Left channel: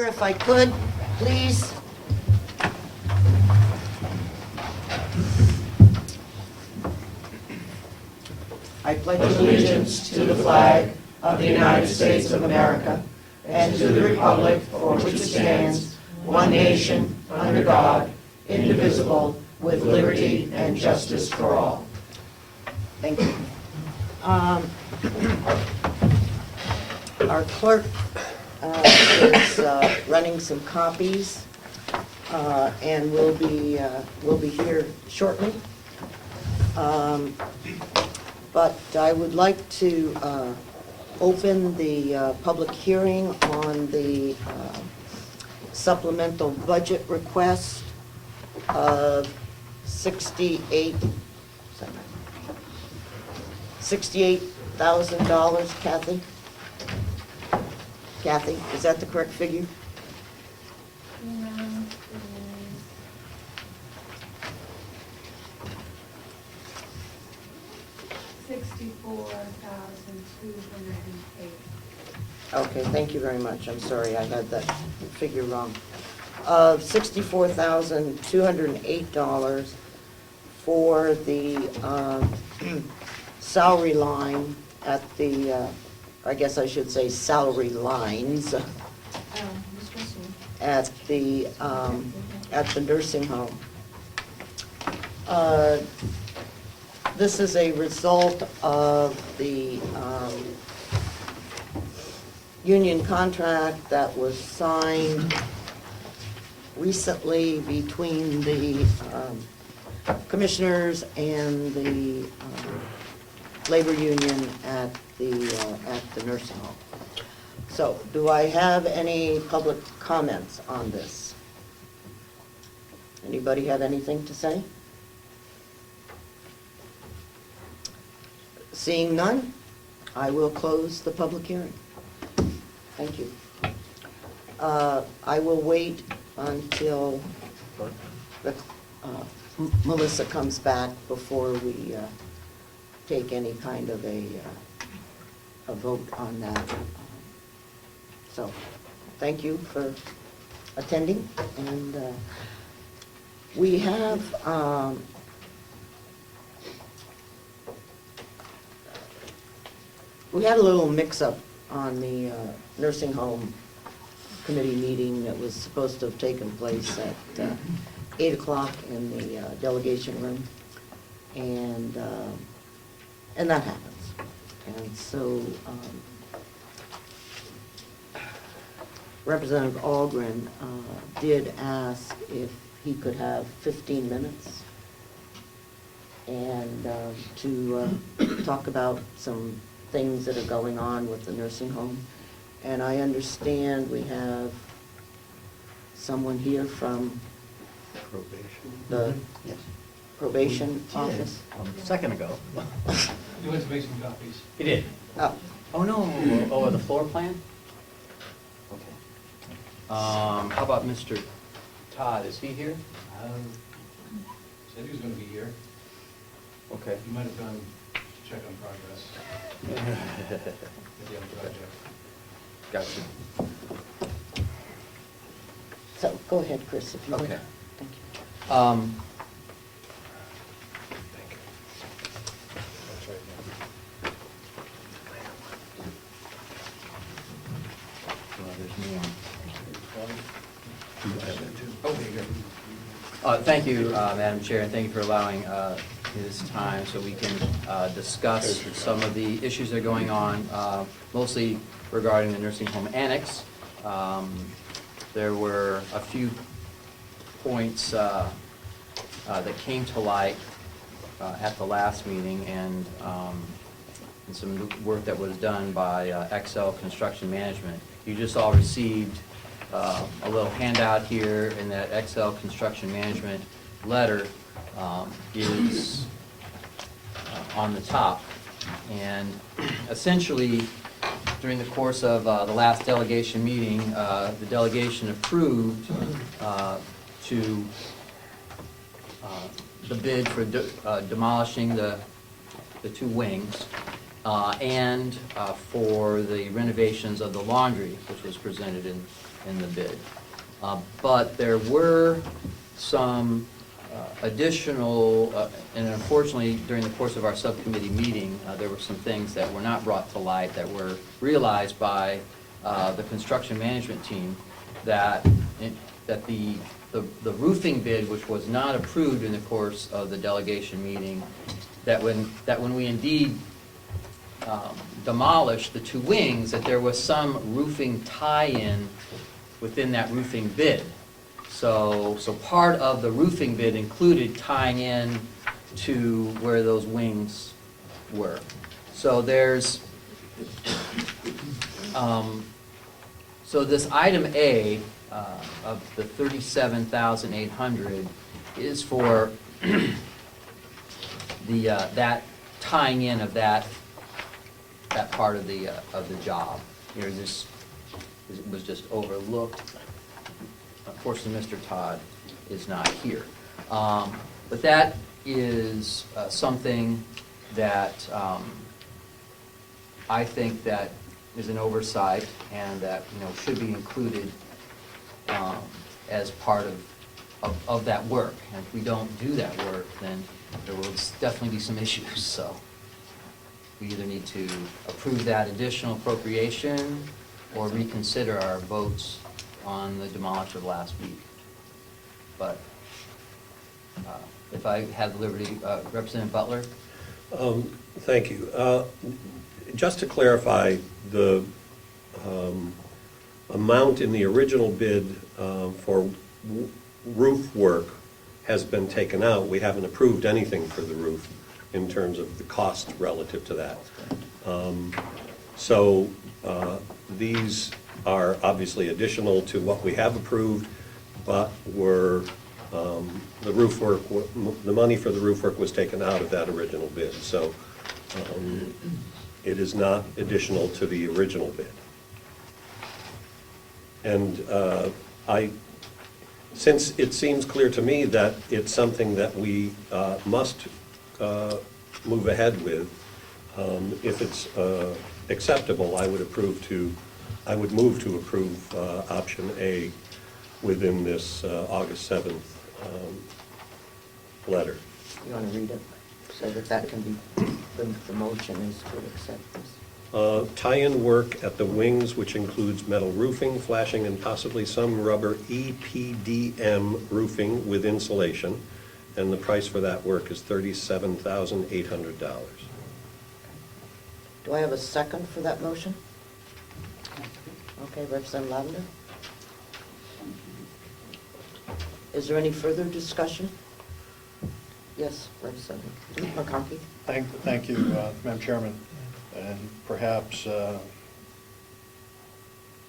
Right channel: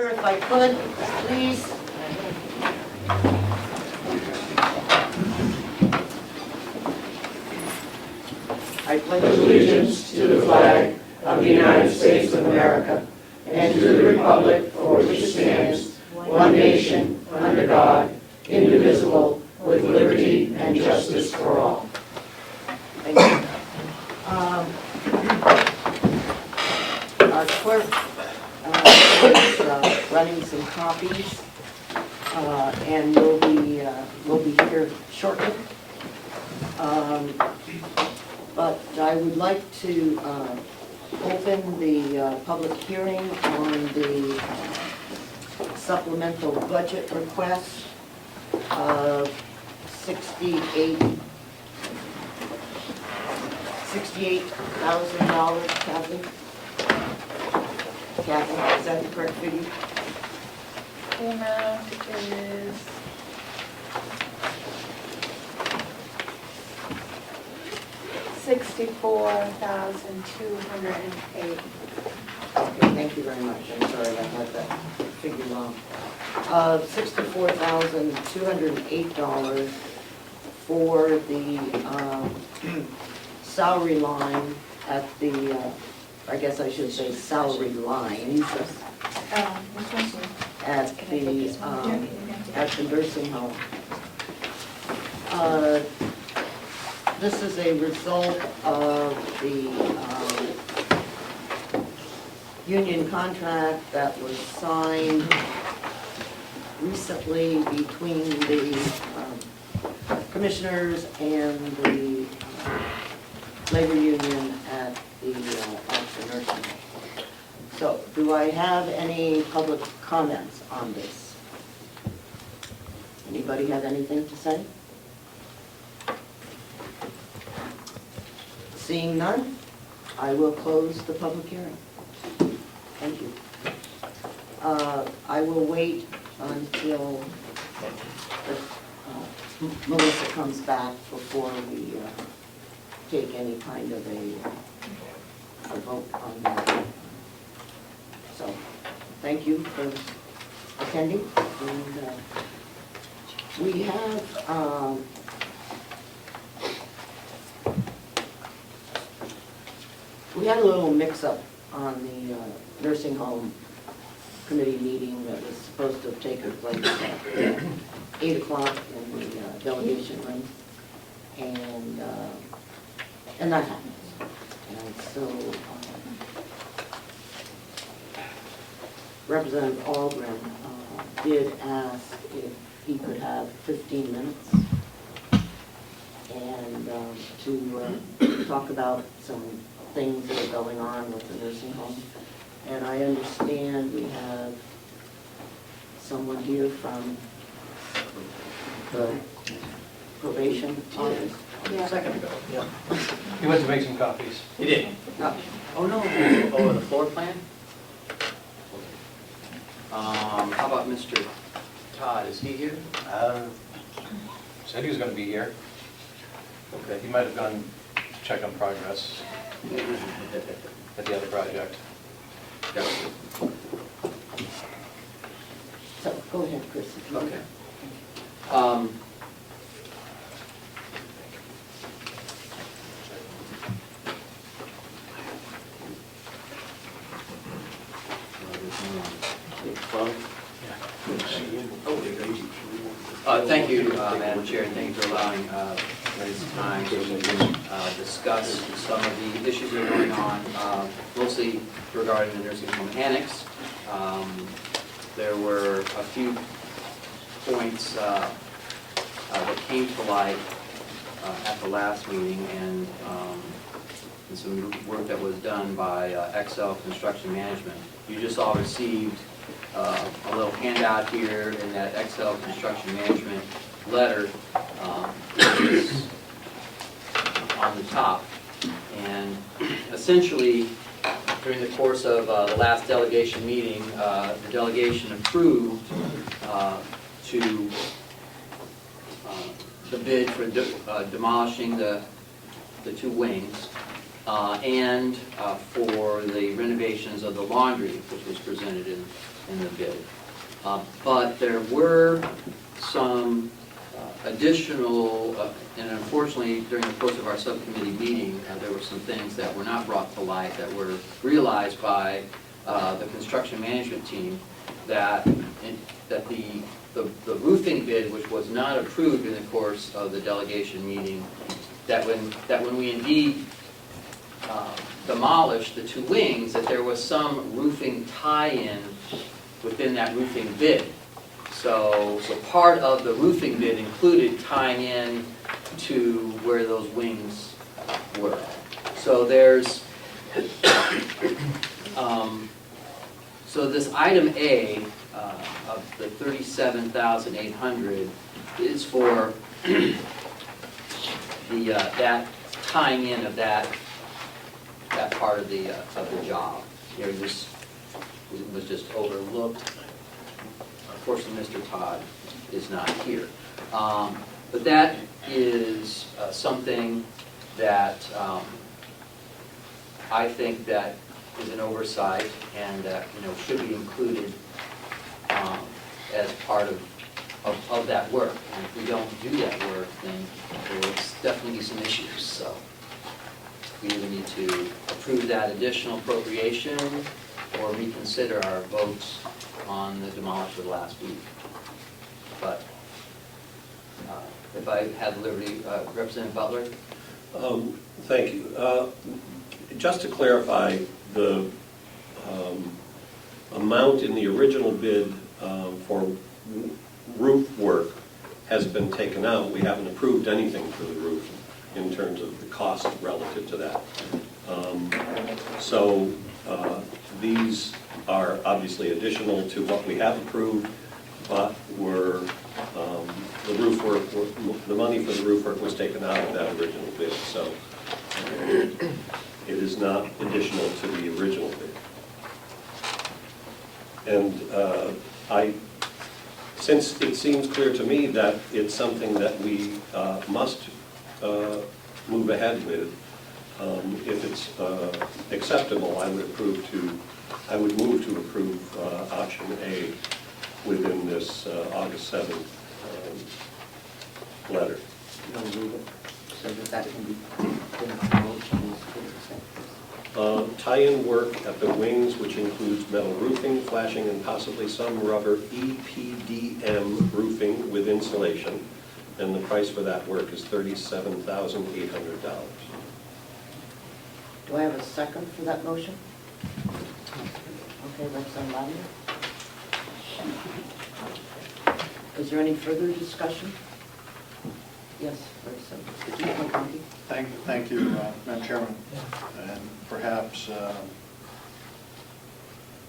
order if I could, please. I pledge allegiance to the flag of the United States of America and to the republic for which it stands, one nation, under God, indivisible, with liberty and justice for all. Thank you. Our clerk is running some copies, and we'll be here shortly. But I would like to open the public hearing on the supplemental budget request of $68,000, Kathy? Kathy, is that the correct figure? The amount is $64,208. Okay, thank you very much. I'm sorry, I had that figure wrong. $64,208 for the salary line at the, I guess I should say salary lines at the nursing home. This is a result of the union contract that was signed recently between the commissioners and the labor union at the nursing home. So, do I have any public comments on this? Anybody have anything to say? Seeing none, I will close the public hearing. Thank you. I will wait until Melissa comes back before we take any kind of a vote on that. So, thank you for attending, and we have we had a little mix-up on the nursing home committee meeting that was supposed to have taken place at 8 o'clock in the delegation room, and that happens. And so Representative Algren did ask if he could have 15 minutes and to talk about some things that are going on with the nursing home. And I understand we have someone here from the probation office. A second ago. Yeah. He went to make some copies. He did. Oh, no. Oh, the floor plan? How about Mr. Todd, is he here? Said he was gonna be here. Okay. He might have gone to check on progress at the other project. Gotcha. So, go ahead, Chris, if you want. Okay. Thank you, Madam Chair, and thank you for allowing this time so we can discuss some of the issues that are going on, mostly regarding the nursing home annex. There were a few points that came to light at the last meeting, and some work that was done by XL Construction Management. You just all received a little handout here, in that XL Construction Management letter is on the top. And essentially, during the course of the last delegation meeting, the delegation approved to the bid for demolishing the two wings and for the renovations of the laundry, which was presented in in the bid. But there were some additional, and unfortunately, during the course of our subcommittee meeting, there were some things that were not brought to light that were realized by the construction management team, that the roofing bid, which was not approved in the course of the delegation meeting, that when we indeed demolished the two wings, that there was some roofing tie-in within that roofing bid. So part of the roofing bid included tying in to where those wings were. So there's, so this item A of the $37,800 is for the that tying in of that part of the job. Here, this was just overlooked. Unfortunately, Mr. Todd is not here. But that is something that I think that is an oversight and that, you know, should be included as part of that work. And if we don't do that work, then there will definitely be some issues. So we either need to approve that additional appropriation or reconsider our votes on the demolition last week. But if I had liberty, Representative Butler? Thank you. Just to clarify, the amount in the original bid for roof work has been taken out. We haven't approved anything for the roof in terms of the cost relative to that. So these are obviously additional to what we have approved, but were the roof work, the money for the roof work was taken out of that original bid. So it is not additional to the original bid. And since it seems clear to me that it's something that we must move ahead with, if it's acceptable, I would move to approve option A within this August 7th letter. You want to read it so that can be put into the motion as to accept this? Tie-in work at the wings, which includes metal roofing, flashing, and possibly some rubber EPDM roofing with insulation. And the price for that work is $37,800. Do I have a second for that motion? Okay, Representative Lavender. Is there any further discussion? Yes, Representative McConkey. Thank you, Madam Chairman. And perhaps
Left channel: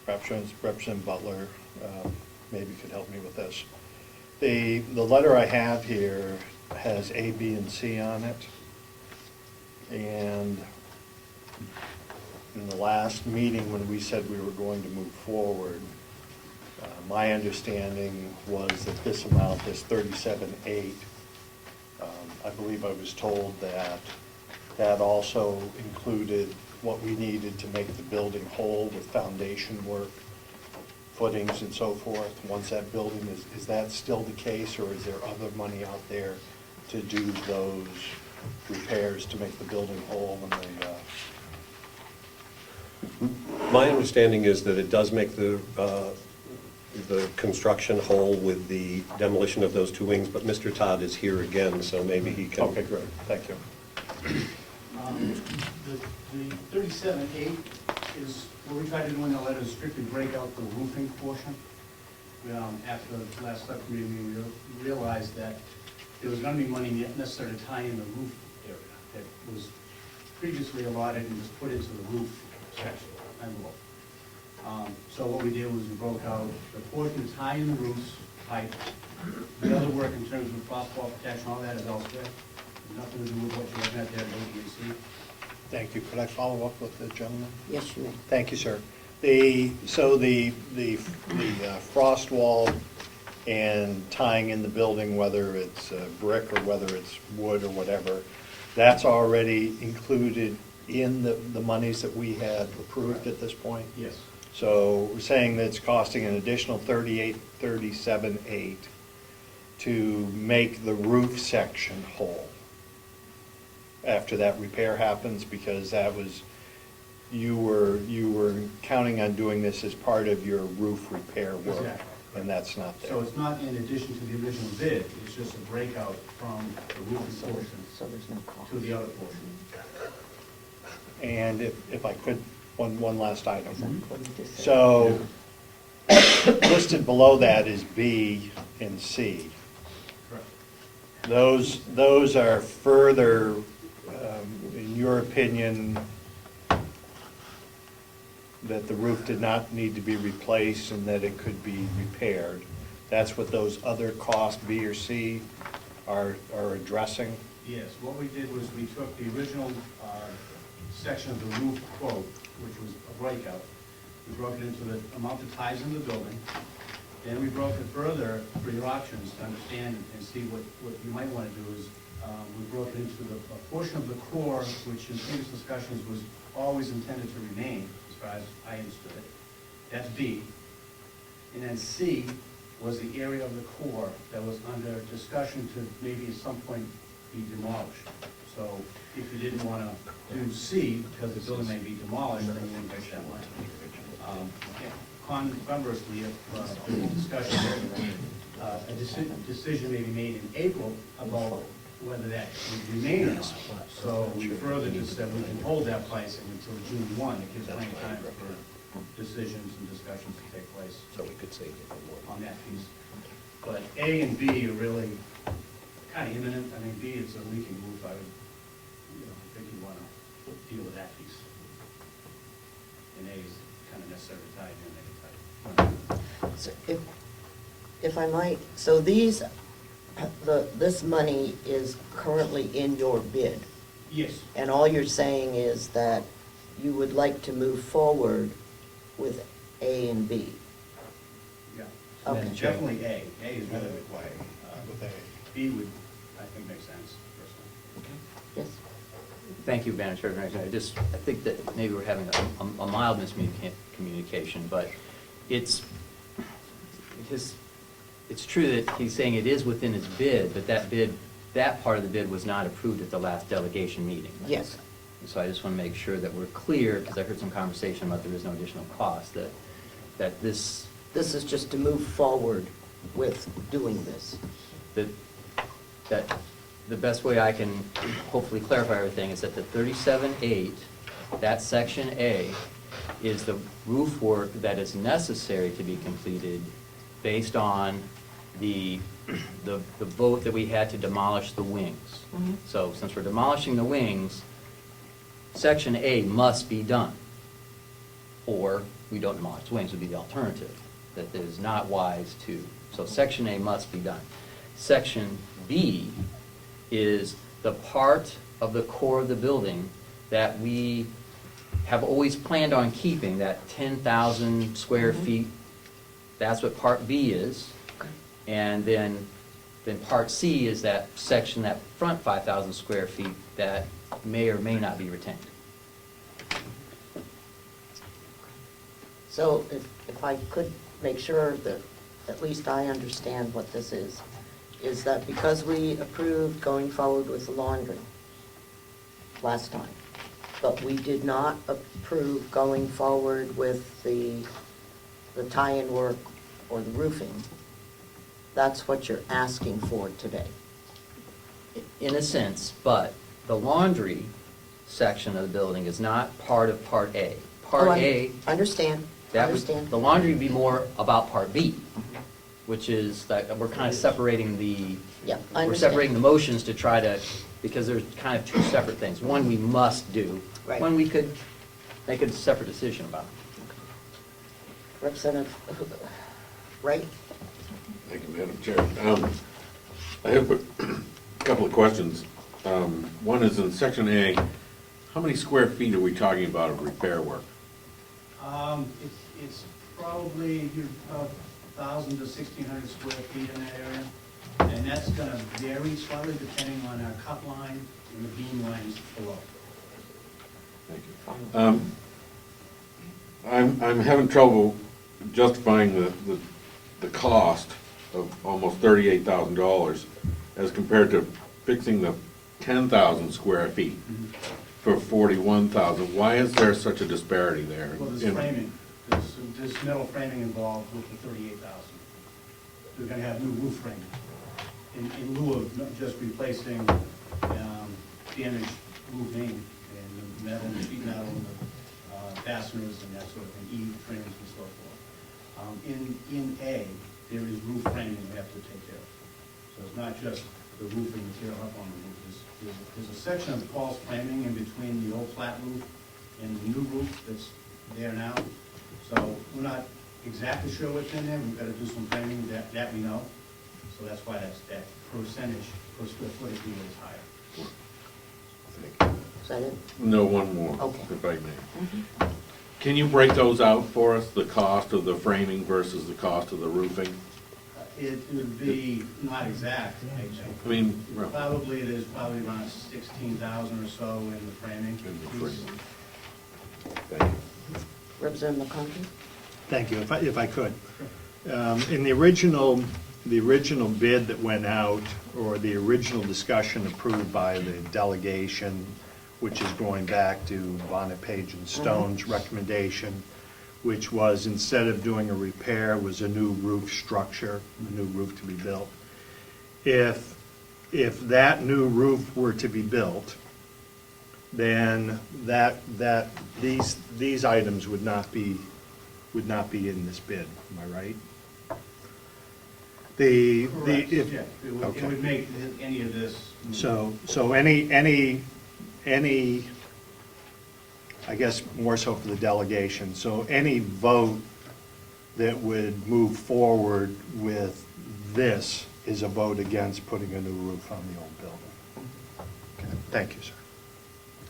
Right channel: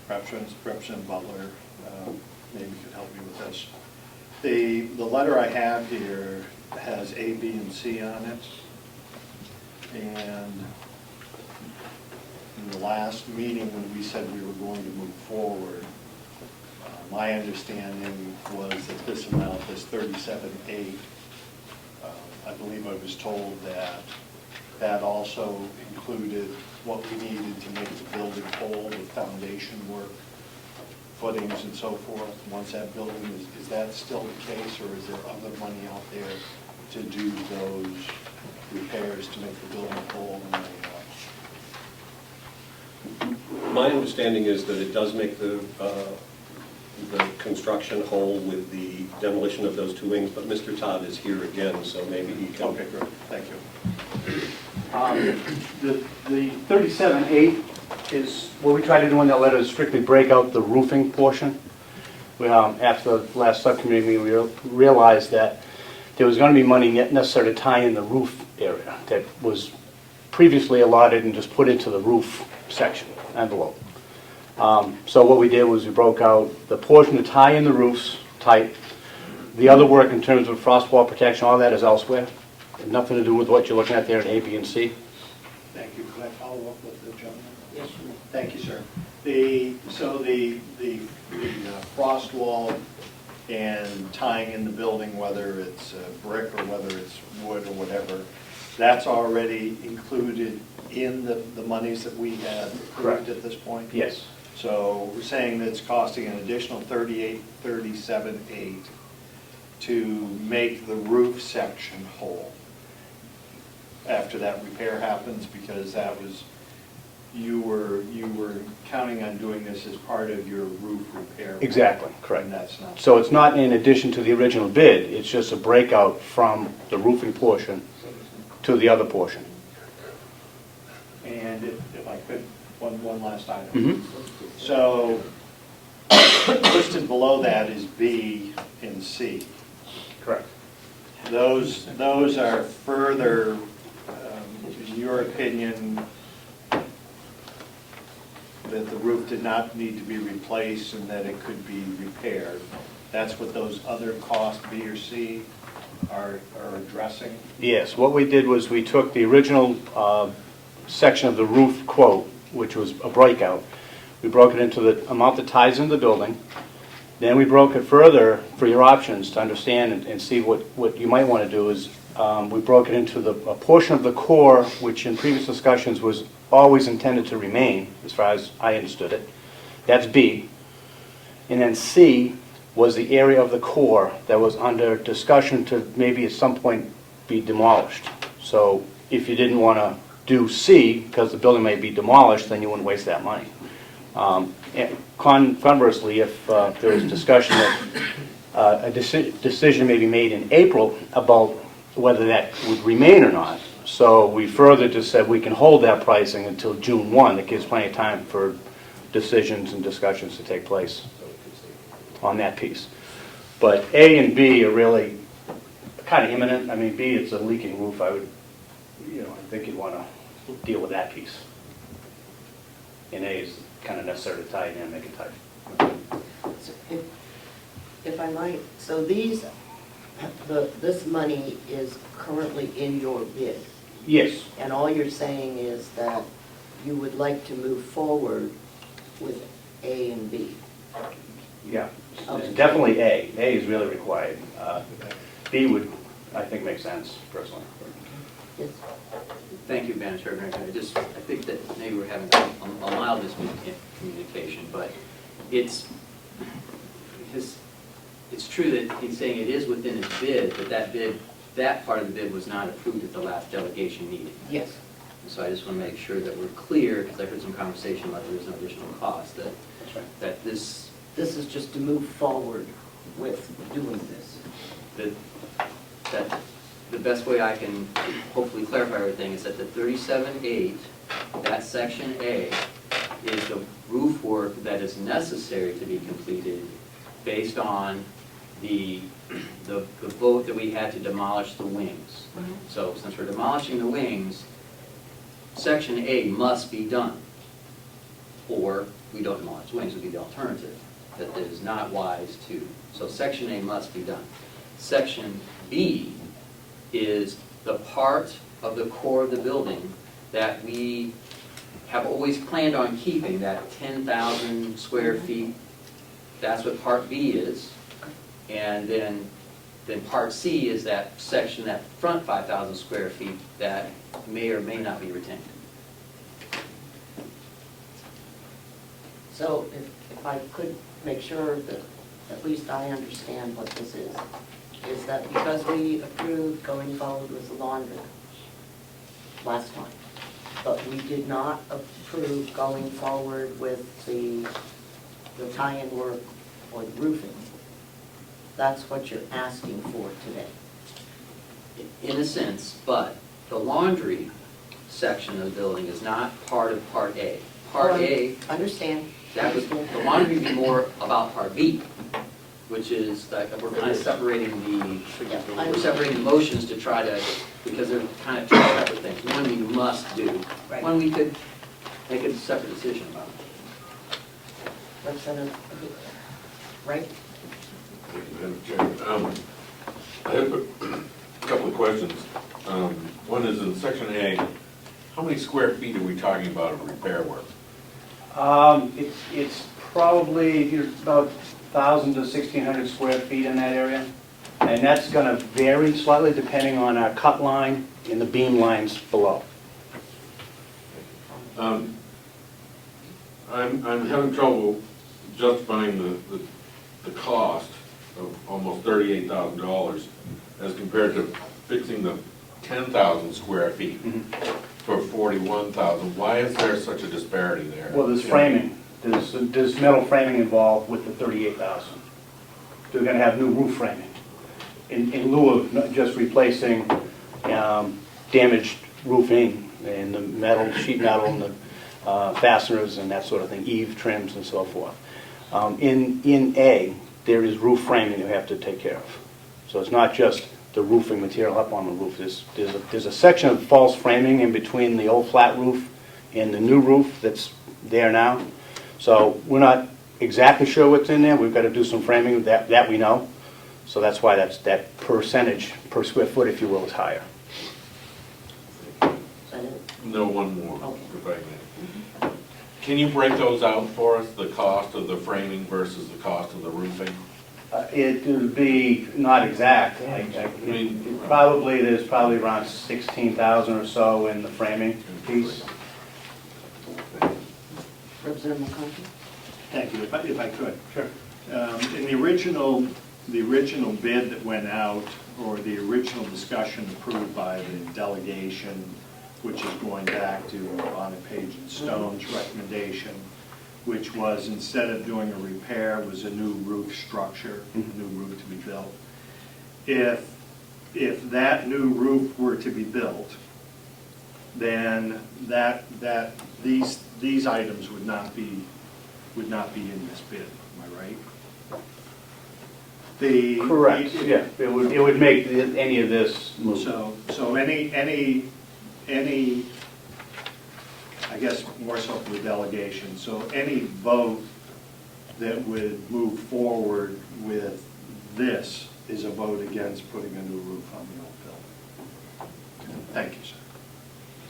Representative Butler maybe could help me with this. The letter I have here has A, B, and C on it. And in the last meeting when we said we were going to move forward, my understanding was that this amount, this $37,800, I believe I was told that that also included what we needed to make the building whole with foundation work, footings and so forth. Once that building is that still the case, or is there other money out there to do those repairs to make the building whole when they My understanding is that it does make the construction whole with the demolition of those two wings, but Mr. Todd is here again, so maybe he can. Okay, great, thank you. The 37.8 is, what we try to do in that letter is strictly break out the roofing portion. After the last subcommittee meeting, we realized that there was going to be money necessary to tie in the roof area that was previously allotted and just put into the roof section envelope. So what we did was we broke out the portion to tie in the roofs type. The other work in terms of frost wall protection, all that is elsewhere. Nothing to do with what you're looking at there in A, B, and C. Thank you. Could I follow up with the gentleman? Yes, you may. Thank you, sir. So the frost wall and tying in the building, whether it's brick or whether it's wood or whatever, that's already included in the monies that we had approved Correct. at this point? Yes. So we're saying that it's costing an additional $37,800 to make the roof section whole after that repair happens, because that was, you were counting on doing this as part of your roof repair work. Exactly, correct. And that's not. So it's not in addition to the original bid, it's just a breakout from the roofing portion to the other portion. And if I could, one last item. Mhm. So listed below that is B and C. Correct. Those are further, in your opinion, that the roof did not need to be replaced and that it could be repaired. That's what those other costs, B or C, are addressing? Yes, what we did was we took the original section of the roof quote, which was a breakout. We broke it into the amount that ties into the building. Then we broke it further for your options to understand and see what you might want to do is we broke it into a portion of the core, which in previous discussions was always intended to remain, as far as I understood it. That's B. And then C was the area of the core that was under discussion to maybe at some point be demolished. So if you didn't want to do C, because the building may be demolished, then you wouldn't waste that money. And conversely, if there was discussion that a decision may be made in April about whether that would remain or not. So we further just said we can hold that pricing until June 1. That gives plenty of time for decisions and discussions to take place on that piece. But A and B are really kind of imminent. I mean, B, it's a leaking roof. I think you'd want to deal with that piece. And A is kind of necessary to tie it in and make it tight. So if I might, so this money is currently in your bid, Yes. and all you're saying is that you would like to move forward with A and B. Yeah. Okay. It's definitely A. A is really required. B would, I think, make sense personally. Yes. Thank you, Madam Chair. I think that maybe we're having a mild miscommunication, but it's true that he's saying it is within his bid, but that part of the bid was not approved at the last delegation meeting. Yes. So I just want to make sure that we're clear, because I heard some conversation about there is no additional cost, that this, This is just to move forward with doing this. that the best way I can hopefully clarify everything is that the 37.8, that section A, is the roof work that is necessary to be completed based on the vote that we had to demolish the wings. So since we're demolishing the wings, section A must be done. Or we don't demolish the wings would be the alternative. That it is not wise to. So section A must be done. Section B is the part of the core of the building that we have always planned on keeping, that 10,000 square feet. That's what part B is. And then part C is that section, that front 5,000 square feet that may or may not be retained. So if I could make sure that at least I understand what this is that because we approved going forward with the laundry last time, but we did not approve going forward with the tie-in work or the roofing, that's what you're asking for today? In a sense, but the laundry section of the building is not part of part A. Part A, Understand. that was, the laundry would be more about part B, which is like, we're kind of separating Yeah, I we're understand. separating the motions to try to, because they're kind of two separate things. One we must do, Right. one we could make a separate decision about. Representative, right? Thank you, Madam Chair. I have a couple of questions. One is in section A, how many square feet are we talking about of repair work? It's probably about 1,000 to 1,600 square feet in that area. And that's going to vary slightly depending on our cut line and the beam lines below. I'm having trouble justifying the cost of almost $38,000 as compared to fixing the 10,000 square feet for 41,000. Why is there such a disparity there? Well, there's framing, there's metal framing involved with the 38,000. They're gonna have new roof framing, in lieu of not just replacing damaged roofing and the metal, sheet metal, and the fasteners and that sort of thing, eave trims and so forth. In A, there is roof framing you have to take care of. So it's not just the roofing material up on the roof. There's a section of false framing in between the old flat roof and the new roof that's there now. So we're not exactly sure what's in there. We've got to do some framing that we know. So that's why that percentage per square foot, if you will, is higher. Is that it? No, one more, Okay. if I may. Can you break those out for us, the cost of the framing versus the cost of the roofing? It would be not exact. There's probably around 16,000 or so in the framing piece. Representative McConkey? Thank you, if I could. Sure. In the original bid that went out, or the original discussion approved by the delegation, which is going back to Bonnet Page and Stone's recommendation, which was instead of doing a repair, was a new roof structure, a new roof to be built. If that new roof were to be built, then these items would not be in this bid, am I right? Correct, yeah. It would make any of this move. So any, I guess more so for the delegation, so any vote that would move forward with this is a vote against putting a new roof on the old building. Thank you, sir.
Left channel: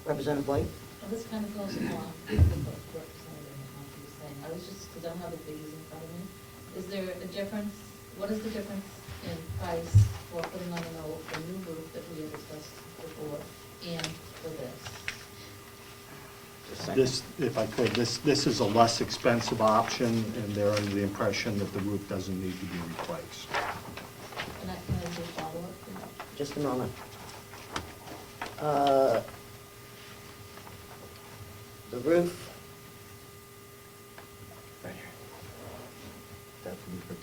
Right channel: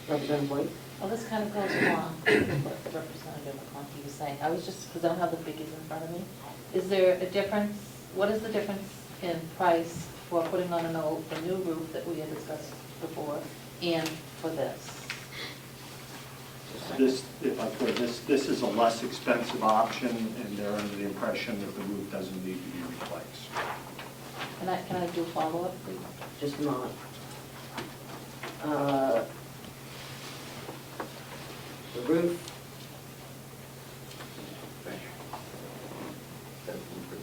Representative Blake? Well, this kind of goes along with what Representative McConkey was saying. I was just, because I don't have the figures in front of me. Is there a difference, what is the difference in price for putting on a new roof that we had discussed before and for this? This, if I could, this is a less expensive option, and they're under the impression that the roof doesn't need to be replaced. Can I do a follow-up, please? Just a moment. The roof,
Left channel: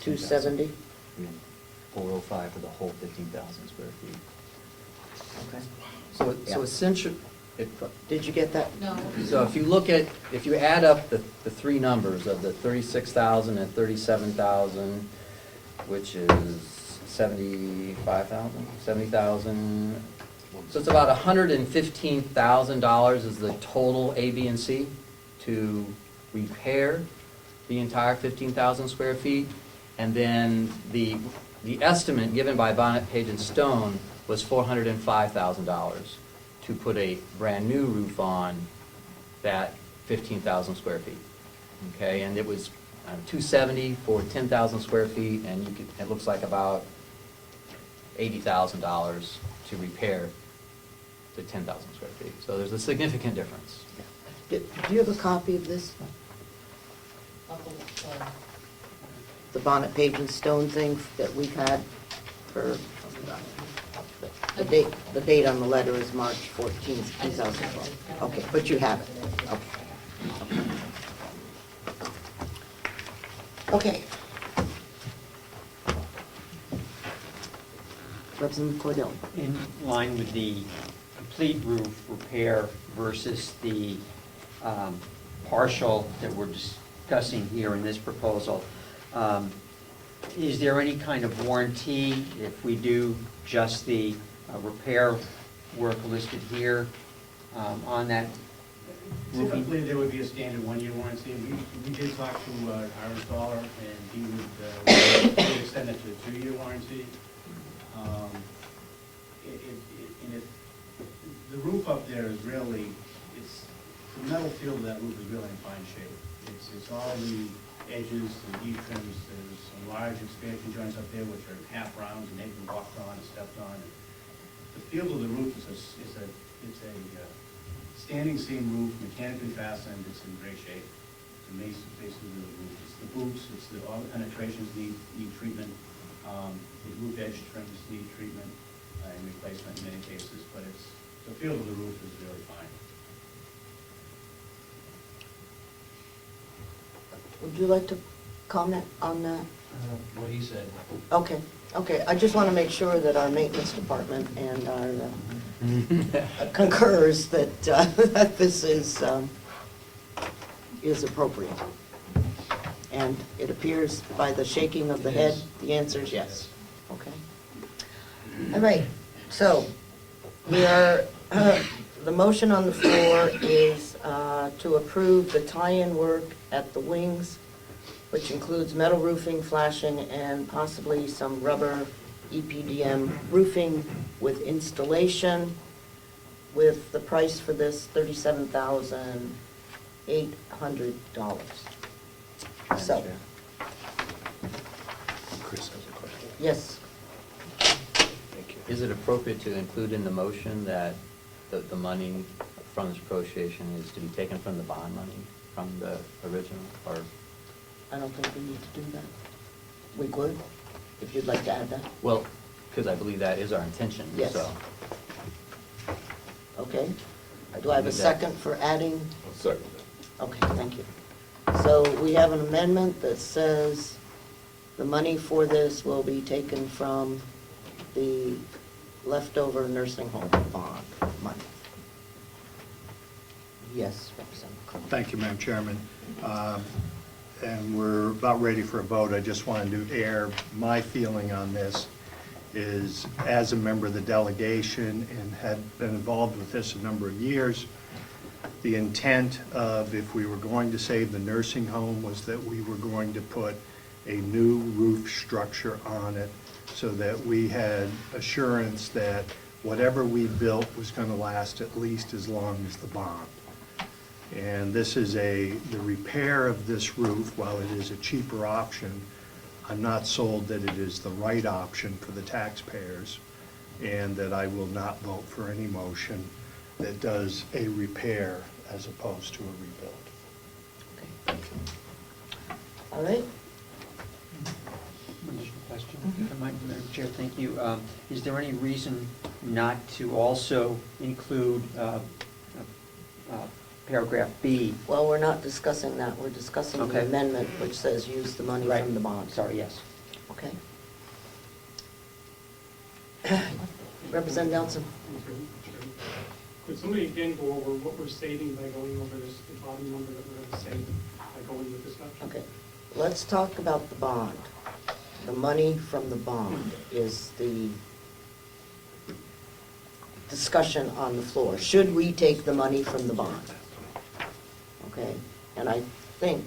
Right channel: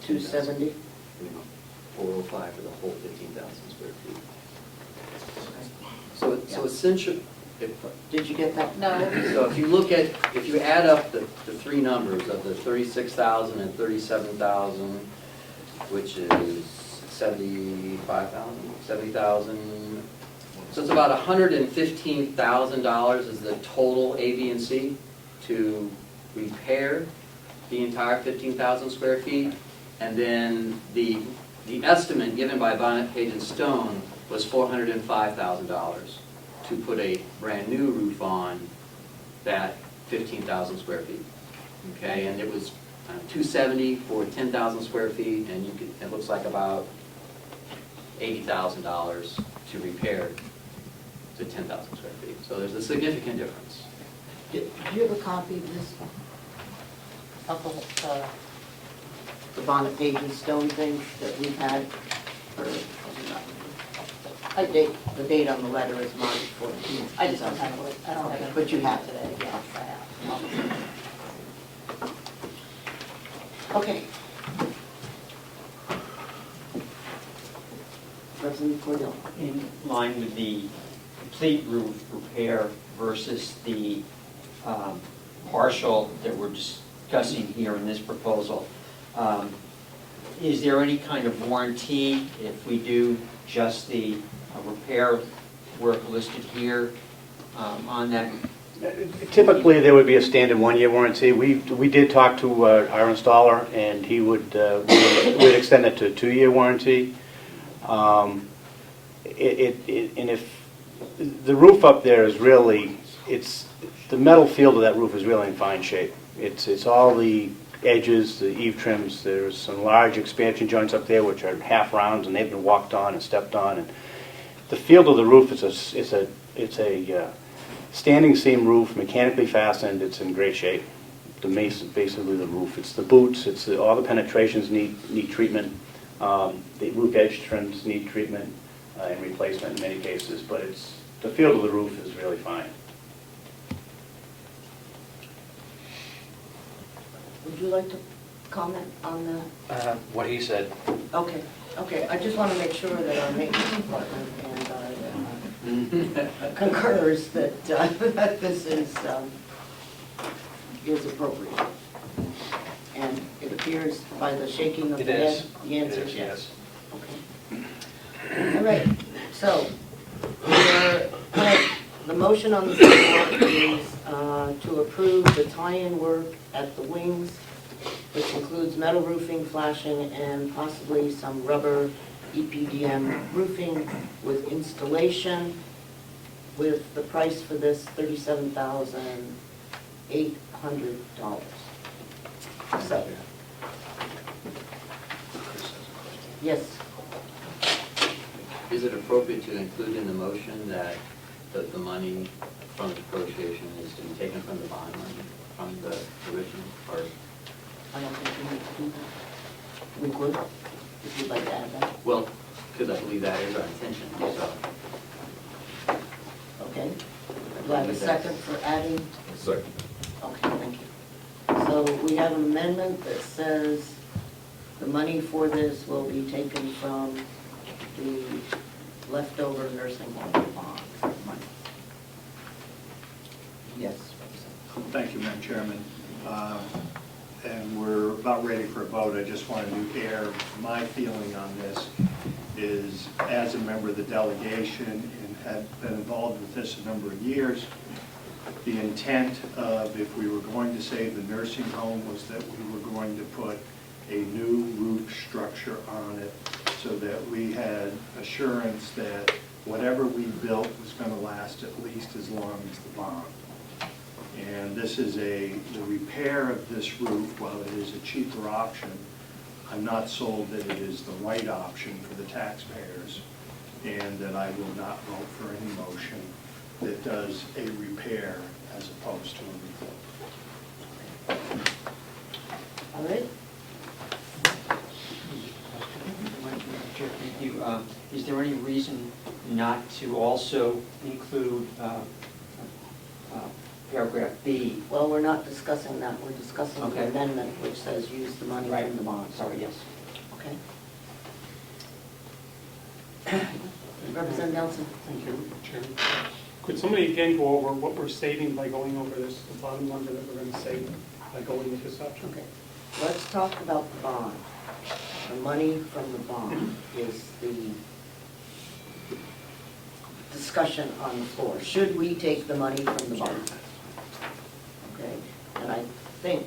270. 405 for the whole 15,000 square feet. Okay. So essentially, Did you get that? No. so if you look at, if you add up the three numbers of the 36,000 and 37,000, which is 75,000, 70,000, so it's about $115,000 is the total A, B, and C to repair the entire 15,000 square feet. And then the estimate given by Bonnet, Page and Stone was $405,000 to put a brand-new roof on that 15,000 square feet. Okay, and it was $270 for 10,000 square feet, and it looks like about $80,000 to repair the 10,000 square feet. So there's a significant difference. Do you have a copy of this? The Bonnet, Page and Stone thing that we've had for, the date on the letter is March 14th. I just don't have it. I don't Okay, have it. but you have it. Yes, I have. Okay. Representative Cordell? In line with the complete roof repair versus the partial that we're discussing here in this proposal, is there any kind of warranty if we do just the repair work listed here on that? Typically, there would be a standard one-year warranty. We did talk to our installer, and he would extend it to a 2-year warranty. And if the roof up there is really, the metal field of that roof is really in fine shape. It's all the edges, the eave trims. There's some large expansion joints up there which are half rounds, and they've been walked on and stepped on. And the field of the roof is a standing seam roof, mechanically fastened. It's in great shape, basically the roof. It's the boots, all the penetrations need treatment. The roof edge trims need treatment and replacement in many cases, but the feel of the roof is really fine. Would you like to comment on that? What he said. Okay, I just want to make sure that our maintenance department and our concurs that, that this is appropriate. And it appears by the shaking of It the head, is. the answer It is is, yes. Okay. All right, so, the motion on the floor is to approve the tie-in work at the wings, which includes metal roofing, flashing, and possibly some rubber EPDM roofing with installation, with the price for this $37,800. So, yes, Is it appropriate to include in the motion that the money from the negotiation is to be taken from the bond money, from the original, or? I don't think we need to do that. We would, if you'd like to add that. Well, because I believe that is our intention, Yes. so. Okay. Do I have a second for adding? Second. Okay, thank you. So we have an amendment that says the money for this will be taken from the leftover nursing home bond money. Yes, Representative. Thank you, Madam Chairman. And we're about ready for a vote. I just wanted to air my feeling on this is, as a member of the delegation and had been involved with this a number of years, the intent of, if we were going to save the nursing home, was that we were going to put a new roof structure on it so that we had assurance that whatever we built was going to last at least as long as the bond. And this is the repair of this roof, while it is a cheaper option, I'm not sold that it is the right option for the taxpayers, and that I will not vote for any motion that does a repair as opposed to a rebuild. All right? Madam Chair, thank you. Is there any reason not to also include paragraph B? Well, we're not discussing that. We're discussing the Okay. amendment which says use the money from the bond. Sorry, yes. Okay. Representative Nelson? Thank you, Chairman. Could somebody again go over what we're saving by going over this, the bottom number that we're going to save by going with this option? Okay. Let's talk about the bond. The money from the bond is the discussion on the floor. Should we take the money from the bond? Okay, and I think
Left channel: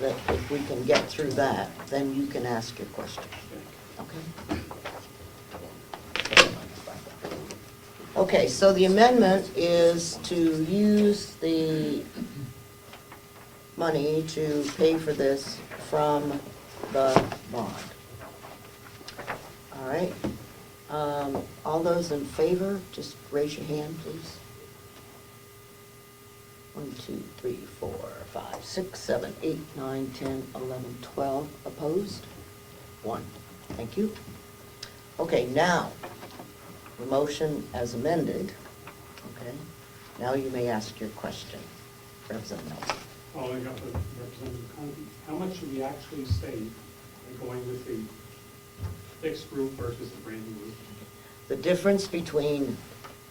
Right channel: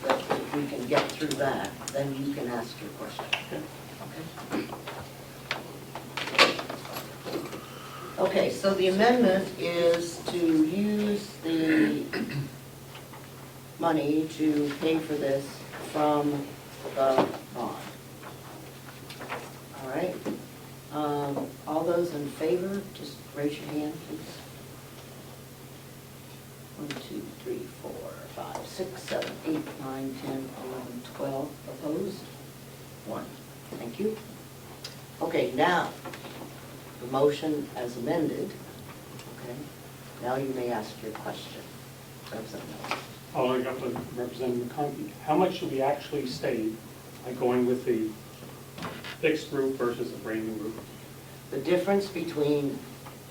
that if we can get through that, then you can ask your question. Okay? Okay, so the amendment is to use the money to pay for this from the bond. All right? All those in favor, just raise your hand, please. 1, 2, 3, 4, 5, 6, 7, 8, 9, 10, 11, 12. Opposed? 1. Thank you. Okay, now, the motion as amended. Okay, now you may ask your question. Representative Nelson. Following up with Representative McConkey, how much do we actually save by going with the fixed roof versus a brand new roof? The difference between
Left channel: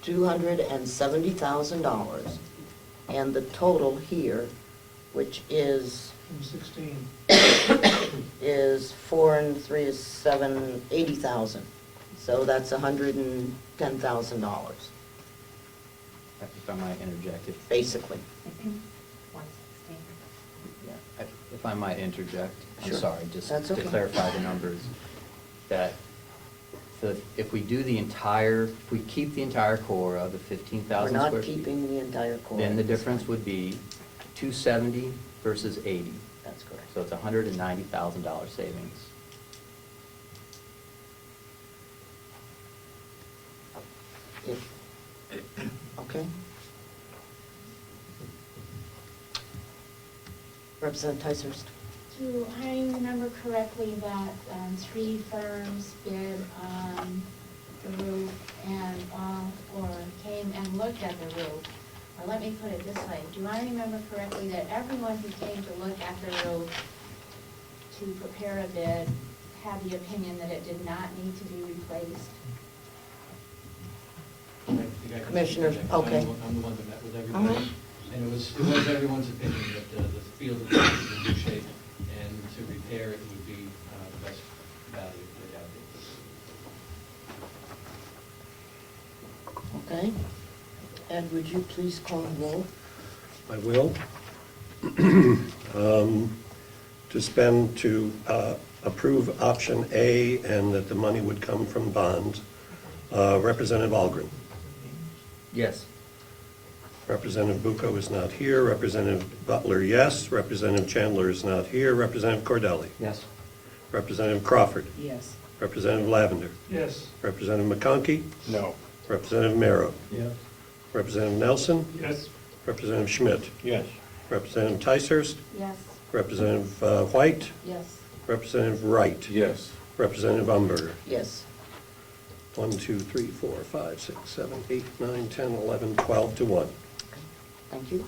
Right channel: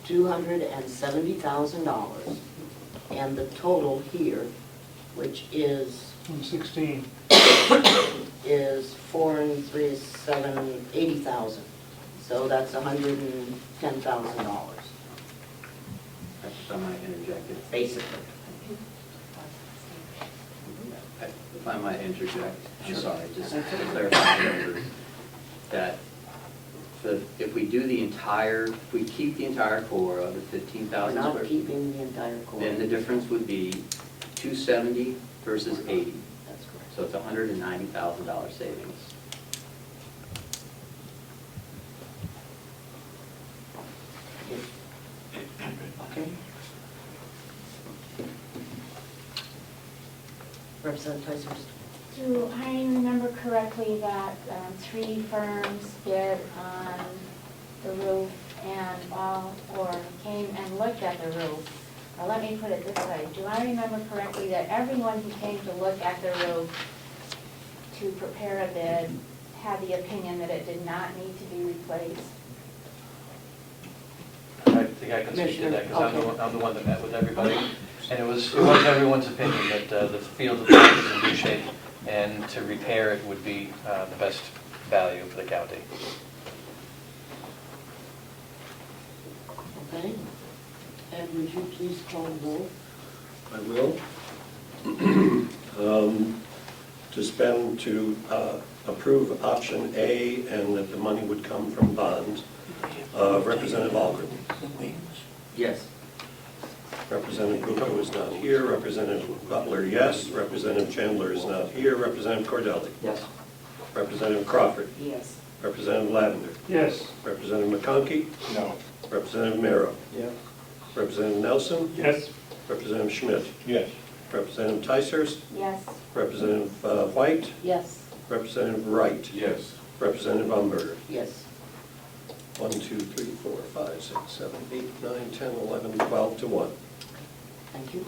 $270,000 and the total here, which is 16. is 4 and 3 is 7, 80,000. So that's $110,000, If I might interject, basically. if I might interject, I'm Sure. sorry, just That's to okay. clarify the numbers, that if we do the entire, if we keep the entire core of the We're 15,000 not square, keeping the entire core. then the difference would be 270 versus 80. That's correct. So it's $190,000 savings. Okay. Representative Ticehurst. Do I remember correctly that 3 firms bid on the roof and all, or came and looked at the roof? Or let me put it this way, do I remember correctly that everyone who came to look at the roof to prepare a bid had the opinion that it did not need to be replaced? I think I can speak to that, because I'm the one that met with everybody. And it was everyone's opinion that the field is in good shape, and to repair it would be the best value for the county. Okay. And would you please call the roll? I will. To approve option A and that the money would come from bonds. Representative Algren. Yes. Representative Bucco is not here. Representative Butler, yes. Representative Chandler is not here. Representative Cordelli. Yes. Representative Crawford. Yes. Representative Lavender. Yes. Representative McConkey. No. Representative Merrow. Yeah. Representative Nelson. Yes. Representative Schmidt. Yes. Representative Ticehurst. Yes. Representative White. Yes. Representative Wright. Yes. Representative Umberger. Yes. 1, 2, 3, 4, 5, 6, 7, 8, 9, 10, 11, 12 to 1. Thank you.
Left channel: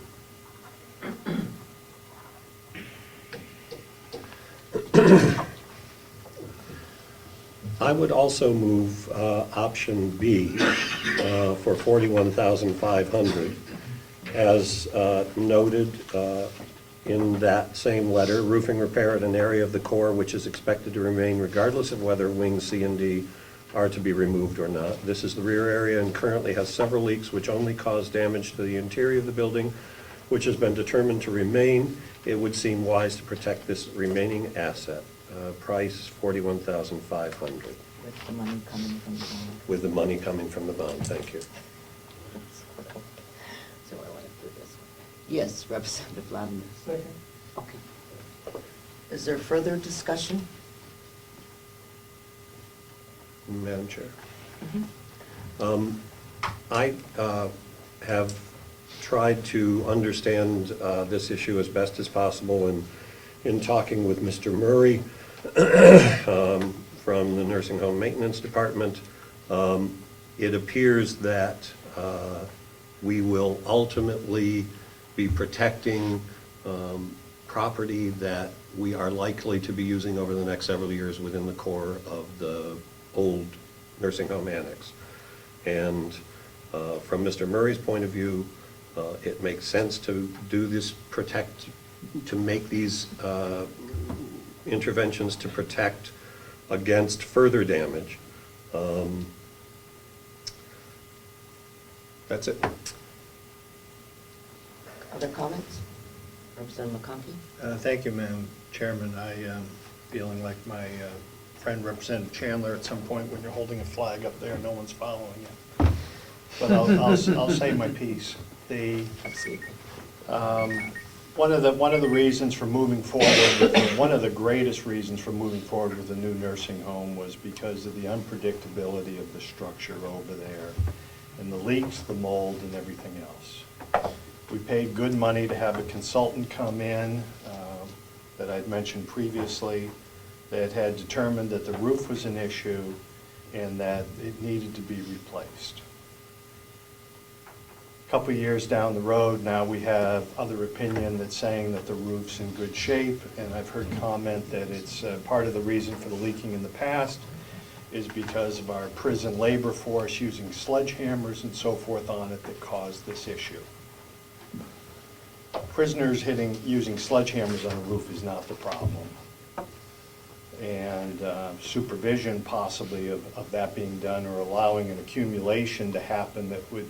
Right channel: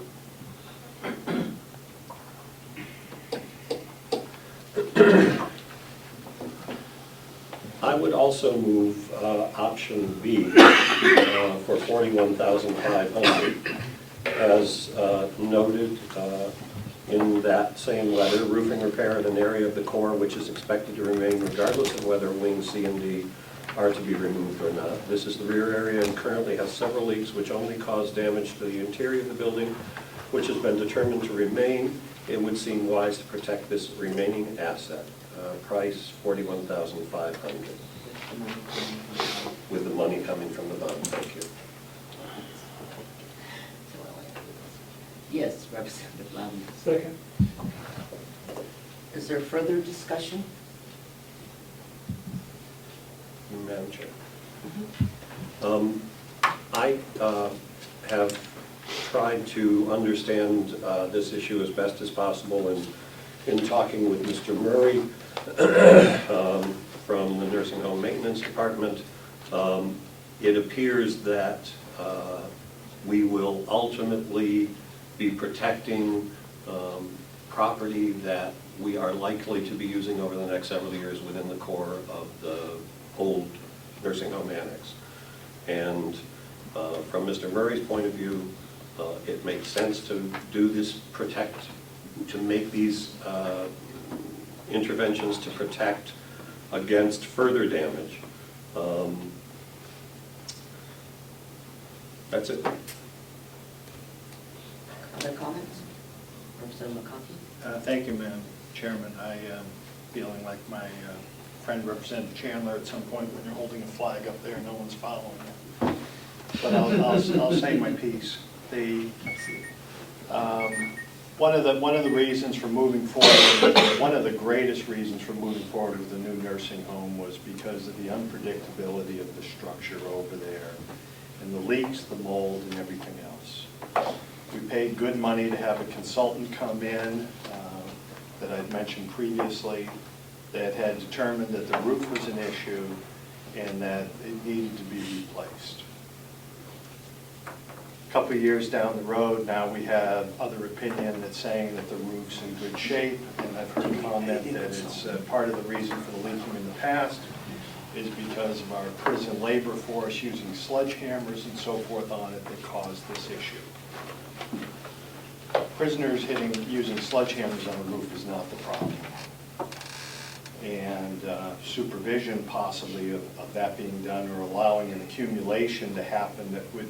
I would also move option B for $41,500. As noted in that same letter, roofing repair in an area of the core which is expected to remain regardless of whether wings C and D are to be removed or not. This is the rear area and currently has several leaks which only cause damage to the interior of the building, which has been determined to remain. It would seem wise to protect this remaining asset. Price $41,500, with the money coming from the bond. Thank you. Yes, Representative Lavender. Second. Is there further discussion? Madam Chair. I have tried to understand this issue as best as possible in talking with Mr. Murray from the Nursing Home Maintenance Department. It appears that we will ultimately be protecting property that we are likely to be using over the next several years within the core of the old nursing home annex. And from Mr. Murray's point of view, it makes sense to do this to make these interventions to protect against further damage. That's it. Other comments? Representative McConkey? Thank you, Madam Chairman. I am feeling like my friend Representative Chandler at some point when you're holding a flag up there, no one's following you. But I'll say my piece. One of the reasons for moving forward, one of the greatest reasons for moving forward with the new nursing home was because of the unpredictability of the structure over there, and the leaks, the mold, and everything else. We paid good money to have a consultant come in that I'd mentioned previously that had determined that the roof was an issue and that it needed to be replaced. A couple of years down the road, now we have other opinion that's saying that the roof's in good shape, and I've heard comment that it's part of the reason for the leaking in the past is because of our prison labor force using sledgehammers and so forth on it that caused this issue. Prisoners using sledgehammers on a roof is not the problem. And supervision possibly of that being done or allowing an accumulation to happen that would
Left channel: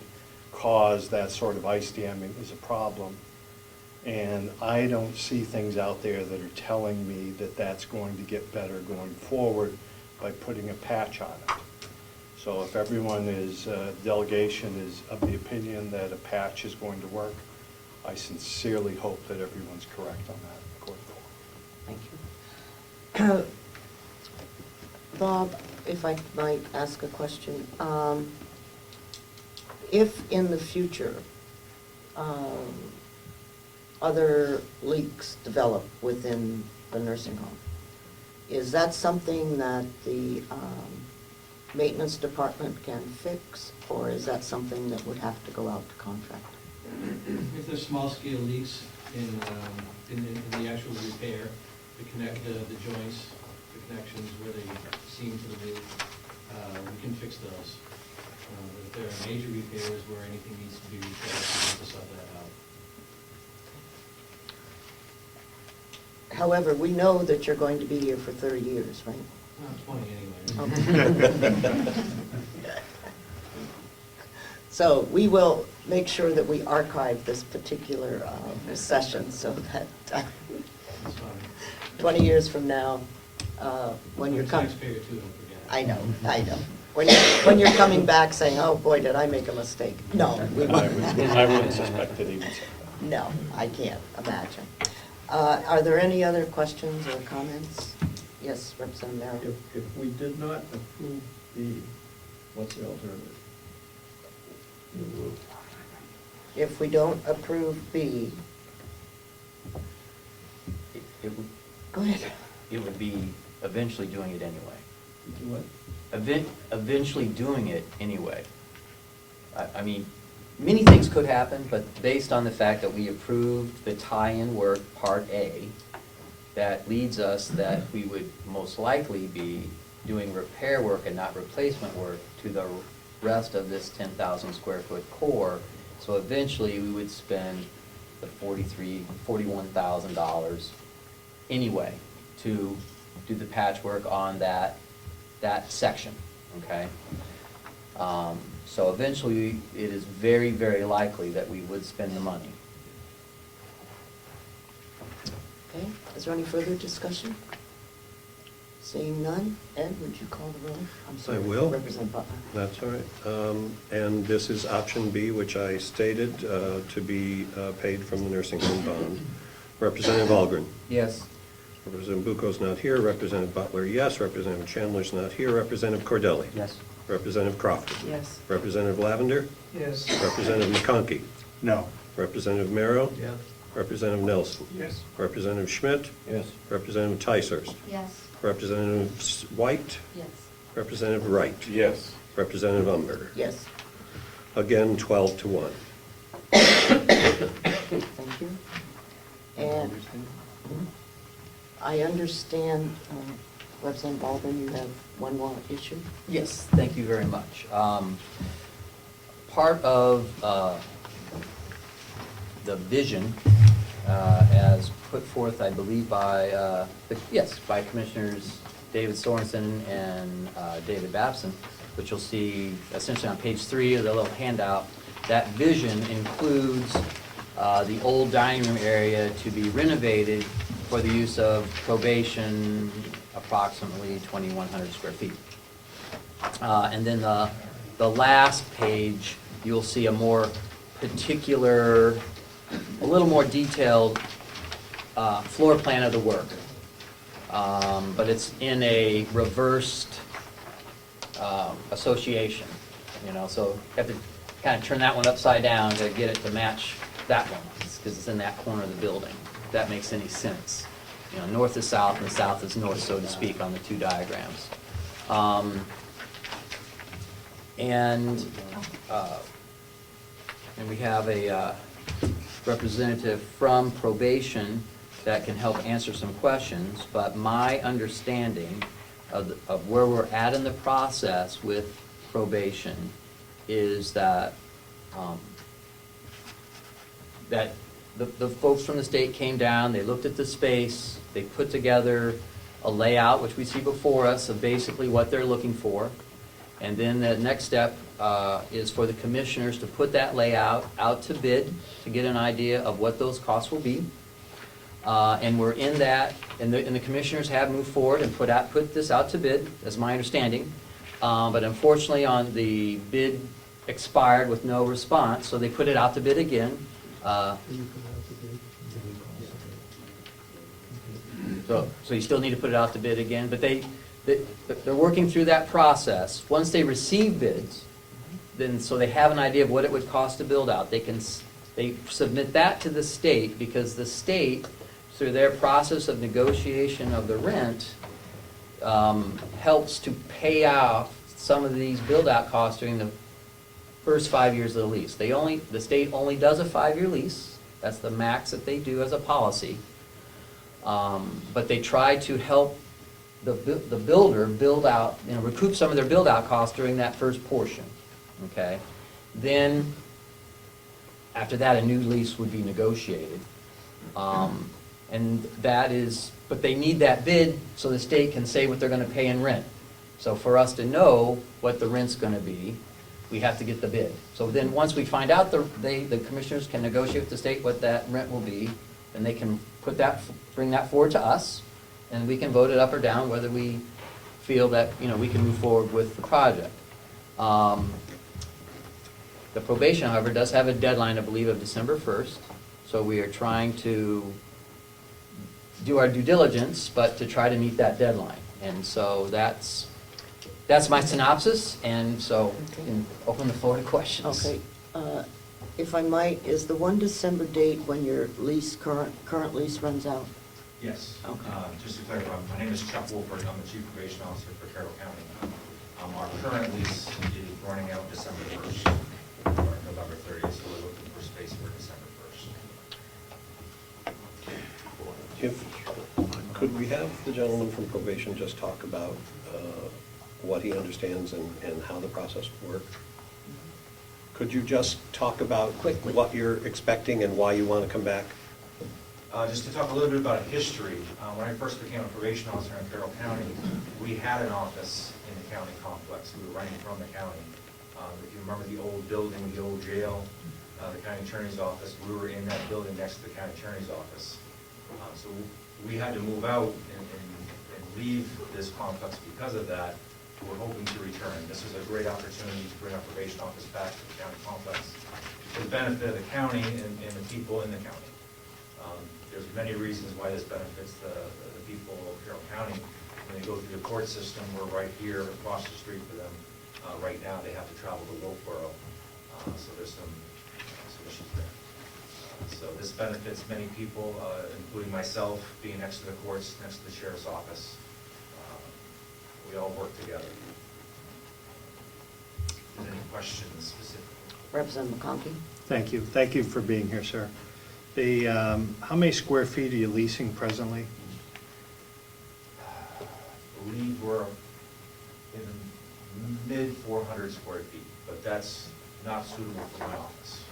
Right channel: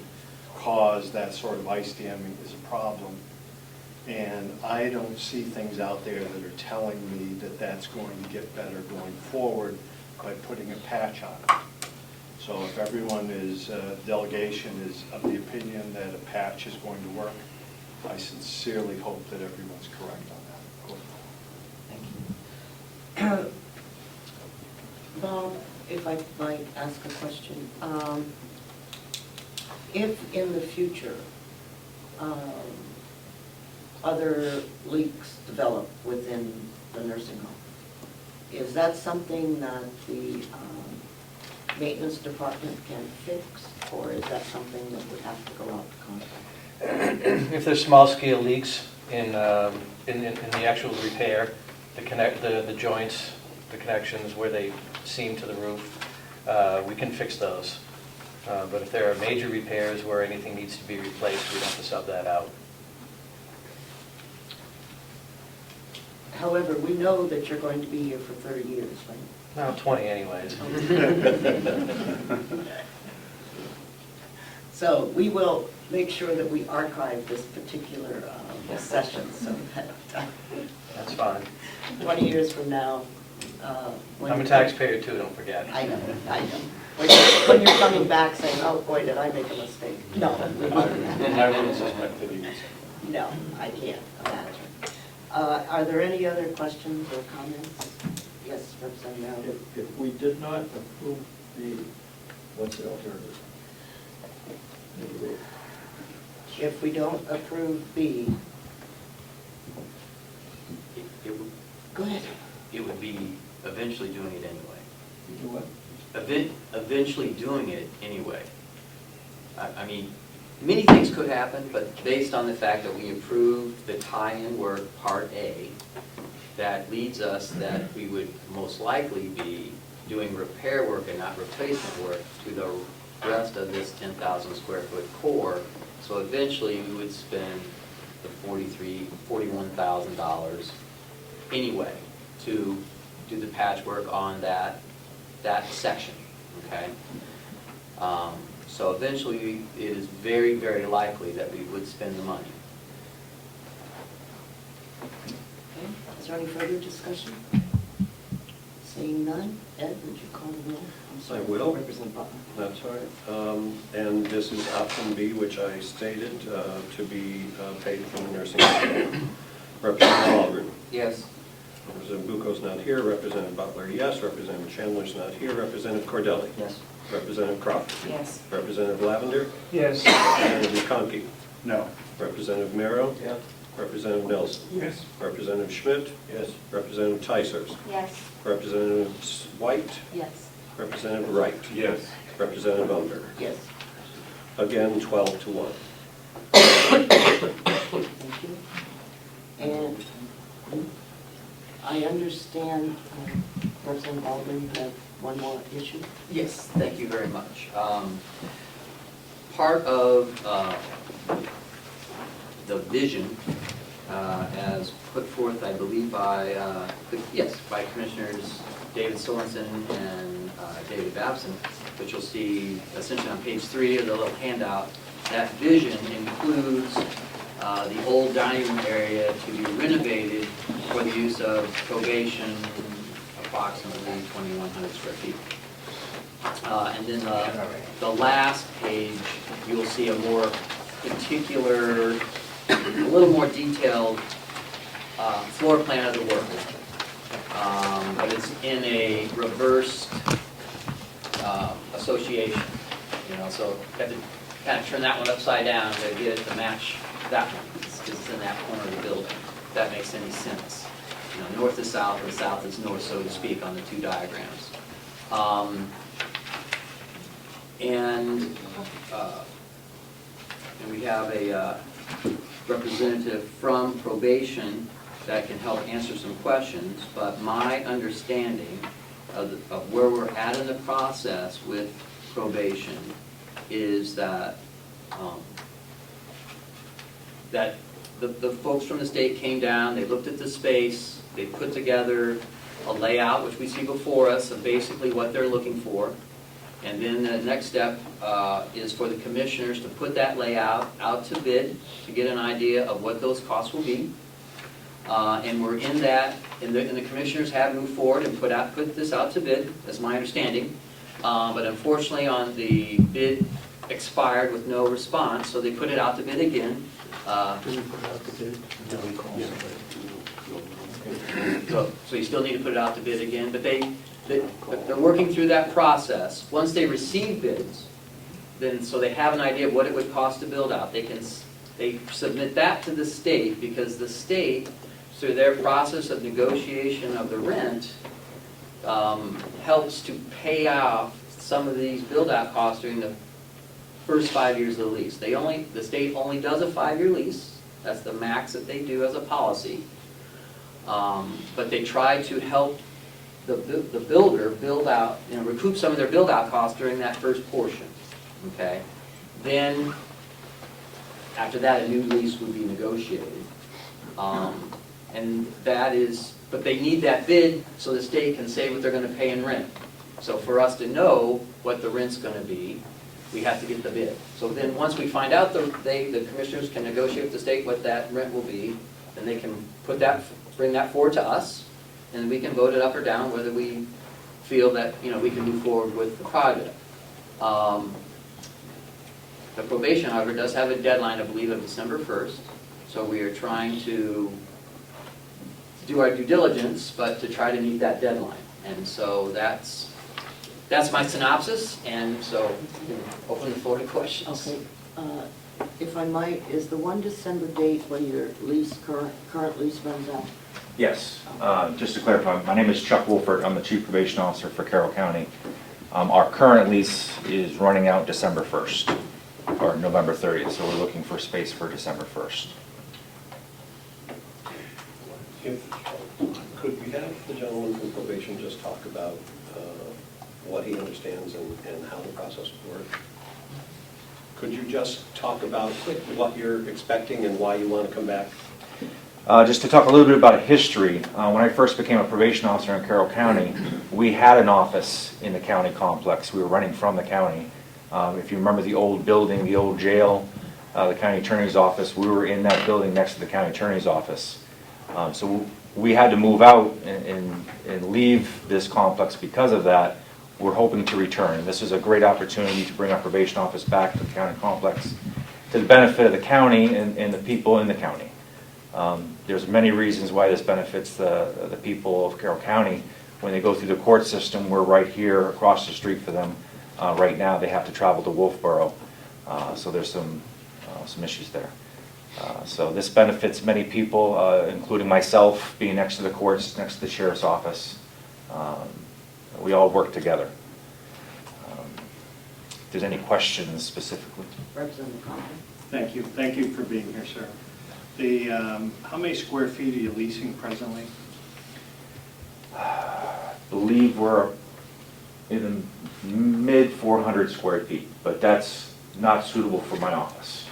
cause that sort of ice damming is a problem. And I don't see things out there that are telling me that that's going to get better going forward by putting a patch on it. So if everyone delegation is of the opinion that a patch is going to work, I sincerely hope that everyone's correct on that going forward. Thank you. Bob, if I might ask a question. If in the future other leaks develop within the nursing home, is that something that the maintenance department can fix, or is that something that would have to go out to contract? If there's small-scale leaks in the actual repair, the joints, the connections where they seam to the roof, we can fix those. But if there are major repairs where anything needs to be replaced, we have to sub that out. However, we know that you're going to be here for 30 years, right? Now, 20 anyways. So we will make sure that we archive this particular session so that That's fine. 20 years from now, when I'm a you're taxpayer too, don't forget. I know. When you're coming back saying, oh boy, did I make a mistake? No, we won't. I wouldn't suspect that he was. No, I can't imagine. Are there any other questions or comments? Yes, Representative Howard. If we did not approve B, what's the alternative? If we don't approve B, It would, go ahead. it would be eventually doing it anyway. You what? Eventually doing it anyway. I mean, many things could happen, but based on the fact that we approved the tie-in work, Part A, that leads us that we would most likely be doing repair work and not replacement work to the rest of this 10,000 square foot core. So eventually we would spend the $41,000 anyway to do the patchwork on that section, okay? So eventually, it is very, very likely that we would spend the money. Okay, is there any further discussion? Seeing none, Ed, would you call the roll? I'm sorry, I will. Representative Butler. That's all right. And this is option B, which I stated to be paid from the nursing home. Representative Algren. Yes. Representative Bucco's not here. Representative Butler, yes. Representative Chandler's not here. Representative Cordelli. Yes. Representative Crawford. Yes. Representative Lavender. Yes. Representative McConkey. No. Representative Merrow. Yes. Representative Nelson. Yes. Representative Schmidt. Yes. Representative Tysers. Yes. Representative White. Yes. Representative Wright. Yes. Representative Unger. Yes. Again, 12-1. Thank you. And I understand, Representative Algren, you have one more issue? Yes, thank you very much. Part of the vision, as put forth, I believe, by Commissioners David Sorensen and David Babson, which you'll see essentially on page 3 of the little handout, that vision includes the old dining room area to be renovated for the use of probation, approximately 2,100 square feet. And then the last page, you'll see a more particular, a little more detailed floor plan of the work. But it's in a reversed association, you know, so you have to kind of turn that one upside down to get it to match that one. It's in that corner of the building, if that makes any sense. You know, north is south and south is north, so to speak, on the two diagrams. And we have a representative from probation that can help answer some questions, but my understanding of where we're at in the process with probation is that that the folks from the state came down, they looked at the space, they put together a layout, which we see before us, of basically what they're looking for. And then the next step is for the commissioners to put that layout out to bid to get an idea of what those costs will be. And we're in that, and the commissioners have moved forward and put this out to bid, that's my understanding. But unfortunately, on the bid expired with no response, so they put it out to bid again. So you still need to put it out to bid again, but they're working through that process. Once they receive bids, then so they have an idea of what it would cost to build out, they They submit that to the state because the state, through their process of negotiation of the rent, helps to pay off some of these build-out costs during the first 5 years of the lease. The state only does a 5-year lease. That's the max that they do as a policy. But they try to help the builder build out, recoup some of their build-out costs during that first portion, okay? Then, after that, a new lease would be negotiated. And that is, but they need that bid so the state can say what they're gonna pay in rent. So for us to know what the rent's gonna be, we have to get the bid. So then, once we find out, the commissioners can negotiate with the state what that rent will be, and they can bring that forward to us, and we can vote it up or down whether we feel that, we can move forward with the project. The probation, however, does have a deadline, I believe, of December 1st, so we are trying to do our due diligence, but to try to meet that deadline. And so that's my synopsis, and so we can open the floor to questions. Okay, if I might, is the 1 December date when your current lease runs out? Yes, just to clarify, my name is Chuck Wolford, I'm the Chief Probation Officer for Carroll County. Our current lease is running out December 1st, or November 30th, so we're looking for space for December 1st. Could we have the gentleman from probation just talk about what he understands and how the process will work? Could you just talk about what you're expecting and why you want to come back? Just to talk a little bit about history, when I first became a probation officer in Carroll County, we had an office in the county complex. We were running from the county. If you remember the old building, the old jail, the county attorney's office, we were in that building next to the county attorney's office. So we had to move out and leave this complex because of that. We're hoping to return. This is a great opportunity to bring our probation office back to the county complex to the benefit of the county and the people in the county. There's many reasons why this benefits the people of Carroll County. When they go through the court system, we're right here across the street for them. Right now, they have to travel to Wolfboro, so there's some issues there. So this benefits many people, including myself, being next to the courts, next to the sheriff's office. We all work together. If there's any questions specifically. Representative Compton? Thank you. Thank you for being here, sir. How many square feet are you leasing presently? I believe we're in the mid 400 square feet, but that's not suitable for my office.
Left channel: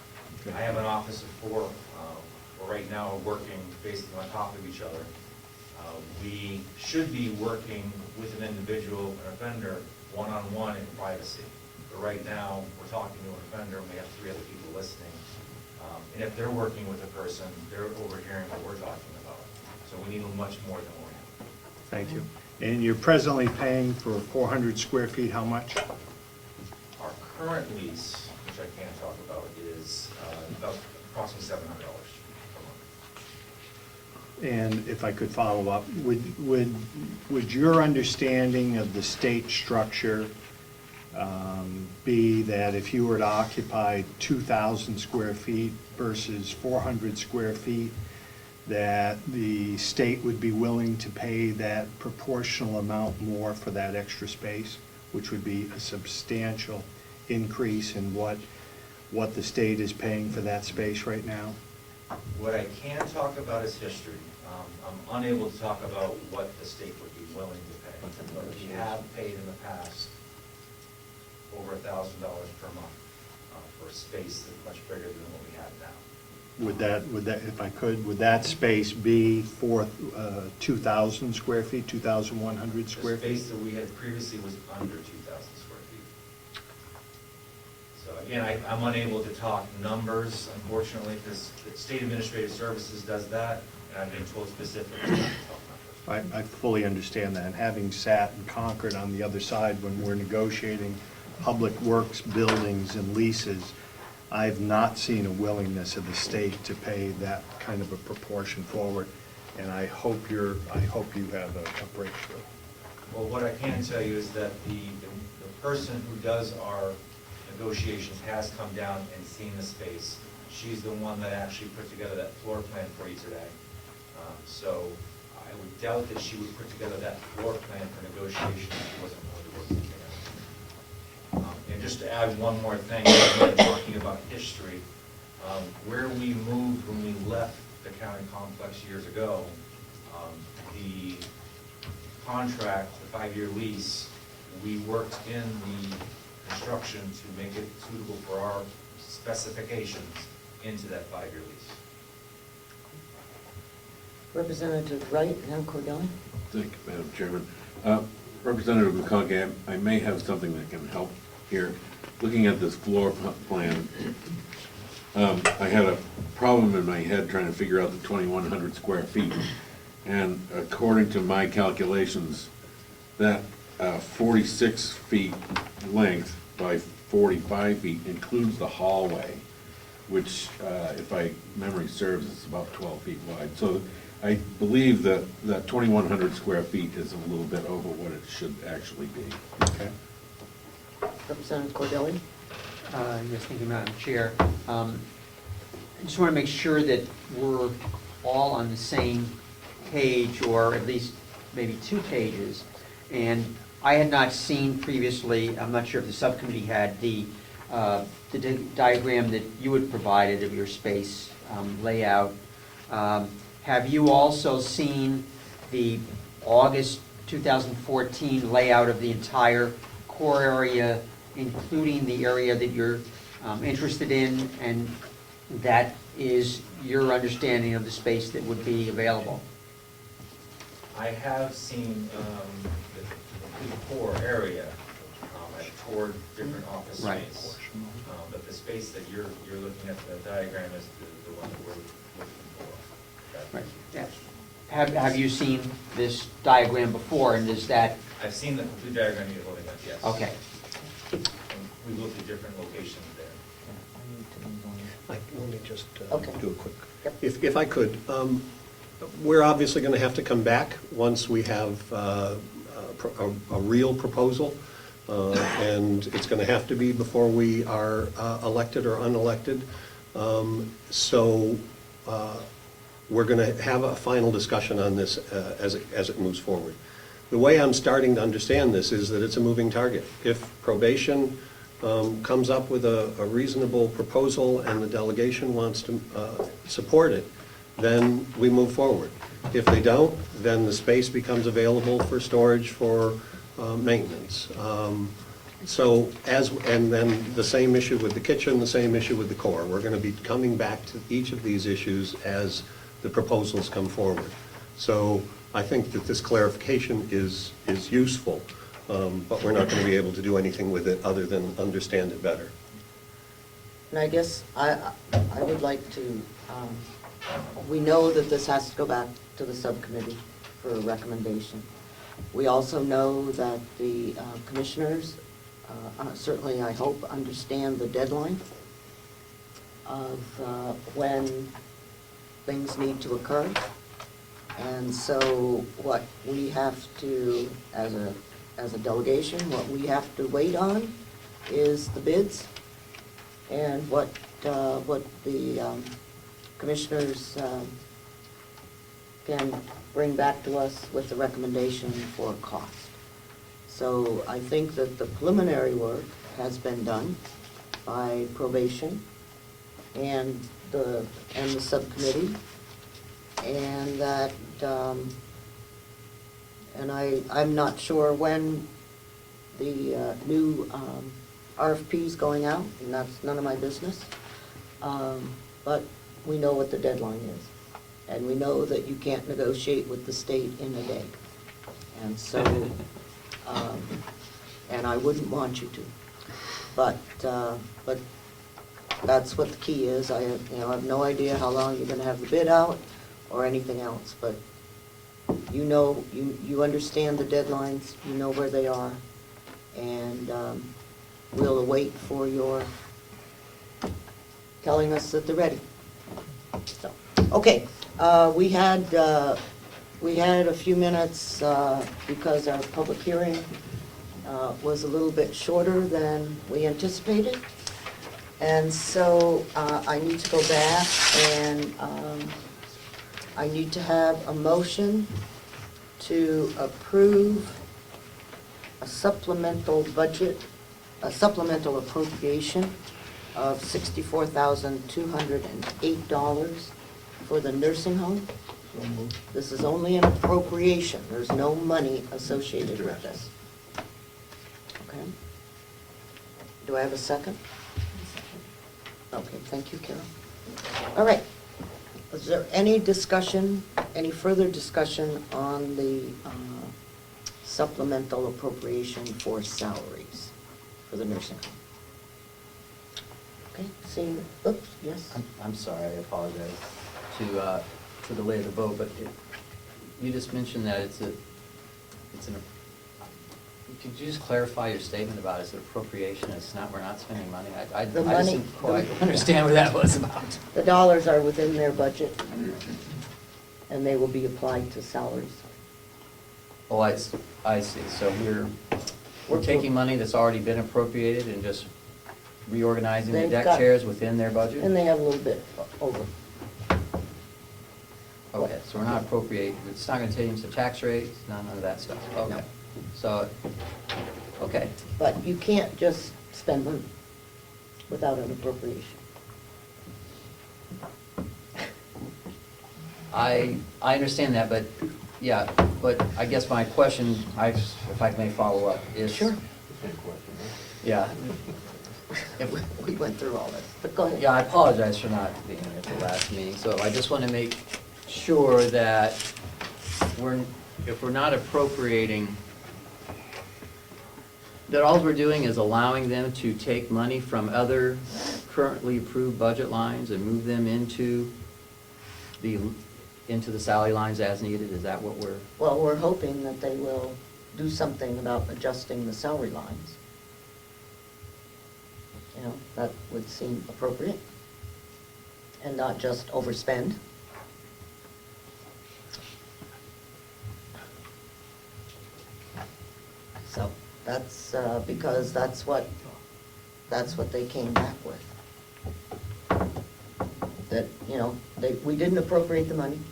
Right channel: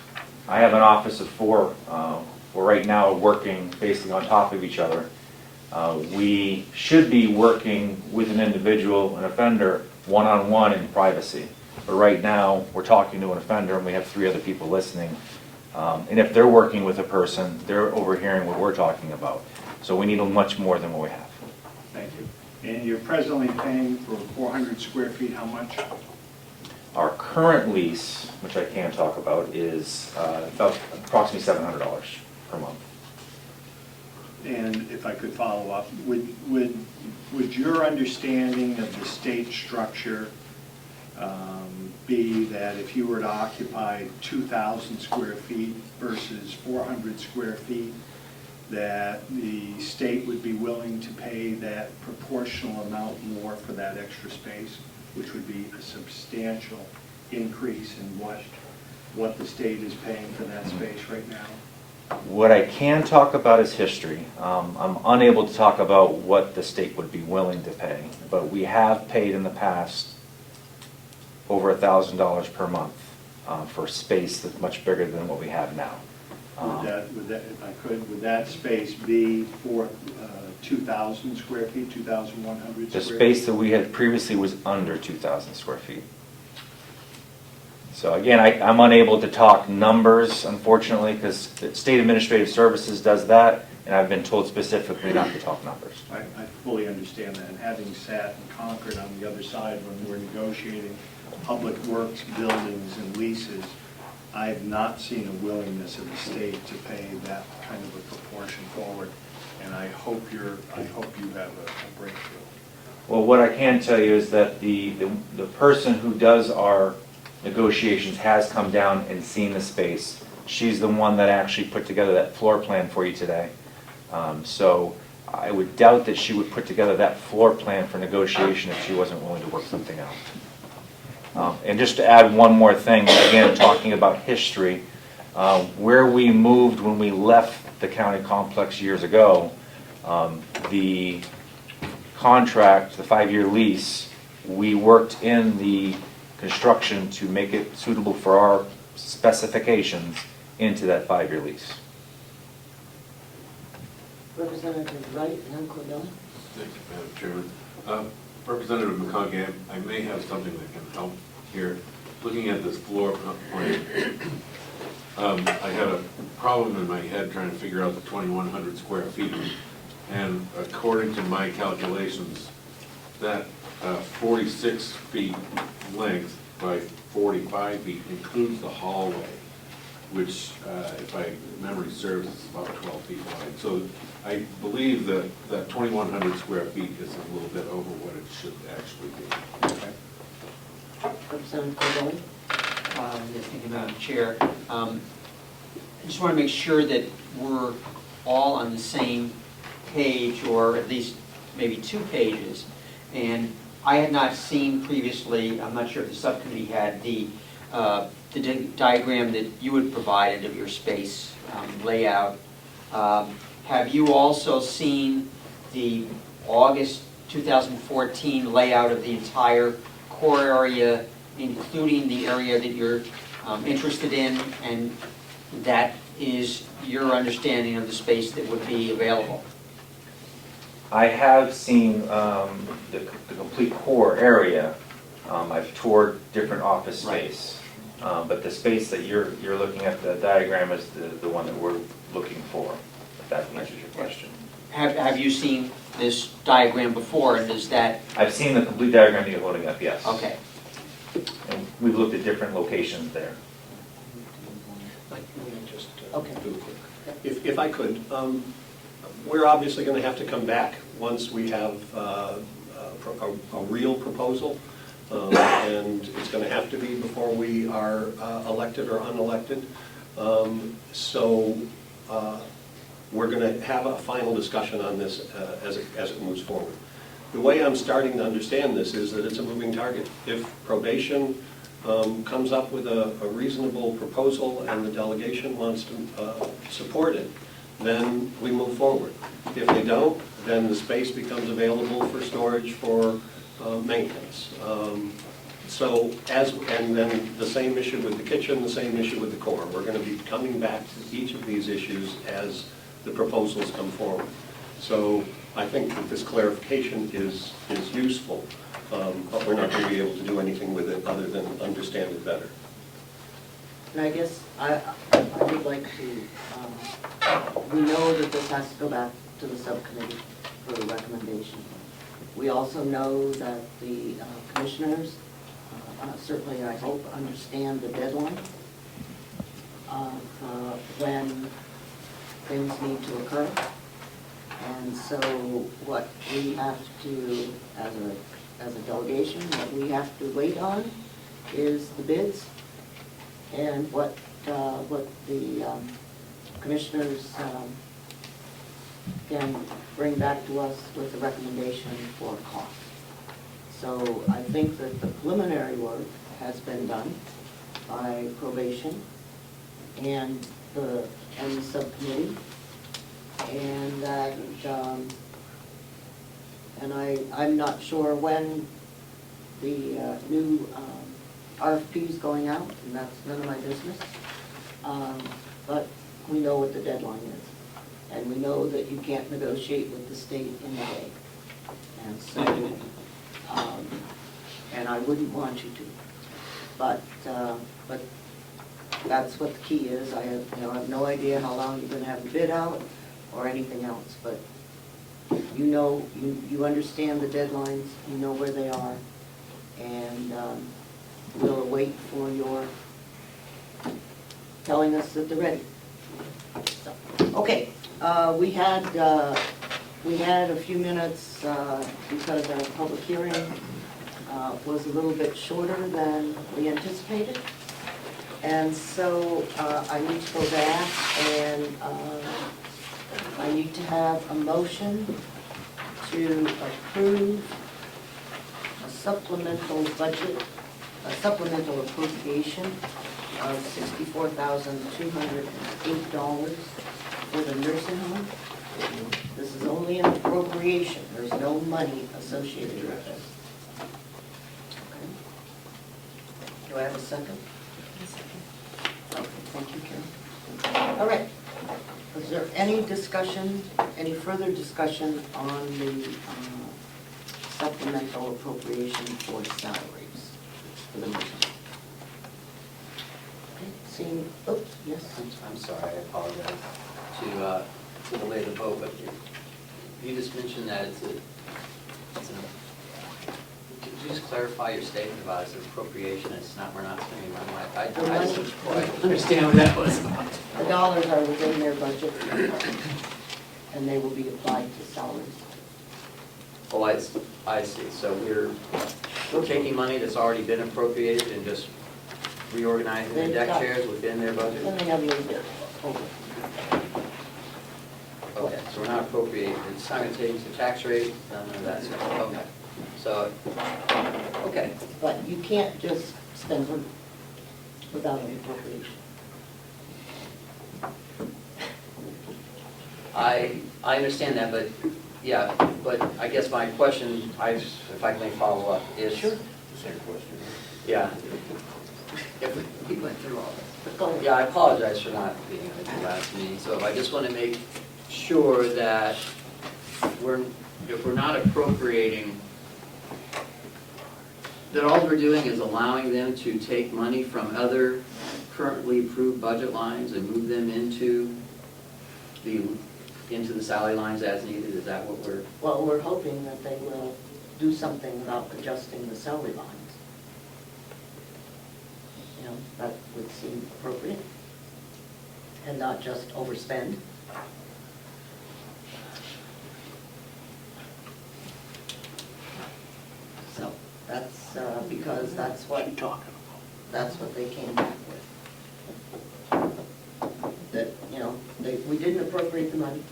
I have an office of 4. We're right now working basically on top of each other. We should be working with an individual, an offender, one-on-one in privacy. But right now, we're talking to an offender and we have 3 other people listening. And if they're working with a person, they're overhearing what we're talking about. So we need much more than what we have. Thank you. And you're presently paying for 400 square feet, how much? Our current lease, which I can't talk about, is about approximately $700 per month. And if I could follow up, would your understanding of the state structure be that if you were to occupy 2,000 square feet versus 400 square feet, that the state would be willing to pay that proportional amount more for that extra space, which would be a substantial increase in what the state is paying for that space right now? What I can talk about is history. I'm unable to talk about what the state would be willing to pay, but we have paid in the past over $1,000 per month for space that's much bigger than what we have now. Would that, if I could, would that space be for 2,000 square feet, 2,100 square The feet? space that we had previously was under 2,000 square feet. So again, I'm unable to talk numbers, unfortunately, because the State Administrative Services does that, and I've been told specifically not to talk numbers. I fully understand that, and having sat in Concord on the other side when we're negotiating public works, buildings, and leases, I've not seen a willingness of the state to pay that kind of a proportion forward, and I hope you have a breakthrough. Well, what I can tell you is that the person who does our negotiations has come down and seen the space, She's the one that actually put together that floor plan for you today. So I would doubt that she would put together that floor plan for negotiation if she wasn't willing to work something out. And just to add one more thing, again, talking about history, where we moved when we left the county complex years ago, the contract, the 5-year lease, we worked in the construction to make it suitable for our specifications into that 5-year lease. Representative Wright and Cordell? Thank you, Madam Chairman. Representative McCoggin, I may have something that can help here. Looking at this floor plan, I had a problem in my head trying to figure out the 2,100 square feet. And according to my calculations, that 46 feet length by 45 feet includes the hallway, which, if my memory serves, is about 12 feet wide. So I believe that 2,100 square feet is a little bit over what it should actually be. Okay. Representative Cordell? Yes, thank you, Madam Chair. I just want to make sure that we're all on the same page, or at least maybe 2 pages. And I had not seen previously, I'm not sure if the subcommittee had, the diagram that you had provided of your space layout. Have you also seen the August 2014 layout of the entire core area, including the area that you're interested in, and that is your understanding of the space that would be available? I have seen the complete core area. I've toured different office space. But the space that you're looking at, the diagram, is the one that we're looking for, if that answers your question. Have you seen this diagram before, and is that? I've seen the complete diagram that you're holding up, yes. Okay. And we've looked at different locations there. Let me just Okay. do a quick. If I could, we're obviously going to have to come back once we have a real proposal. And it's going to have to be before we are elected or unelected. So we're going to have a final discussion on this as it moves forward. The way I'm starting to understand this is that it's a moving target. If probation comes up with a reasonable proposal and the delegation wants to support it, then we move forward. If they don't, then the space becomes available for storage for maintenance. And then the same issue with the kitchen, the same issue with the core. We're going to be coming back to each of these issues as the proposals come forward. So I think that this clarification is useful, but we're not going to be able to do anything with it other than understand it better. And I guess I would like to, we know that this has to go back to the subcommittee for a recommendation. We also know that the commissioners, certainly I hope, understand the deadline of when things need to occur. And so what we have to, as a delegation, what we have to wait on is the bids and what the commissioners can bring back to us with the recommendation for cost. So I think that the preliminary work has been done by probation and the subcommittee, and that I'm not sure when the new RFP is going out, and that's none of my business. But we know what the deadline is. And we know that you can't negotiate with the state in the day. And so, and I wouldn't want you to. But that's what the key is. I have no idea how long you're gonna have the bid out or anything else, but you know, you understand the deadlines, you know where they are, and we'll await for your telling us that they're ready. So, okay, we had a few minutes because our public hearing was a little bit shorter than we anticipated. And so I need to go back and I need to have a motion to approve a supplemental budget, a supplemental appropriation of $64,208 for the nursing home. This is only an appropriation, there's no money associated with this. Okay. Do I have a second? Okay, thank you, Carol. All right. Is there any discussion, any further discussion on the supplemental appropriation for salaries for the nursing home? Okay, seeing, oops, yes? I'm sorry, I apologize to delay the vote, but you just mentioned that could you just clarify your statement about it's an appropriation, it's not, we're not spending money? I The money- didn't quite understand what that was about. The dollars are within their budget, and they will be applied to salaries. Oh, I see, so we're taking money that's already been appropriated and just reorganizing the They've deck got- chairs within their budget? And they have a little bit over. Okay, so we're not appropriating, it's not gonna change the tax rate, none of that stuff, okay. So, okay, But you can't just spend them without an appropriation. I understand that, but, yeah, but I guess my question, if I may follow up, is. Sure. Same question. Yeah. We went through all this, but go ahead. Yeah, I apologize for not being at the last meeting, so I just want to make sure that if we're not appropriating, that all we're doing is allowing them to take money from other currently approved budget lines and move them into the salary lines as needed, is that what we're? Well, we're hoping that they will do something about adjusting the salary lines. You know, that would seem appropriate, and not just overspend. So, that's, because that's what they came back with. That, you know, we didn't appropriate the money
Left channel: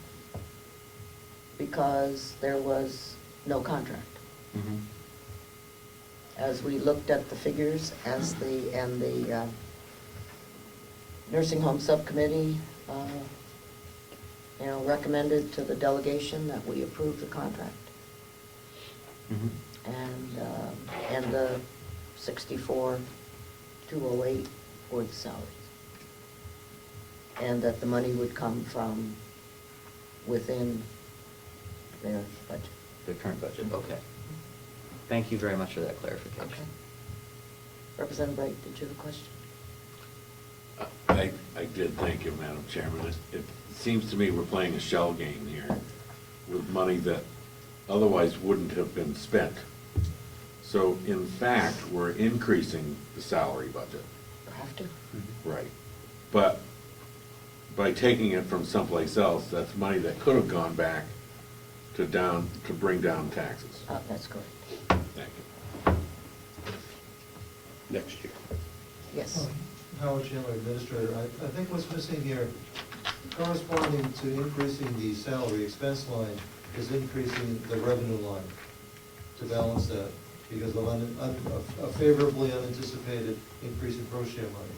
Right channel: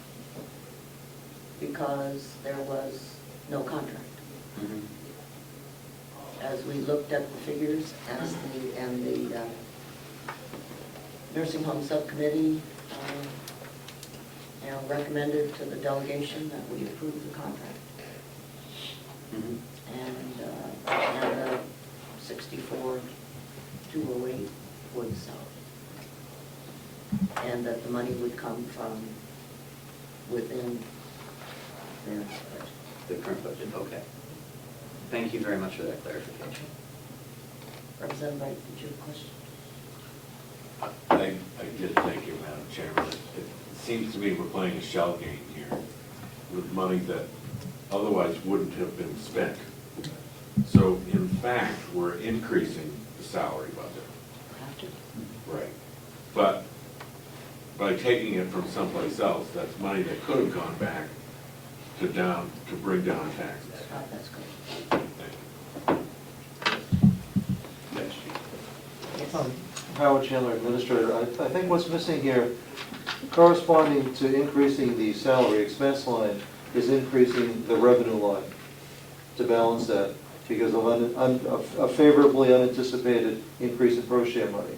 because there was no contract. Mhm. As we looked at the figures, and the nursing home subcommittee, recommended to the delegation that we approve the contract. Mhm. And 64,208 for the salary. And that the money would come from within their budget. The current budget, okay. Thank you very much for that clarification. Representative Wright, did you have a question? I did, thank you, Madam Chairman. It seems to me we're playing a shell game here with money that otherwise wouldn't have been spent. So in fact, we're increasing the salary budget. Have to? Right. But by taking it from someplace else, that's money that could have gone back to bring down taxes. That's good. Thank you. Next year. Yes. Howard Chandler, Administrator. I think what's missing here, corresponding to increasing the salary expense line, is increasing the revenue line to balance that because of a favorably unanticipated increase in pro share money.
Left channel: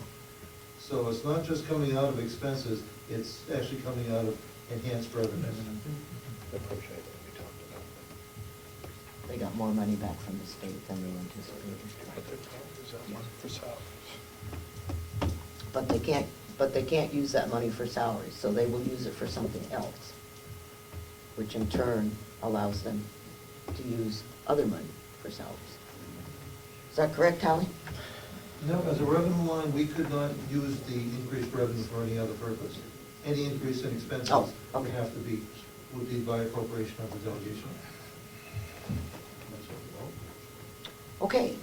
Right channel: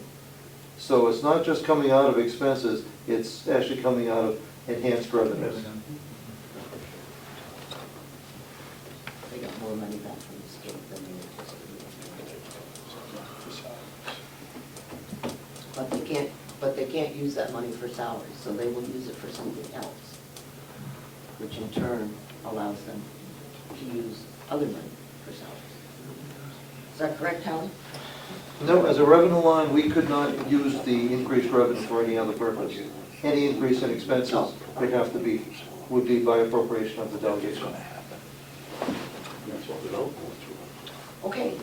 So it's not just coming out of expenses, it's actually coming out of enhanced revenues. They got more money back from the state than they anticipated. But they can't use that money for salaries, so they will use it for something else, which in turn allows them to use other money for salaries. Is that correct, Hallie? No, as a revenue line, we could not use the increased revenue for any other purpose. Any increase in expenses would be by appropriation of the delegation. Okay.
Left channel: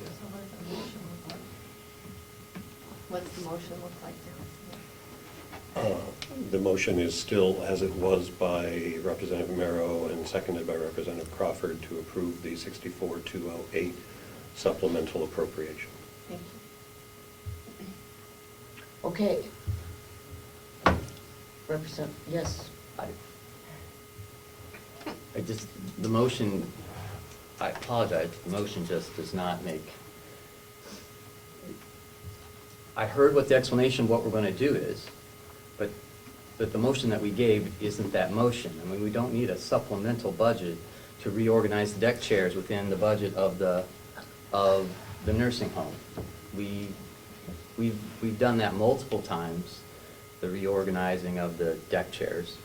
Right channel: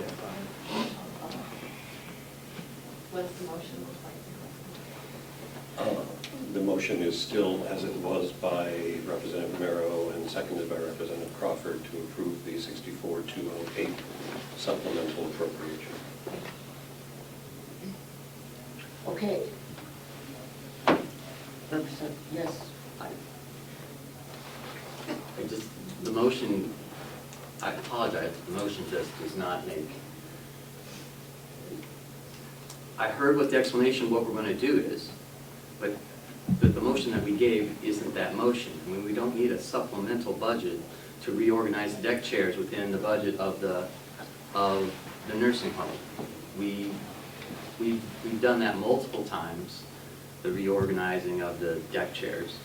What's the motion look like? The motion is still as it was by Representative Mero and seconded by Representative Crawford to approve the 64,208 supplemental appropriation. Okay. Represent, yes. I just, the motion, I apologize, the motion just does not make. I heard what the explanation of what we're gonna do is, but the motion that we gave isn't that motion. I mean, we don't need a supplemental budget to reorganize the deck chairs within the budget of the nursing home. We've done that multiple times, the reorganizing of the deck chairs.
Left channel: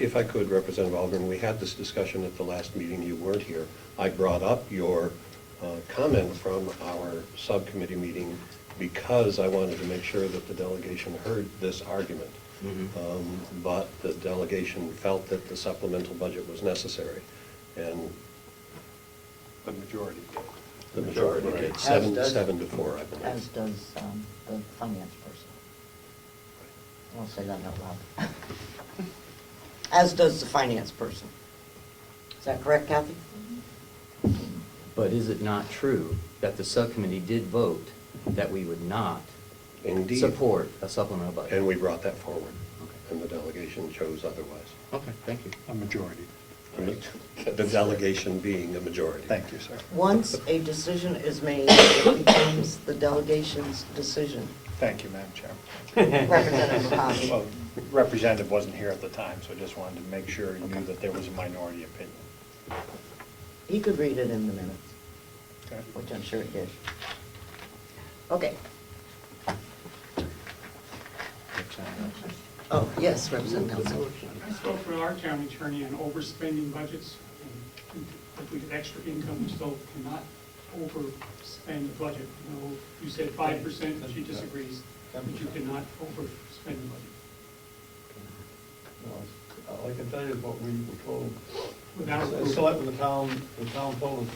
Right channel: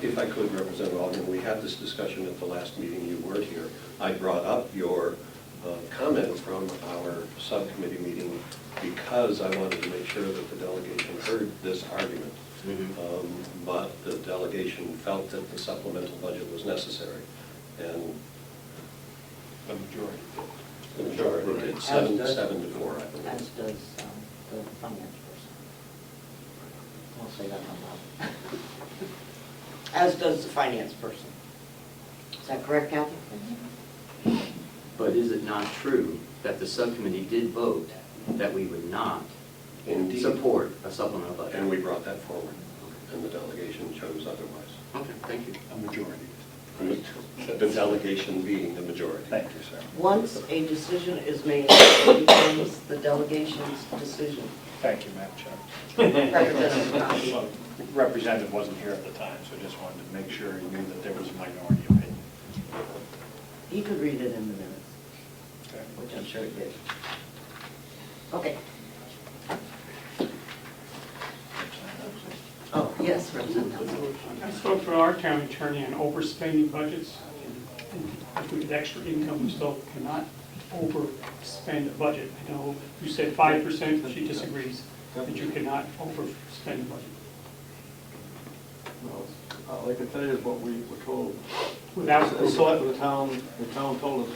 If I could, Representative Alderman, we had this discussion at the last meeting, you weren't here. I brought up your comment from our subcommittee meeting because I wanted to make sure that the delegation heard this argument. But the delegation felt that the supplemental budget was necessary, and The majority. the majority did, seven to 4, I believe. As does the finance person. I'll say that out loud. As does the finance person. Is that correct, Kathy? But is it not true that the subcommittee did vote that we would not Indeed. support a supplemental budget? And we brought that forward, and the delegation chose otherwise. Okay, thank you. A majority. The delegation being a majority. Thank you, sir. Once a decision is made, it becomes the delegation's decision. Thank you, Madam Chair. Representative Conley. Well, Representative wasn't here at the time, so I just wanted to make sure he knew that there was a minority opinion. He could read it in the minutes, Okay. which I'm sure he did. Okay. Oh, yes, Representative Nelson. I spoke to our town attorney on overspending budgets. And if we get extra income, we still cannot overspend a budget. You know, you said 5%, she disagrees, that you cannot overspend a budget. All I can tell you is what we were told. Without, The town told us,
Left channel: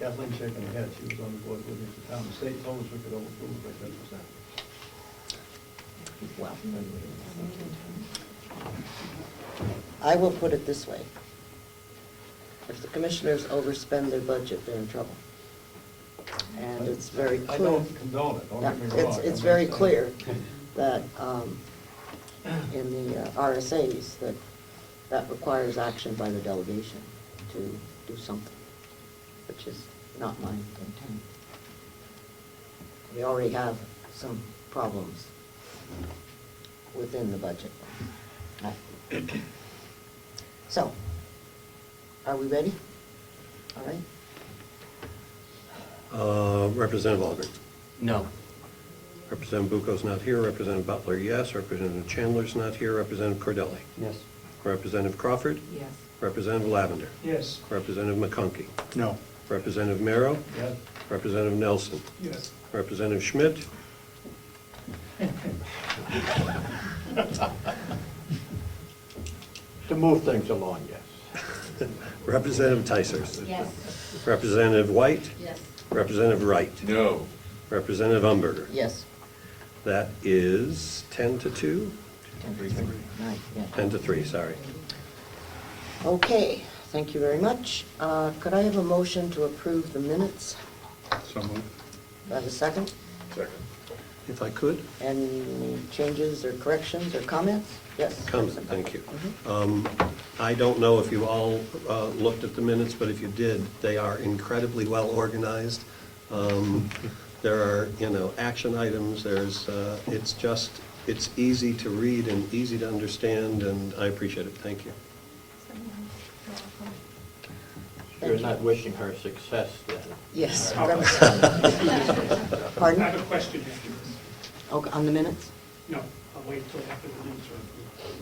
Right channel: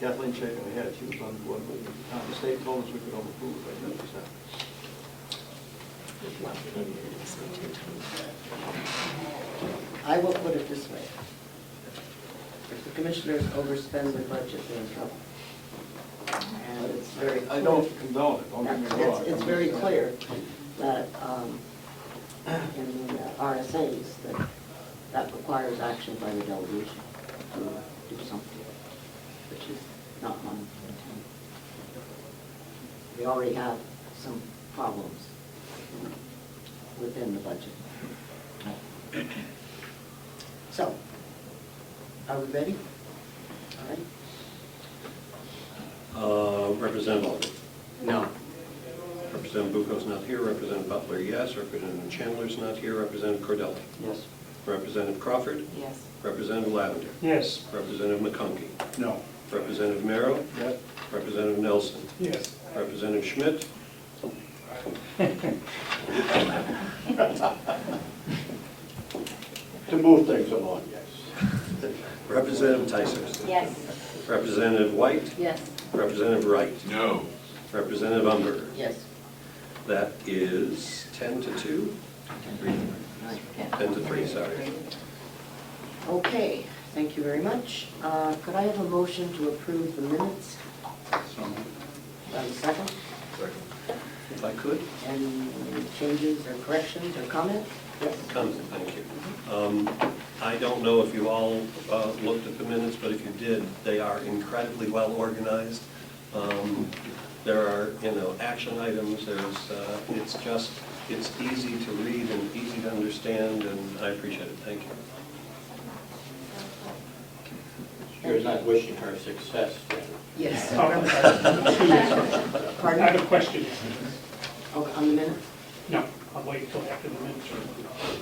Kathleen shaking her head, she was on board with it. The town, the state told us we could overprove it by 10%. I will put it this way. If the commissioners overspend their budget, they're in trouble. And it's very clear. I don't condone it, don't get me wrong. It's very clear that in the RSAs that requires action by the delegation to do something, which is not mine. We already have some problems within the budget. So, are we ready? All right. Representative Alderman. No. Representative Bucco's not here. Representative Butler, yes. Representative Chandler's not here. Representative Cordelli. Yes. Representative Crawford. Yes. Representative Lavender. yes. Representative McConkey. No. Representative Merrow. Yes. Representative Nelson. Yes. Representative Schmidt. To move things along, yes. Representative Tysers. Yes. Representative White. Yes. Representative Wright. No. Representative Umberger. Yes. That is 10 to 2? 10 to 3, sorry. Okay, thank you very much. Could I have a motion to approve the minutes? So moved. Have a second? If I could, Any changes or corrections or comments? Yes? comment, thank you. I don't know if you all looked at the minutes, but if you did, they are incredibly well organized. There are, action items, it's easy to read and easy to understand, and I appreciate it, thank you. You're not wishing her success. Yes. I Pardon? have a question. Okay, on the minutes? No, I'll wait until after the minutes are approved.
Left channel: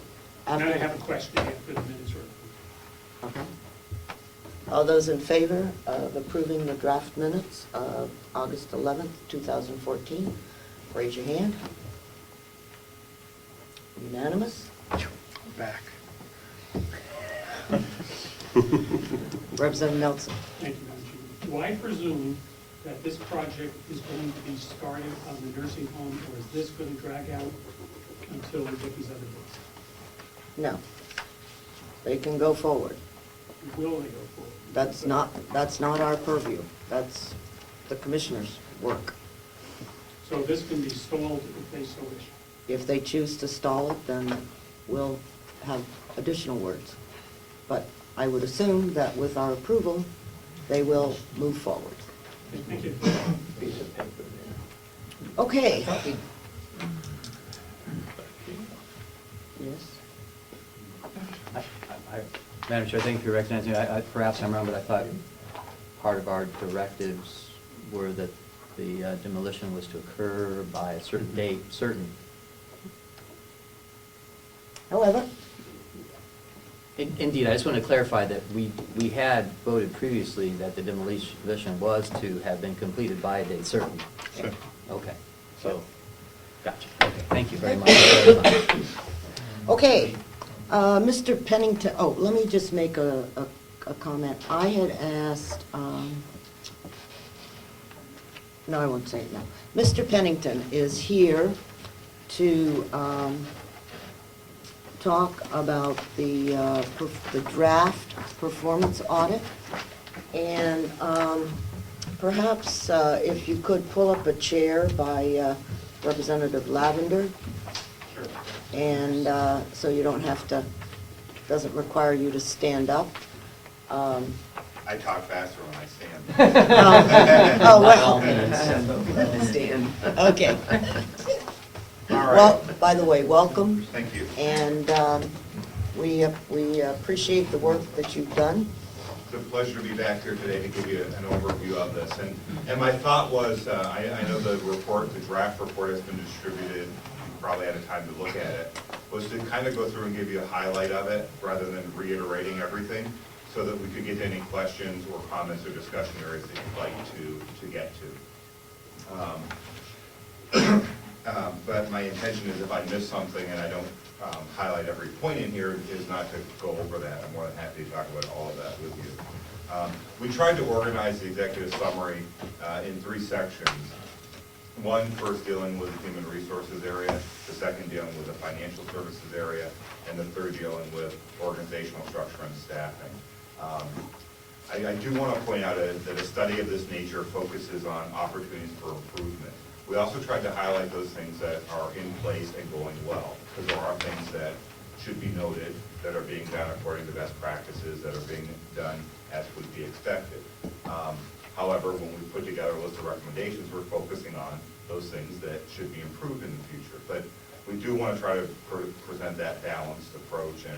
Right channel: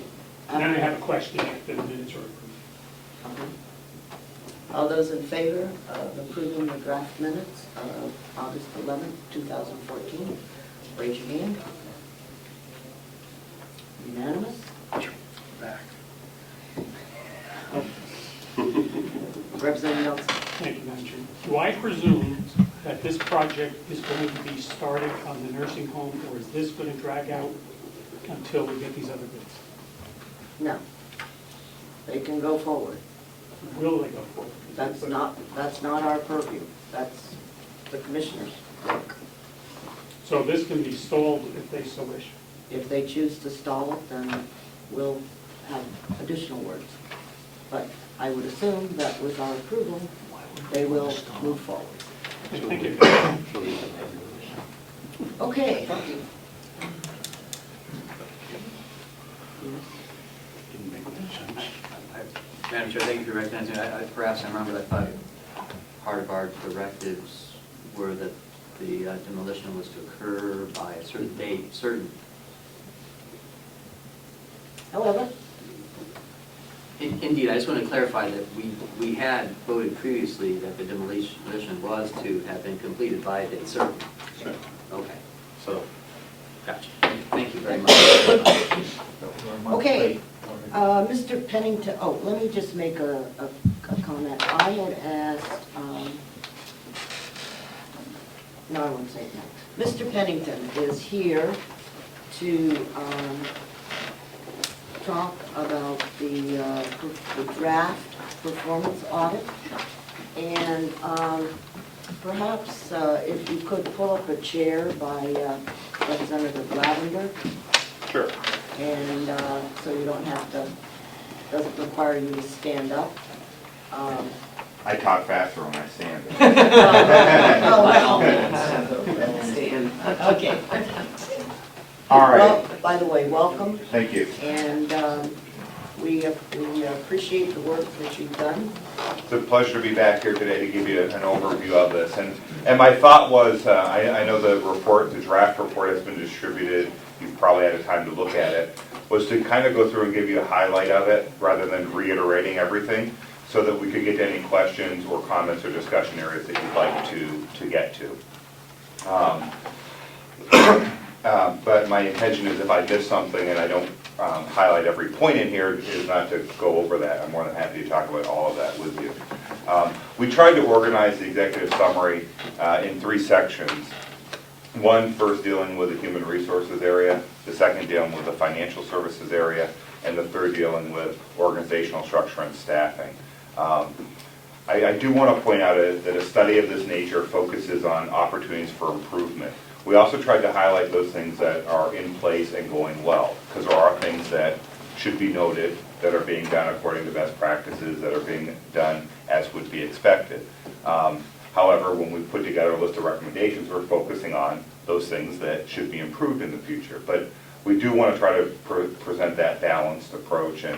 And then I have a question after the minutes are approved. Okay. All those in favor of approving the draft minutes of August 11th, 2014, raise your hand. Unanimous? Back. Representative Nelson. Thank you, Madam Chair. Do I presume that this project is going to be started on the nursing home, or is this going to drag out until we get these other bids? No. They can go forward. Will they go forward? That's not our purview. That's the commissioner's work. So this can be stalled if they so wish. If they choose to stall it, then we'll have additional words. But I would assume that with our approval, they will move forward. Thank you. Okay. Madam Chair, thank you for recognizing me. Perhaps I'm wrong, but I thought part of our directives were that the demolition was to occur by a certain date, certain. However, Indeed, I just want to clarify that we had voted previously that the demolition was to have been completed by a date certain. Sure. Okay, so, gotcha. Thank you very much. okay, Mr. Pennington, oh, let me just make a comment. I had asked, no, I won't say that. Mr. Pennington is here to talk about the draft performance audit. And perhaps if you could pull up a chair by Representative Lavender. Sure. And so you don't have to, doesn't require you to stand up. I talk faster when I stand. Oh, well. Stand. Okay. All right. Well, by the way, welcome. Thank you. And we appreciate the work that you've done. It's a pleasure to be back here today to give you an overview of this. And my thought was, I know the report, the draft report has been distributed. You've probably had a time to look at it. Was to kind of go through and give you a highlight of it rather than reiterating everything, so that we could get to any questions or comments or discussion areas that you'd like to get to. But my intention is if I miss something and I don't highlight every point in here, is not to go over that. I'm more than happy to talk about all of that with you. We tried to organize the executive summary in 3 sections. One first dealing with the human resources area, the second dealing with the financial services area, and the third dealing with organizational structure and staffing. I do want to point out that a study of this nature focuses on opportunities for improvement. We also tried to highlight those things that are in place and going well, because there are things that should be noted that are being done according to best practices, that are being done as would be expected. However, when we put together a list of recommendations, we're focusing on those things that should be improved in the future. But we do want to try to present that balanced approach and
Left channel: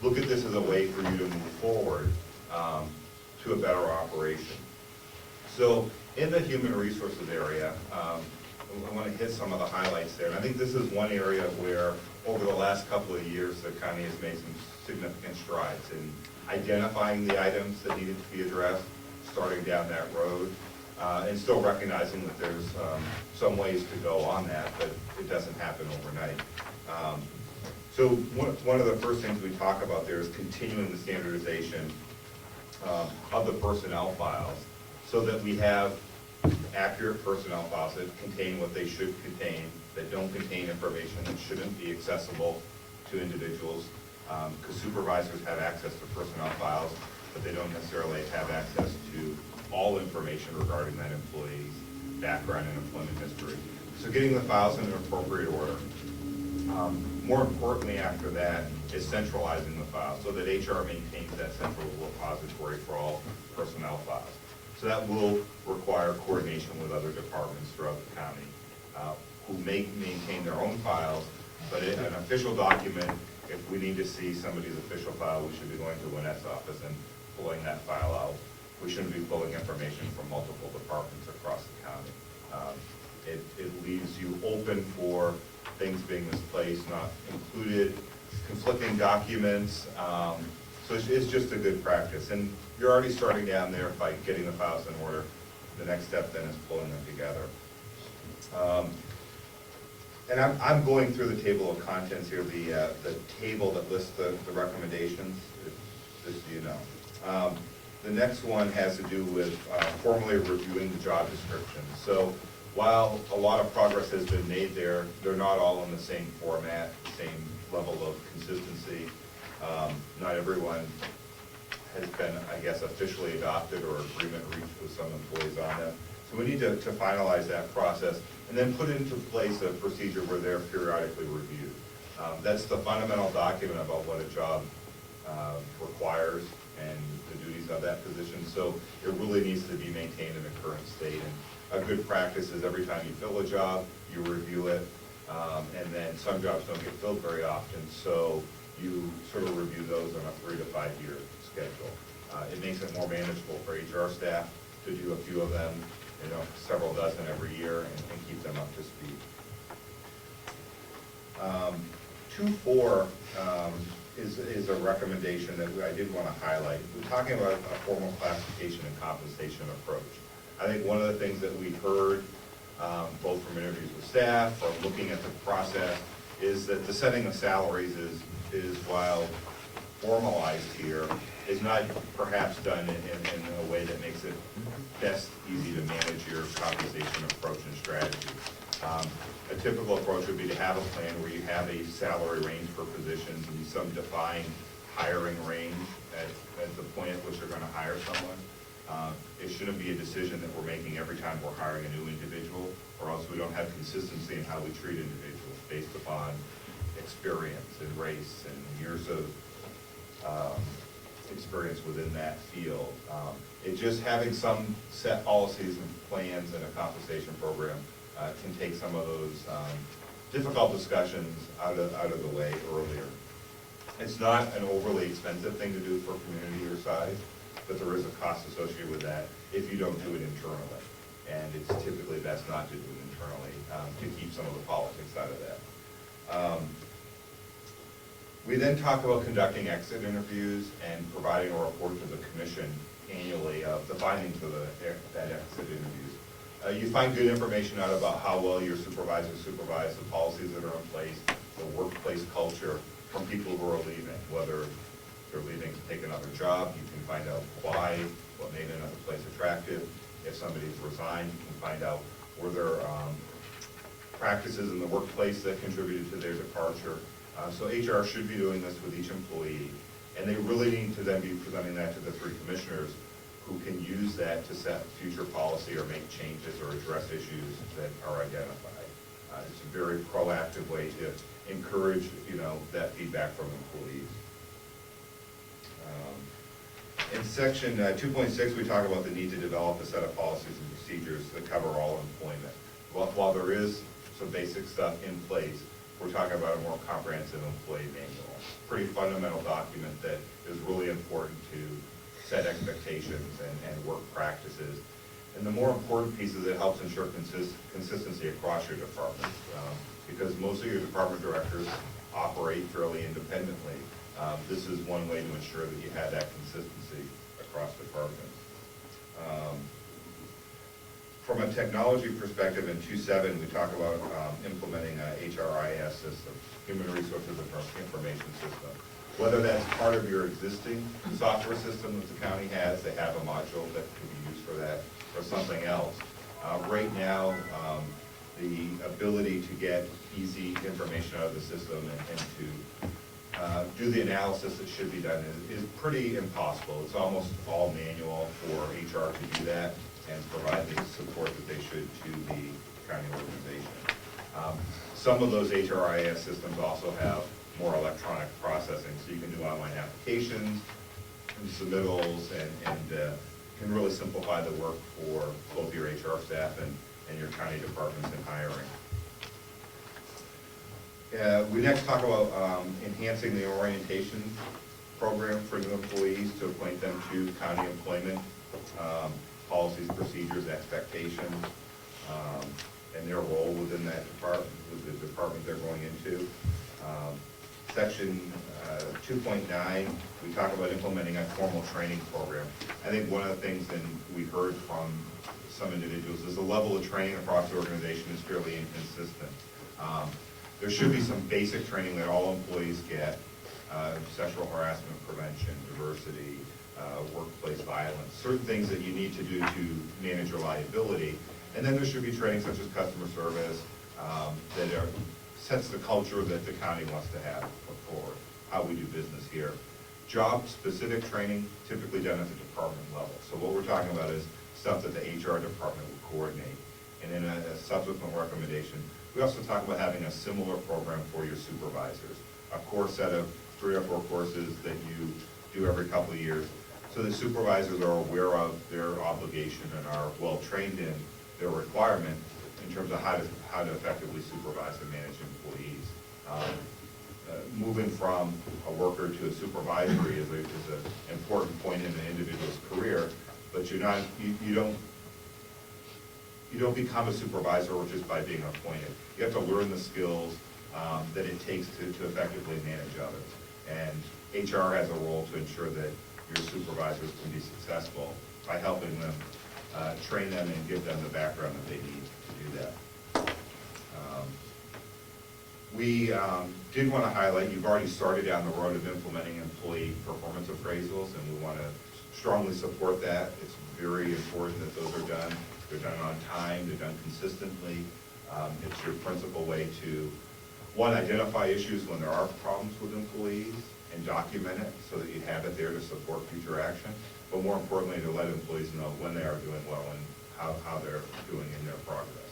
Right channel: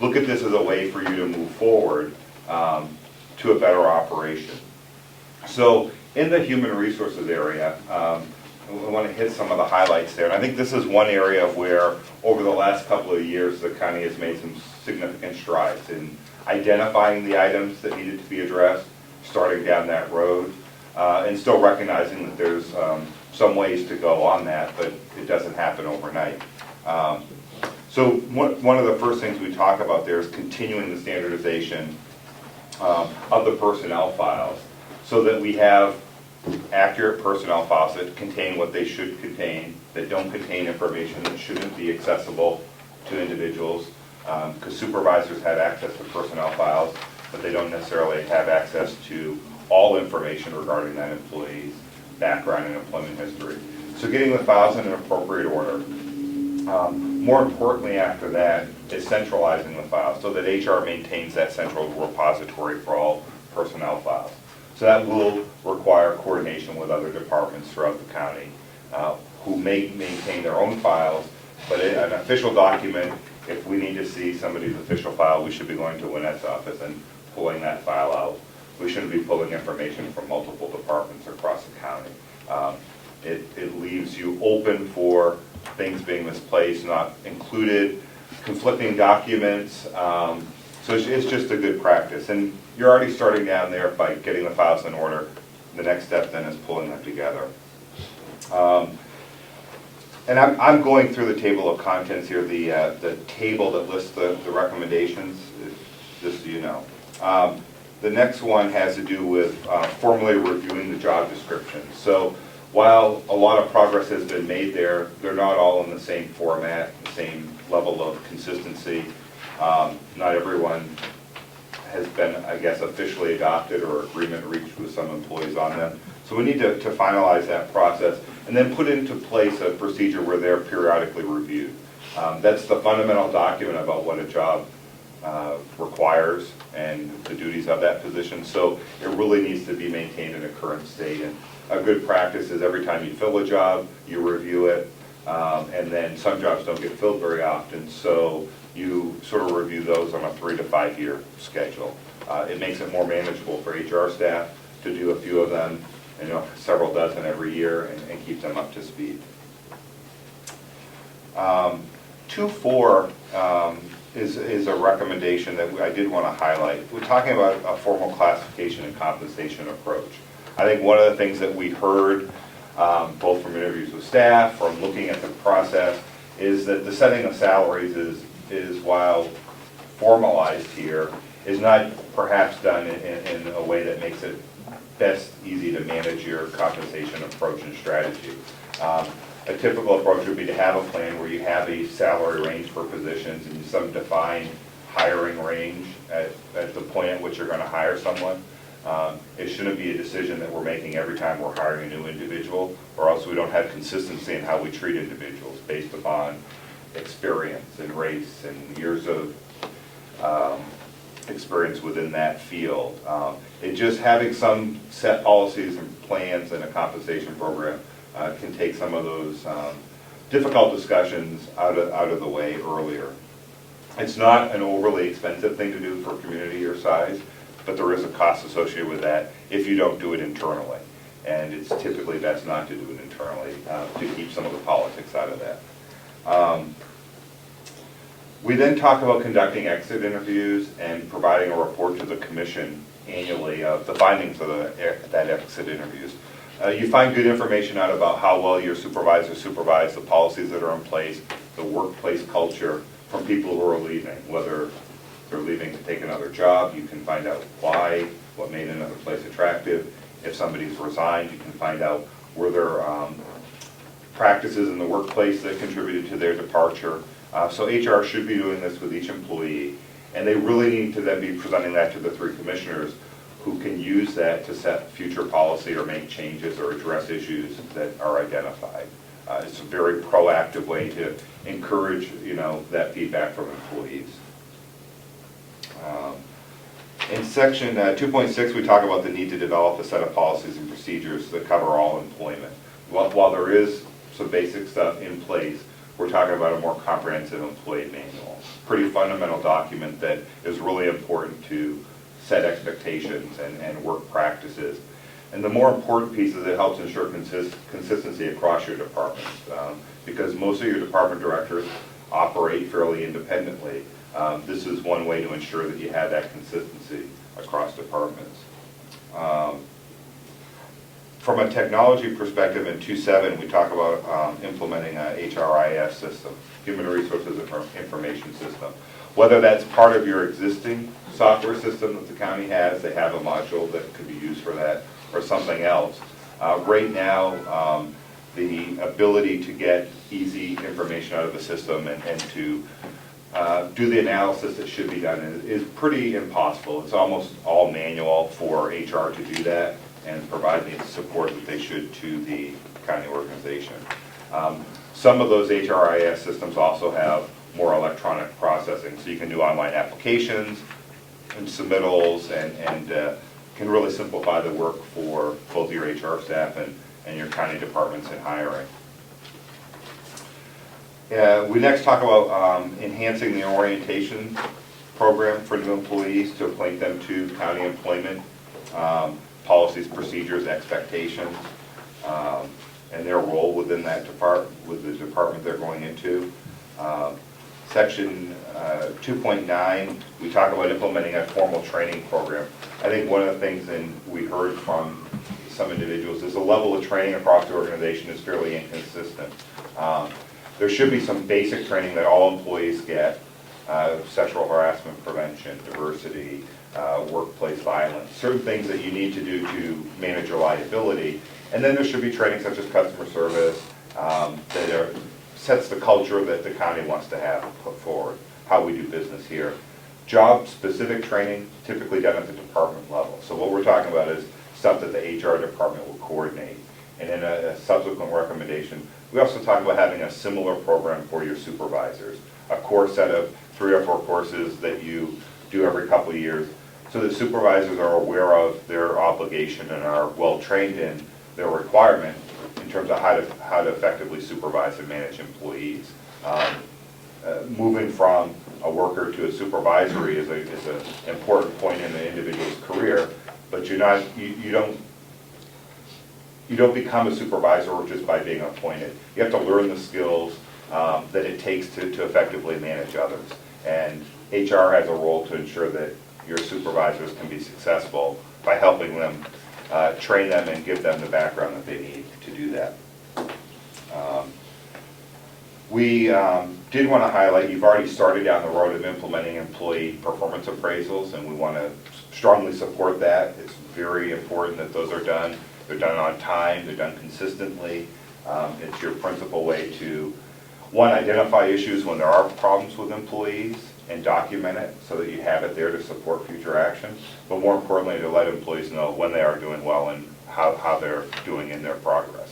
look at this as a way for you to move forward to a better operation. So in the human resources area, we want to hit some of the highlights there. And I think this is one area where over the last couple of years, the county has made some significant strides in identifying the items that needed to be addressed, starting down that road, and still recognizing that there's some ways to go on that, but it doesn't happen overnight. So one of the first things we talk about there is continuing the standardization of the personnel files so that we have accurate personnel files that contain what they should contain, that don't contain information that shouldn't be accessible to individuals, because supervisors have access to personnel files, but they don't necessarily have access to all information regarding that employee's background and employment history. So getting the files in an appropriate order. More importantly after that is centralizing the files so that HR maintains that central repository for all personnel files. So that will require coordination with other departments throughout the county who may maintain their own files, but an official document, if we need to see somebody's official file, we should be going to Lynette's office and pulling that file out. We shouldn't be pulling information from multiple departments across the county. It leaves you open for things being misplaced, not included, conflicting documents. So it's just a good practice. And you're already starting down there by getting the files in order. The next step then is pulling them together. And I'm going through the table of contents here, the table that lists the recommendations, just so you know. The next one has to do with formally reviewing the job description. So while a lot of progress has been made there, they're not all in the same format, the same level of consistency. Not everyone has been, I guess, officially adopted or agreement reached with some employees on them. So we need to finalize that process and then put into place a procedure where they're periodically reviewed. That's the fundamental document about what a job requires and the duties of that position. So it really needs to be maintained in a current state. And a good practice is every time you fill a job, you review it. And then some jobs don't get filled very often, so you sort of review those on a 3 to 5 year schedule. It makes it more manageable for HR staff to do a few of them, several dozen every year, and keep them up to speed. 2.4 is a recommendation that I did want to highlight. We're talking about a formal classification and compensation approach. I think one of the things that we heard, both from interviews with staff, from looking at the process, is that the setting of salaries is while formalized here, is not perhaps done in a way that makes it best easy to manage your compensation approach and strategy. A typical approach would be to have a plan where you have a salary range for positions and some defined hiring range at the point at which you're going to hire someone. It shouldn't be a decision that we're making every time we're hiring a new individual, or else we don't have consistency in how we treat individuals based upon experience and race and years of experience within that field. It just having some set policies and plans and a compensation program can take some of those difficult discussions out of the way earlier. It's not an overly expensive thing to do for a community your size, but there is a cost associated with that if you don't do it internally. And it's typically best not to do it internally to keep some of the politics out of that. We then talk about conducting exit interviews and providing a report to the commission annually of the findings of that exit interviews. You find good information out about how well your supervisors supervise, the policies that are in place, the workplace culture from people who are leaving, whether they're leaving to take another job, you can find out why, what made another place attractive. If somebody's resigned, you can find out were there practices in the workplace that contributed to their departure. So HR should be doing this with each employee, and they really need to then be presenting that to the 3 commissioners who can use that to set future policy or make changes or address issues that are identified. It's a very proactive way to encourage, that feedback from employees. In section 2.6, we talk about the need to develop a set of policies and procedures that cover all employment. While there is some basic stuff in place, we're talking about a more comprehensive employee manual. Pretty fundamental document that is really important to set expectations and work practices. And the more important piece is it helps ensure consistency across your departments, because most of your department directors operate fairly independently. This is one way to ensure that you have that consistency across departments. From a technology perspective, in 2.7, we talk about implementing a HRIS system, Human Resources Information System. Whether that's part of your existing software system that the county has, they have a module that could be used for that, or something else. Right now, the ability to get easy information out of the system and to do the analysis that should be done is pretty impossible. It's almost all manual for HR to do that and provide the support that they should to the county organization. Some of those HRIS systems also have more electronic processing, so you can do online applications and submittals and can really simplify the work for both your HR staff and your county departments in hiring. We next talk about enhancing the orientation program for new employees to acquaint them to county employment, policies, procedures, expectations, and their role within that department, with the department they're going into. Section 2.9, we talk about implementing a formal training program. I think one of the things, and we heard from some individuals, is the level of training across the organization is fairly inconsistent. There should be some basic training that all employees get, sexual harassment prevention, diversity, workplace violence, certain things that you need to do to manage your liability. And then there should be training such as customer service that sets the culture that the county wants to have put forward, how we do business here. Job-specific training typically done at the department level. So what we're talking about is stuff that the HR department will coordinate. And in a subsequent recommendation, we also talk about having a similar program for your supervisors, a core set of 3 or 4 courses that you do every couple of years, so that supervisors are aware of their obligation and are well-trained in their requirement in terms of how to effectively supervise and manage employees. Moving from a worker to a supervisory is an important point in the individual's career, but you don't become a supervisor just by being appointed. You have to learn the skills that it takes to effectively manage others. And HR has a role to ensure that your supervisors can be successful by helping them, train them and give them the background that they need to do that. We did want to highlight, you've already started down the road of implementing employee performance appraisals, and we want to strongly support that. It's very important that those are done. They're done on time, they're done consistently. It's your principal way to, one, identify issues when there are problems with employees and document it so that you have it there to support future action, but more importantly, to let employees know when they are doing well and how they're doing in their progress.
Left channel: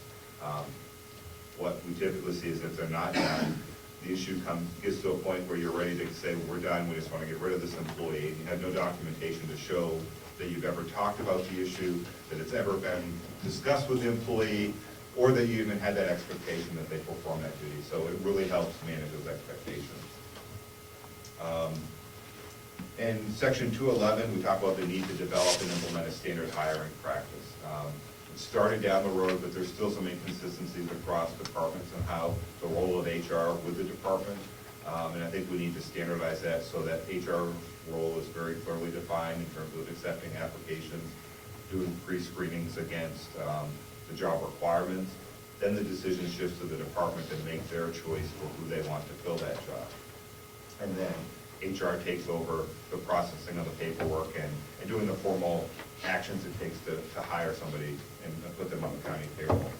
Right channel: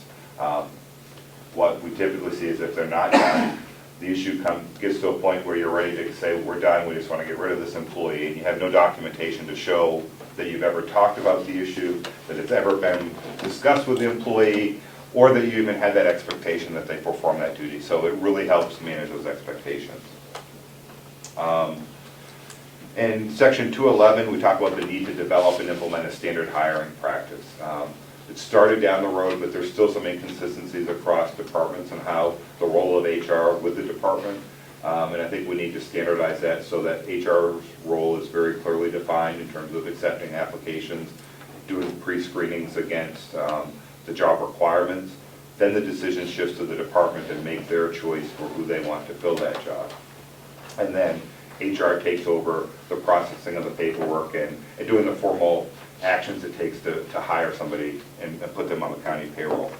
What we typically see is if they're not done, the issue gets to a point where you're ready to say, we're done, we just want to get rid of this employee, and you have no documentation to show that you've ever talked about the issue, that it's ever been discussed with the employee, or that you even had that expectation that they perform that duty. So it really helps manage those expectations. In section 211, we talk about the need to develop and implement a standard hiring practice. It started down the road, but there's still some inconsistencies across departments and how the role of HR with the department. And I think we need to standardize that so that HR's role is very clearly defined in terms of accepting applications, doing pre-screenings against the job requirements. Then the decision shifts to the department to make their choice for who they want to fill that job. And then HR takes over the processing of the paperwork and doing the formal actions it takes to hire somebody and put them on the county payroll.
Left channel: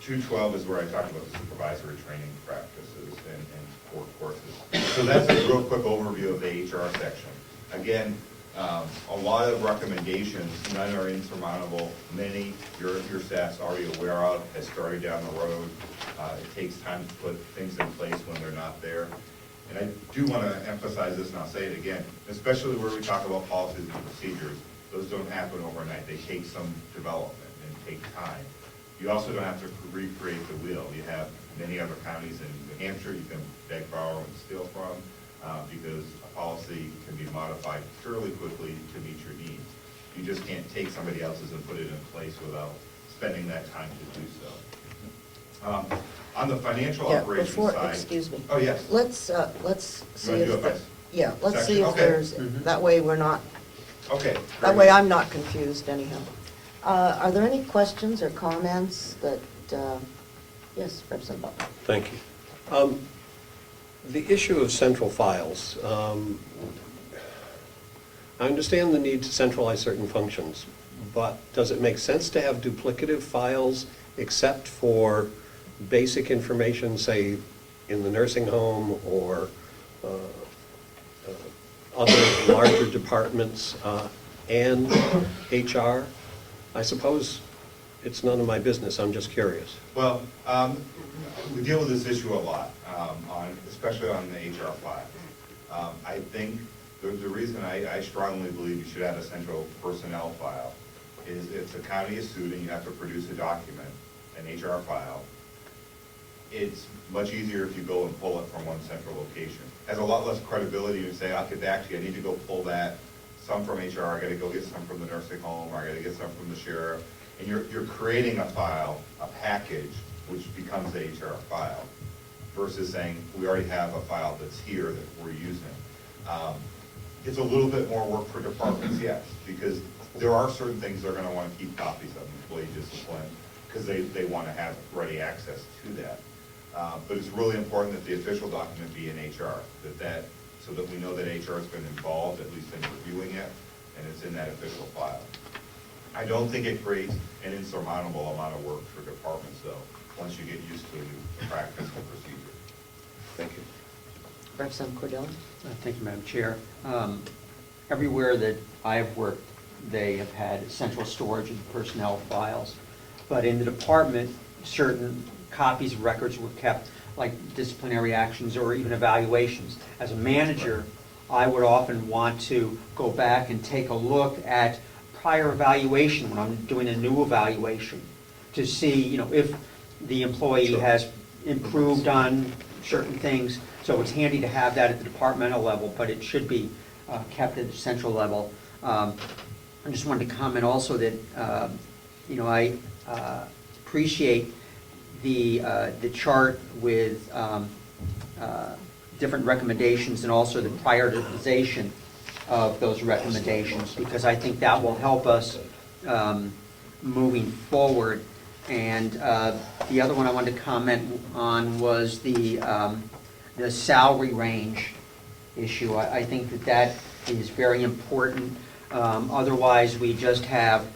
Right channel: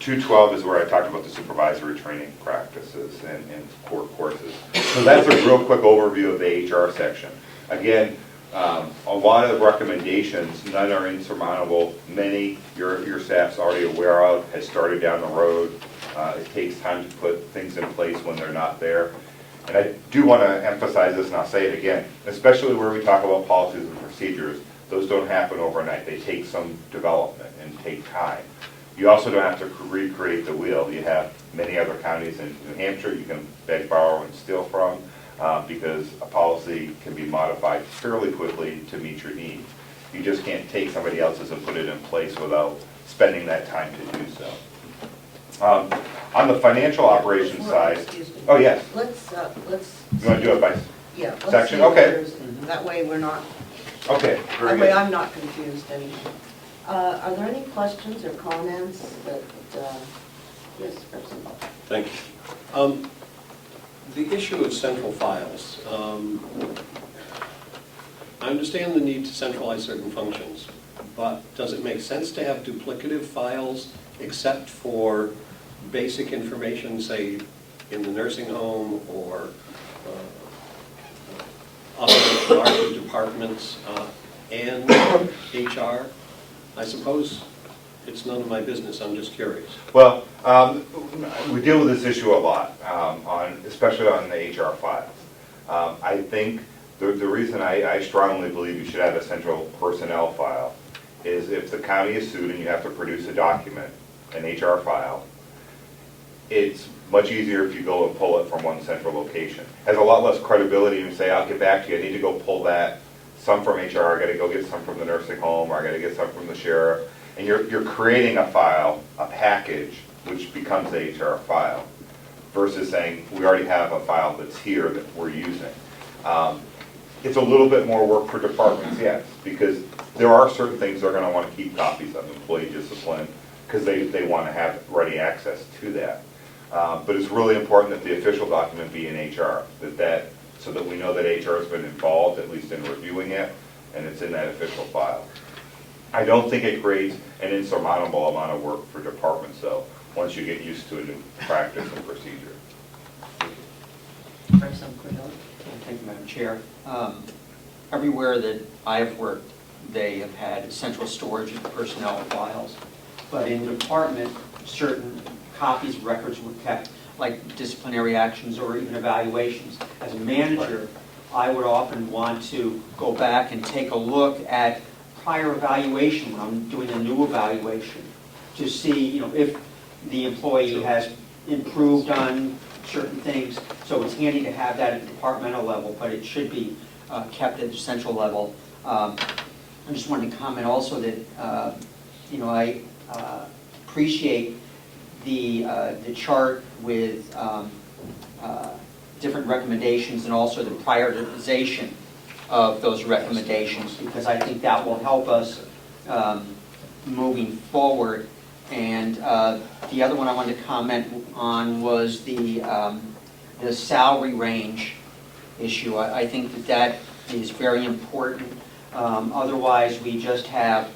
212 is where I talked about the supervisory training practices and core courses. So that's a real quick overview of the HR section. Again, a lot of recommendations, none are insurmountable. Many your staff's already aware of, has started down the road. It takes time to put things in place when they're not there. And I do want to emphasize this, and I'll say it again, especially where we talk about policies and procedures, those don't happen overnight. They take some development and take time. You also don't have to recreate the wheel. You have many other counties in New Hampshire you can beg, borrow, and steal from because a policy can be modified fairly quickly to meet your needs. You just can't take somebody else's and put it in place without spending that time to do so. On the financial operations side. Excuse me. Oh, yes. Let's You want to do it by yeah, let's see section? if Okay. there's, that way we're not, Okay. that very way good. I'm not confused anyhow. Are there any questions or comments that, yes, Representative Bell? Thank you. The issue of central files. I understand the need to centralize certain functions, but does it make sense to have duplicative files except for basic information, say, in the nursing home or other larger departments and HR? I suppose it's none of my business, I'm just curious. Well, we deal with this issue a lot, especially on the HR files. I think the reason I strongly believe you should have a central personnel file is if the county is sued and you have to produce a document, an HR file, it's much easier if you go and pull it from one central location. It has a lot less credibility if you say, I'll get back to you, I need to go pull that, some from HR, I gotta go get some from the nursing home, or I gotta get some from the sheriff. And you're creating a file, a package, which becomes the HR file, versus saying, we already have a file that's here that we're using. It's a little bit more work for departments, yes, because there are certain things they're gonna wanna keep copies of, employee discipline, because they wanna have ready access to that. But it's really important that the official document be in HR, so that we know that HR has been involved, at least in reviewing it, and it's in that official file. I don't think it creates an insurmountable amount of work for departments, though, once you get used to a new practice and procedure. Thank you. Representative Cordell? Thank you, Madam Chair. everywhere that I have worked, they have had central storage of personnel files. But in the department, certain copies of records were kept, like disciplinary actions or even evaluations. As a manager, I would often want to go back and take a look at prior evaluation when I'm doing a new evaluation to see, if the employee has improved on certain things. So it's handy to have that at the departmental level, but it should be kept at the central level. I just wanted to comment also that, I appreciate the chart with different recommendations and also the prioritization of those recommendations, because I think that will help us moving forward. And the other one I wanted to comment on was the salary range issue. I think that is very important. Otherwise, we just have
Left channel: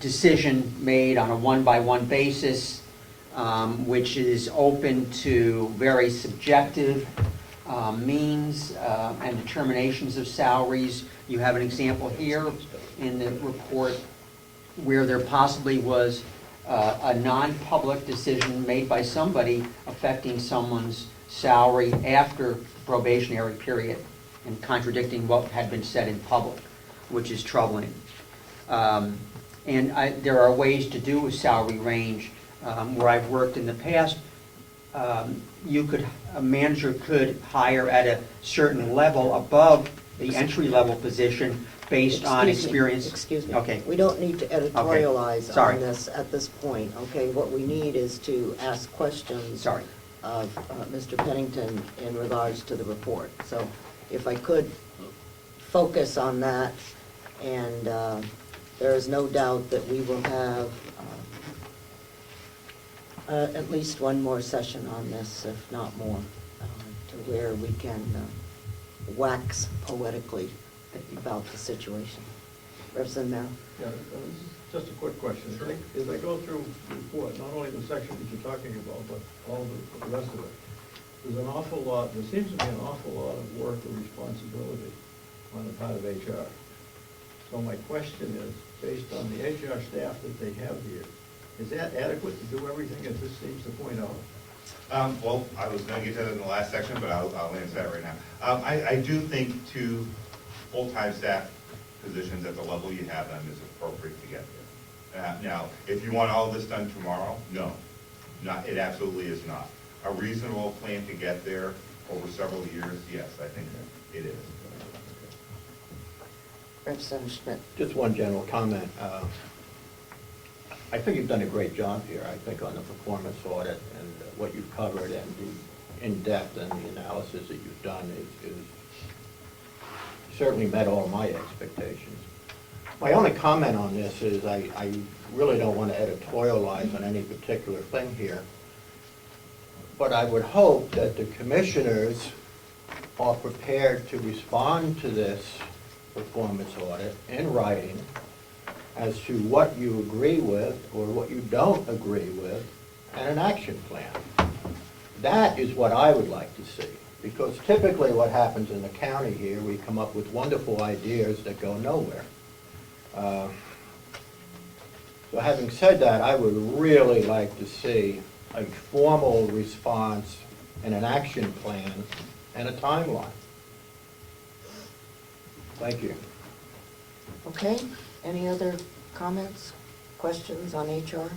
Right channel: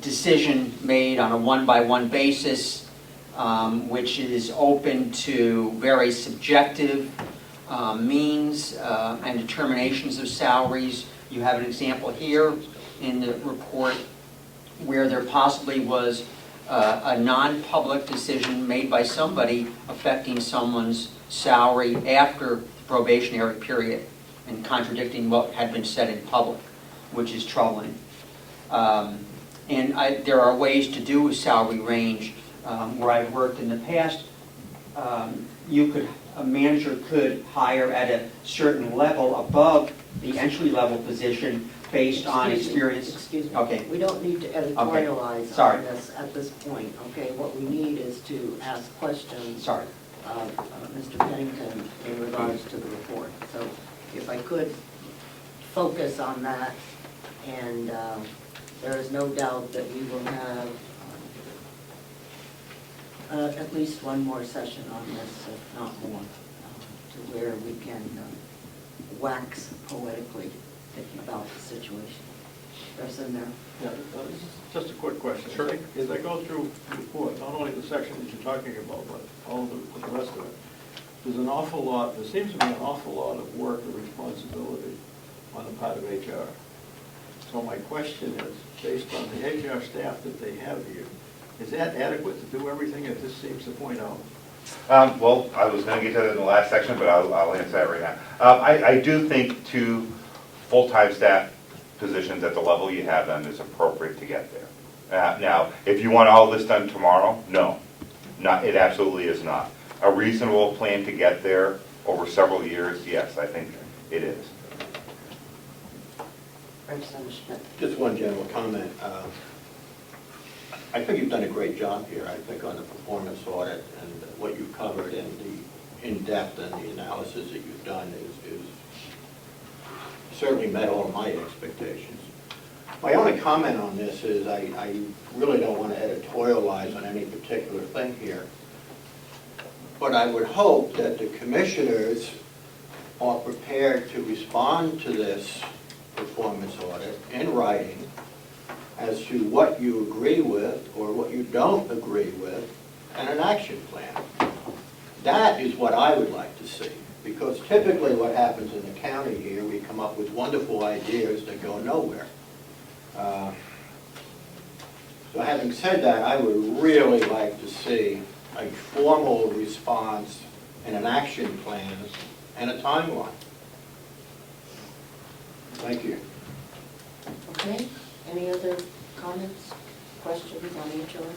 decision made on a one-by-one basis, which is open to very subjective means and determinations of salaries. You have an example here in the report where there possibly was a non-public decision made by somebody affecting someone's salary after the probationary period and contradicting what had been said in public, which is troubling. And there are ways to do a salary range. Where I've worked in the past, a manager could hire at a certain level above the entry-level position based on experience. Excuse me. Okay. We don't need to editorialize Sorry. on this at this point, okay? What we need is to ask questions Sorry. of Mr. Pennington in regards to the report. So if I could focus on that, and there is no doubt that we will have at least one more session on this, if not more, to where we can wax poetically about the situation. Representative Merrill? Yeah, this is just a quick question. Sure. As I go through the report, not only the section that you're talking about, but all of the rest of it, there seems to be an awful lot of work and responsibility on the part of HR. So my question is, based on the HR staff that they have here, is that adequate to do everything that this seems to point out? Well, I was going to get to that in the last section, but I'll answer that right now. I do think 2 full-time staff positions at the level you have them is appropriate to get there. Now, if you want all this done tomorrow, no, it absolutely is not. A reasonable plan to get there over several years, yes, I think it is. Representative Schmidt? Just one general comment. I think you've done a great job here, I think, on the performance audit, and what you've covered and the in-depth and the analysis that you've done is certainly met all my expectations. My only comment on this is I really don't want to editorialize on any particular thing here, but I would hope that the commissioners are prepared to respond to this performance audit in writing as to what you agree with or what you don't agree with, and an action plan. That is what I would like to see, because typically what happens in the county here, we come up with wonderful ideas that go nowhere. So having said that, I would really like to see a formal response and an action plan and a timeline. Thank you. Okay, any other comments, questions on HR?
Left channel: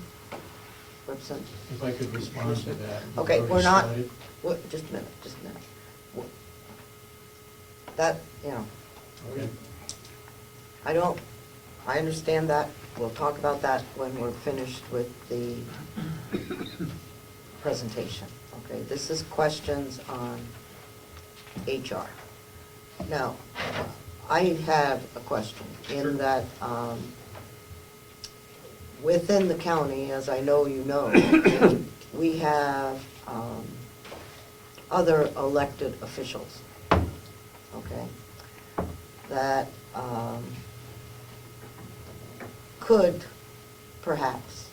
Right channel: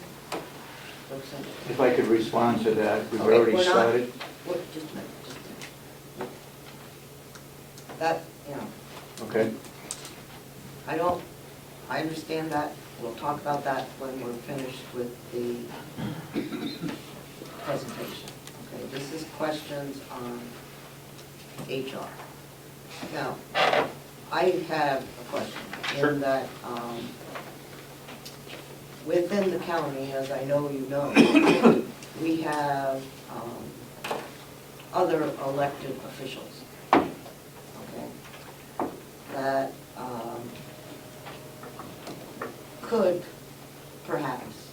Representative? If I could respond to that, we've Okay, already we're not- started. Wait, just a minute. That, Okay. I understand that. We'll talk about that when we're finished with the presentation. Okay, this is questions on HR. Now, I have a question in that within the county, as I know you know, we have other elected officials, okay, that could perhaps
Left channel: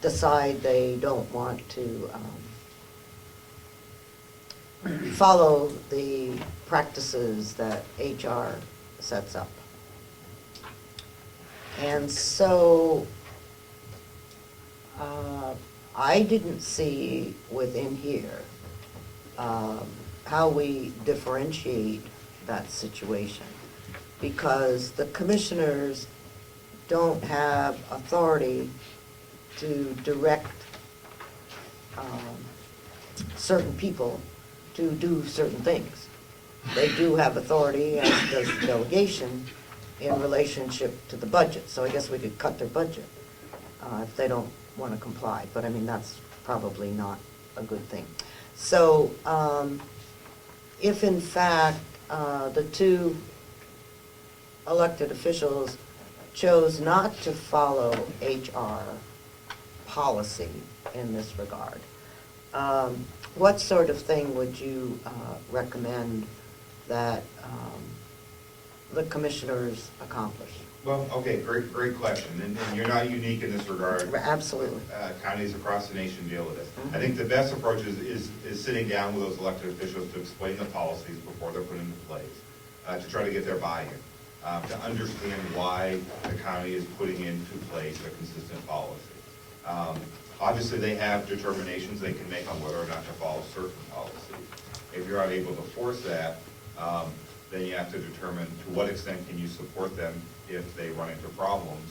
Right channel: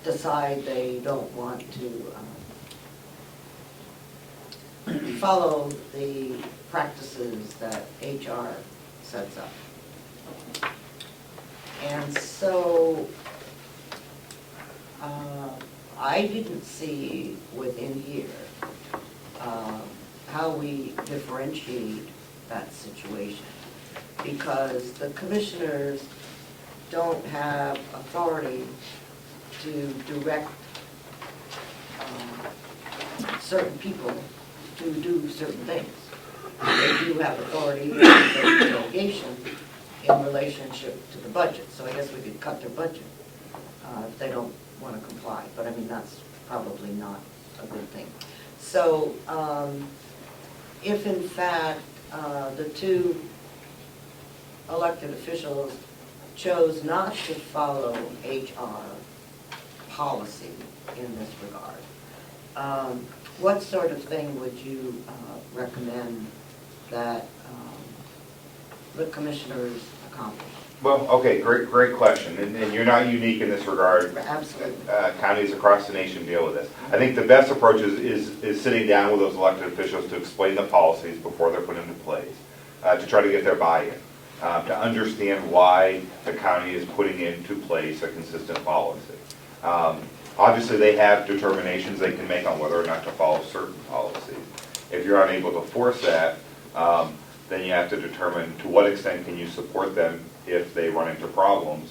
decide they don't want to follow the practices that HR sets up. And so, I didn't see within here how we differentiate that situation, because the commissioners don't have authority to direct certain people to do certain things. They do have authority as the delegation in relationship to the budget, so I guess we could cut their budget if they don't want to comply, but I mean, that's probably not a good thing. So, if in fact the two elected officials chose not to follow HR policy in this regard, what sort of thing would you recommend that the commissioners accomplish? Well, okay, great question, and you're not unique in this regard. Absolutely. Counties across the nation deal with this. I think the best approach is sitting down with those elected officials to explain the policies before they're put into place, to try to get their buy-in, to understand why the county is putting into place a consistent policy. Obviously, they have determinations they can make on whether or not to follow certain policies. If you're unable to force that, then you have to determine to what extent can you support them if they run into problems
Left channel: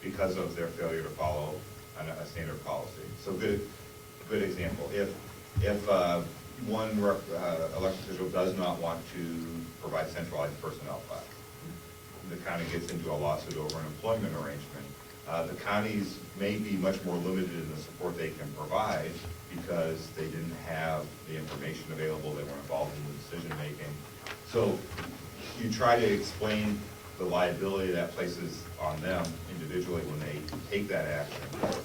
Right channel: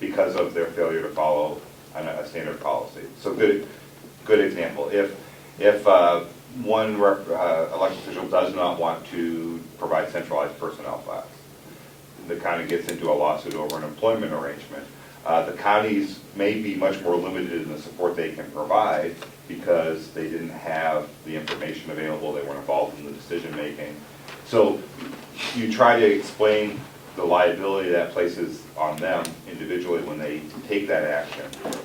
because of their failure to follow a standard policy. So good example. If one elected official does not want to provide centralized personnel files, the county gets into a lawsuit over an employment arrangement. The counties may be much more limited in the support they can provide because they didn't have the information available, they weren't involved in the decision making. So you try to explain the liability that places on them individually when they take that action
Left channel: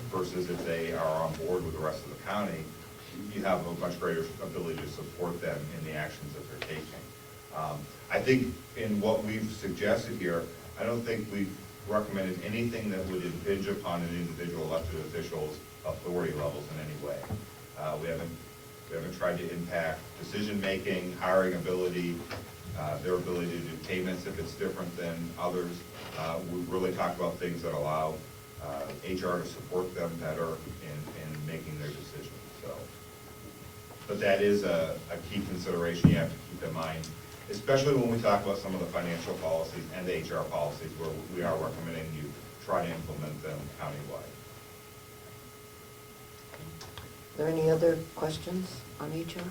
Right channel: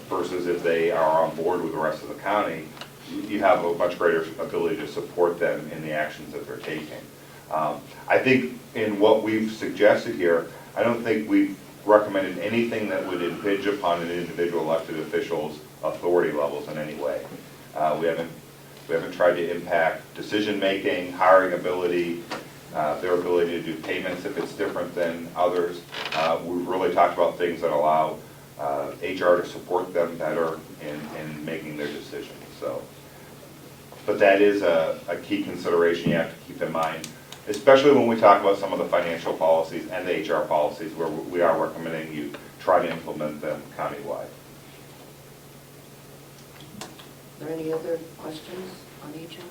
versus if they are on board with the rest of the county, you have a much greater ability to support them in the actions that they're taking. I think in what we've suggested here, I don't think we've recommended anything that would impinge upon an individual elected official's authority levels in any way. We haven't tried to impact decision-making, hiring ability, their ability to do payments if it's different than others. We've really talked about things that allow HR to support them better in making their decisions. So, but that is a key consideration you have to keep in mind, especially when we talk about some of the financial policies and the HR policies where we are recommending you try to implement them countywide. Are there any other questions on HR?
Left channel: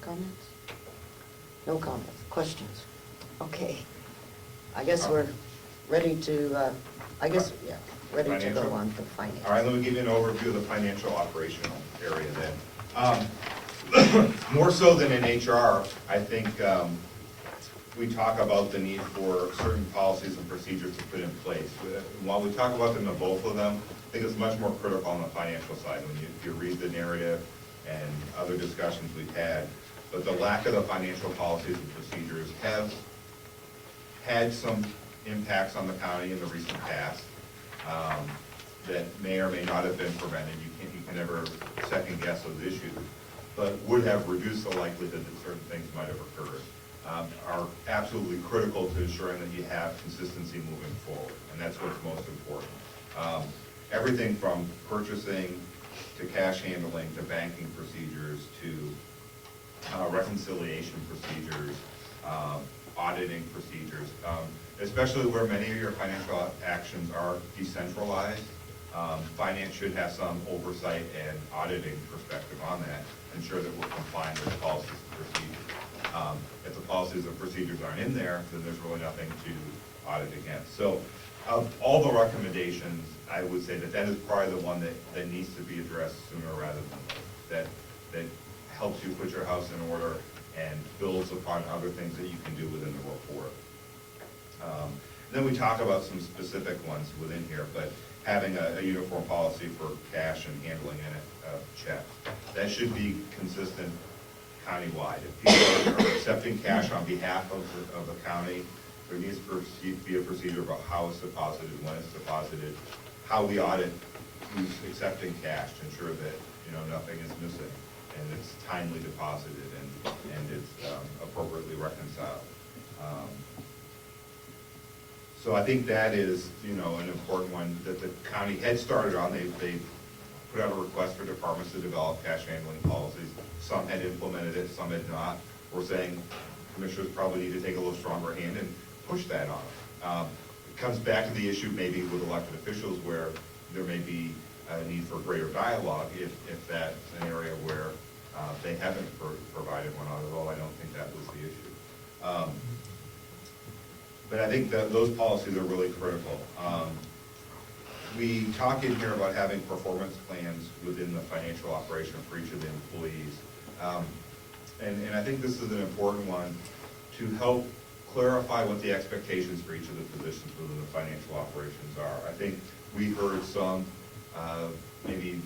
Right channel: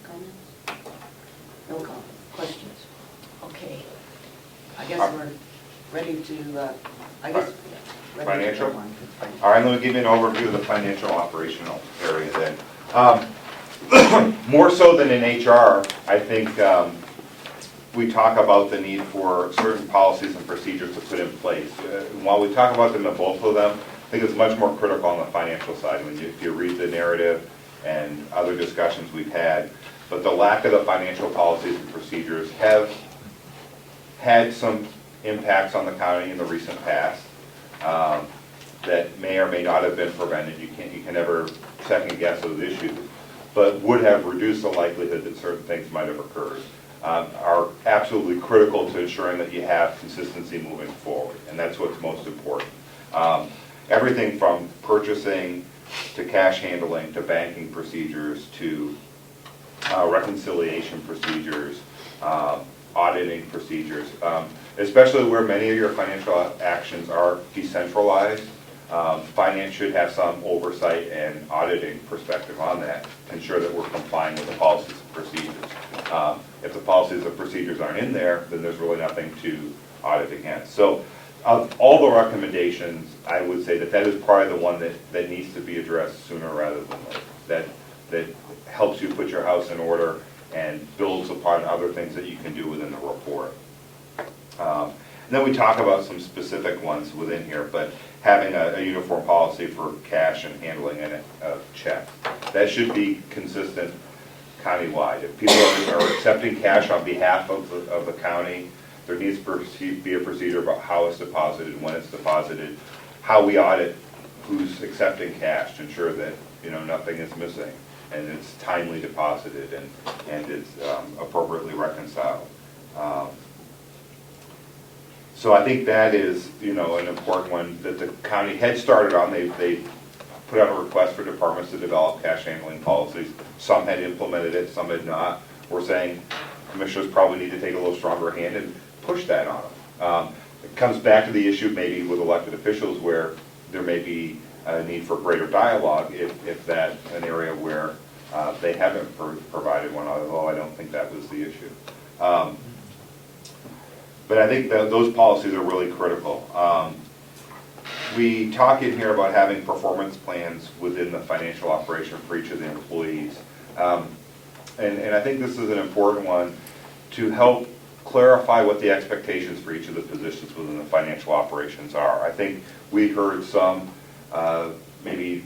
Comments? No comments. Questions? Okay. I guess we're ready to, ready to Financial? go on to finance. All right, let me give you an overview of the financial operational area then. More so than in HR, I think we talk about the need for certain policies and procedures to put in place. While we talk about them in both of them, I think it's much more critical on the financial side when if you read the narrative and other discussions we've had. But the lack of the financial policies and procedures have had some impacts on the county in the recent past that may or may not have been prevented. You can never second guess those issues, but would have reduced the likelihood that certain things might have occurred. Are absolutely critical to ensuring that you have consistency moving forward, and that's what's most important. Everything from purchasing to cash handling to banking procedures to reconciliation procedures, auditing procedures, especially where many of your financial actions are decentralized. Finance should have some oversight and auditing perspective on that to ensure that we're complying with the policies and procedures. If the policies and procedures aren't in there, then there's really nothing to audit against. So of all the recommendations, I would say that is probably the one that needs to be addressed sooner rather than later. That helps you put your house in order and builds upon other things that you can do within the report. Then we talk about some specific ones within here, but having a uniform policy for cash and handling and checks. That should be consistent countywide. If people are accepting cash on behalf of the county, there needs to be a procedure about how it's deposited, when it's deposited, how we audit who's accepting cash to ensure that nothing is missing. and it's timely deposited, and it's appropriately reconciled. So I think that is, an important one that the county had started on. They put out a request for departments to develop cash handling policies. Some had implemented it, some had not. We're saying commissioners probably need to take a little stronger hand and push that on them. It comes back to the issue maybe with elected officials where there may be a need for greater dialogue if that's an area where they haven't provided one, although I don't think that was the issue. But I think that those policies are really critical. We talk in here about having performance plans within the financial operation for each of the employees. And I think this is an important one to help clarify what the expectations for each of the positions within the financial operations are. I think we heard some maybe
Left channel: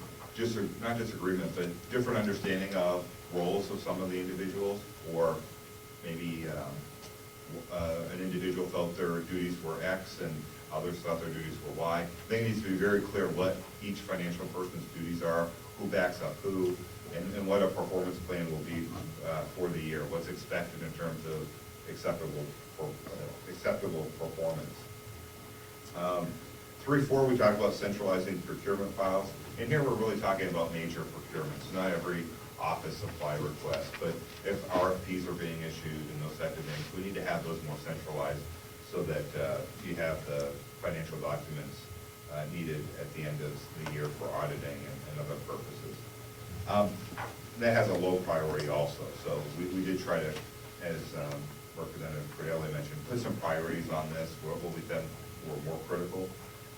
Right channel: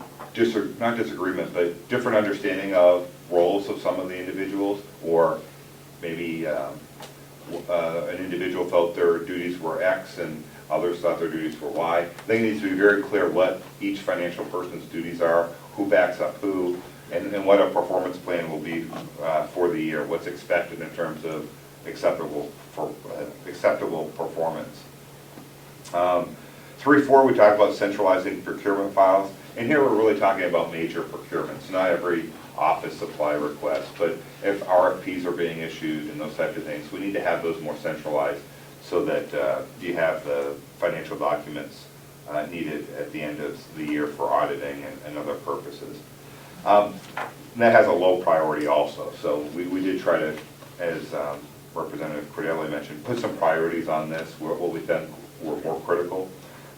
not disagreement, but different understanding of roles of some of the individuals, or maybe an individual felt their duties were X and others thought their duties were Y. I think it needs to be very clear what each financial person's duties are, who backs up who, and what a performance plan will be for the year, what's expected in terms of acceptable performance. 3.4, we talk about centralizing procurement files, and here we're really talking about major procurements, not every office supply request, but if RFPs are being issued and those types of things, we need to have those more centralized so that you have the financial documents needed at the end of the year for auditing and other purposes. And that has a low priority also, so we did try to, as Representative Cordelli mentioned, put some priorities on this, what we think were more critical.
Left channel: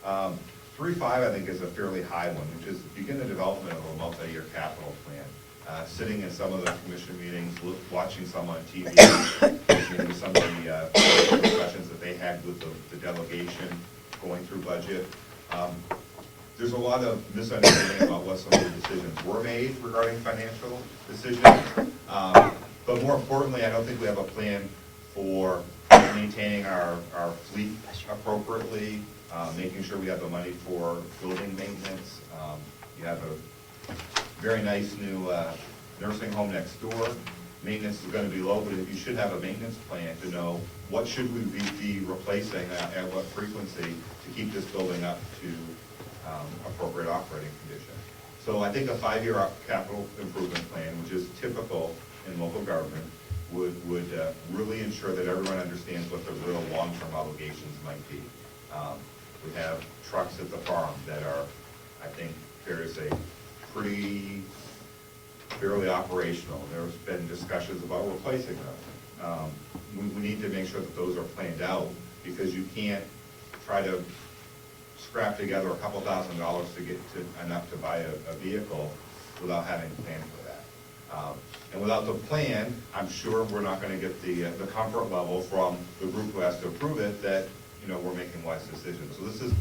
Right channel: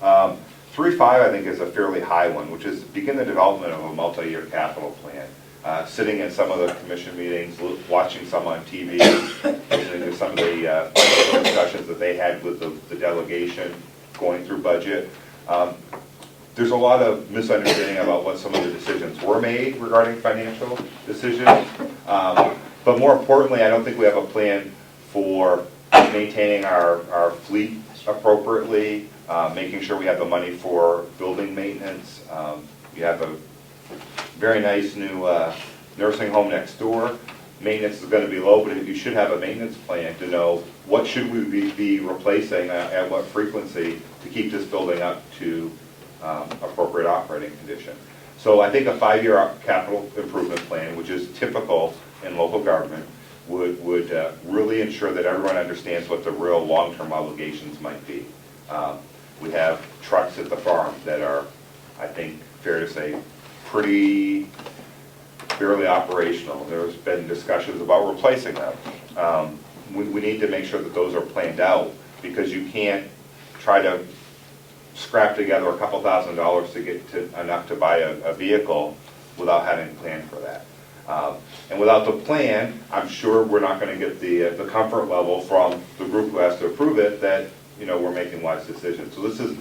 3.5, I think, is a fairly high one, which is begin the development of a multi-year capital plan. Sitting in some of the commission meetings, watching some on TV, listening to some of the discussions that they had with the delegation, going through budget. There's a lot of misunderstanding about what some of the decisions were made regarding financial decisions. But more importantly, I don't think we have a plan for maintaining our fleet appropriately, making sure we have the money for building maintenance. You have a very nice new nursing home next door. Maintenance is going to be low, but you should have a maintenance plan to know what should we be replacing at what frequency to keep this building up to appropriate operating condition. So I think a 5-year capital improvement plan, which is typical in local government, would really ensure that everyone understands what the real long-term obligations might be. We have trucks at the farm that are, I think, fair to say, fairly operational. There's been discussions about replacing them. We need to make sure that those are planned out, because you can't try to scrap together a couple $1,000s to get to enough to buy a vehicle without having a plan for that. And without the plan, I'm sure we're not going to get the comfort level from the group who has to approve it that we're making wise decisions. So this is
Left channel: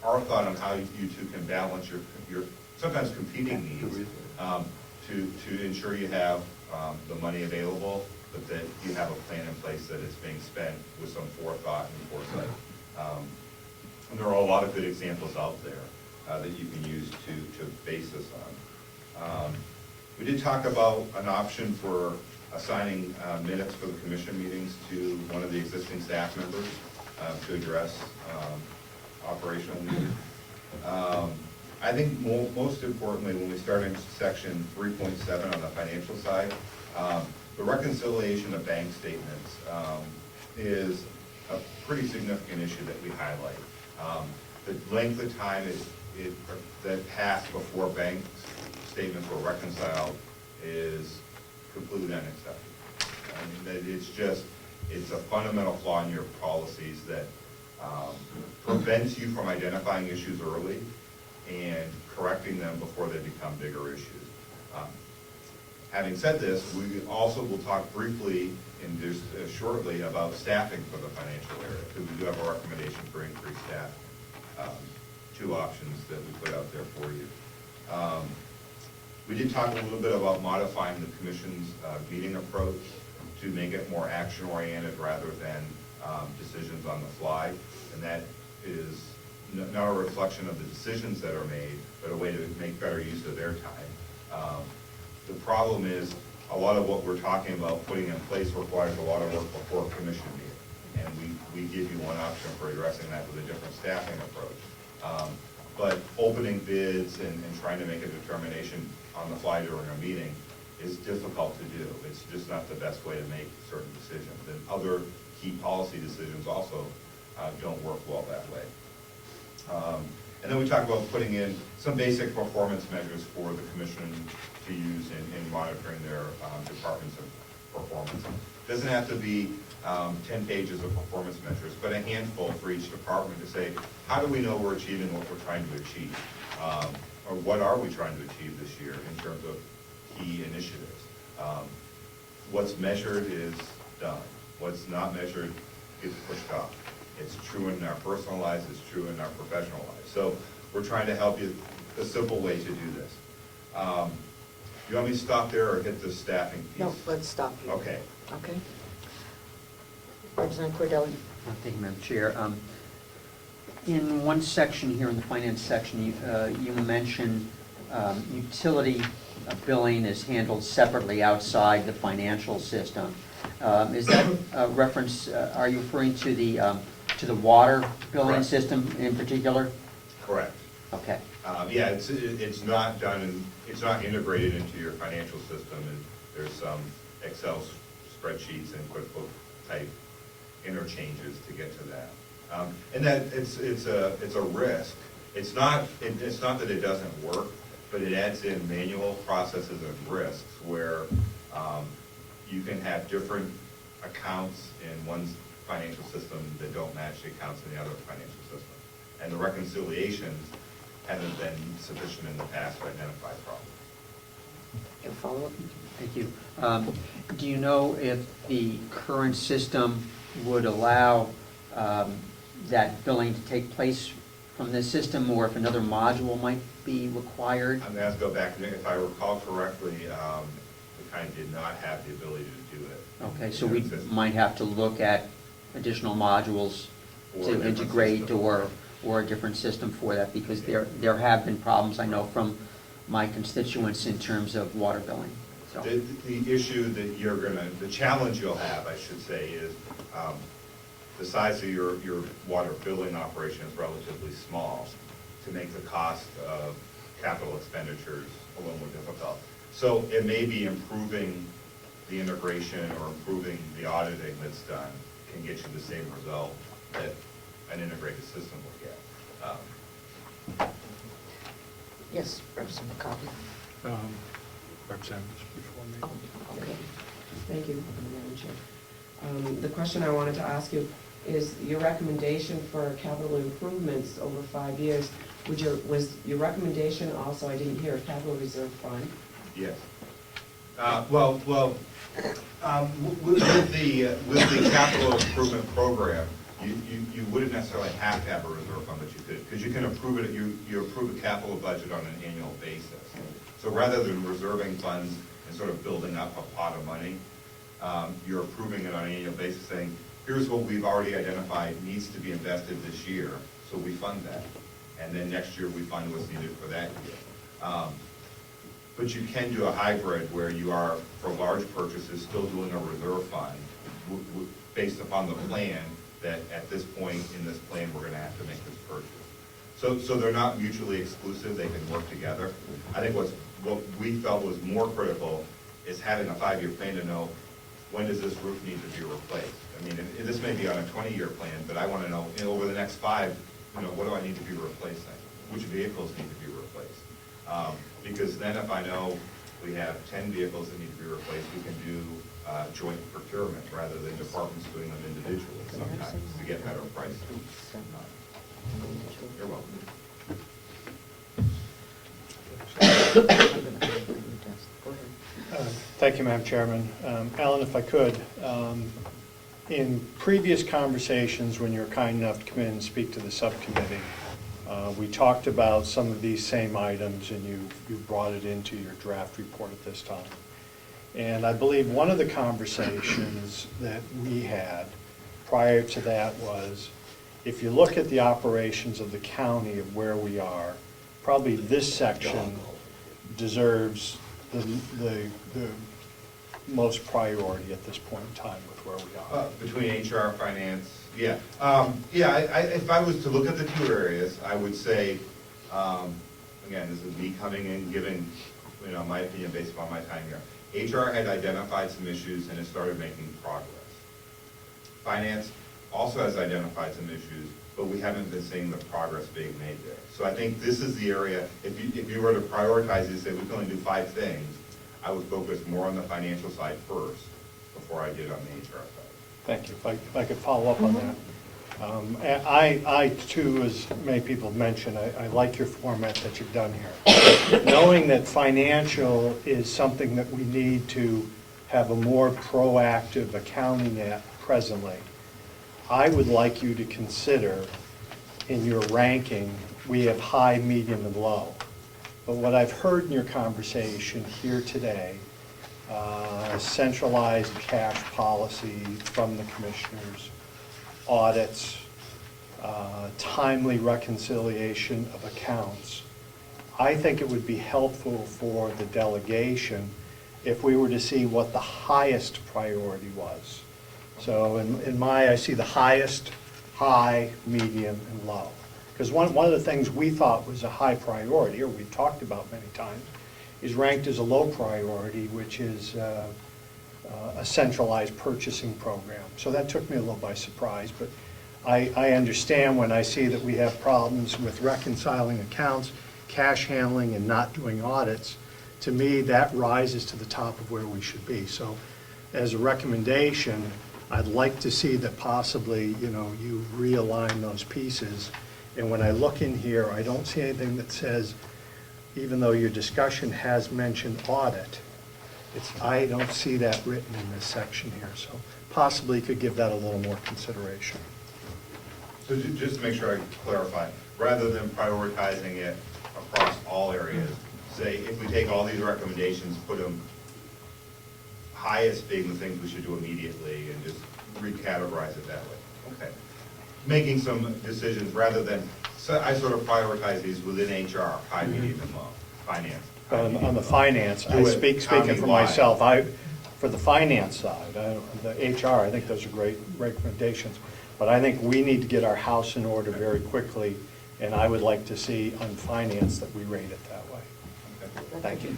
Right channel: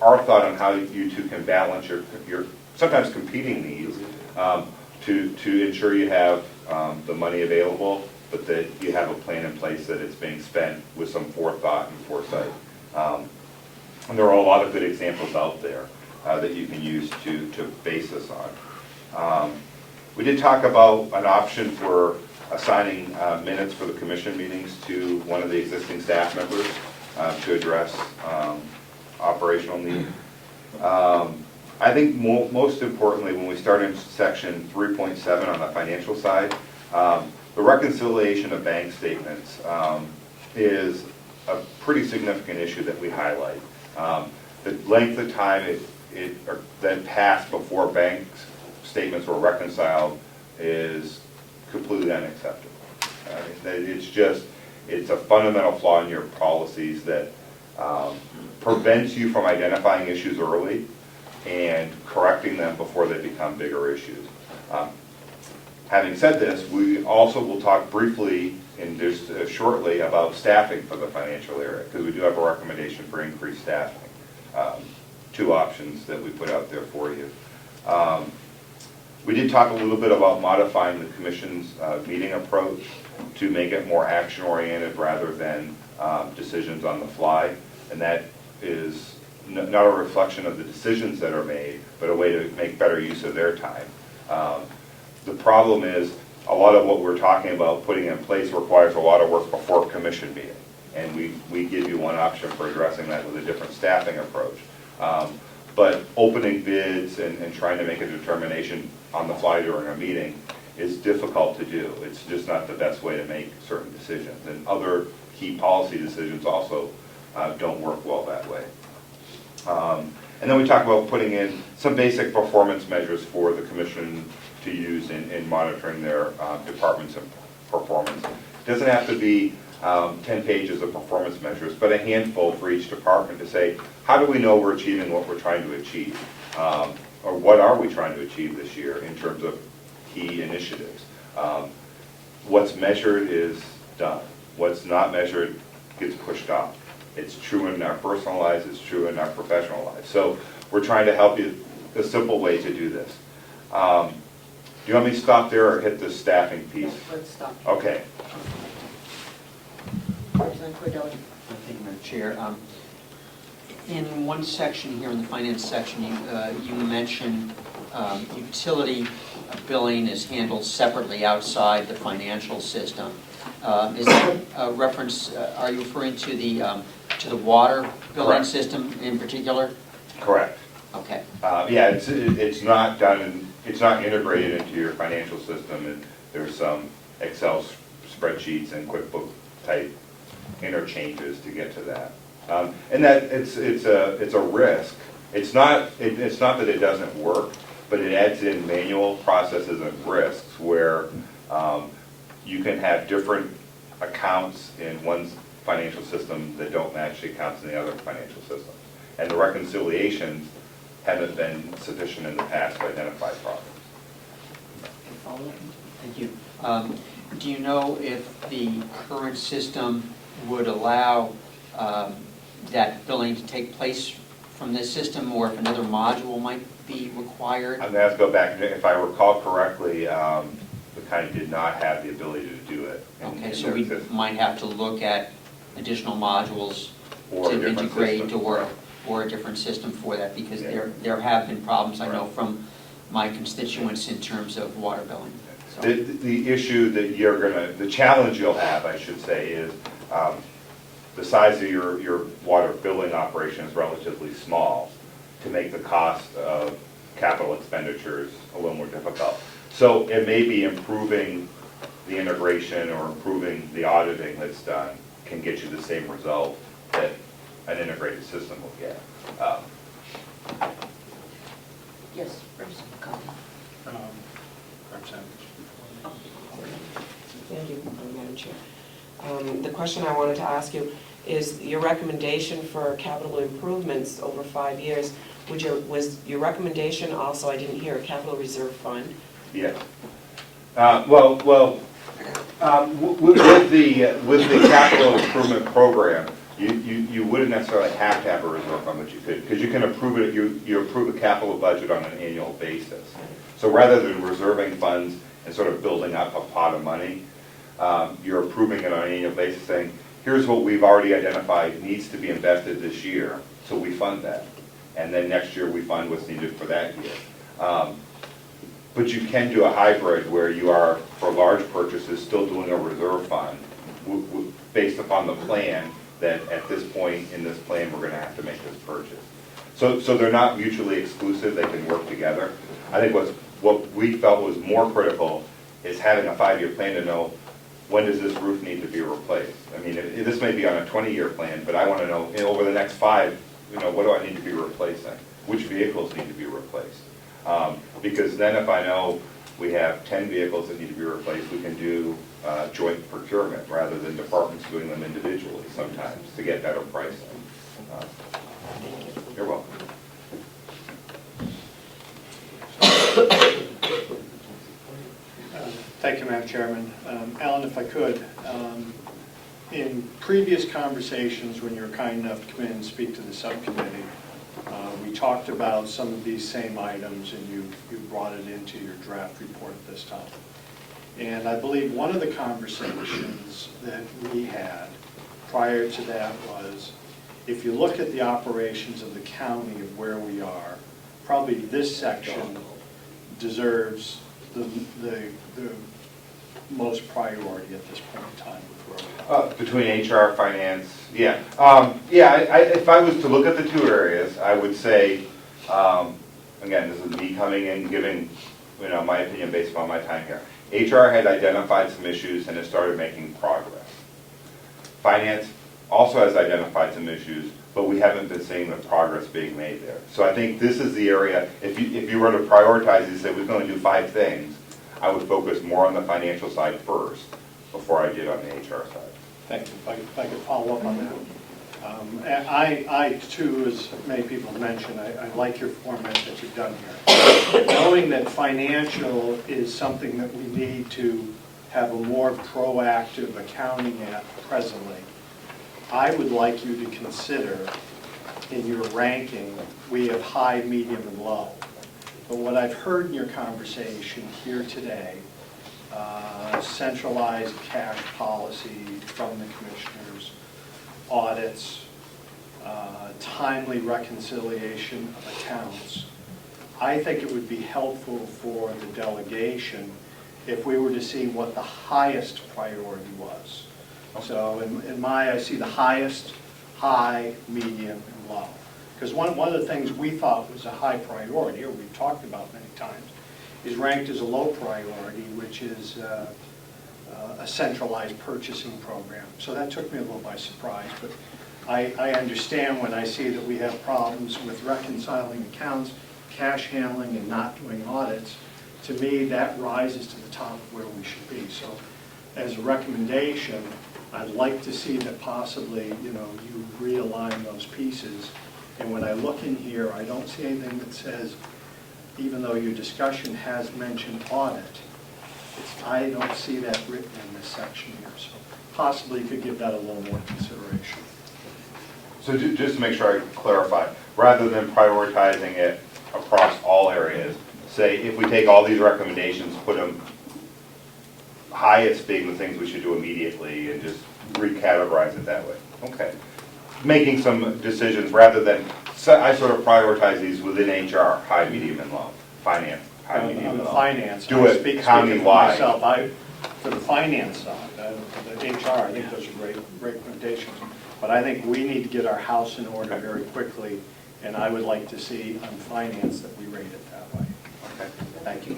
our thought on how you two can balance your sometimes competing needs to ensure you have the money available, but that you have a plan in place that it's being spent with some forethought and foresight. And there are a lot of good examples out there that you can use to base this on. We did talk about an option for assigning minutes for the commission meetings to one of the existing staff members to address operational needs. I think most importantly, when we start in section 3.7 on the financial side, the reconciliation of bank statements is a pretty significant issue that we highlight. The length of time it then passed before bank statements were reconciled is completely unacceptable. It's a fundamental flaw in your policies that prevents you from identifying issues early and correcting them before they become bigger issues. Having said this, we also will talk briefly and just shortly about staffing for the financial area, because we do have a recommendation for increased staffing. 2 options that we put out there for you. We did talk a little bit about modifying the commission's meeting approach to make it more action-oriented rather than decisions on the fly, and that is not a reflection of the decisions that are made, but a way to make better use of their time. The problem is, a lot of what we're talking about putting in place requires a lot of work before commission meeting. And we give you one option for addressing that with a different staffing approach. But opening bids and trying to make a determination on the fly during a meeting is difficult to do. It's just not the best way to make certain decisions. And other key policy decisions also don't work well that way. And then we talk about putting in some basic performance measures for the commission to use in monitoring their departments and performance. It doesn't have to be 10 pages of performance measures, but a handful for each department to say, how do we know we're achieving what we're trying to achieve? Or what are we trying to achieve this year in terms of key initiatives? What's measured is done. What's not measured gets pushed off. It's true in our personal lives, it's true in our professional lives. So we're trying to help you, a simple way to do this. Do you want me to stop there or hit the staffing piece? No, let's stop. Okay. President Cordelli. Thank you, Madam Chair. In one section here, in the finance section, you mentioned utility billing is handled separately outside the financial system. Is that a reference, are you referring to the water billing Correct. system in particular? Correct. Okay. Yeah, it's not done, it's not integrated into your financial system, and there's some Excel spreadsheets and QuickBooks type interchanges to get to that. And that it's a risk. It's not that it doesn't work, but it adds in manual processes and risks where you can have different accounts in one financial system that don't match the accounts in the other financial system. And the reconciliations haven't been sufficient in the past to identify problems. Follow-up? Thank you. Do you know if the current system would allow that billing to take place from this system, or if another module might be required? I'm going to have to go back. If I recall correctly, the county did not have the ability to do it. Okay, so we might have to look at additional modules Or a to different integrate system. or a different system for that, because there have been problems, I know, from my constituents in terms of water billing. So, The issue that the challenge you'll have, I should say, is the size of your water billing operation is relatively small to make the cost of capital expenditures a little more difficult. So it may be improving the integration or improving the auditing that's done can get you the same result that an integrated system will get. Yes, Representative McCarthy. Oh, okay. Thank you, Madam Chair. The question I wanted to ask you is your recommendation for capital improvements over 5 years. Was your recommendation also, I didn't hear, a capital reserve fund? Yeah. With the capital improvement program, you wouldn't necessarily have to have a reserve fund, but you could, because you can approve it, you approve the capital budget on an annual basis. So rather than reserving funds and sort of building up a pot of money, you're approving it on an annual basis, saying, here's what we've already identified needs to be invested this year, so we fund that. And then next year we fund what's needed for that year. But you can do a hybrid where you are, for large purchases, still doing a reserve fund based upon the plan that at this point in this plan, we're gonna have to make this purchase. So they're not mutually exclusive, they can work together. I think what we felt was more critical is having a 5-year plan to know, when does this roof need to be replaced? I mean, this may be on a 20-year plan, but I want to know, over the next 5, what do I need to be replacing? Which vehicles need to be replaced? Because then if I know we have 10 vehicles that need to be replaced, we can do joint procurement rather than departments doing them individually sometimes to get better pricing. You're welcome. Thank you, Madam Chairman. Alan, if I could, in previous conversations, when you were kind enough to come in and speak to the subcommittee, we talked about some of these same items, and you brought it into your draft report at this time. And I believe one of the conversations that we had prior to that was, if you look at the operations of the county of where we are, probably this section deserves the most priority at this point in time with where we are. Between HR, finance, yeah. If I was to look at the two areas, I would say, again, this is me coming in, giving, my opinion based upon my time here. HR had identified some issues and has started making progress. Finance also has identified some issues, but we haven't been seeing the progress being made there. So I think this is the area, if you were to prioritize and say we can only do 5 things, I would focus more on the financial side first before I did on the HR side. Thank you. If I could follow up on that. And I too, as many people have mentioned, I like your format that you've done here. Knowing that financial is something that we need to have a more proactive accounting at presently, I would like you to consider in your ranking, we have high, medium, and low. But what I've heard in your conversation here today, centralized cash policy from the commissioners, audits, timely reconciliation of accounts. I think it would be helpful for the delegation if we were to see what the highest priority was. So I see the highest, high, medium, and low. Because one of the things we thought was a high priority, or we've talked about many times, is ranked as a low priority, which is a centralized purchasing program. So that took me a little by surprise, but I understand when I see that we have problems with reconciling accounts, cash handling, and not doing audits. To me, that rises to the top of where we should be. So as a recommendation, I'd like to see that possibly, you realign those pieces. And when I look in here, I don't see anything that says, even though your discussion has mentioned audit, I don't see that written in this section here. So possibly you could give that a little more consideration. So just to make sure I clarify, rather than prioritizing it across all areas, say if we take all these recommendations, put them highest being the things we should do immediately and just recategorize it that way. Okay. Making some decisions rather than, I sort of prioritize these within HR, high, medium, and low. Finance, high, medium, On the and low. finance, Do it speaking for county-wide. myself, for the finance side, the HR, I think those are great recommendations. But I think we need to get our house in order very quickly, and I would like to see on finance that we rate it that way. Okay. Thank you.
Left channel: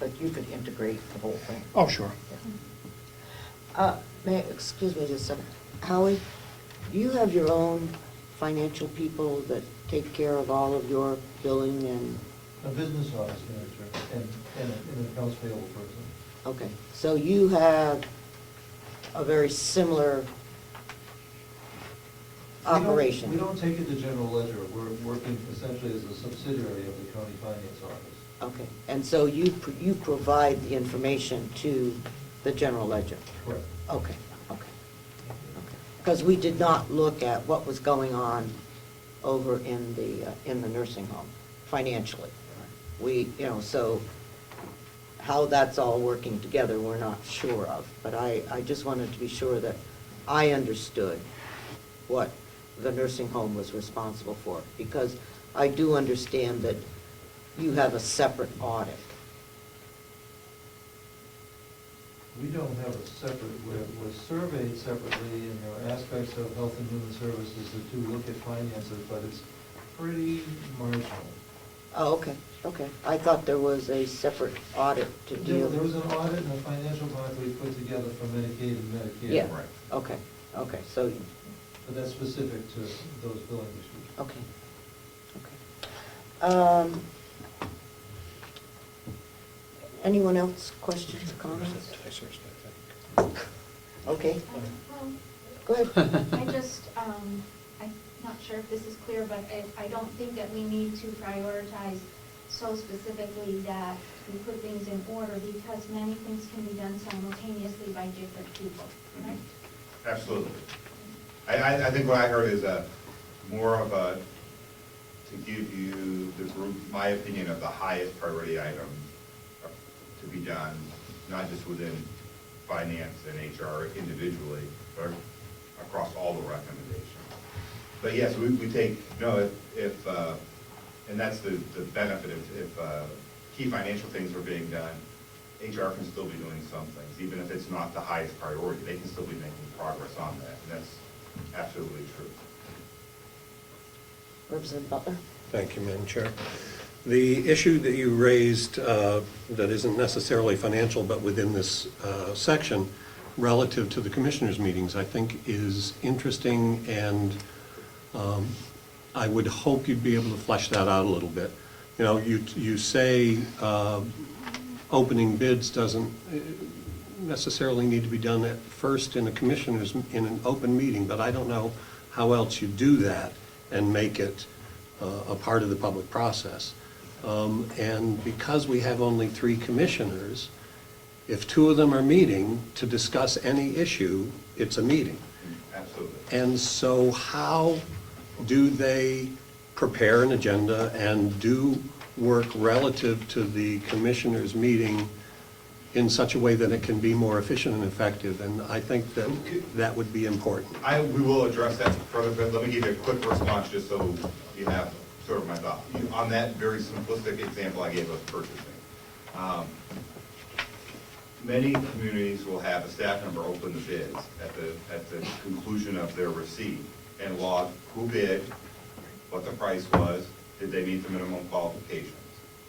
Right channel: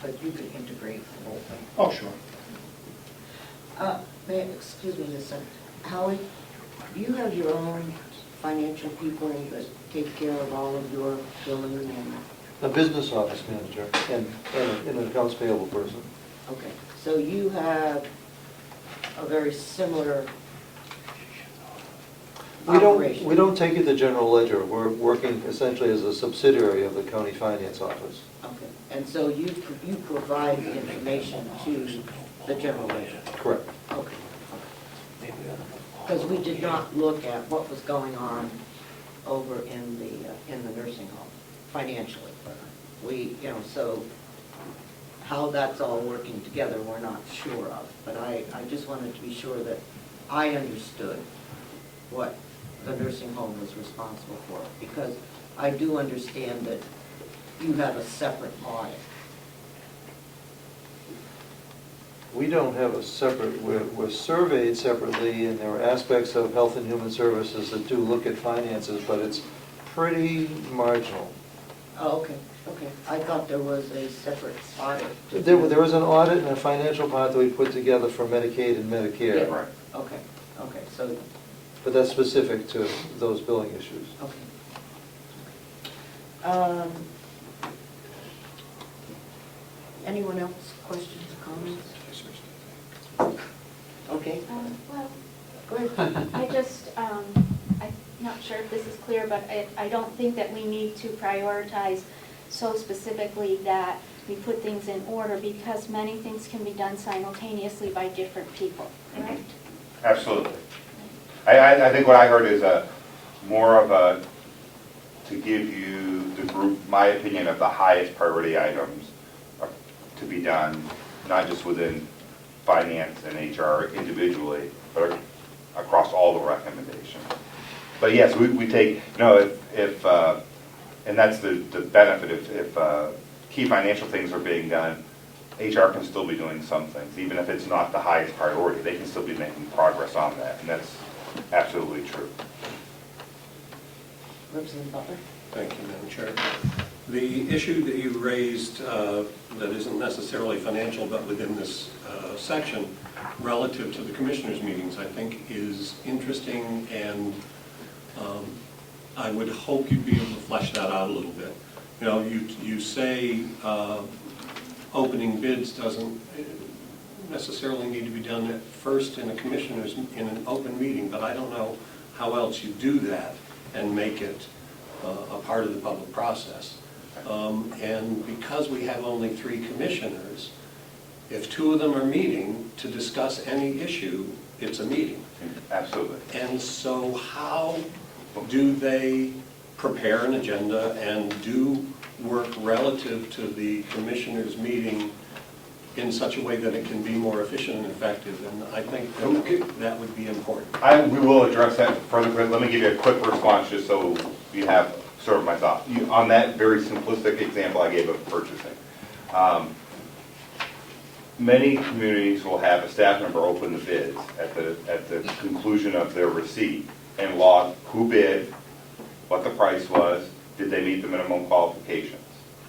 But you could integrate the whole thing. Oh, sure. Excuse me just a second. Howard, do you have your own financial people that take care of all of your billing and? A business office manager and an accounts payable person. Okay, so you have a very similar operation? We don't take it to general ledger. We're working essentially as a subsidiary of the county finance office. Okay, and so you provide the information to the general ledger? Correct. Okay. Because we did not look at what was going on over in the nursing home financially. So how that's all working together, we're not sure of. But I just wanted to be sure that I understood what the nursing home was responsible for. Because I do understand that you have a separate audit. We don't have a separate, we're surveyed separately, and there are aspects of Health and Human Services that do look at finances, but it's pretty marginal. Oh, okay, okay. I thought there was a separate audit. There was an audit and a financial part that we put together for Medicaid and Medicare. Yeah, right. Okay, okay, so, But that's specific to those billing issues. okay. Anyone else, questions or comments? Okay, Well, go ahead. I just, I'm not sure if this is clear, but I don't think that we need to prioritize so specifically that we put things in order, because many things can be done simultaneously by different people, right? Absolutely. I think what I heard is more of a, to give you the group, my opinion of the highest priority items to be done, not just within finance and HR individually, but across all the recommendations. But yes, we take, if and that's the benefit, if key financial things are being done, HR can still be doing some things, even if it's not the highest priority, they can still be making progress on that, and that's absolutely true. Representative Butler? Thank you, Madam Chair. The issue that you raised that isn't necessarily financial, but within this section, relative to the commissioners' meetings, I think is interesting, and I would hope you'd be able to flesh that out a little bit. You know, you say opening bids doesn't necessarily need to be done at first in a commissioners, in an open meeting, but I don't know how else you do that and make it a part of the public process. And because we have only 3 commissioners, if 2 of them are meeting to discuss any issue, it's a meeting. Absolutely. And so how do they prepare an agenda and do work relative to the commissioners' meeting in such a way that it can be more efficient and effective? And I think that that would be important. We will address that further, but let me give you a quick response just so you have sort of my thought. On that very simplistic example I gave of purchasing, many communities will have a staff member open the bids at the conclusion of their receipt and log who bid, what the price was, did they meet the minimum qualifications.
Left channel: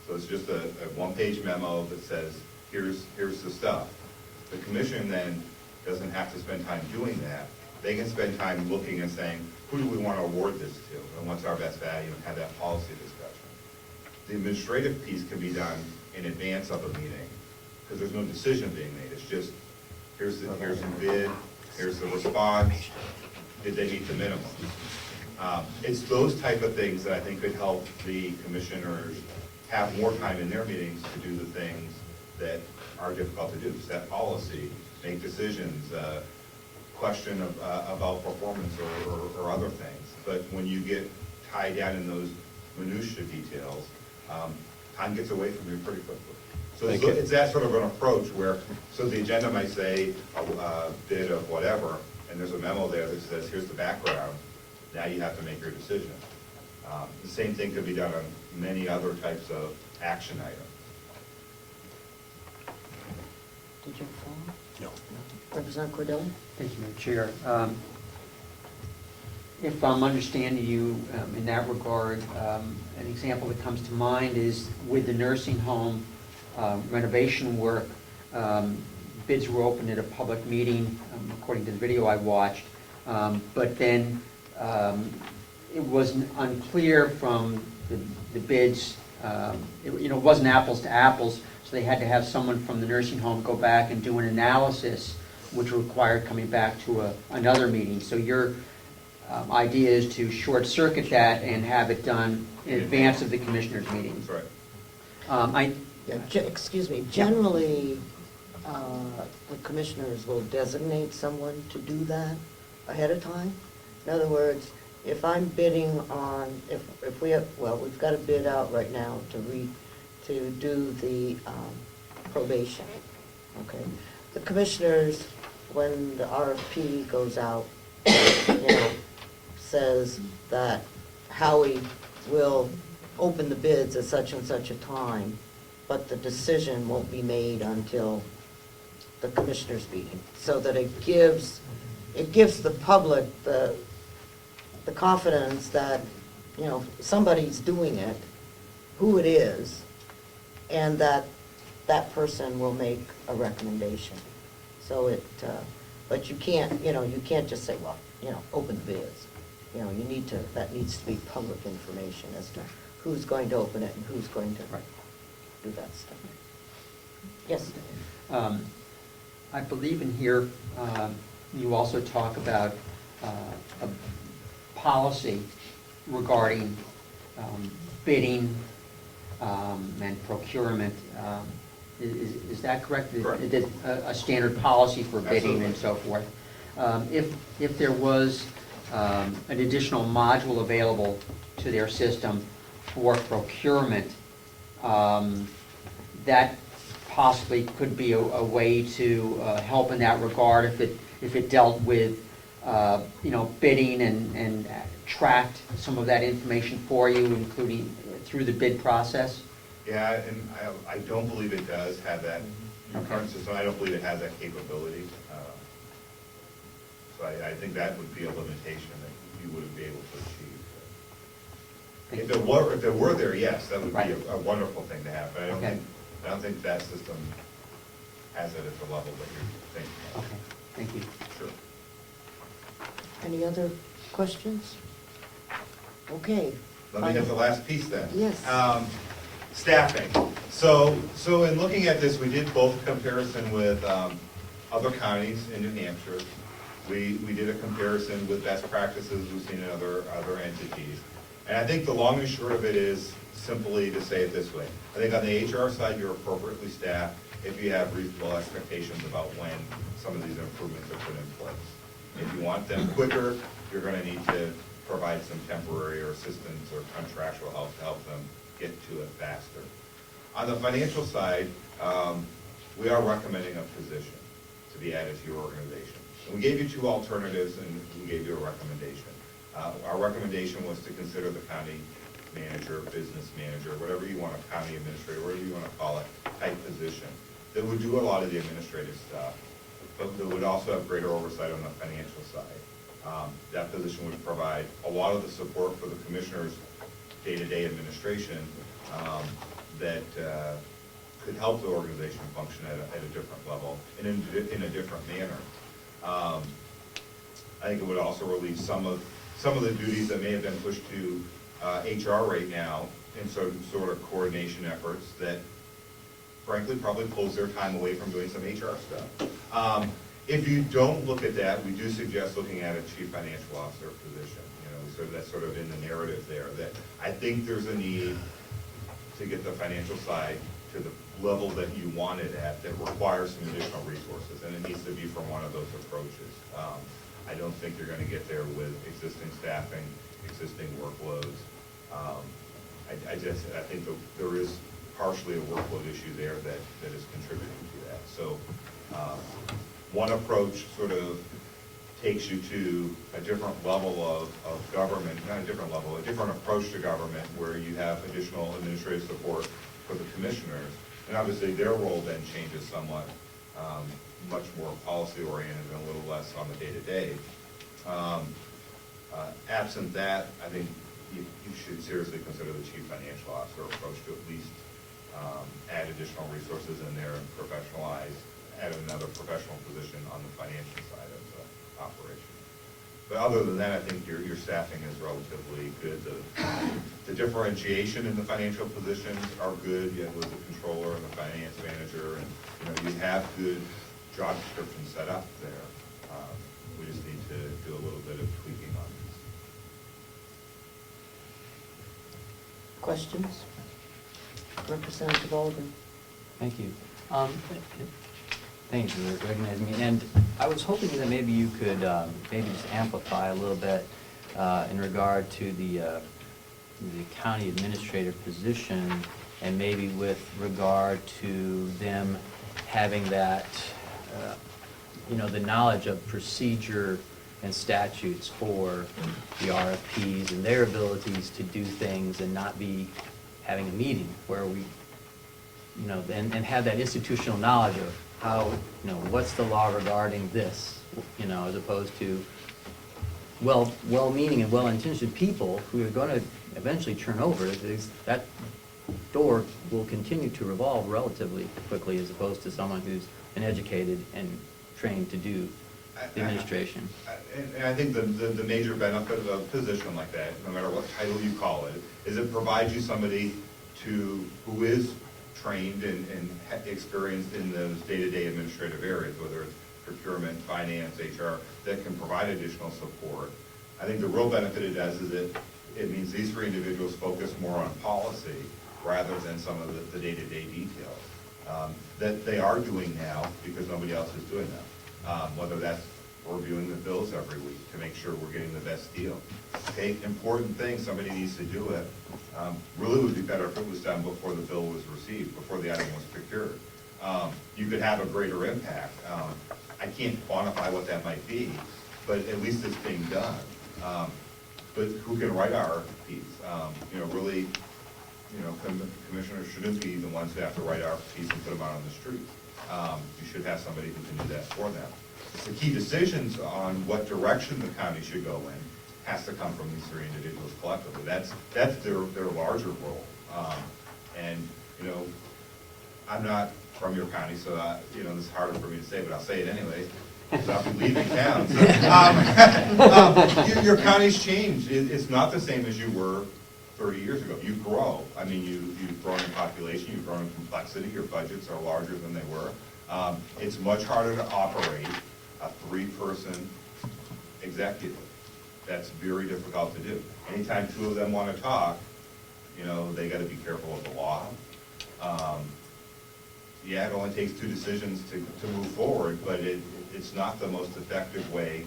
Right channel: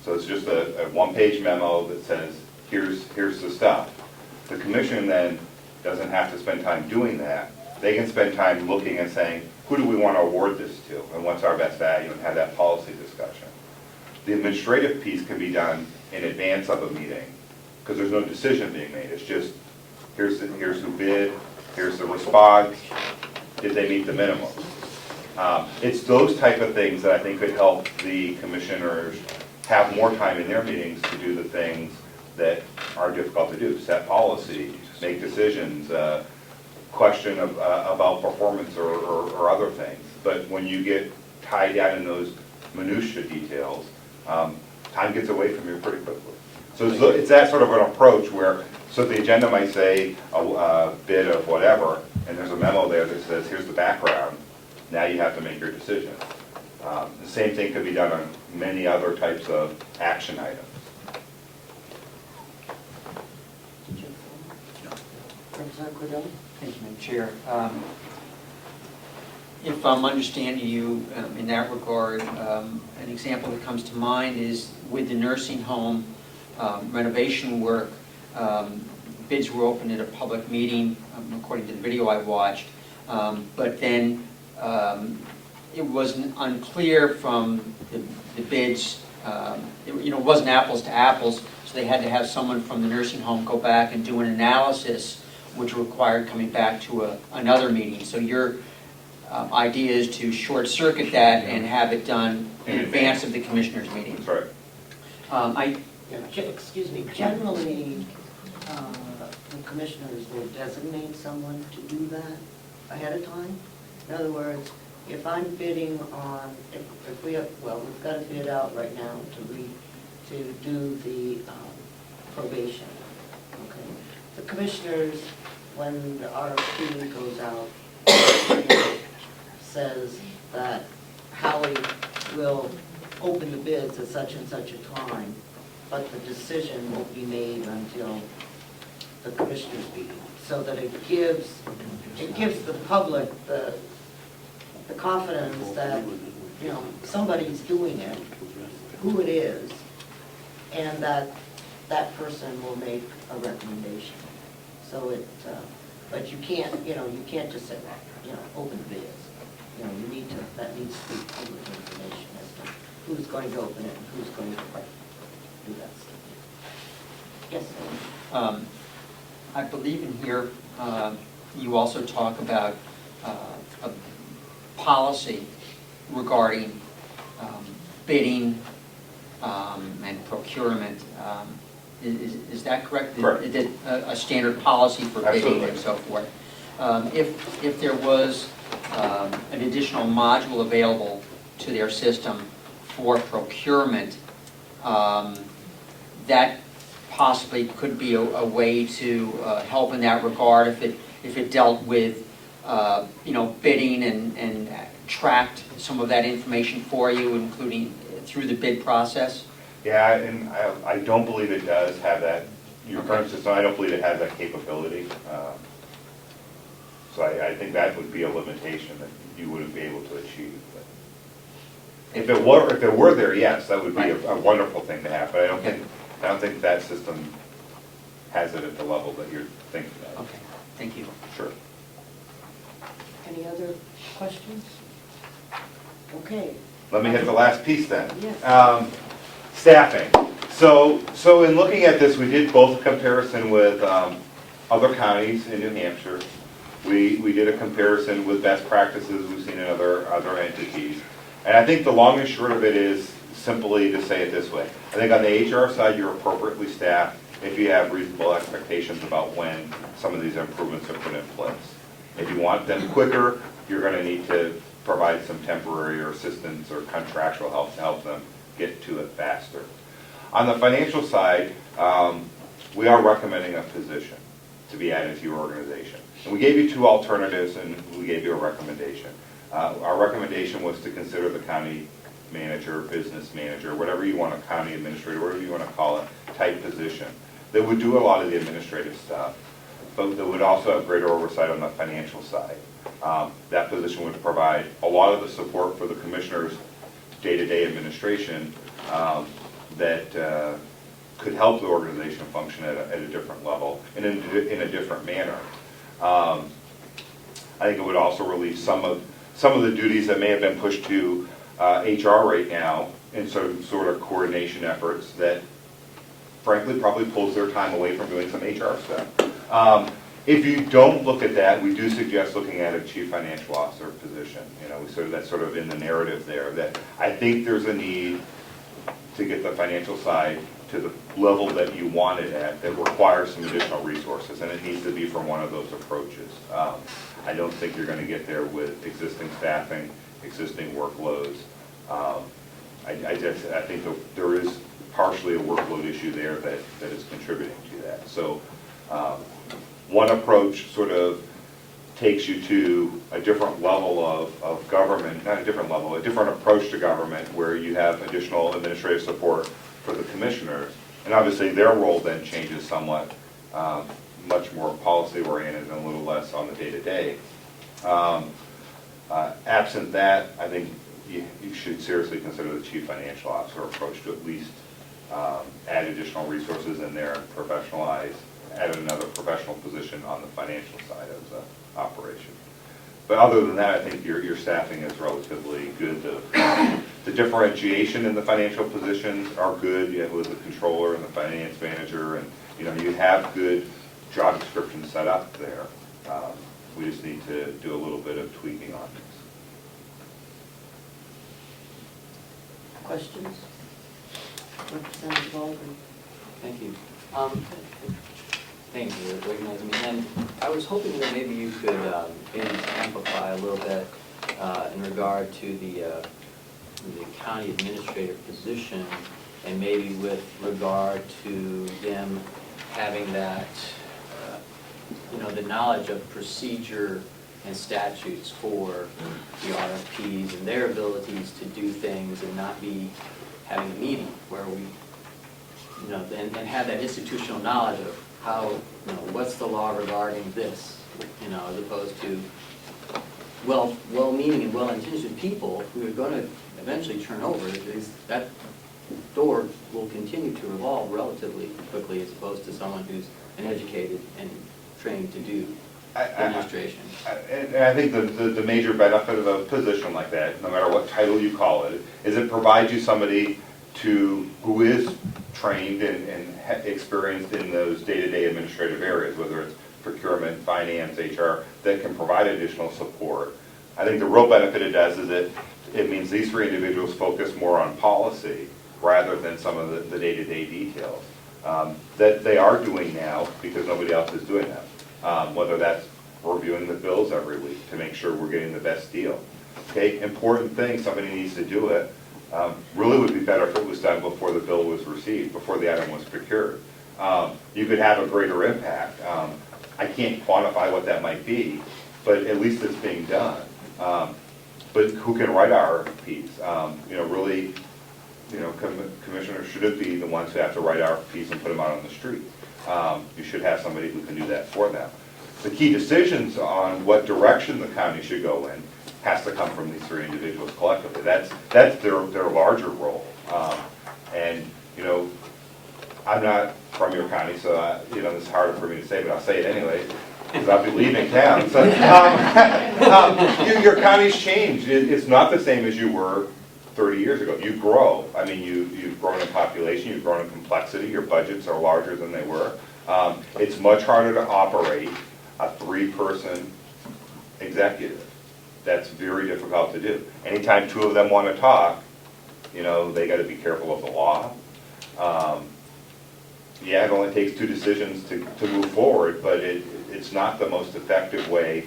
So it's just a one-page memo that says, here's the stuff. The commission then doesn't have to spend time doing that. They can spend time looking and saying, who do we want to award this to, and what's our best value, and have that policy discussion. The administrative piece can be done in advance of a meeting, because there's no decision being made. It's just, here's who bid, here's the response, did they meet the minimum? It's those type of things that I think could help the commissioners have more time in their meetings to do the things that are difficult to do, set policy, make decisions, question about performance or other things. But when you get tied down in those minutia details, time gets away from you pretty quickly. So it's that sort of an approach where, so the agenda might say a bid of whatever, and there's a memo there that says, here's the background, now you have to make your decision. The same thing could be done on many other types of action items. Did you have a comment? Representative Cordell? Thank you, Madam Chair. If I'm understanding you in that regard, an example that comes to mind is with the nursing home renovation work. Bids were opened at a public meeting, according to the video I watched, but then it was unclear from the bids, it wasn't apples to apples, so they had to have someone from the nursing home go back and do an analysis, which required coming back to another meeting. So your idea is to short circuit that and have it done in advance of the commissioners' meeting. Right. Excuse me, generally, the commissioners will designate someone to do that ahead of time. In other words, if I'm bidding on, if we have, well, we've got a bid out right now to do the probation, okay? The commissioners, when the RFP goes out, says that Howie will open the bids at such and such a time, but the decision won't be made until the commissioners' meeting, so that it gives the public the confidence that, somebody's doing it, who it is, and that person will make a recommendation. So but you can't just say, well, open the bids. That needs to be public information as to who's going to open it and who's going to do that stuff. Yes? I believe in here, you also talk about a policy regarding bidding and procurement. Is that correct? Correct. Is it a standard policy for bidding and so forth? If there was an additional module available to their system for procurement, that possibly could be a way to help in that regard if it dealt with bidding and tracked some of that information for you, including through the bid process. Yeah, and I don't believe it does have that your current system, I don't believe it has that capability. So I think that would be a limitation that you wouldn't be able to achieve. If it were there, yes, that would be a wonderful thing to have, but I don't think that system has it at the level that you're thinking of. Okay, thank you. Sure. Any other questions? Okay. Let me hit the last piece then. Yes. Staffing. So in looking at this, we did both comparison with other counties in New Hampshire. We did a comparison with best practices we've seen in other entities. And I think the long and short of it is simply to say it this way. I think on the HR side, you're appropriately staffed if you have reasonable expectations about when some of these improvements are put in place. If you want them quicker, you're going to need to provide some temporary or assistance or contractual help to help them get to it faster. On the financial side, we are recommending a position to be added to your organization. And we gave you two alternatives and we gave you a recommendation. Our recommendation was to consider the county manager, business manager, whatever you want, a county administrator, whatever you want to call it, type position that would do a lot of the administrative stuff, but that would also have greater oversight on the financial side. That position would provide a lot of the support for the commissioner's day-to-day administration that could help the organization function at a different level and in a different manner. I think it would also relieve some of the duties that may have been pushed to HR right now in sort of coordination efforts that frankly probably pulls their time away from doing some HR stuff. If you don't look at that, we do suggest looking at a chief financial officer position. You know, that's sort of in the narrative there, that I think there's a need to get the financial side to the level that you want it at that requires some additional resources, and it needs to be from one of those approaches. I don't think you're going to get there with existing staffing, existing workloads. I think there is partially a workload issue there that is contributing to that. So one approach sort of takes you to a different level of government, not a different level, a different approach to government where you have additional administrative support for the commissioners. And obviously their role then changes somewhat, much more policy oriented and a little less on the day-to-day. Absent that, I think you should seriously consider the chief financial officer approach to at least add additional resources in there and professionalize, add another professional position on the financial side of the operation. But other than that, I think your staffing is relatively good. The differentiation in the financial positions are good, you know, with the controller and the finance manager, and you know, you have good job descriptions set up there. We just need to do a little bit of tweaking on this. Questions? Representative Baldwin. Thank you. Thank you for recognizing me. And I was hoping that maybe you could maybe just amplify a little bit in regard to the county administrator position, and maybe with regard to them having that, you know, the knowledge of procedure and statutes for the RFPs and their abilities to do things and not be having a meeting where we, you know, and have that institutional knowledge of how, you know, what's the law regarding this, you know, as opposed to well-meaning and well-intentioned people who are going to eventually turn over, because that door will continue to revolve relatively quickly as opposed to someone who's been educated and trained to do administration. And I think the major benefit of a position like that, no matter what title you call it, is it provides you somebody who is trained and experienced in those day-to-day administrative areas, whether it's procurement, finance, HR, that can provide additional support. I think the real benefit it does is it means these three individuals focus more on policy rather than some of the day-to-day details that they are doing now because nobody else is doing them. Whether that's reviewing the bills every week to make sure we're getting the best deal. Okay, important thing, somebody needs to do it. Really would be better if it was done before the bill was received, before the item was procured. You could have a greater impact. I can't quantify what that might be, but at least it's being done. But who can write RFPs? You know, really, you know, commissioners shouldn't be the ones who have to write RFPs and put them out on the street. You should have somebody who can do that for them. The key decisions on what direction the county should go in has to come from these three individuals collectively. That's their larger role. And, you know, I'm not from your county, so, you know, this is harder for me to say, but I'll say it anyway, because I'll be leaving town. So, your county's changed. It's not the same as you were 30 years ago. You grow. I mean, you've grown in population, you've grown in complexity, your budgets are larger than they were. It's much harder to operate a three-person executive. That's very difficult to do. Anytime two of them want to talk, you know, they got to be careful of the law. Yeah, it only takes two decisions to move forward, but it's not the most effective way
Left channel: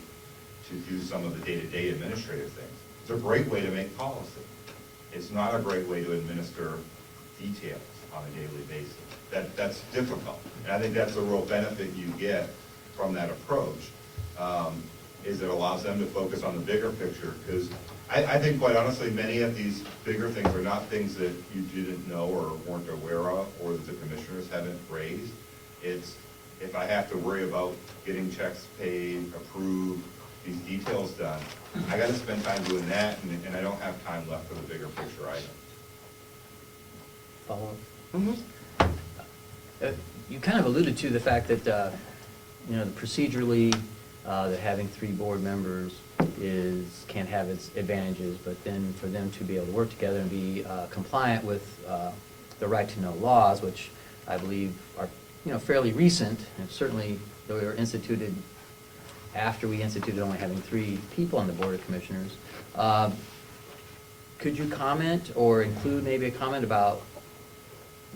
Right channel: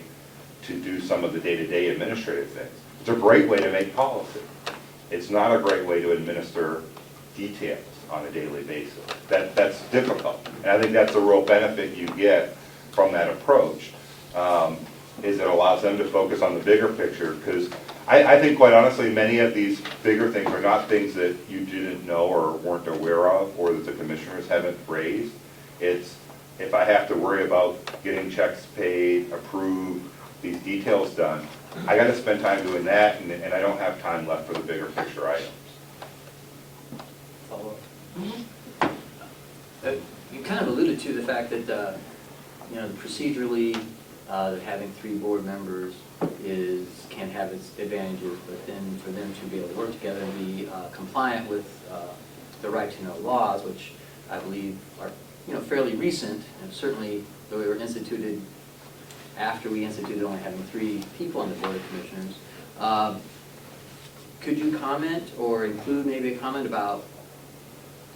to do some of the day-to-day administrative things. It's a great way to make policy. It's not a great way to administer details on a daily basis. That's difficult. And I think that's a real benefit you get from that approach, is it allows them to focus on the bigger picture, because I think, quite honestly, many of these bigger things are not things that you didn't know or weren't aware of, or that the commissioners haven't raised. It's, if I have to worry about getting checks paid, approved, these details done, I gotta spend time doing that, and I don't have time left for the bigger picture items. Follow up? You kind of alluded to the fact that, you know, procedurally, that having three board members can have its advantages, but then for them to be able to work together and be compliant with the right to know laws, which I believe are, you know, fairly recent, and certainly they were instituted after we instituted only having three people on the Board of Commissioners. Could you comment or include maybe a comment about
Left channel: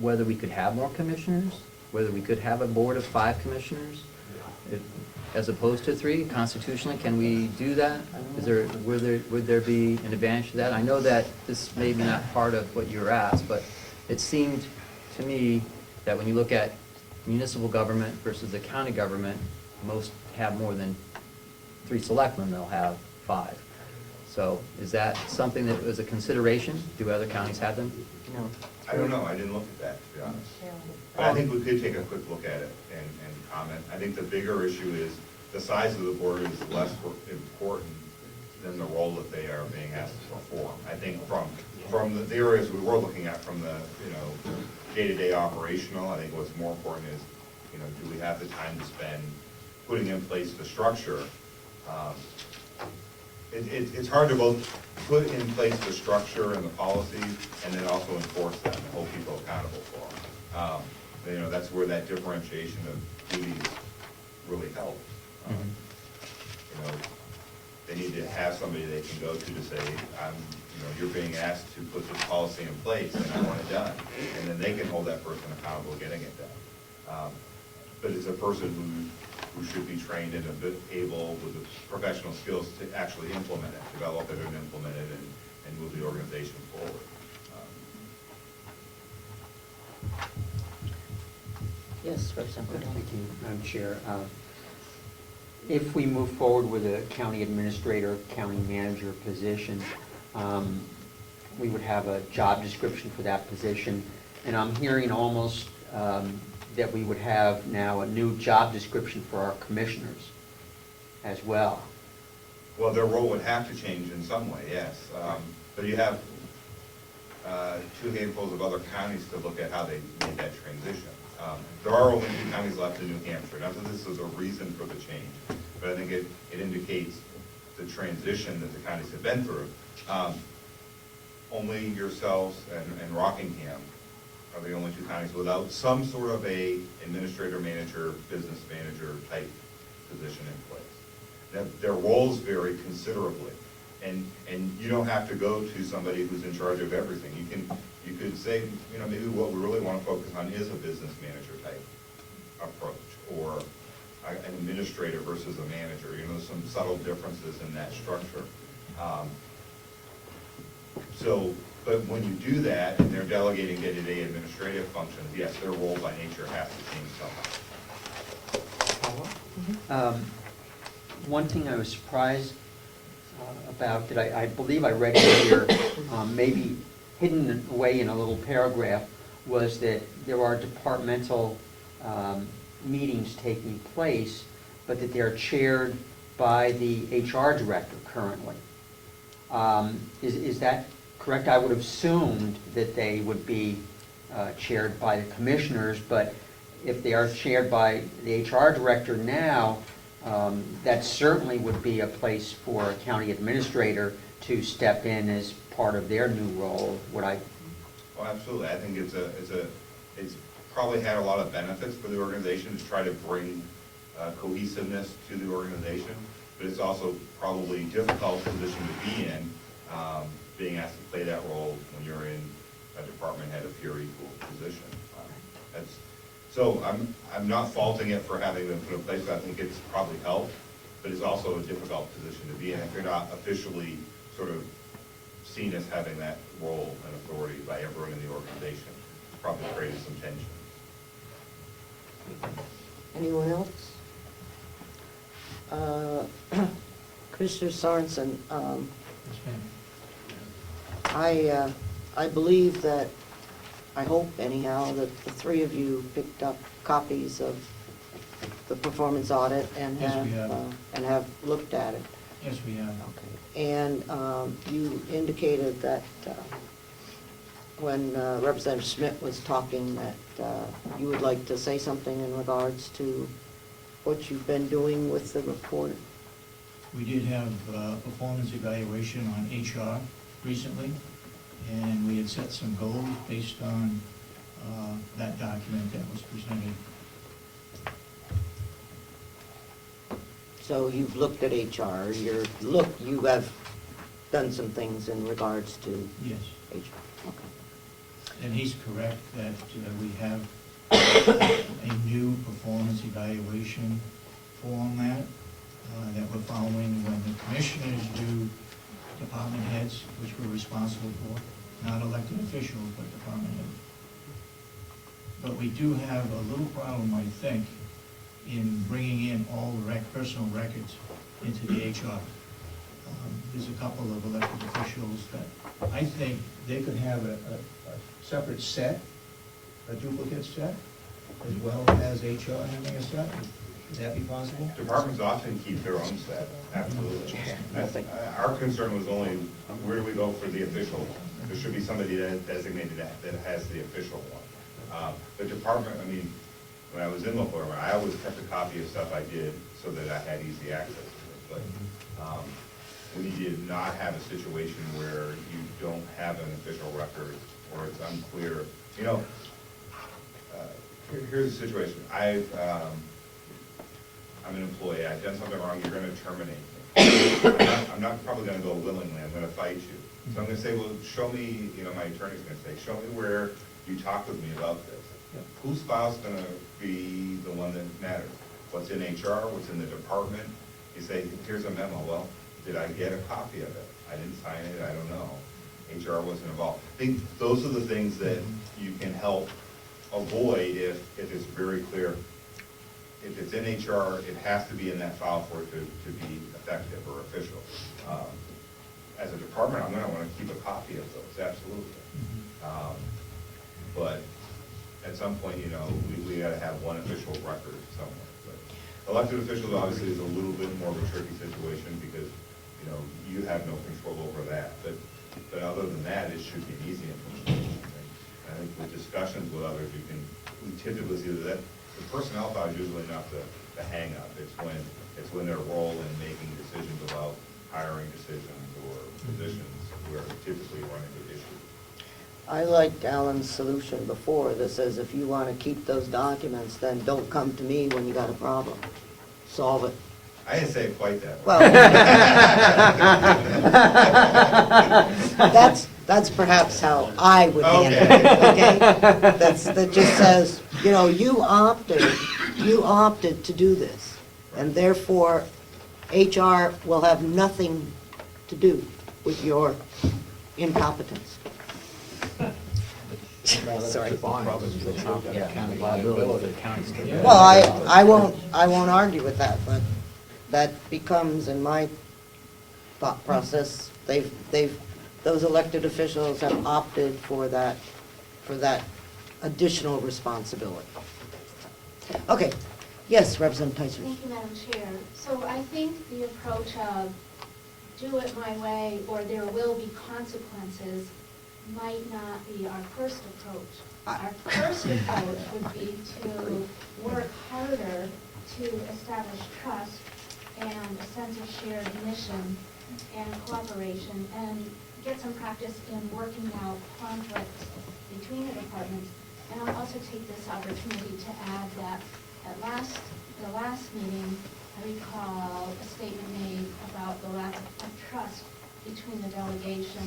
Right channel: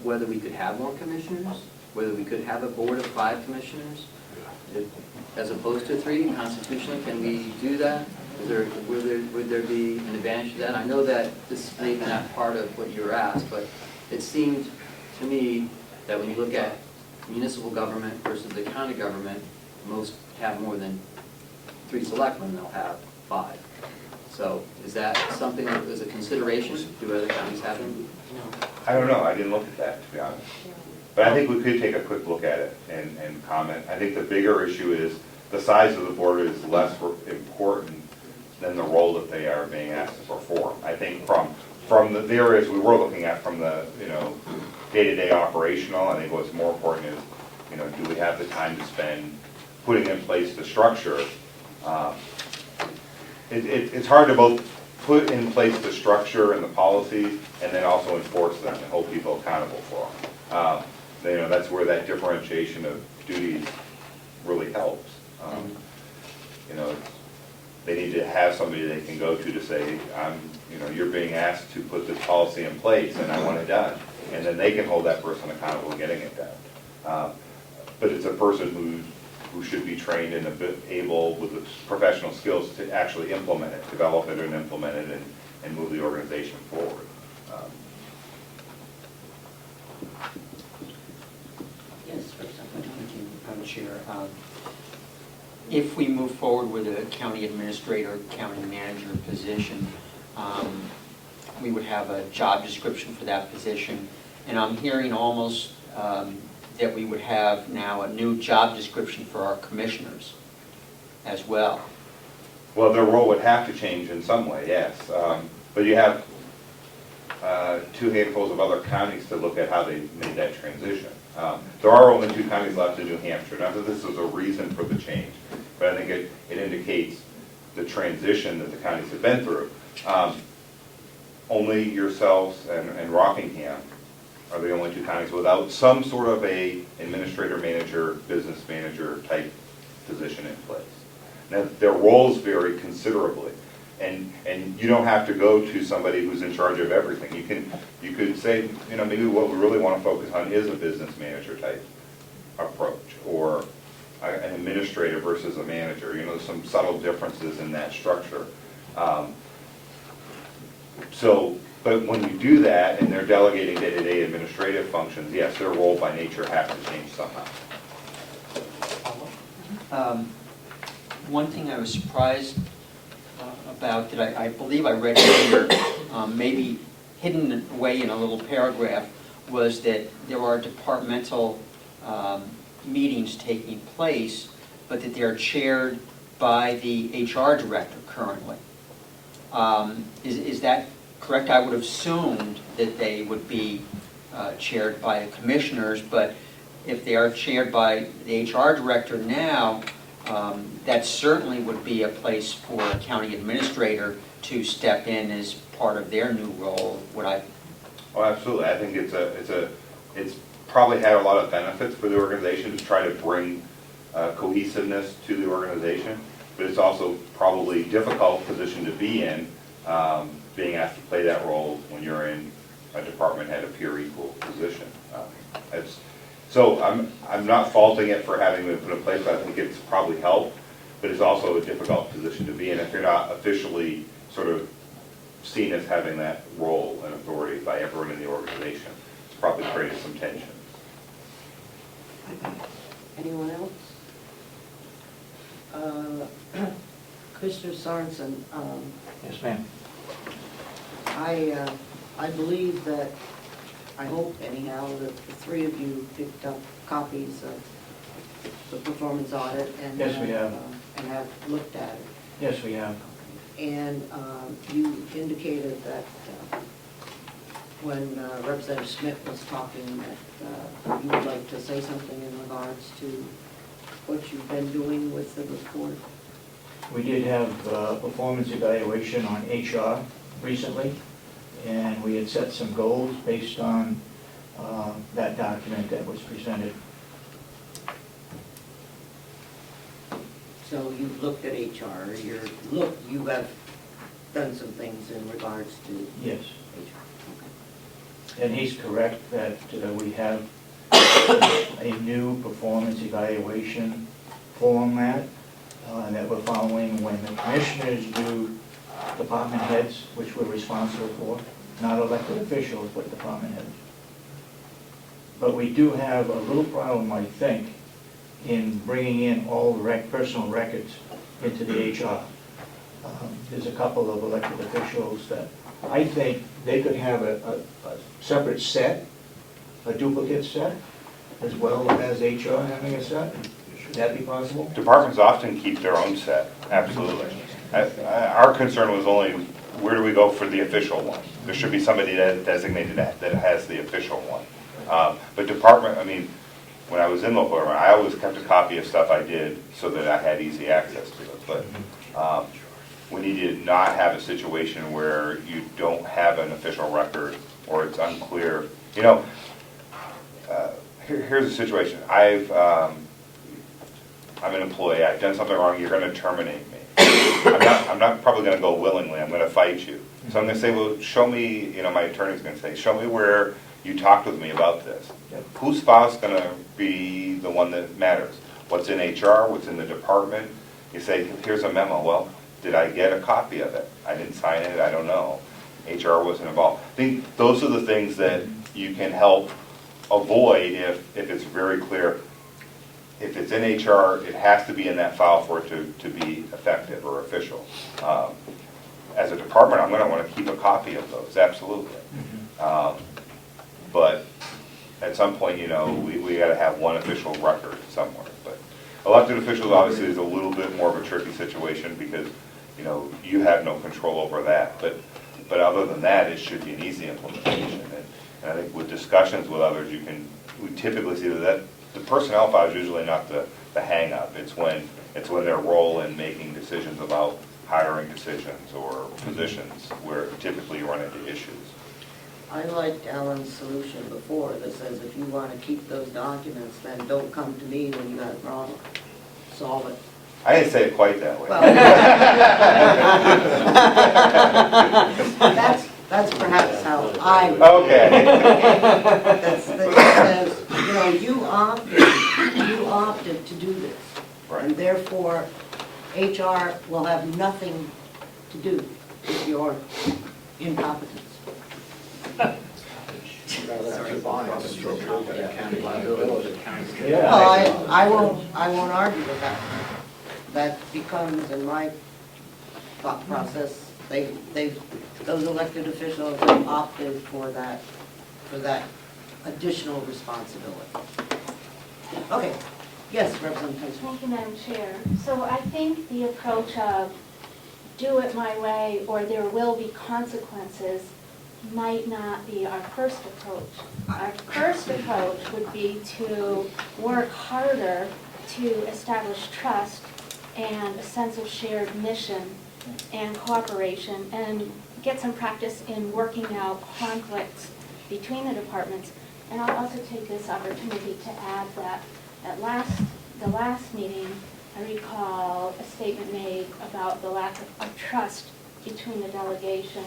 whether we could have more commissioners, whether we could have a board of 5 commissioners, as opposed to 3? Constitutionally, can we do that? Would there be an advantage to that? I know that this may be not part of what you were asked, but it seemed to me that when you look at municipal government versus the county government, most have more than 3 selectmen, they'll have 5. So is that something that was a consideration? Do other counties have them? I don't know, I didn't look at that, to be honest. But I think we could take a quick look at it and comment. I think the bigger issue is the size of the board is less important than the role that they are being asked to perform. I think from the areas we were looking at, from the, you know, day-to-day operational, I think what's more important is, you know, do we have the time to spend putting in place the structure? It's hard to both put in place the structure and the policies and then also enforce them and hold people accountable for them. You know, that's where that differentiation of duties really helps. You know, they need to have somebody they can go to say, you know, you're being asked to put this policy in place and I want it done. And then they can hold that person accountable getting it done. But it's a person who should be trained and able with the professional skills to actually implement it, develop it and implement it and move the organization forward. Yes, Representative. Thank you, Madam Chair. If we move forward with a county administrator, county manager position, we would have a job description for that position. And I'm hearing almost that we would have now a new job description for our commissioners as well. Well, their role would have to change in some way, yes. But you have 2 handfuls of other counties to look at how they made that transition. There are only 2 counties left in New Hampshire. Not that this is a reason for the change, but I think it indicates the transition that the counties have been through. Only yourselves and Rockingham are the only 2 counties without some sort of a administrator, manager, business manager type position in place. Now, their roles vary considerably. And you don't have to go to somebody who's in charge of everything. You could say, you know, maybe what we really want to focus on is a business manager type approach, or an administrator versus a manager. You know, some subtle differences in that structure. But when you do that and they're delegating day-to-day administrative functions, yes, their role by nature has to change somehow. One thing I was surprised about, that I believe I read here, maybe hidden away in a little paragraph, was that there are departmental meetings taking place, but that they're chaired by the HR director currently. Is that correct? I would have assumed that they would be chaired by the commissioners, but if they are chaired by the HR director now, that certainly would be a place for a county administrator to step in as part of their new role. Would I? Oh, absolutely. I think it's probably had a lot of benefits for the organization to try to bring cohesiveness to the organization, but it's also probably a difficult position to be in, being asked to play that role when you're in a department head, a peer equal position. So I'm not faulting it for having been put in place. I think it's probably helped, but it's also a difficult position to be in if you're not officially sort of seen as having that role and authority by everyone in the organization. It's probably created some tension. Anyone else? Commissioner Sorensen, Yes, ma'am. I believe that, I hope anyhow, that the three of you picked up copies of the performance audit and Yes, we have. And have looked at it. Yes, we have. And you indicated that when Representative Schmidt was talking that you would like to say something in regards to what you've been doing with the report. We did have performance evaluation on HR recently, and we had set some goals based on that document that was presented. So you've looked at HR, you have done some things in regards to Yes. HR. Okay. And he's correct that we have a new performance evaluation format that we're following when the commissioners do department heads, which we're responsible for, not elected officials, but department heads. But we do have a little problem, I think, in bringing in all personal records into the HR. There's a couple of elected officials that I think they could have a separate set, a duplicate set, as well as HR having a set. Should that be possible? Departments often keep their own set, absolutely. Our concern was only, where do we go for the official one? There should be somebody that designated that has the official one. But department, I mean, when I was in local government, I always kept a copy of stuff I did so that I had easy access to it. But we need to not have a situation where you don't have an official record or it's unclear. You know, here's the situation. I'm an employee, I've done something wrong, you're gonna terminate me. I'm not probably gonna go willingly, I'm gonna fight you. So I'm gonna say, well, show me, you know, my attorney's gonna say, show me where you talked with me about this. Whose file's gonna be the one that matters? What's in HR, what's in the department? You say, here's a memo, well, did I get a copy of it? I didn't sign it, I don't know. HR wasn't involved. I think those are the things that you can help avoid if it's very clear. If it's in HR, it has to be in that file for it to be effective or official. As a department, I'm going to want to keep a copy of those, absolutely. But at some point, you know, we got to have one official record somewhere. But elected officials obviously is a little bit more of a tricky situation because, you know, you have no control over that. But other than that, it should be an easy implementation. And I think with discussions with others, we typically see that the personnel file is usually not the hang-up. It's when their role in making decisions about hiring decisions or positions where typically you run into issues. I liked Alan's solution before that says if you want to keep those documents, then don't come to me when you got a problem. Solve it. I didn't say it quite that way. Well, that's perhaps how I would get it. Okay. That just says, you know, you opted to do this, and therefore HR will have nothing to do with your incompetence. Sorry. Well, I won't argue with that. That becomes, in my thought process, those elected officials have opted for that additional responsibility. Okay, yes, Representative Tyson. Thank you, Madam Chair. So I think the approach of do it my way or there will be consequences might not be our first approach. Our first approach would be to work harder to establish trust and a sense of shared mission and cooperation and get some practice in working out conflicts between the departments. And I'll also take this opportunity to add that at the last meeting, I recall a statement made about the lack of trust between the delegation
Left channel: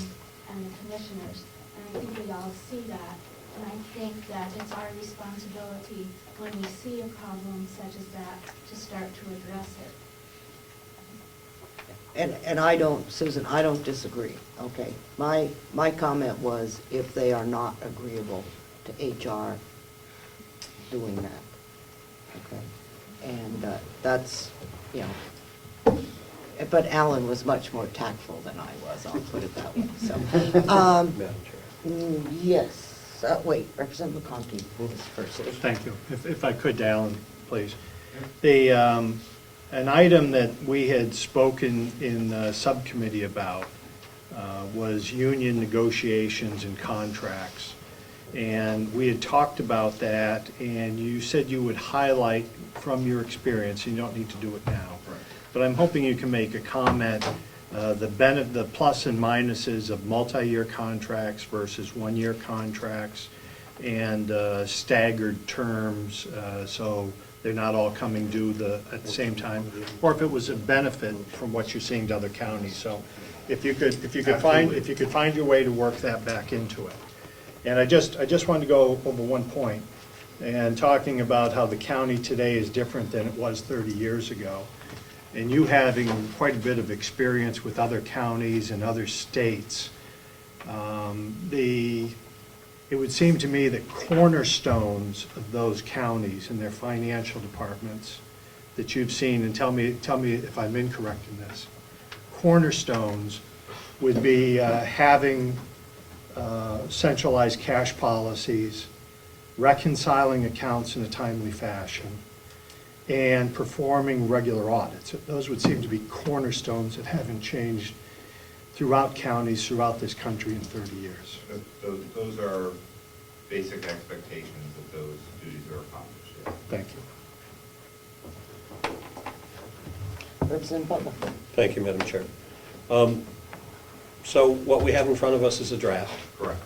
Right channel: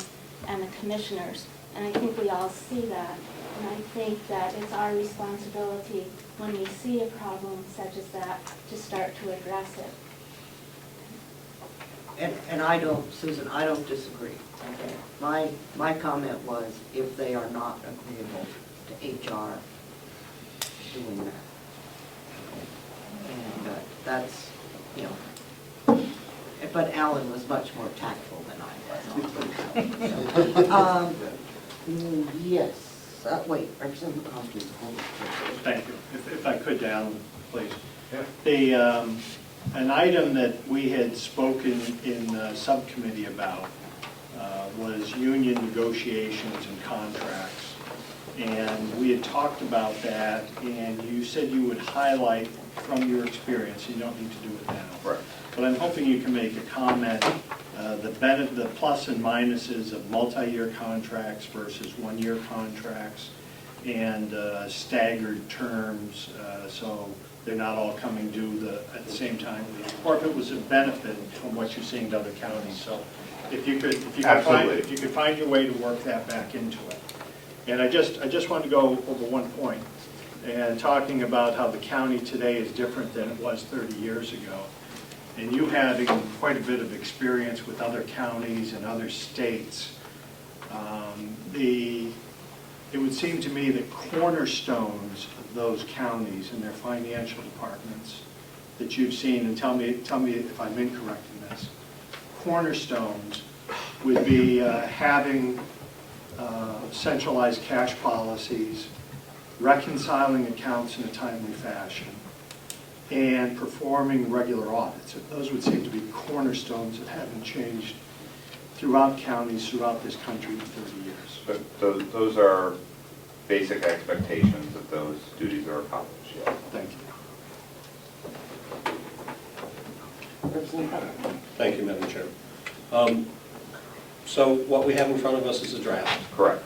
and the commissioners. And I think we all see that. And I think that it's our responsibility when we see a problem such as that to start to address it. And I don't, Susan, I don't disagree, okay? My comment was if they are not agreeable to HR doing that. Okay? And that's, you know, but Alan was much more tactful than I was, I'll put it that way. So, yes, wait, Representative Conti. Thank you. If I could, Alan, please. The, an item that we had spoken in subcommittee about was union negotiations and contracts. And we had talked about that, and you said you would highlight from your experience, you don't need to do it now. Right. But I'm hoping you can make a comment, the plus and minuses of multi-year contracts versus one-year contracts, and staggered terms, so they're not all coming due at the same time, or if it was a benefit from what you're seeing to other counties. So if you could find your way to work that back into it. And I just wanted to go over one point, and talking about how the county today is different than it was 30 years ago. And you having quite a bit of experience with other counties and other states, it would seem to me that cornerstones of those counties and their financial departments that you've seen, and tell me if I'm incorrect in this, cornerstones would be having centralized cash policies, reconciling accounts in a timely fashion, and performing regular audits. Those would seem to be cornerstones that haven't changed throughout counties, throughout this country in 30 years. But those are basic expectations that those duties are accomplished, yes. Thank you. Representative Butler. Thank you, Madam Chair. So what we have in front of us is a draft. Correct.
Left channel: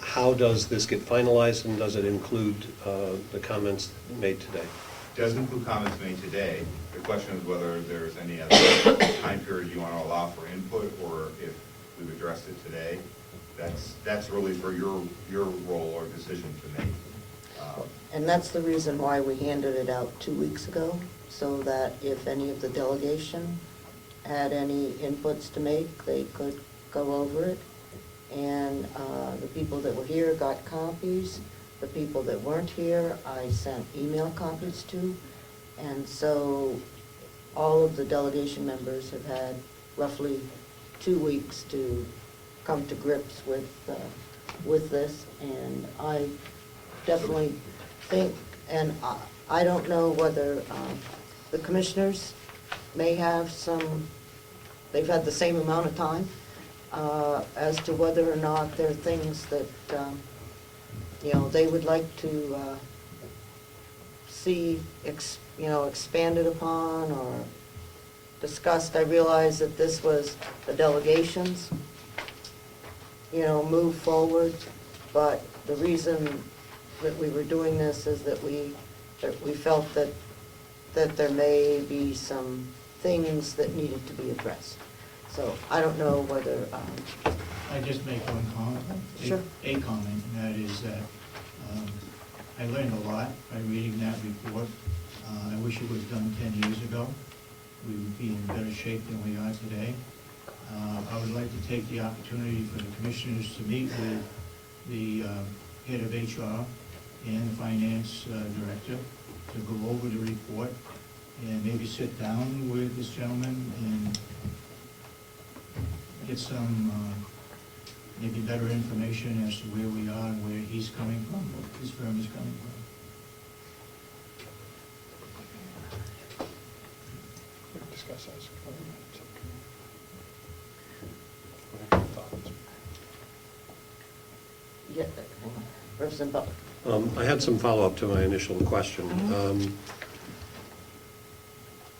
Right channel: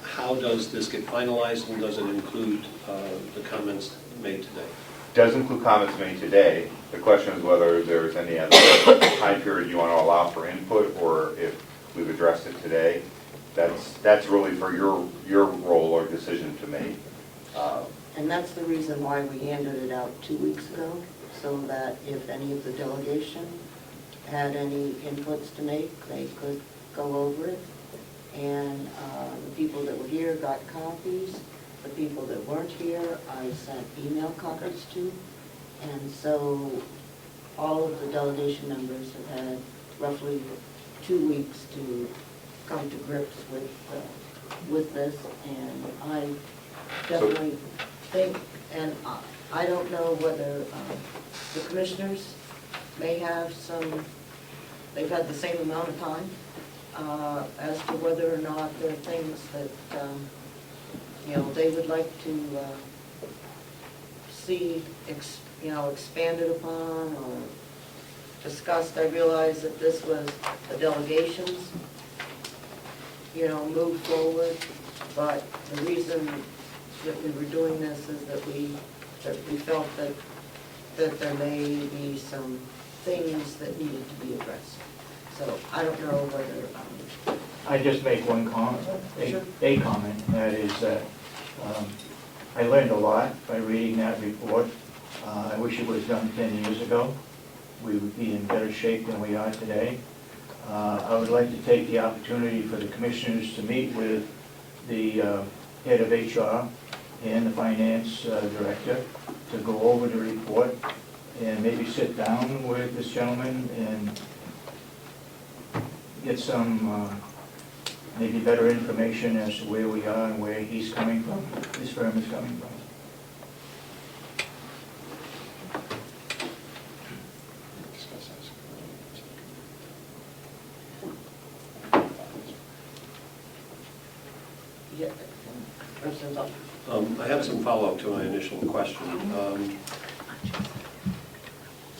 How does this get finalized, and does it include the comments made today? Does include comments made today. The question is whether there's any other time period you want to allow for input, or if we've addressed it today. That's really for your role or decision to make. And that's the reason why we handed it out 2 weeks ago, so that if any of the delegation had any inputs to make, they could go over it. And the people that were here got copies. The people that weren't here, I sent email copies to. And so all of the delegation members have had roughly 2 weeks to come to grips with this. And I definitely think, and I don't know whether the commissioners may have they've had the same amount of time, as to whether or not there are things that, they would like to see, expanded upon or discussed. I realize that this was the delegations, move forward, but the reason that we were doing this is that we felt that there may be some things that needed to be addressed. So I don't know whether... I just make one comment, Sure. a comment, and that is that I learned a lot by reading that report. I wish it was done 10 years ago. We would be in better shape than we are today. I would like to take the opportunity for the commissioners to meet with the head of HR and the finance director to go over the report and maybe sit down with this gentleman and get some maybe better information as to where we are and where he's coming from, his firm is coming from. President Buck. I had some follow-up to my initial question.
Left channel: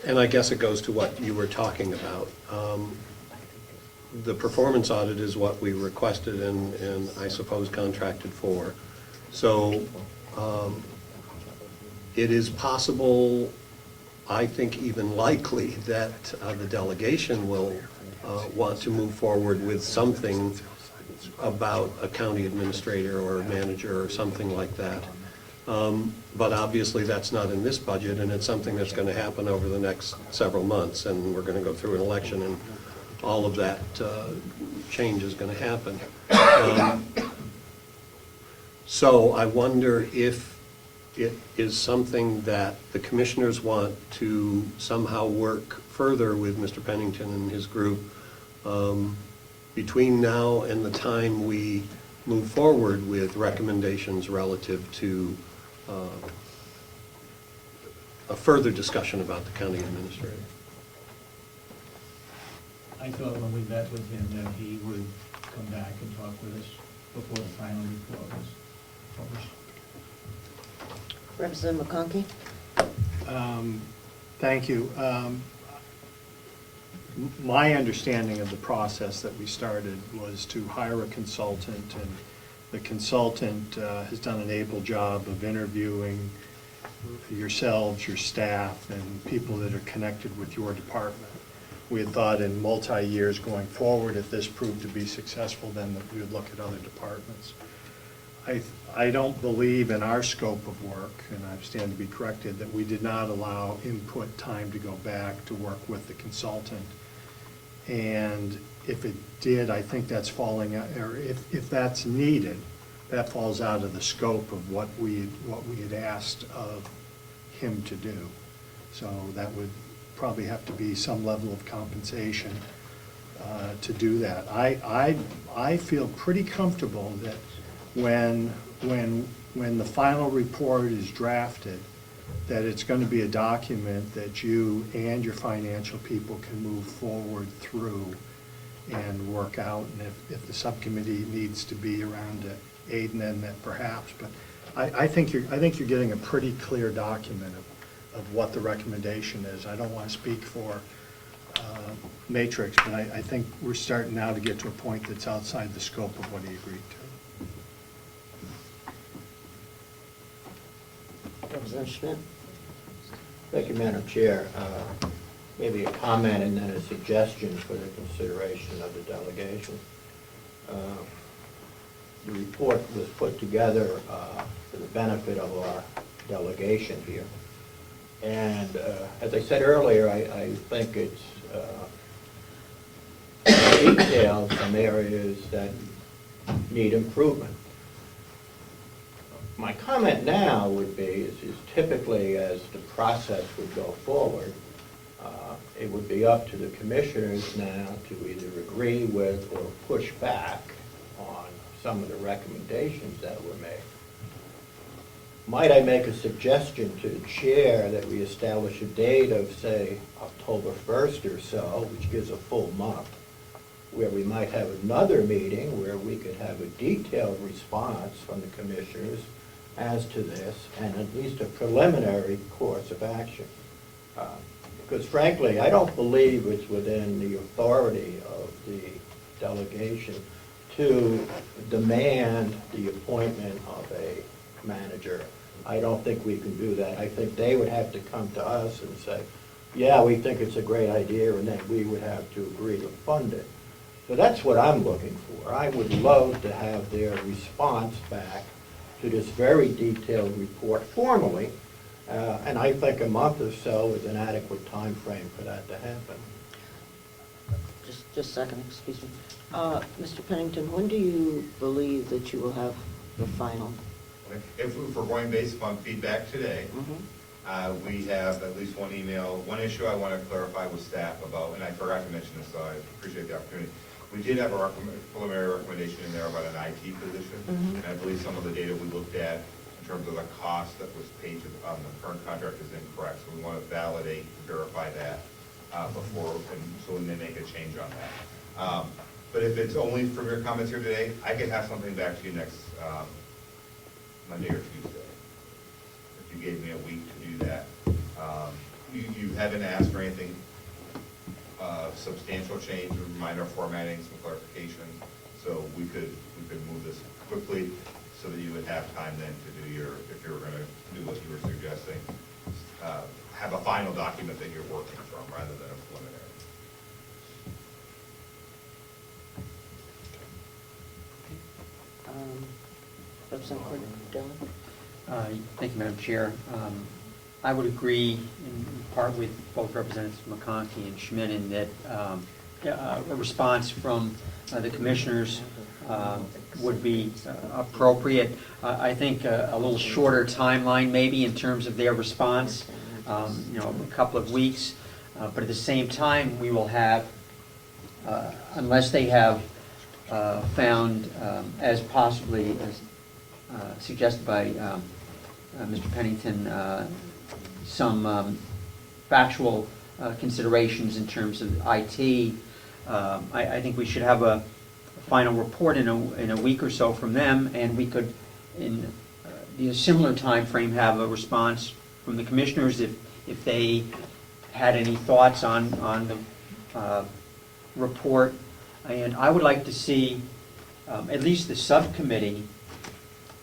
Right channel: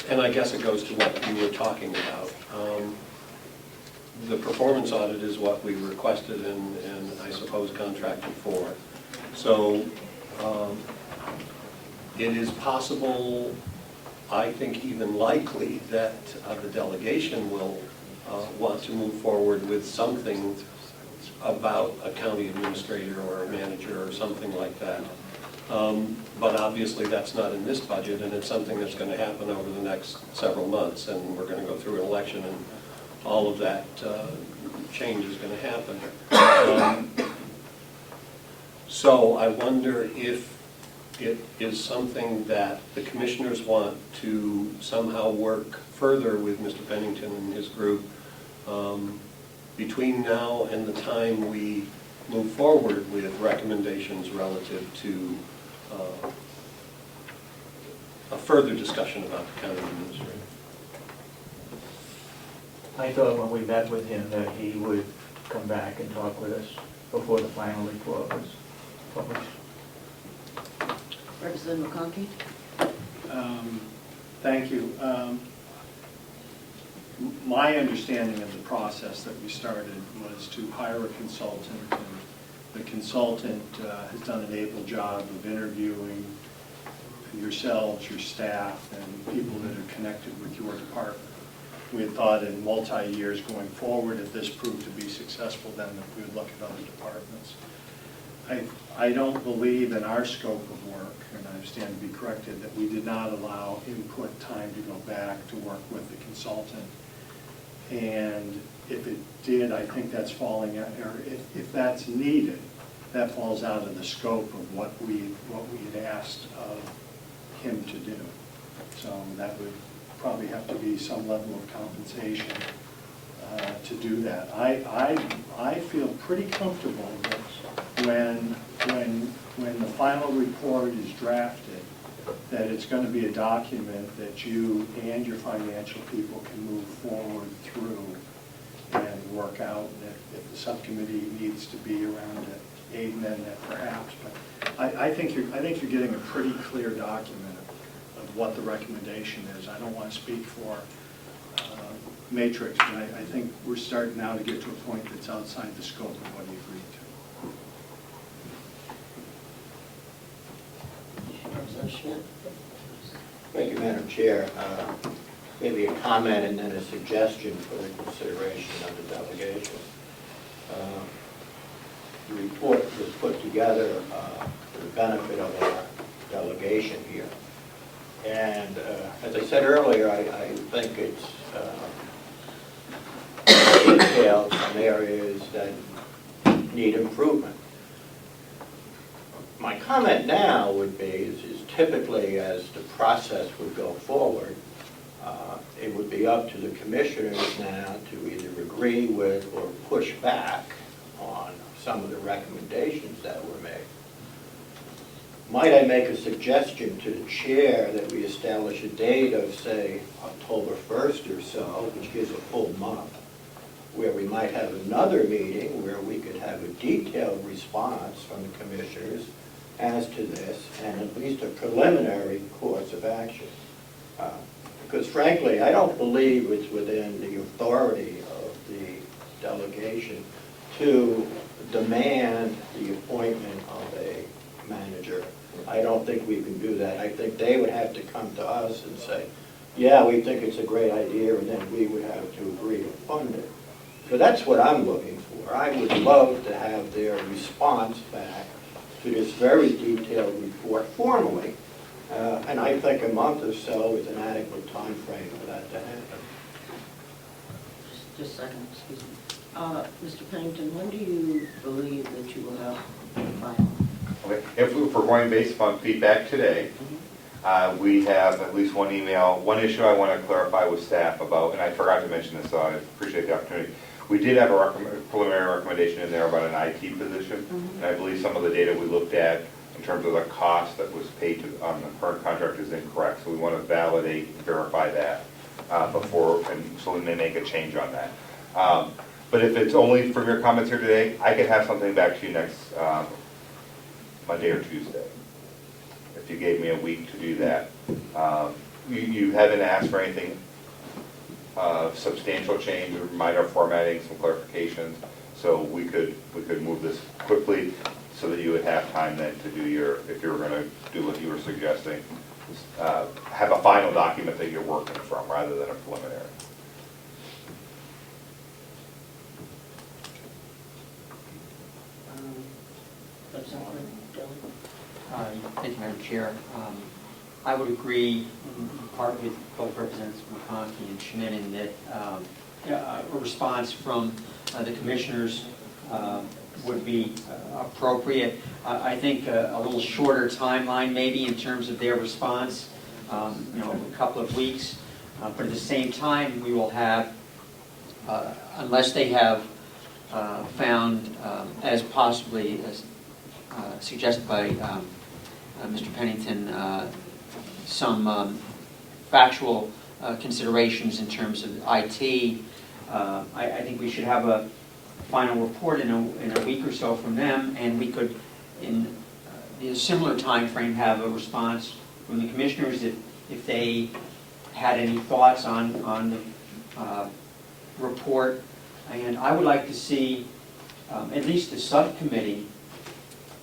And I guess it goes to what you were talking about. The performance audit is what we requested and I suppose contracted for. So it is possible, I think even likely, that the delegation will want to move forward with something about a county administrator or a manager or something like that. But obviously that's not in this budget, and it's something that's going to happen over the next several months, and we're going to go through an election, and all of that change is going to happen. So I wonder if it is something that the commissioners want to somehow work further with Mr. Pennington and his group between now and the time we move forward with recommendations relative to a further discussion about the county administrator. I thought when we met with him that he would come back and talk with us before the final report was published. Representative McConkey. Thank you. My understanding of the process that we started was to hire a consultant, and the consultant has done an able job of interviewing yourselves, your staff, and people that are connected with your department. We had thought in multi-years going forward, if this proved to be successful, then that we would look at other departments. I don't believe in our scope of work, and I stand to be corrected, that we did not allow input time to go back to work with the consultant. And if it did, I think that's falling, or if that's needed, that falls out of the scope of what we had asked of him to do. So that would probably have to be some level of compensation to do that. I feel pretty comfortable that when the final report is drafted, that it's going to be a document that you and your financial people can move forward through and work out. And if the subcommittee needs to be around to aid in that, perhaps. But I think you're getting a pretty clear document of what the recommendation is. I don't want to speak for Matrix, but I think we're starting now to get to a point that's outside the scope of what he agreed to. Representative Schmidt. Thank you, Madam Chair. Maybe a comment and then a suggestion for the consideration of the delegation. The report was put together for the benefit of our delegation here. And as I said earlier, I think it's detailed some areas that need improvement. My comment now would be is typically as the process would go forward, it would be up to the commissioners now to either agree with or push back on some of the recommendations that were made. Might I make a suggestion to the chair that we establish a date of, say, October 1st or so, which gives a full month, where we might have another meeting where we could have a detailed response from the commissioners as to this, and at least a preliminary course of action. Because frankly, I don't believe it's within the authority of the delegation to demand the appointment of a manager. I don't think we can do that. I think they would have to come to us and say, yeah, we think it's a great idea, and then we would have to agree to fund it. So that's what I'm looking for. I would love to have their response back to this very detailed report formally, and I think a month or so is an adequate time frame for that to happen. Just a second, excuse me. Mr. Pennington, when do you believe that you will have the final? Okay. If we're going based on feedback today, we have at least one email. One issue I want to clarify with staff about, and I forgot to mention this, so I appreciate the opportunity. We did have a preliminary recommendation in there about an IT position, and I believe some of the data we looked at in terms of the cost that was paid on the current contract is incorrect. So we want to validate and verify that before, and so we may make a change on that. But if it's only from your comments here today, I could have something back to you Monday or Tuesday. If you gave me a week to do that. You haven't asked for anything substantial change, or minor formatting, some clarifications, so we could move this quickly so that you would have time then to do your, if you were gonna do what you were suggesting, have a final document that you're working from rather than a preliminary. Representative Dillon? Thank you, Madam Chair. I would agree in part with both Representatives McConkey and Schmidt in that a response from the commissioners would be appropriate. I think a little shorter timeline maybe in terms of their response, a couple of weeks. But at the same time, we will have, unless they have found, as possibly suggested by Mr. Pennington, some factual considerations in terms of IT. I think we should have a final report in a week or so from them, and we could, in a similar time frame, have a response from the commissioners if they had any thoughts on the report. And I would like to see at least the subcommittee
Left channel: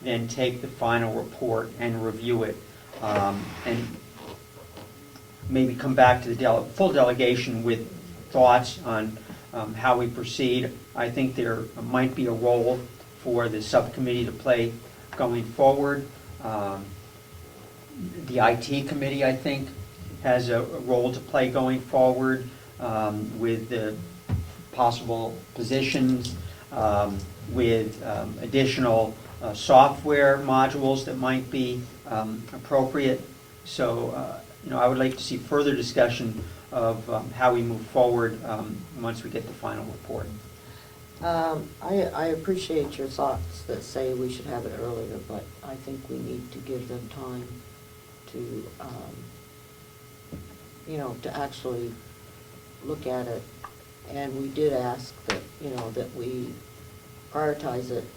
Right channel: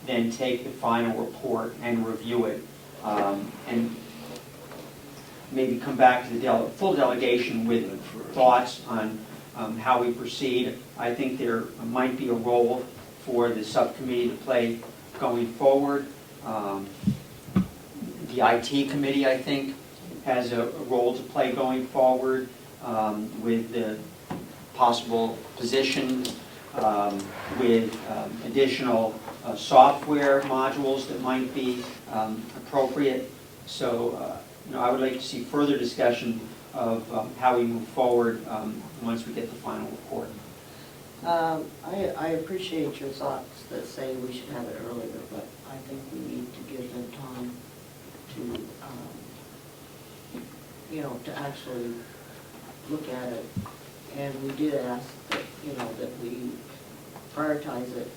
then take the final report and review it, and maybe come back to the full delegation with thoughts on how we proceed. I think there might be a role for the subcommittee to play going forward. The IT committee, I think, has a role to play going forward with the possible positions, with additional software modules that might be appropriate. So, I would like to see further discussion of how we move forward once we get the final report. I appreciate your thoughts that say we should have it earlier, but I think we need to give them time to, to actually look at it. And we did ask that, that we prioritize it.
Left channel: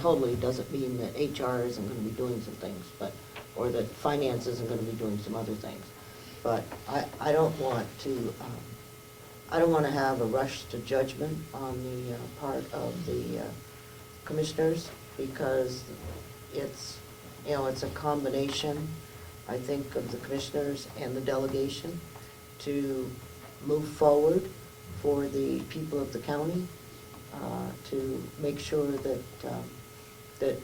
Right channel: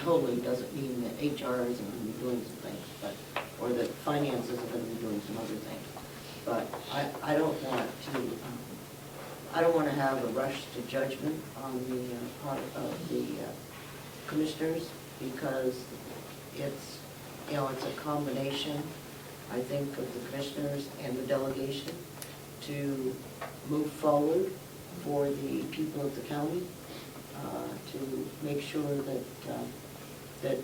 Totally doesn't mean that HR isn't going to be doing some things, but, or that finance isn't going to be doing some other things. But I don't want to have a rush to judgment on the part of the commissioners, because it's, it's a combination, I think, of the commissioners and the delegation to move forward for the people of the county, to make sure that, the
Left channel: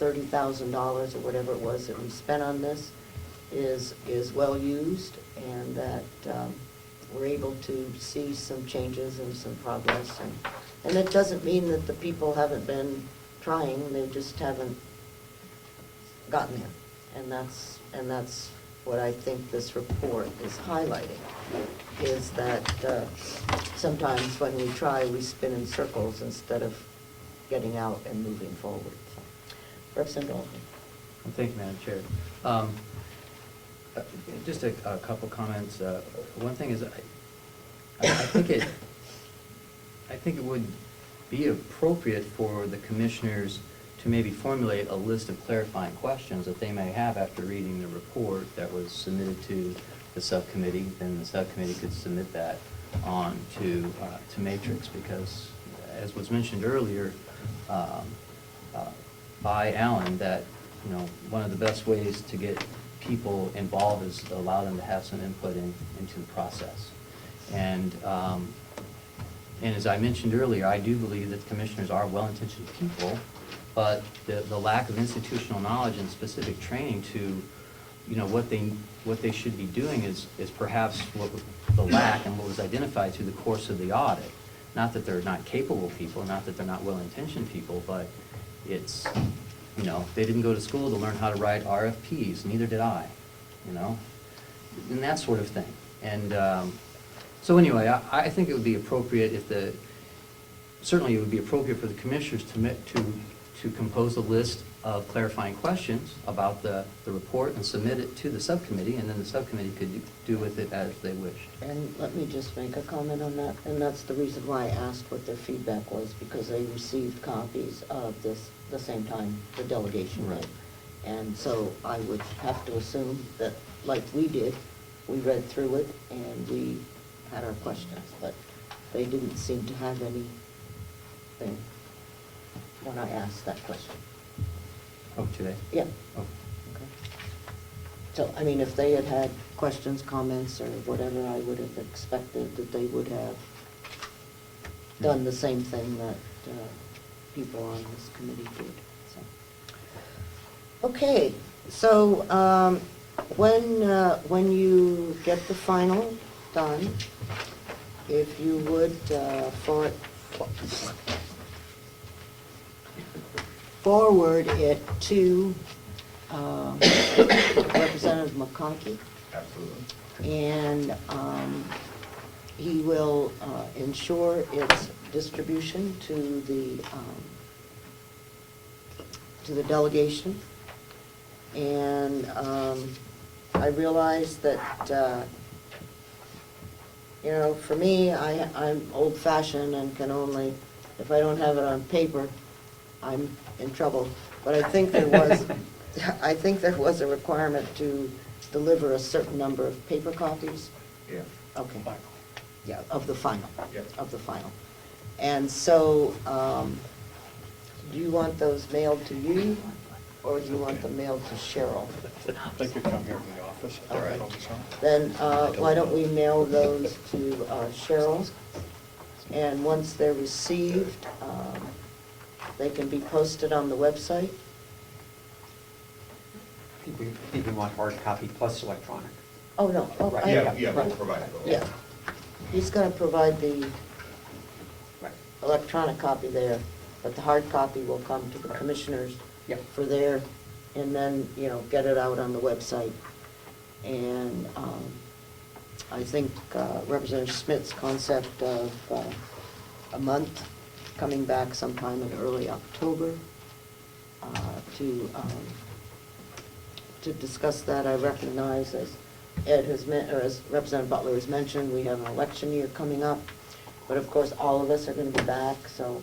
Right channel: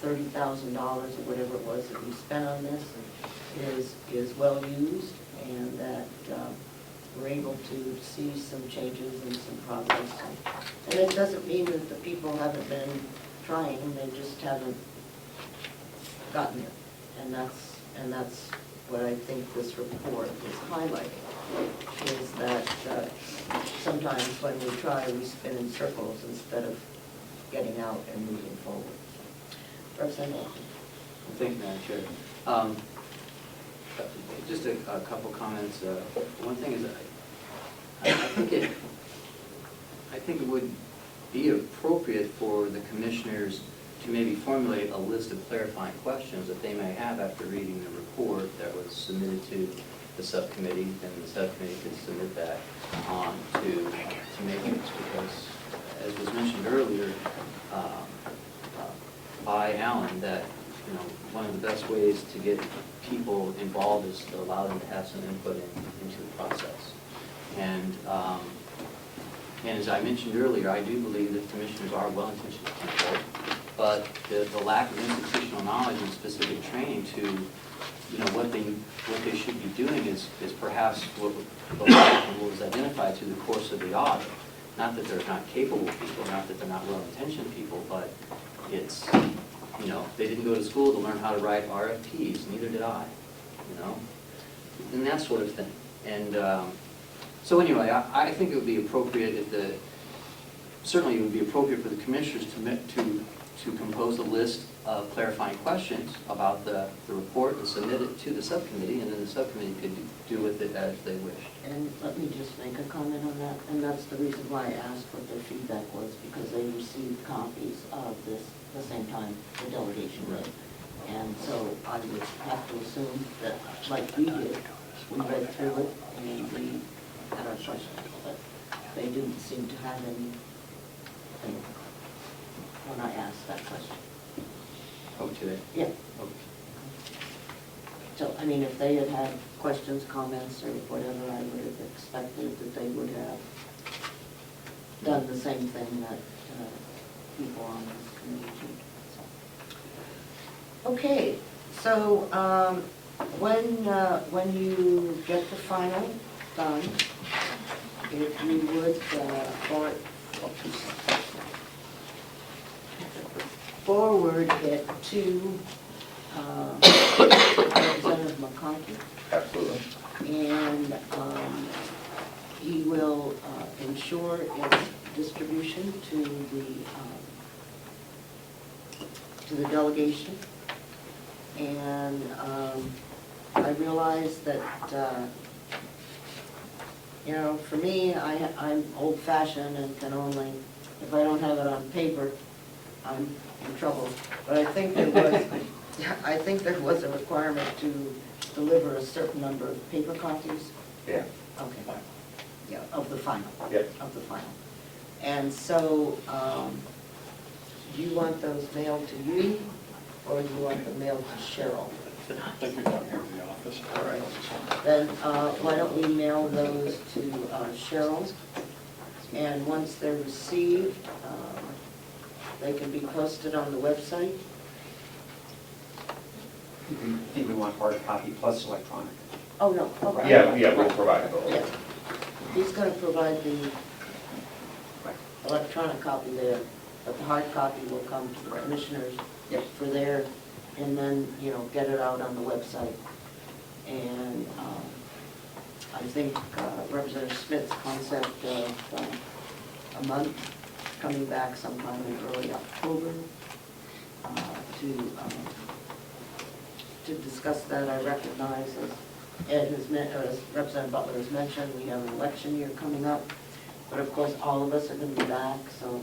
$30,000 or whatever it was that we spent on this is well used, and that we're able to see some changes and some progress. And it doesn't mean that the people haven't been trying, they just haven't gotten there. And that's what I think this report is highlighting, is that sometimes when we try, we spin in circles instead of getting out and moving forward. So, Representative. Thank you, Madam Chair. Just a couple comments. One thing is, I think it would be appropriate for the commissioners to maybe formulate a list of clarifying questions that they may have after reading the report that was submitted to the subcommittee. Then the subcommittee could submit that on to Matrix, because, as was mentioned earlier by Alan, that one of the best ways to get people involved is to allow them to have some input into the process. And as I mentioned earlier, I do believe that commissioners are well-intentioned people, but the lack of institutional knowledge and specific training to what they should be doing is perhaps what the lack and what was identified through the course of the audit. Not that they're not capable people, not that they're not well-intentioned people, but it's, they didn't go to school to learn how to write RFPs, neither did I, and that sort of thing. And so anyway, I think it would be appropriate certainly it would be appropriate for the commissioners to compose a list of clarifying questions about the report and submit it to the subcommittee, and then the subcommittee could do with it as they wish. And let me just make a comment on that, and that's the reason why I asked what their feedback was, because they received copies of this the same time the delegation did. And so I would have to assume that, like we did, we read through it and we had our questions, but they didn't seem to have anything when I asked that question. Oh, today? Yeah. Oh. So, I mean, if they had had questions, comments, or whatever, I would have expected that they would have done the same thing that people on this committee did. So. Okay, so when you get the final done, if you would forward it to Representative McConkey. Absolutely. And he will ensure its distribution to the delegation. And I realize that, for me, I'm old-fashioned and can only, if I don't have it on paper, I'm in trouble. But I think there was a requirement to deliver a certain number of paper copies. Yeah. Okay. Yeah, of the final. Yeah. Of the final. And so, do you want those mailed to you, or do you want them mailed to Cheryl? I think you come here to the office. All right. Then, why don't we mail those to Cheryl? And once they're received, they can be posted on the website. Did you want hard copy plus electronic? Oh, no. Oh, Yeah, we'll provide both. Yeah. He's gonna provide the electronic copy there, but the hard copy will come to the commissioners for their, and then, get it out on the website. And I think Representative Smith's concept of a month, coming back sometime in early October to discuss that. I recognize, as Ed has or as Representative Butler has mentioned, we have an election year coming up, but of course, all of us are going to be back, so.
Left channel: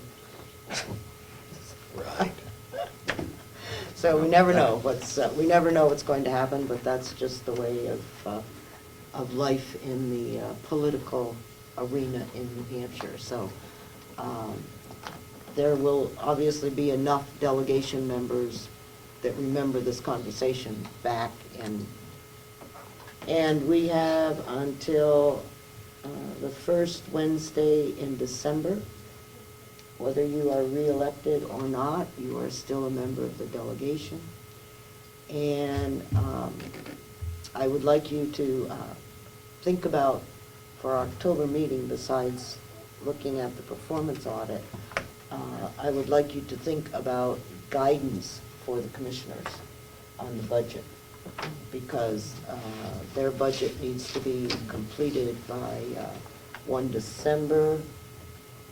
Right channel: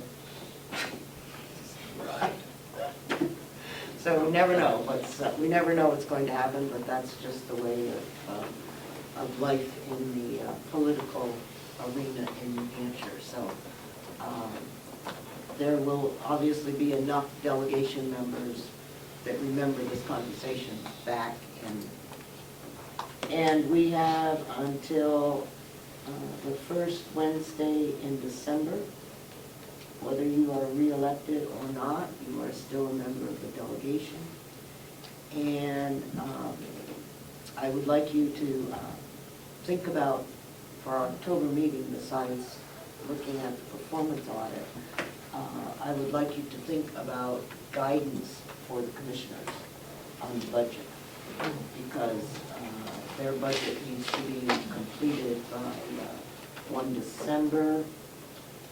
So we never know what's going to happen, but that's just the way of life in the political arena in New Hampshire. So there will obviously be enough delegation members that remember this conversation back, and we have until the first Wednesday in December. Whether you are re-elected or not, you are still a member of the delegation. And I would like you to think about, for our October meeting, besides looking at the performance audit, I would like you to think about guidance for the commissioners on the budget, because their budget needs to be completed by 1 December,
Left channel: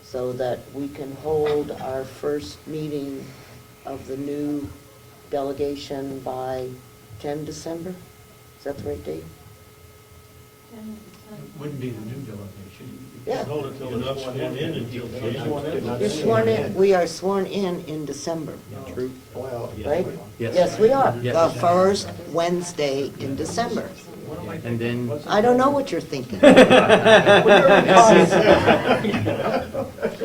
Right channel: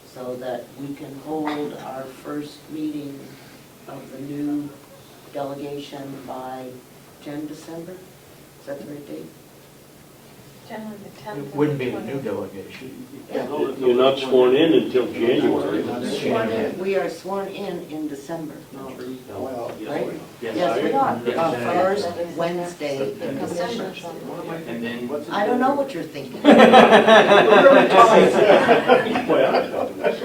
so that we can hold our first meeting of the new delegation by 10 December. Is that the right date? It wouldn't be the new delegation. Yeah. You're not sworn in until January. You're sworn in. We are sworn in December. Right? Yes, we are. The first Wednesday in December. And then. I don't know what you're thinking. We're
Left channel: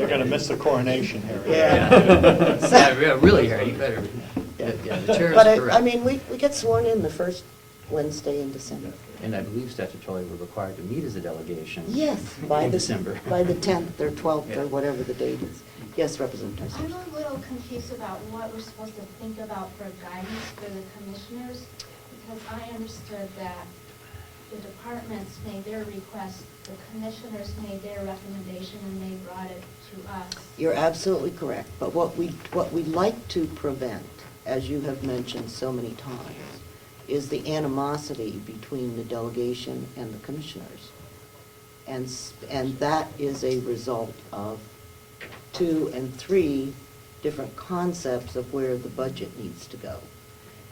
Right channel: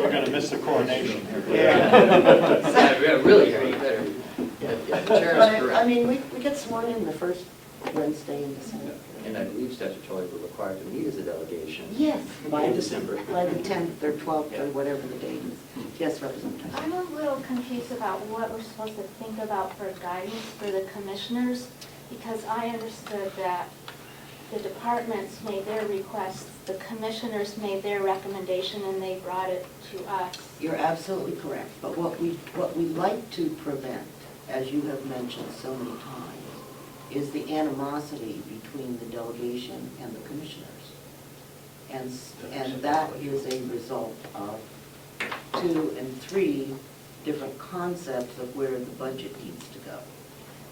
gonna miss the coronation here. Yeah, really, you better. Yeah, the chair is But, correct. I mean, we get sworn in the first Wednesday in December. And I believe statutorily we're required to meet as a delegation. Yes, In December. by the 10th or 12th or whatever the date is. Yes, Representative. I'm a little confused about what we're supposed to think about for guidance for the commissioners, because I understood that the departments made their requests, the commissioners made their recommendation, and they brought it to us. You're absolutely correct. But what we like to prevent, as you have mentioned so many times, is the animosity between the delegation and the commissioners. And that is a result of 2 and 3 different concepts of where the budget needs to go.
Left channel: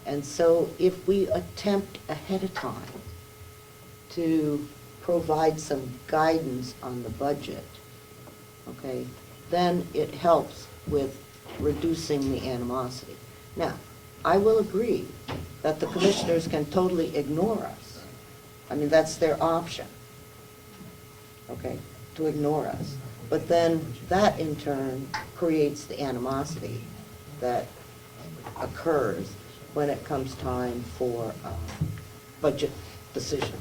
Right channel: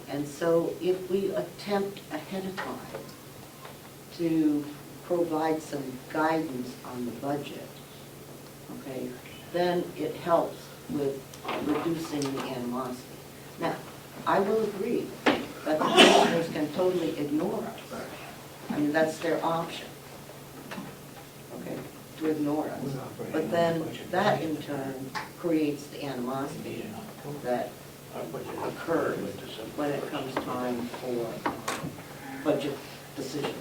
And so if we attempt ahead of time to provide some guidance on the budget, okay, then it helps with reducing the animosity. Now, I will agree that the commissioners can totally ignore us. I mean, that's their option, okay, to ignore us. But then that in turn creates the animosity that occurs when it comes time for budget decisions.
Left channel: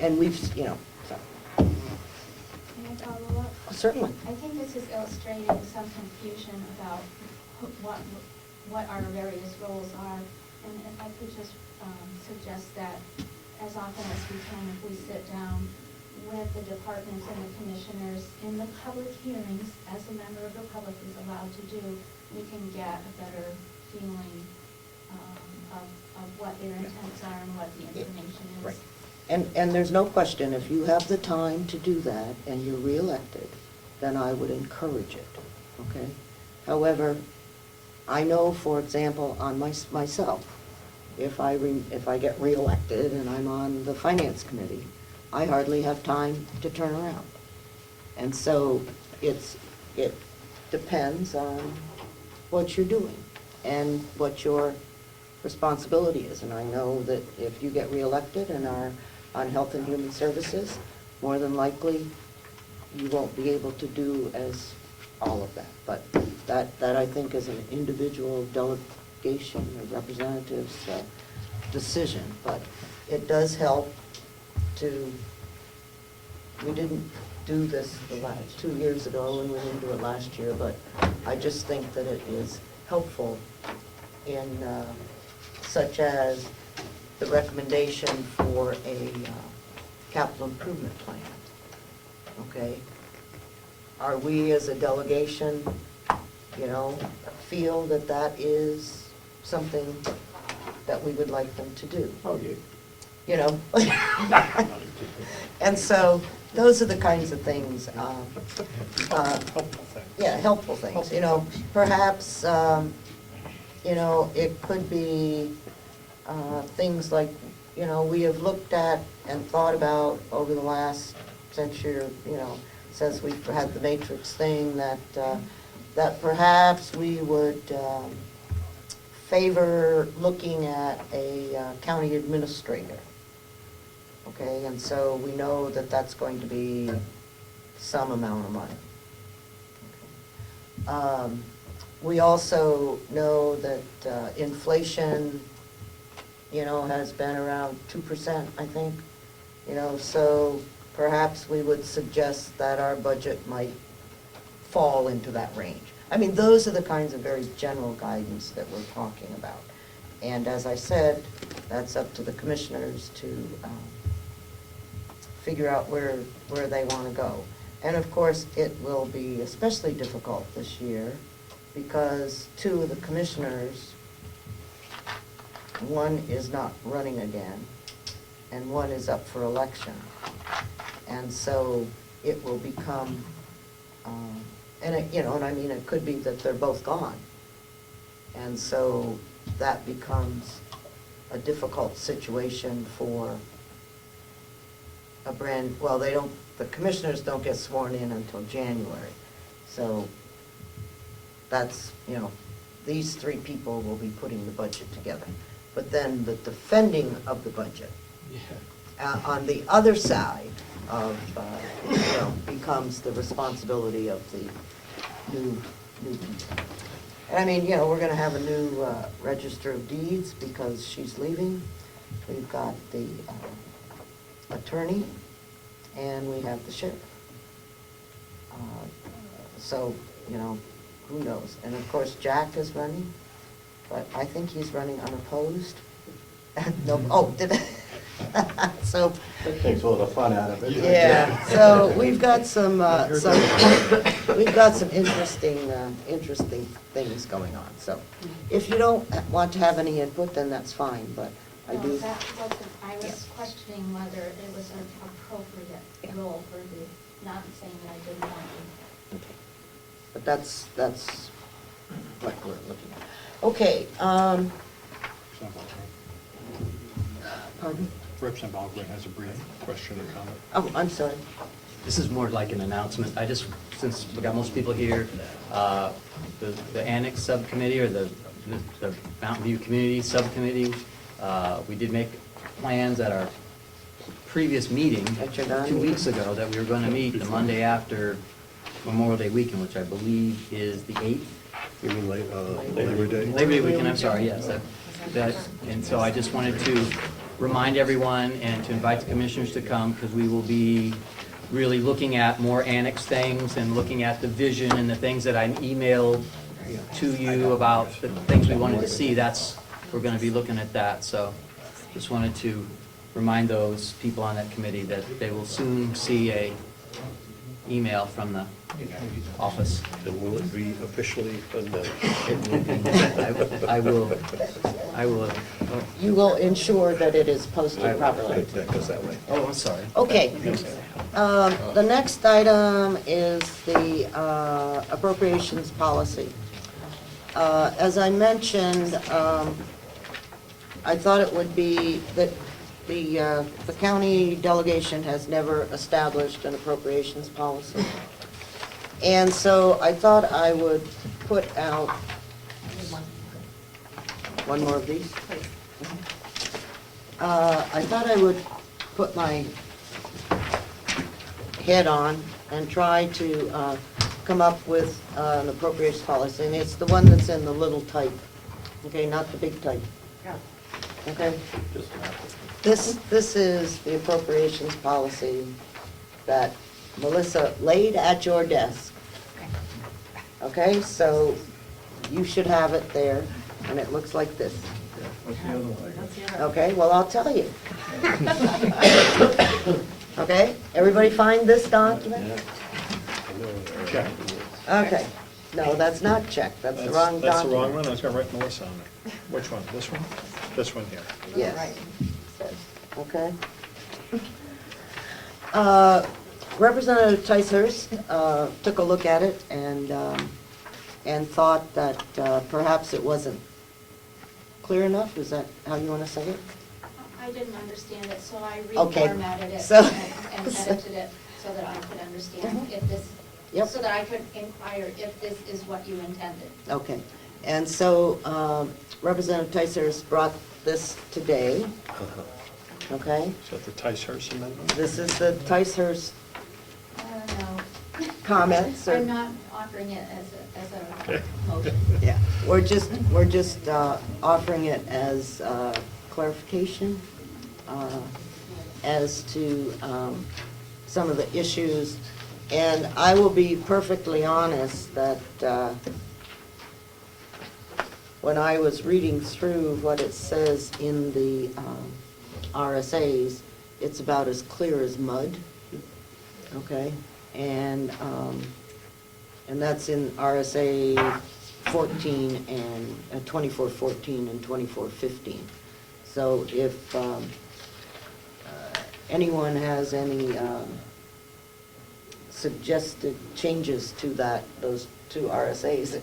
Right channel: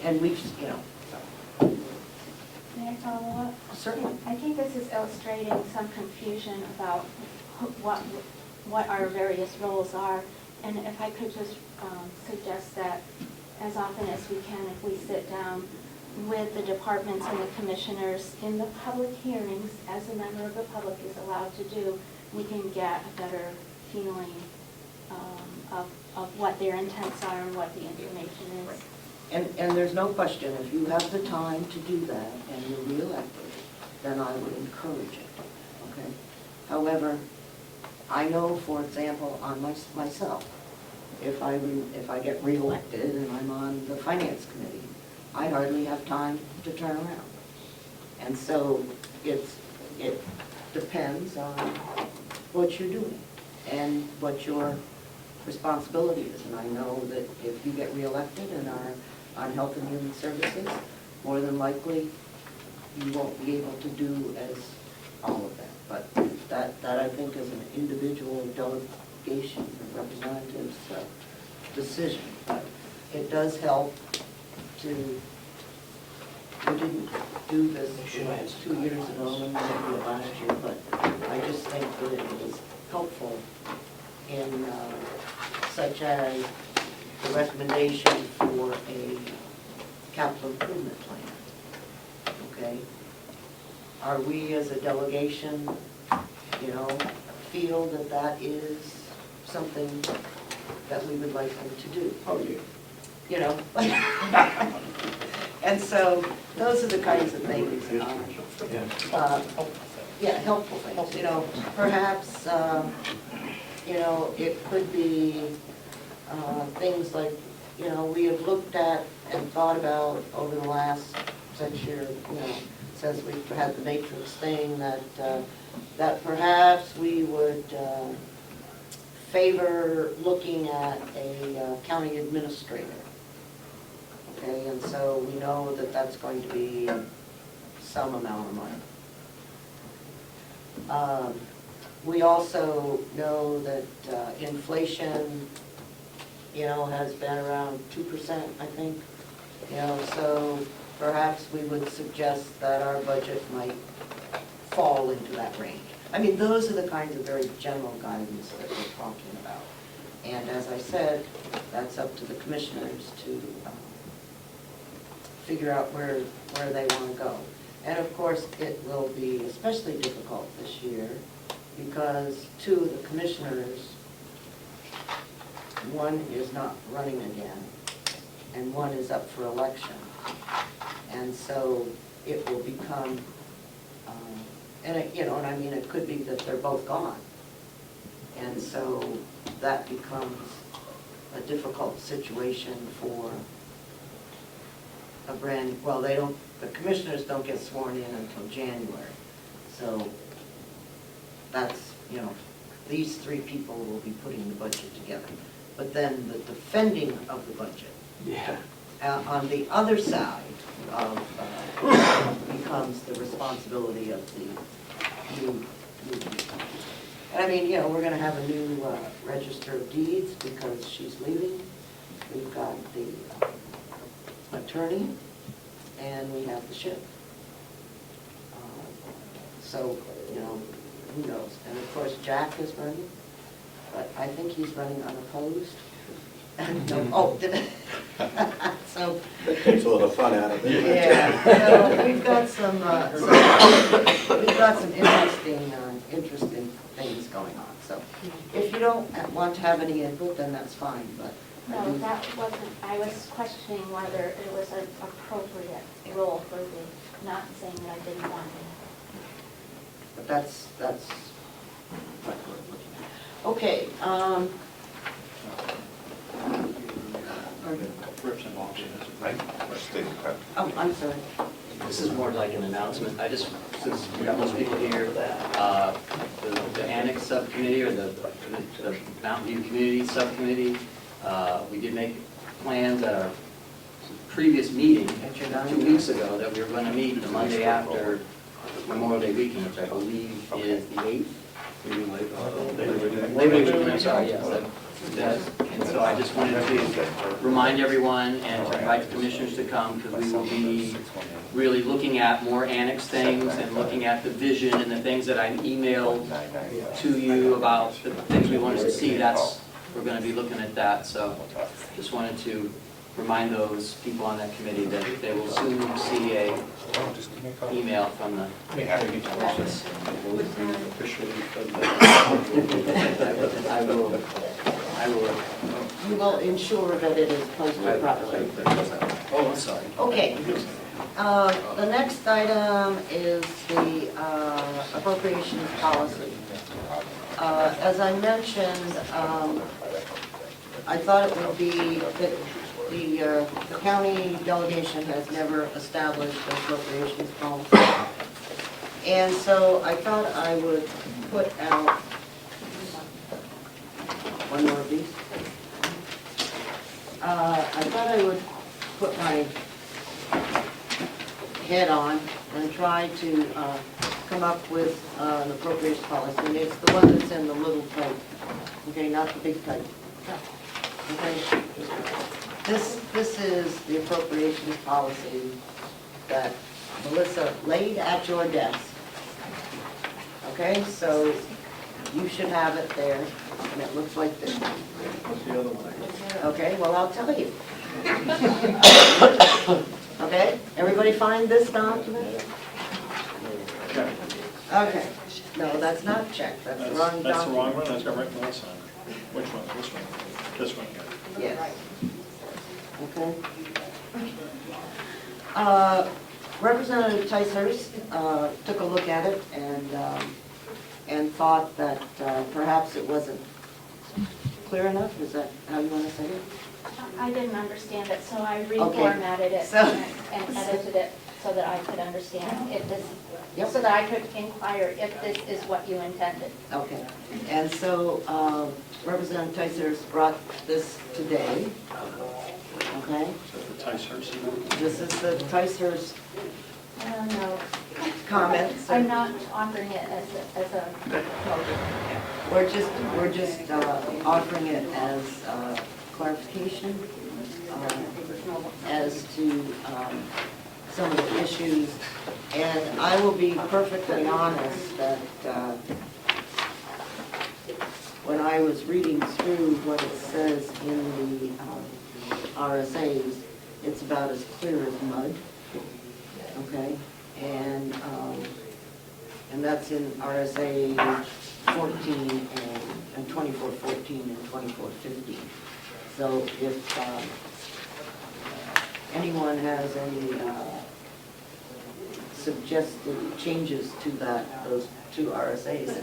And we've, you know, so. May I follow up? Certainly. I think this is illustrating some confusion about what our various roles are. And if I could just suggest that as often as we can, if we sit down with the departments and the commissioners in the public hearings, as a member of the public is allowed to do, we can get a better feeling of what their intents are and what the information is. Right. And there's no question, if you have the time to do that and you're reelected, then I would encourage it, okay? However, I know, for example, on myself, if I get reelected and I'm on the finance committee, I hardly have time to turn around. And so it depends on what you're doing and what your responsibility is. And I know that if you get reelected and are on Health and Human Services, more than likely you won't be able to do as all of that. But that I think is an individual delegation or representative's decision. But it does help to, we didn't do this 2 years ago, and we didn't do it last year, but I just think that it is helpful in such as the recommendation for a capital improvement plan, okay? Are we as a delegation, you know, feel that that is something that we would like them to do? Oh, yeah. You know? And so, those are the kinds of things, yeah, helpful things, you know, perhaps, you know, it could be things like, you know, we have looked at and thought about over the last century, you know, since we've had the matrix thing, that perhaps we would favor looking at a county administrator. Okay, and so we know that that's going to be some amount of money. We also know that inflation, you know, has been around 2%, I think. You know, so perhaps we would suggest that our budget might fall into that range. I mean, those are the kinds of very general guidance that we're talking about. And as I said, that's up to the commissioners to figure out where they want to go. And of course, it will be especially difficult this year because two of the commissioners, one is not running again, and one is up for election. And so it will become, and it, you know, and I mean, it could be that they're both gone. And so that becomes a difficult situation for a well, they don't, the commissioners don't get sworn in until January. So that's, you know, these three people will be putting the budget together. But then the defending of the budget, on the other side of, becomes the responsibility of the new people. And I mean, you know, we're gonna have a new register of deeds because she's leaving. We've got the attorney, and we have the ship. So, you know, who knows? And of course, Jack is running, but I think he's running unopposed. Oh, did it? So. That takes a little fun out of it. Yeah, so we've got some interesting things going on. So if you don't want to have any input, then that's fine, but I No, do. that wasn't, I was questioning whether it was an appropriate role for the, not saying that I didn't want to. But that's Okay, pardon? Representative Ogden has a brief question. Oh, I'm sorry. This is more like an announcement. I just, since we got most people here, the Annex Subcommittee or the Mountain View Community Subcommittee, we did make plans at our previous meeting 2 weeks ago that we were going to meet the Monday after Memorial Day weekend, which I believe is the 8th. Labor Day? Labor Day weekend, I'm sorry, yes. And so I just wanted to remind everyone and to invite the commissioners to come, because we will be really looking at more annex things and looking at the vision and the things that I emailed to you about the things we wanted to see. We're going to be looking at that. So just wanted to remind those people on that committee that they will soon see a email from the office. Will it be officially? I will. You will ensure that it is posted properly. Oh, I'm sorry. Okay. The next item is the appropriations policy. As I mentioned, I thought it would be that the county delegation has never established an appropriations policy. And so I thought I would put out one more of these. I thought I would put my head on and try to come up with an appropriations policy. And it's the one that's in the little type, okay, not the big type. Okay? This is the appropriations policy that Melissa laid at your desk. Okay, so you should have it there, and it looks like this. Okay, well, I'll tell you. Okay, everybody find this document? Check. Okay, no, that's not check, that's the wrong document. That's the wrong one, I was gonna write Melissa on it. Which one, this one? This one here. Yes. Okay. Representative Ticehurst took a look at it and thought that perhaps it wasn't clear enough. Is that how you want to say it? I didn't understand it, so I Okay. reformatted it So- and edited it so that I could understand if this, Yep. so that I could inquire if this is what you intended. Okay. And so Representative Ticehurst brought this today. Okay? Is that the Ticehurst email? This is the Ticehurst I don't know. comments. I'm not offering it as a motion. Yeah, we're just offering it as clarification as to some of the issues. And I will be perfectly honest that when I was reading through what it says in the RSAs, it's about as clear as mud. Okay, and that's in RSA 14 and 2414 and 2415. So if anyone has any suggested changes to those two RSAs,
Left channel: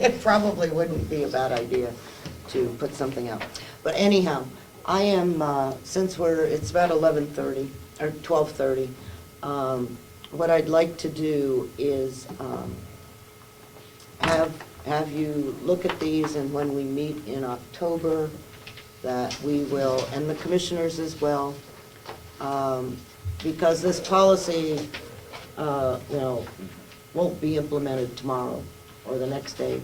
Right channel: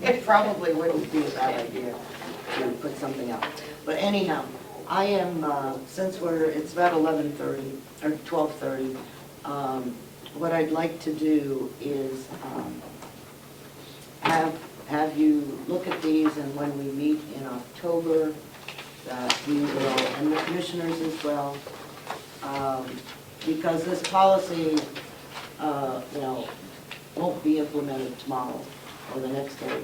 it probably wouldn't be a bad idea to put something out. But anyhow, I am, since it's about 11:30 or 12:30, what I'd like to do is have you look at these, and when we meet in October, that we will, and the commissioners as well, because this policy, won't be implemented tomorrow or the next day,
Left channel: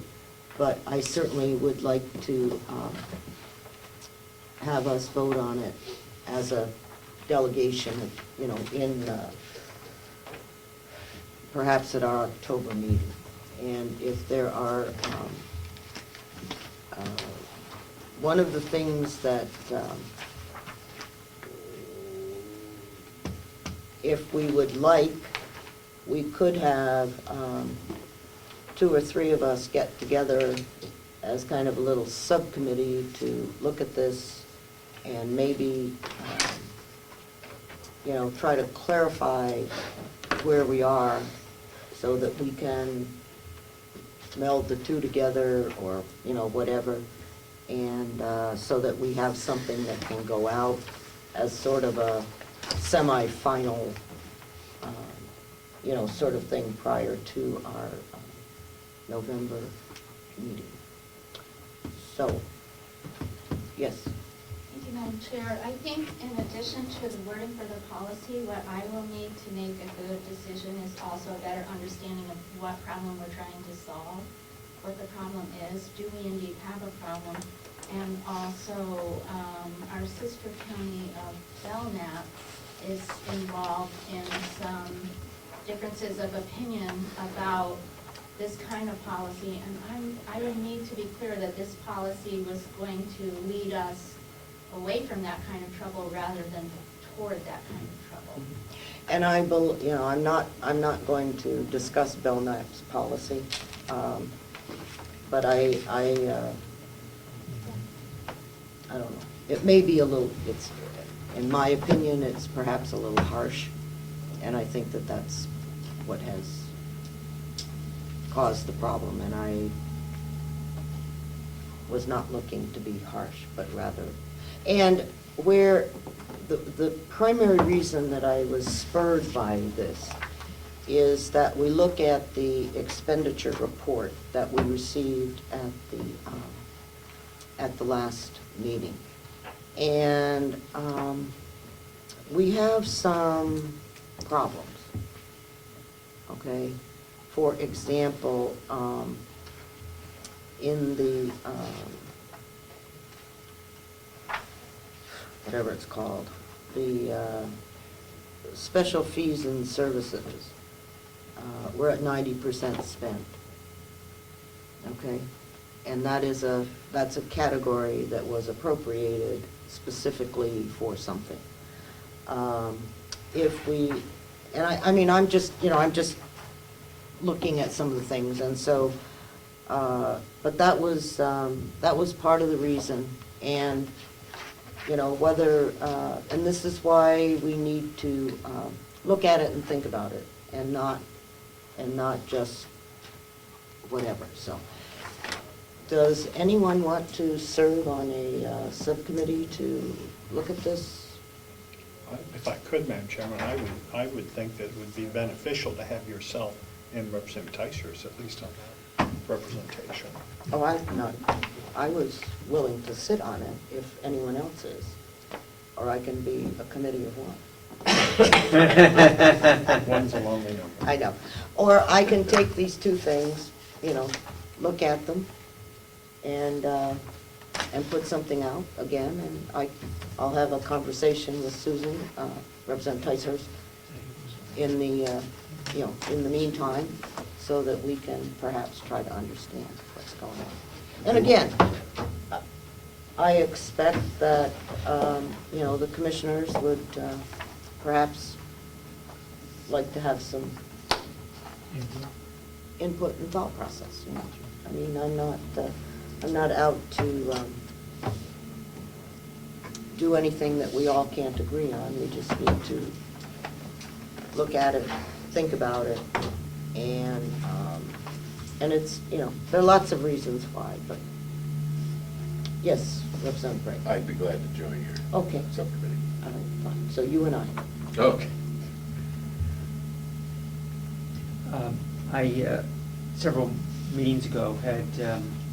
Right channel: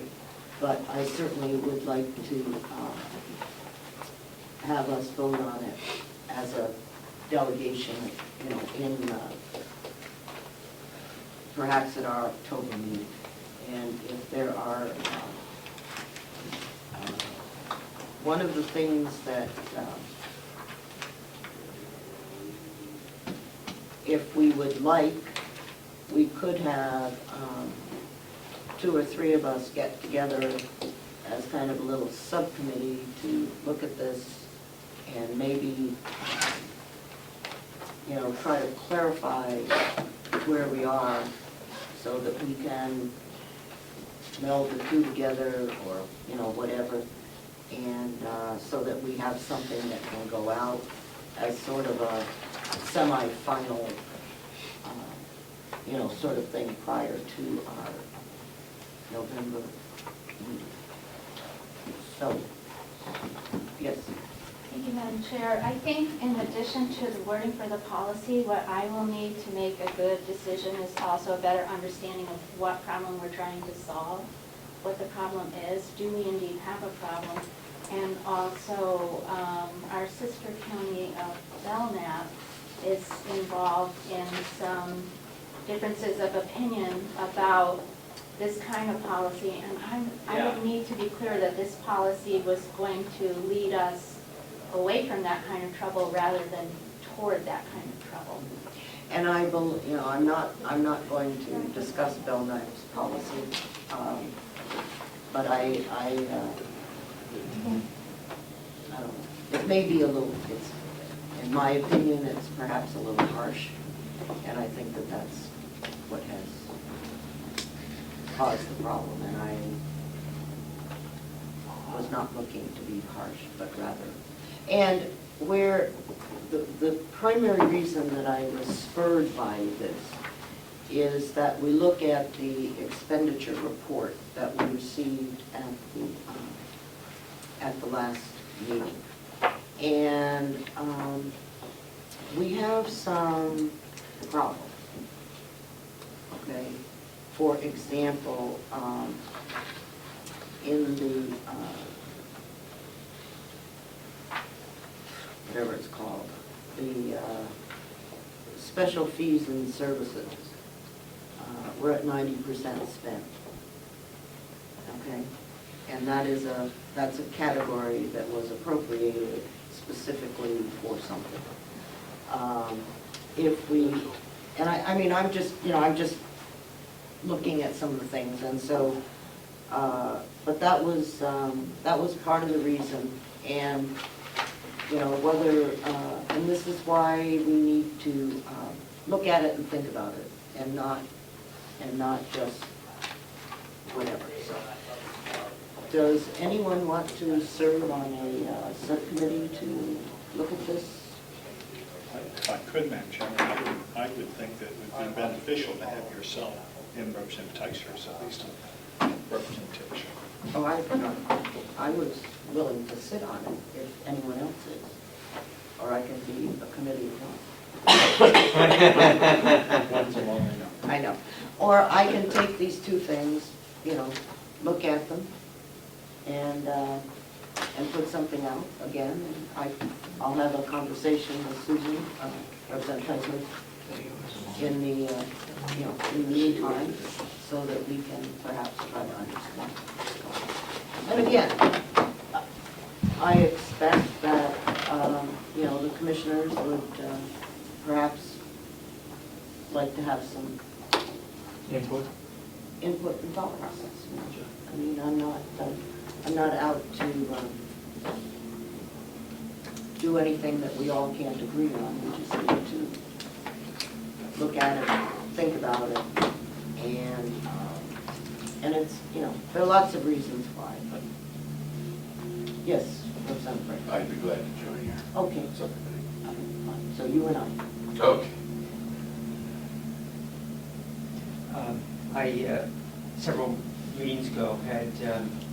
but I certainly would like to have us vote on it as a delegation, in perhaps at our October meeting. And if there are, one of the things that, if we would like, we could have 2 or 3 of us get together as kind of a little subcommittee to look at this and maybe, try to clarify where we are so that we can meld the two together or, whatever. And so that we have something that can go out as sort of a semi-final, sort of thing prior to our November meeting. So, yes. Thank you, Madam Chair. I think in addition to the wording for the policy, what I will need to make a good decision is also a better understanding of what problem we're trying to solve, what the problem is. Do we indeed have a problem? And also, our sister county of Belknap is involved in some differences of opinion about this kind of policy. And I would need to be clear that this policy was going to lead us away from that kind of trouble rather than toward that kind of trouble. And I'm not going to discuss Belknap's policy, but I don't know. It may be a little, in my opinion, it's perhaps a little harsh, and I think that that's what has caused the problem, and I was not looking to be harsh, but rather, and where the primary reason that I was spurred by this is that we look at the expenditure report that we received at the last meeting. And we have some problems, okay? For example, in the, whatever it's called, the special fees and services, we're at 90% spent, okay? And that's a category that was appropriated specifically for something. If we, and I'm just looking at some of the things, and so, but that was part of the reason, and whether, and this is why we need to look at it and think about it, and not just whatever. So, does anyone want to serve on a subcommittee to look at this? If I could, Madam Chairman, I would think that it would be beneficial to have yourself and Representative Teichers at least a representation. Oh, I was willing to sit on it if anyone else is, or I can be a committee of one. One's a long way up. I know. Or I can take these two things, look at them, and put something out again, and I'll have a conversation with Susan, Representative Teichers, in the meantime, so that we can perhaps try to understand what's going on. And again, I expect that, the commissioners would perhaps like to have some input and thought process. I'm not out to do anything that we all can't agree on. We just need to look at it, think about it, and it's, there are lots of reasons why, but yes, Representative Brett. I'd be glad to join you. Okay, so, fine. So you and I. Okay. Several meetings ago, had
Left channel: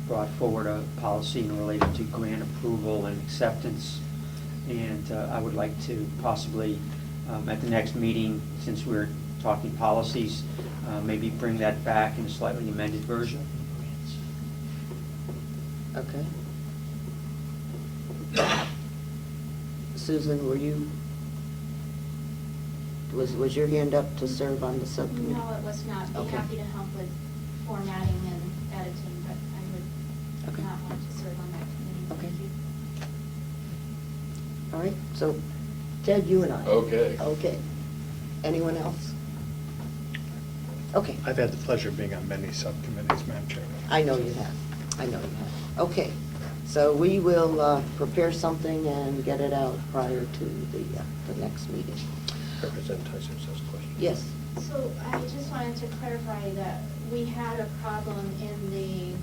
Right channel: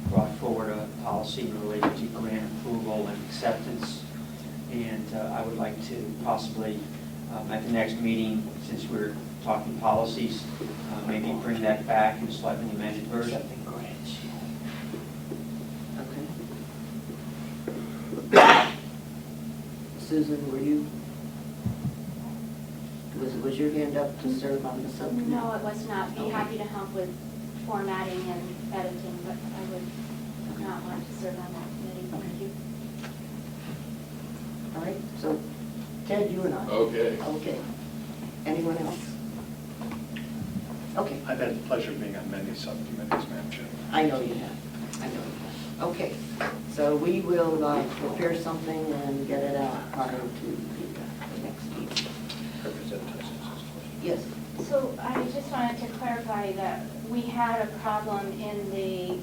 brought forward a policy related to grant approval and acceptance. And I would like to possibly, at the next meeting, since we're talking policies, maybe bring that back in a slightly amended version. Okay. Susan, was your hand up to serve on the subcommittee? No, it was not. Be happy to help with formatting and editing, but I would not want to serve on that committee. Thank you. All right, so Ted, you and I. Okay. Okay. Anyone else? Okay. I've had the pleasure of being on many subcommittees, Madam Chair. I know you have. Okay, so we will prepare something and get it out prior to the next meeting. Representative Teichers has a question. Yes. So I just wanted to clarify that we had a problem in a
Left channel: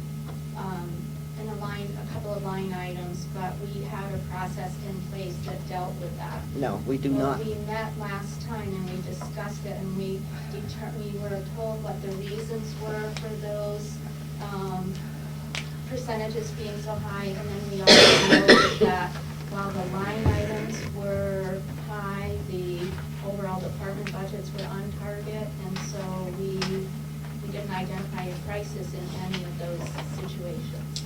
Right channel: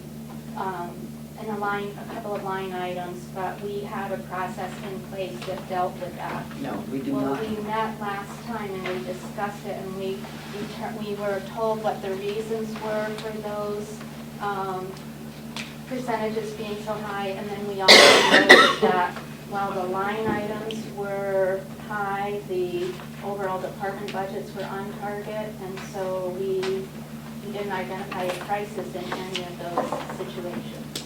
couple of line items, but we had a process in place that dealt with that. No, we do Well, not. we met last time and we discussed it, and we were told what the reasons were for those percentages being so high, and then we also noted that while the line items were high, the overall department budgets were on target, and so we didn't identify a crisis in any of those situations.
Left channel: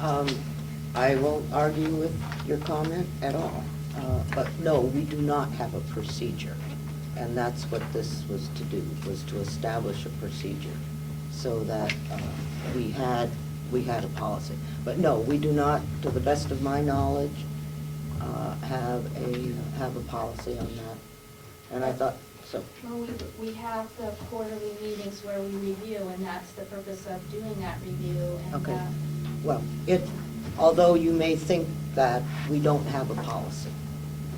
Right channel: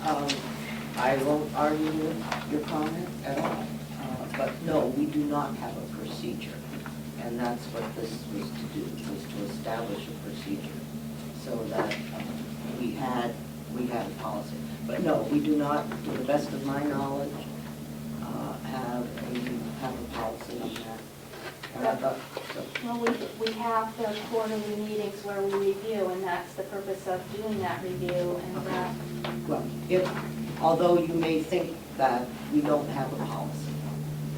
I won't argue with your comment at all, but no, we do not have a procedure. And that's what this was to do, was to establish a procedure so that we had a policy. But no, we do not, to the best of my knowledge, have a policy on that. And I thought, so. Well, we have the quarterly meetings where we review, and that's the purpose of doing that review, and Okay. that. Well, although you may think that we don't have a policy,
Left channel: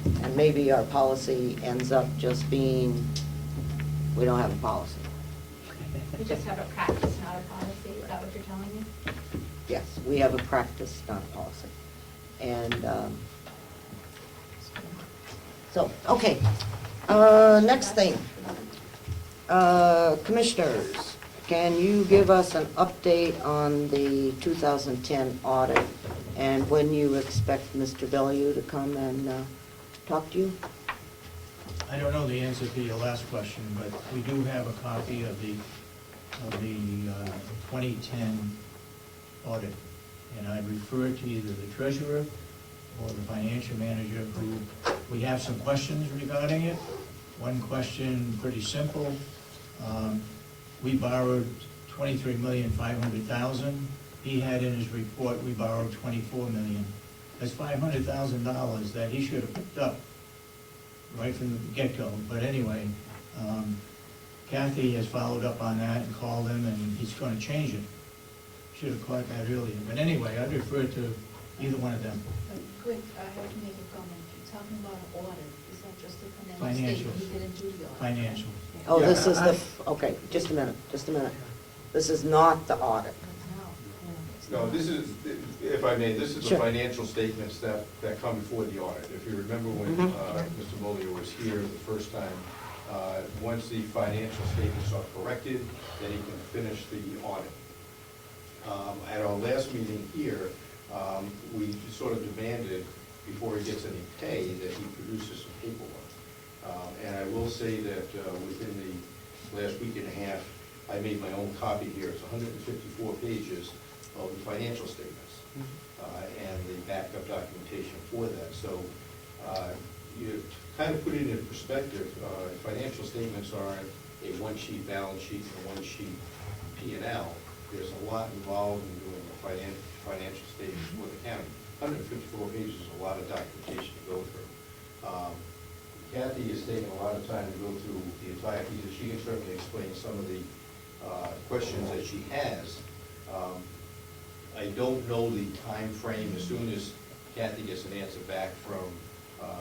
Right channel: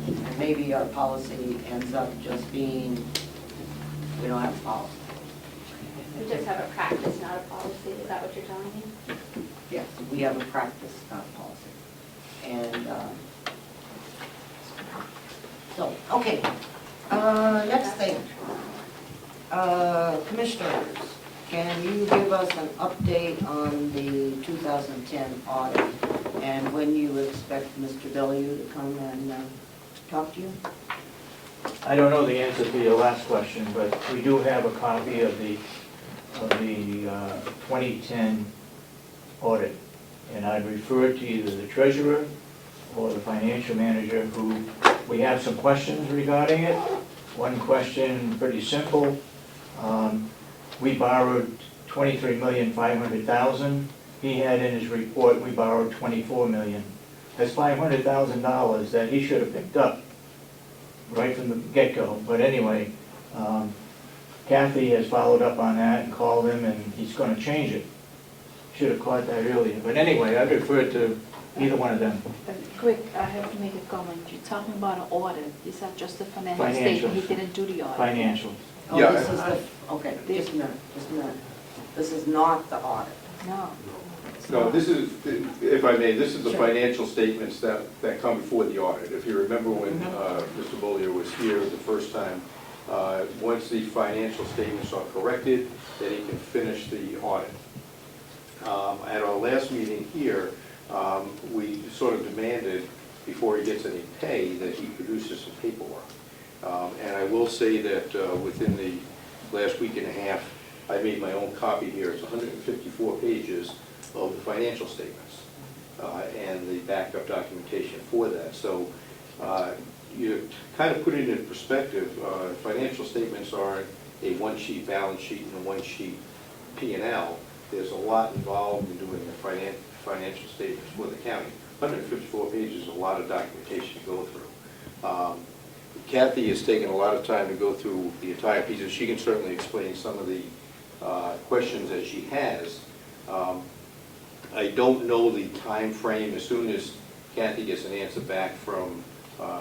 and maybe our policy ends up just being, we don't have a policy. We just have a practice, not a policy, is that what you're telling me? Yes, we have a practice, not a policy. And, so, okay. Next thing. Commissioners, can you give us an update on the 2010 audit and when you expect Mr. Bellew to come and talk to you? I don't know the answer to your last question, but we do have a copy of the 2010 audit. And I'd refer to either the treasurer or the financial manager, who we have some questions regarding it. One question, pretty simple. We borrowed $23,500,000. He had in his report, we borrowed $24 million. That's $500,000 that he should have picked up right from the get-go. But anyway, Kathy has followed up on that and called him, and he's going to change it. Should have caught that earlier. But anyway, I referred to either one of them. Quick, I have to make a comment. You're talking about an audit. Is that just the financial Financial. statement? He didn't do the audit. Financial. Oh, Yeah. this is the, okay, just a minute. This is not the audit. No. No, this is, if I may, this is the Sure. financial statements that come before the audit. If you remember when Mm-hmm. Mr. Beaulieu was here the first time, once the financial statements are corrected, then he can finish the audit. At our last meeting here, we sort of demanded, before he gets any pay, that he produces some paperwork. And I will say that within the last week and a half, I made my own copy here. It's 154 pages of the financial statements and the backup documentation for that. So you kind of put it in perspective. Financial statements aren't a one-sheet balance sheet and a one-sheet P&L. There's a lot involved in doing the financial statements for the county. 154 pages is a lot of documentation to go through. Kathy has taken a lot of time to go through the entire piece, and she can certainly explain some of the questions that she has. I don't know the time frame. As soon as Kathy gets an answer back from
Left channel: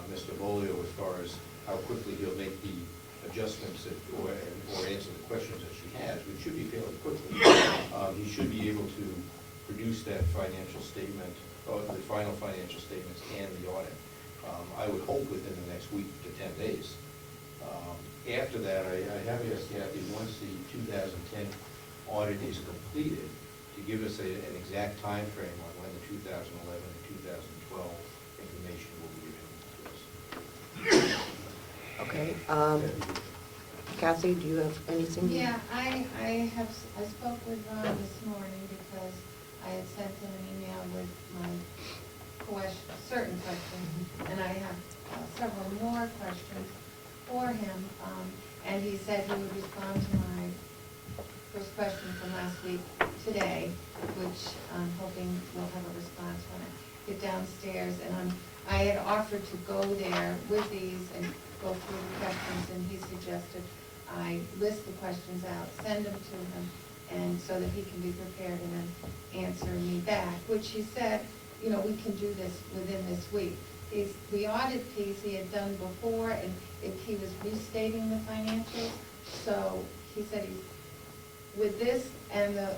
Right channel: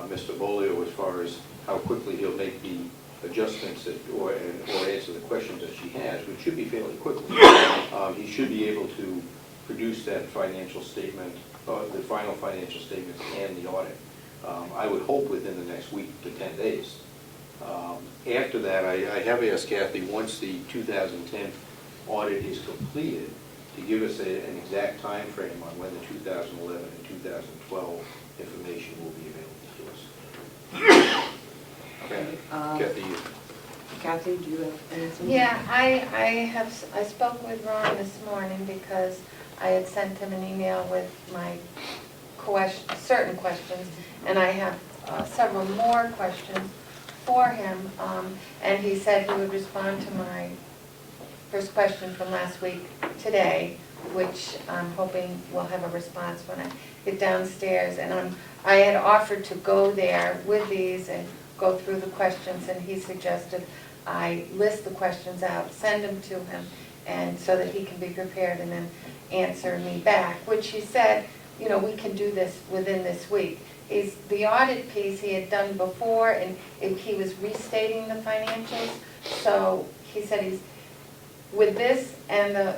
Mr. Beaulieu as far as how quickly he'll make the adjustments or answer the questions that she has, which should be fairly quickly, he should be able to produce that financial statement, the final financial statements and the audit. I would hope within the next week to 10 days. After that, I have asked Kathy, once the 2010 audit is completed, to give us an exact time frame on when the 2011 and 2012 information will be available to us. Okay. Kathy, you. Kathy, do you have anything? Yeah, I spoke with Ron this morning because I had sent him an email with my certain questions, and I have several more questions for him, and he said he would respond to my first question from last week today, which I'm hoping will have a response when I get downstairs. And I had offered to go there with these and go through the questions, and he suggested I list the questions out, send them to him, and so that he can be prepared and then answer me back, which he said, you know, we can do this within this week. the audit piece he had done before, and he was restating the financials. So he said with this and the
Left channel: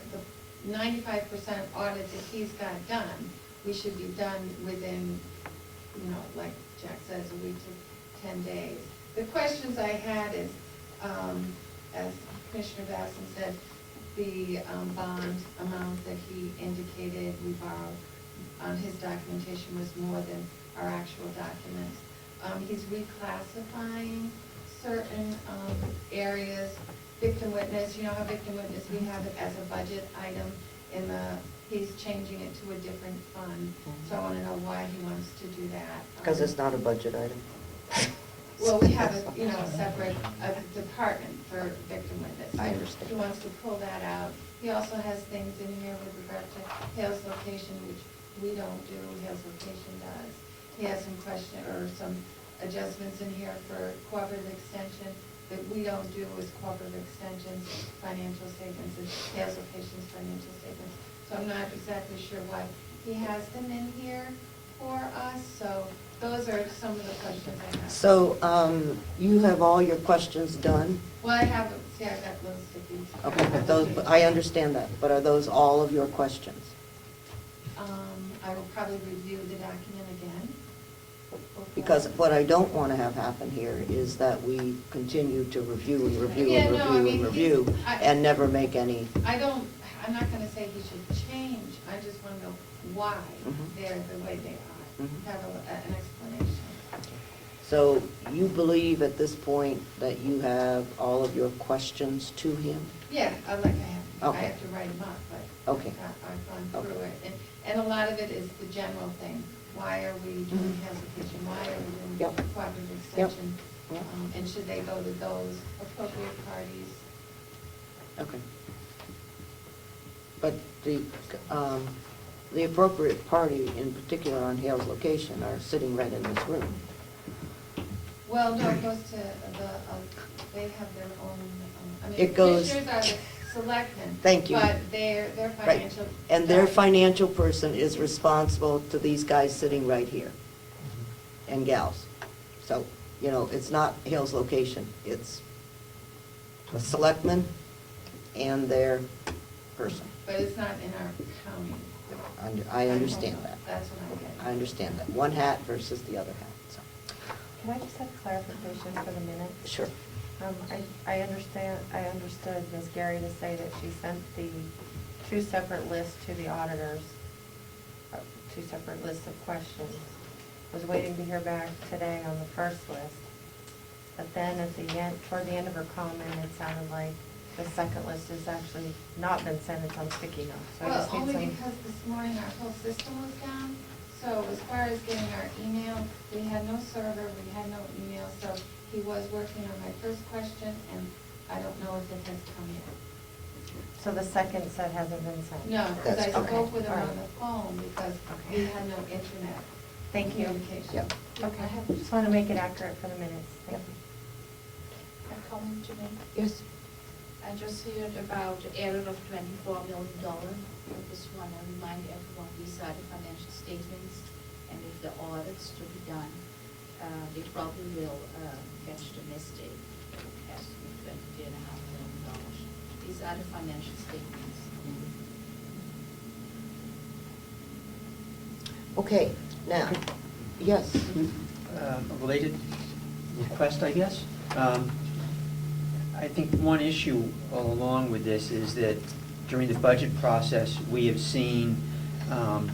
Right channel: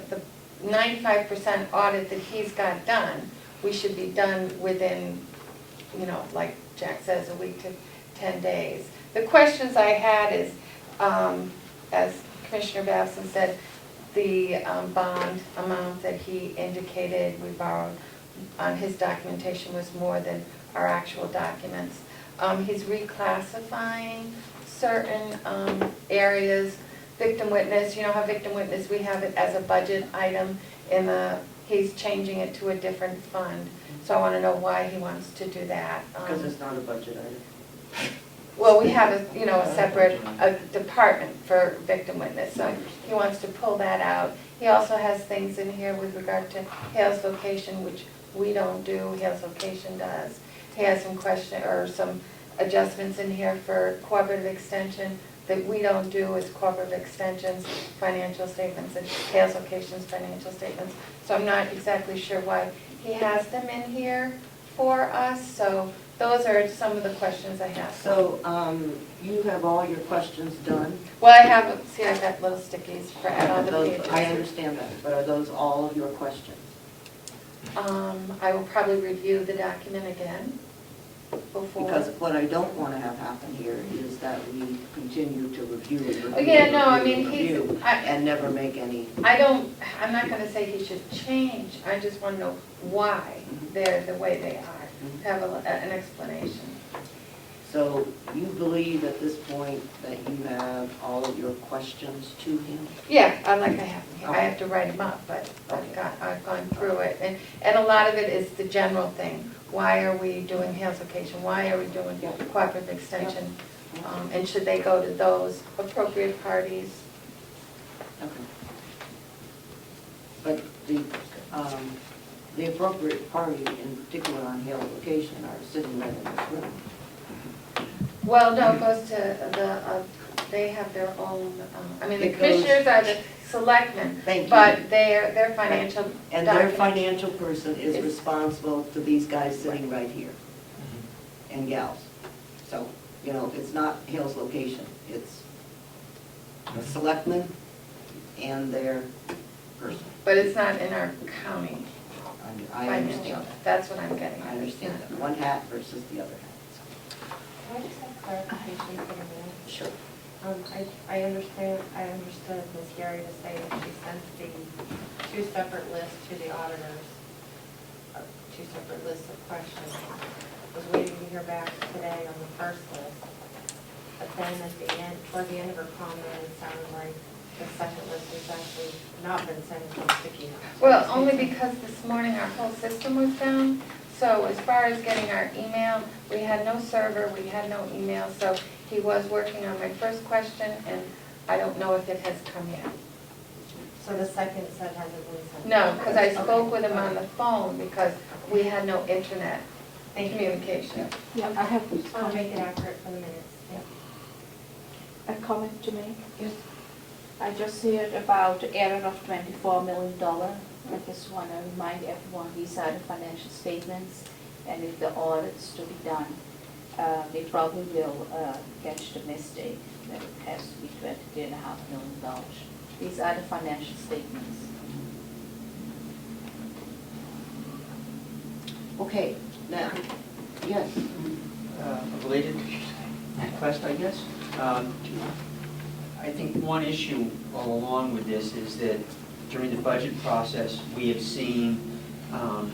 95% audit that he's got done, we should be done within, like Jack says, a week to 10 days. The questions I had is, as Commissioner Babson said, the bond amount that he indicated we borrowed on his documentation was more than our actual documents. He's reclassifying certain areas. Victim witness, you know how victim witness, we have it as a budget item he's changing it to a different fund. So I want to know why he wants to do that. Because it's not a budget item. Well, we have a separate department for victim witness, so he wants to pull that out. He also has things in here with regard to Hale's location, which we don't do, Hale's location does. He has some adjustments in here for cooperative extension that we don't do as cooperative extensions, financial statements, and Hale's location's financial statements. So I'm not exactly sure why he has them in here for us, so those are some of the questions I have. So you have all your questions done? Well, I have, see, I got little stickies for all the pages. I understand that, but are those all of your questions? I will probably review the document again before. Because what I don't want to have happen here is that we continue to review and never make any. I'm not gonna say he should change, I just want to know why they're the way they are, have an explanation. So you believe at this point that you have all of your questions to him? Yeah, I Okay. have to write them up, but Okay. I've gone through it, and a lot of it is the general thing. Why are we doing Hale's location? Why are we doing cooperative extension? And should they go to those appropriate parties? Okay. But the appropriate party, in particular on Hale's location, are sitting right in this room. Well, no, it goes to they have their own, the commissioners are the selectmen. Thank you. But their financial. And their financial person is responsible to these guys sitting right here, and gals. So, it's not Hale's location, it's the selectmen and their person. But it's not in our county. I understand that. That's what I'm getting. I understand that. One hat versus the other hat. Can I just have clarification for a minute? Sure. I understood Ms. Gary to say that she sent the two separate lists to the auditors, two separate lists of questions. Was waiting to hear back today on the first list. But then at the end, toward the end of her comment, it sounded like the second list has actually not been sent as sticky notes. Well, only because this morning our whole system was down. So as far as getting our email, we had no server, we had no email, so he was working on my first question, and I don't know if it has come yet. So the second set hasn't been sent? No, because I spoke with him on the phone because we had no internet communication. I just want to make it accurate for the minutes. A comment to make? Yes. I just heard about error of $24 million. I just want to remind everyone, these are the financial statements, and if the audit's to be done, they probably will catch the mistake that it has to be $23.5 million. These are the financial statements. Okay, now, yes. A related request, I guess. I think one issue all along with this is that during the budget process, we have seen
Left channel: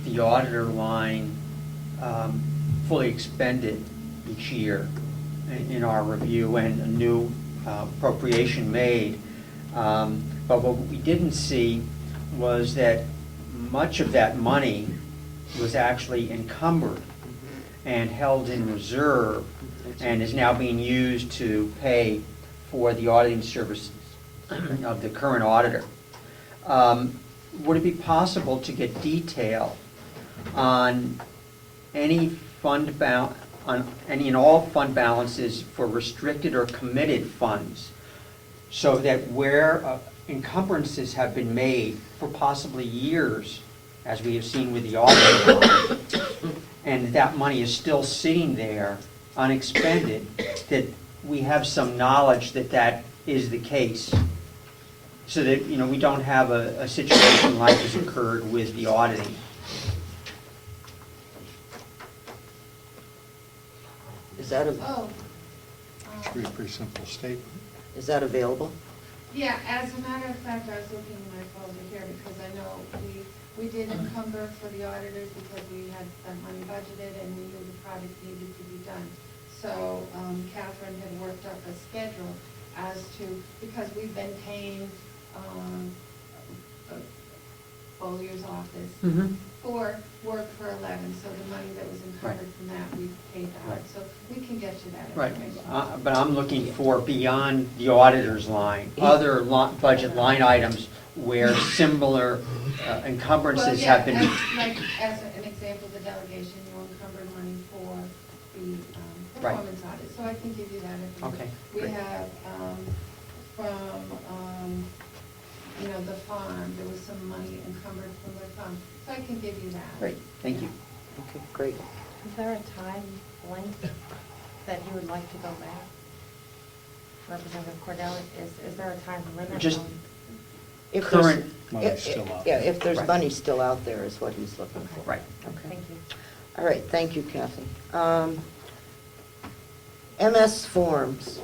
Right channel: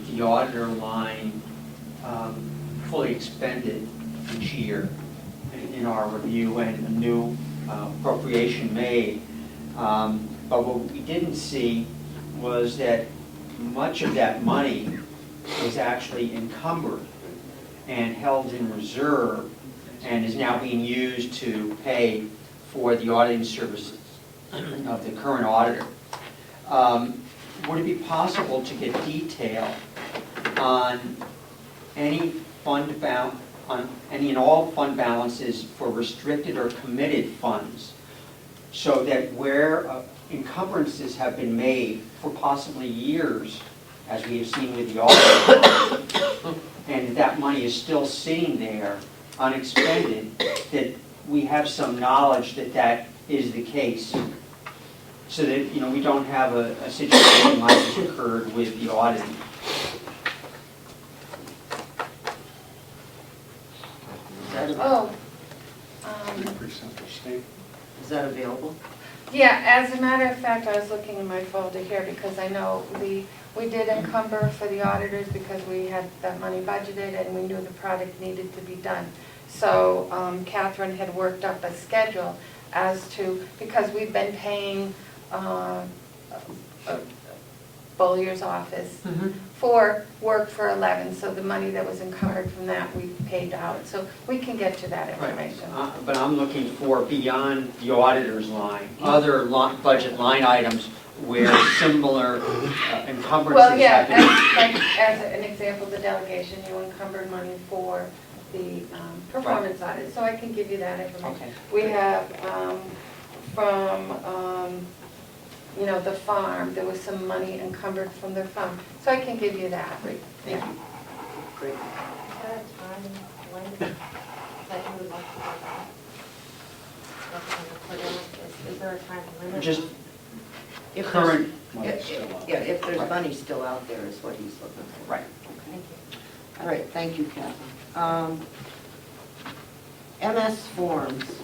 the auditor line fully expended each year in our review and a new appropriation made. But what we didn't see was that much of that money was actually encumbered and held in reserve and is now being used to pay for the auditing services of the current auditor. Would it be possible to get detail on any and all fund balances for restricted or committed funds, so that where encumbrances have been made for possibly years, as we have seen with the audit, and that money is still sitting there unexpended, that we have some knowledge that that is the case, so that, you know, we don't have a situation like has occurred with the auditing. Is that, Oh, Pretty simple statement. is that available? yeah, as a matter of fact, I was looking in my folder here because I know we did encumber for the auditors because we had that money budgeted and we knew the project needed to be done. So Catherine had worked up a schedule as to, because we've been paying Bollier's office for work for 11, so the money that was encumbered from that, we paid out. So we can get to that Right. information. But I'm looking for beyond the auditor's line, other budget line items where similar encumbrances Well, yeah, have been. like as an example, the delegation, you encumbered money for the performance audit, so I can give you that information. Okay. We have from, you know, the farm, there was some money encumbered from the farm, so I can give you that. Great, thank you. Great. Is there a time length that you would like to go back? Representative Cordell, is there a time limit? Just If current. there's, yeah, if there's money still out there is what he's looking for. Right. Thank you. All right, thank you, Kathy. MS forms.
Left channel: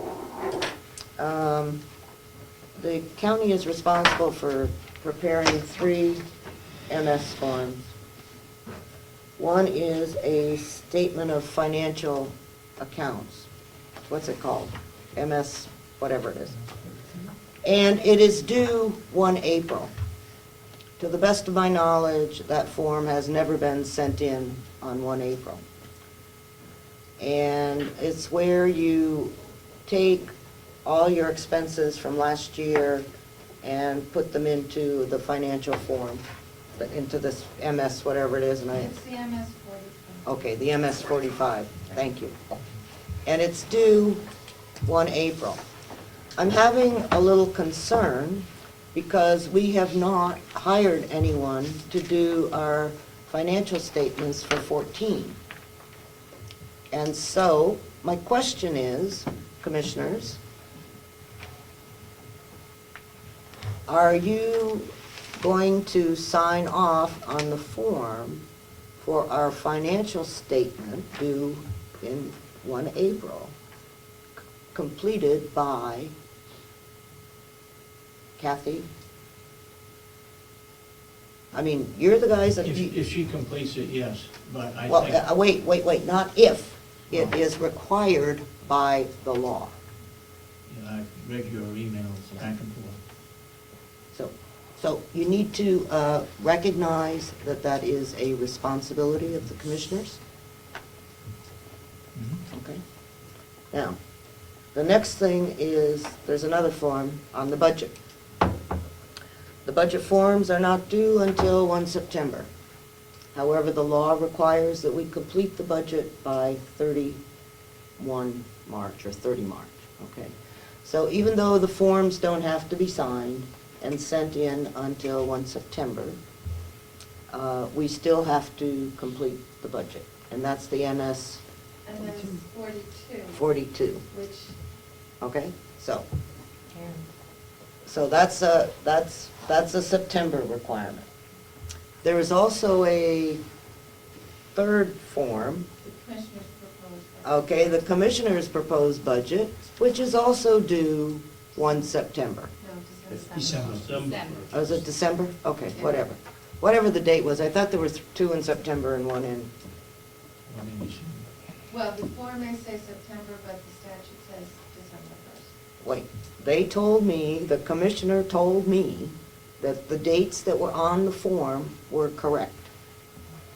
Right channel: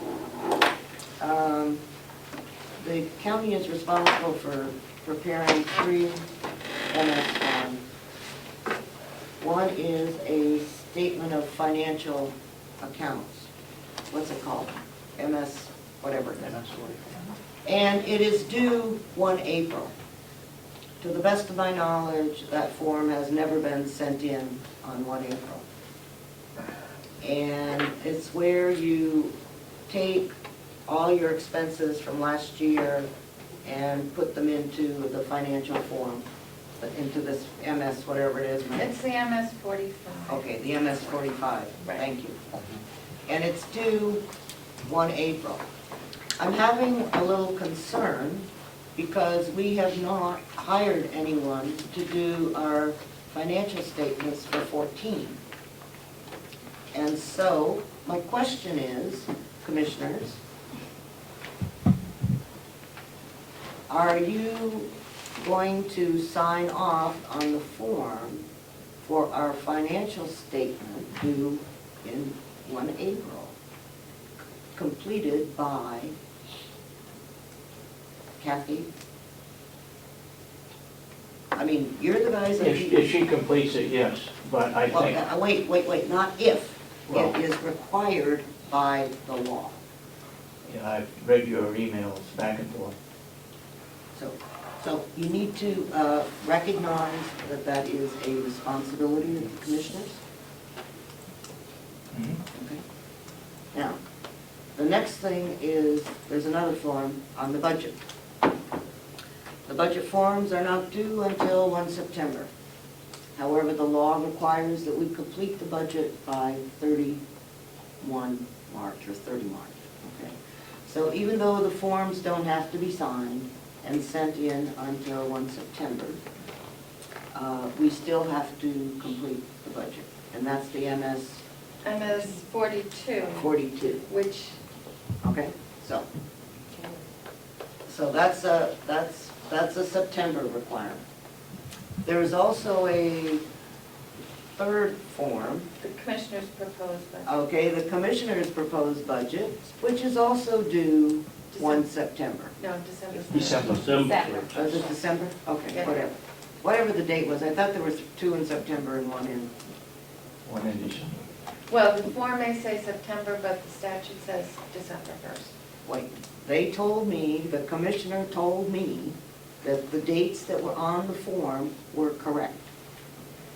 The county is responsible for preparing 3 MS forms. One is a statement of financial accounts. What's it called? MS, whatever it is. And it is due 1 April. To the best of my knowledge, that form has never been sent in on 1 April. And it's where you take all your expenses from last year and put them into the financial form, into this MS, whatever it is, right? It's the MS 45. Okay, the MS 45, thank you. And it's due 1 April. I'm having a little concern because we have not hired anyone to do our financial statements for 14. And so, my question is, commissioners, are you going to sign off on the form for our financial statement due in 1 April, completed by Kathy? I mean, you're the guys that... If she completes it, yes, but I think... Well, wait, not if. Well- It is required by the law. Yeah, I've read your emails back and forth. So you need to recognize that that is a responsibility of the commissioners. Okay. Now, the next thing is, there's another form on the budget. The budget forms are not due until 1 September. However, the law requires that we complete the budget by 31 March or 30 March. Okay. So even though the forms don't have to be signed and sent in until 1 September, we still have to complete the budget. And that's the MS 42. 42. Which, Okay, so that's a September requirement. There is also a third form. the commissioners proposed, but Okay, the commissioner's proposed budget, which is also due 1 September. no, December. December. Oh, is it December? Okay, Yeah. whatever. Whatever the date was, I thought there were 2 in September and 1 in... One in December. Well, the form may say September, but the statute says December 1st. Wait, they told me, the commissioner told me that the dates that were on the form were correct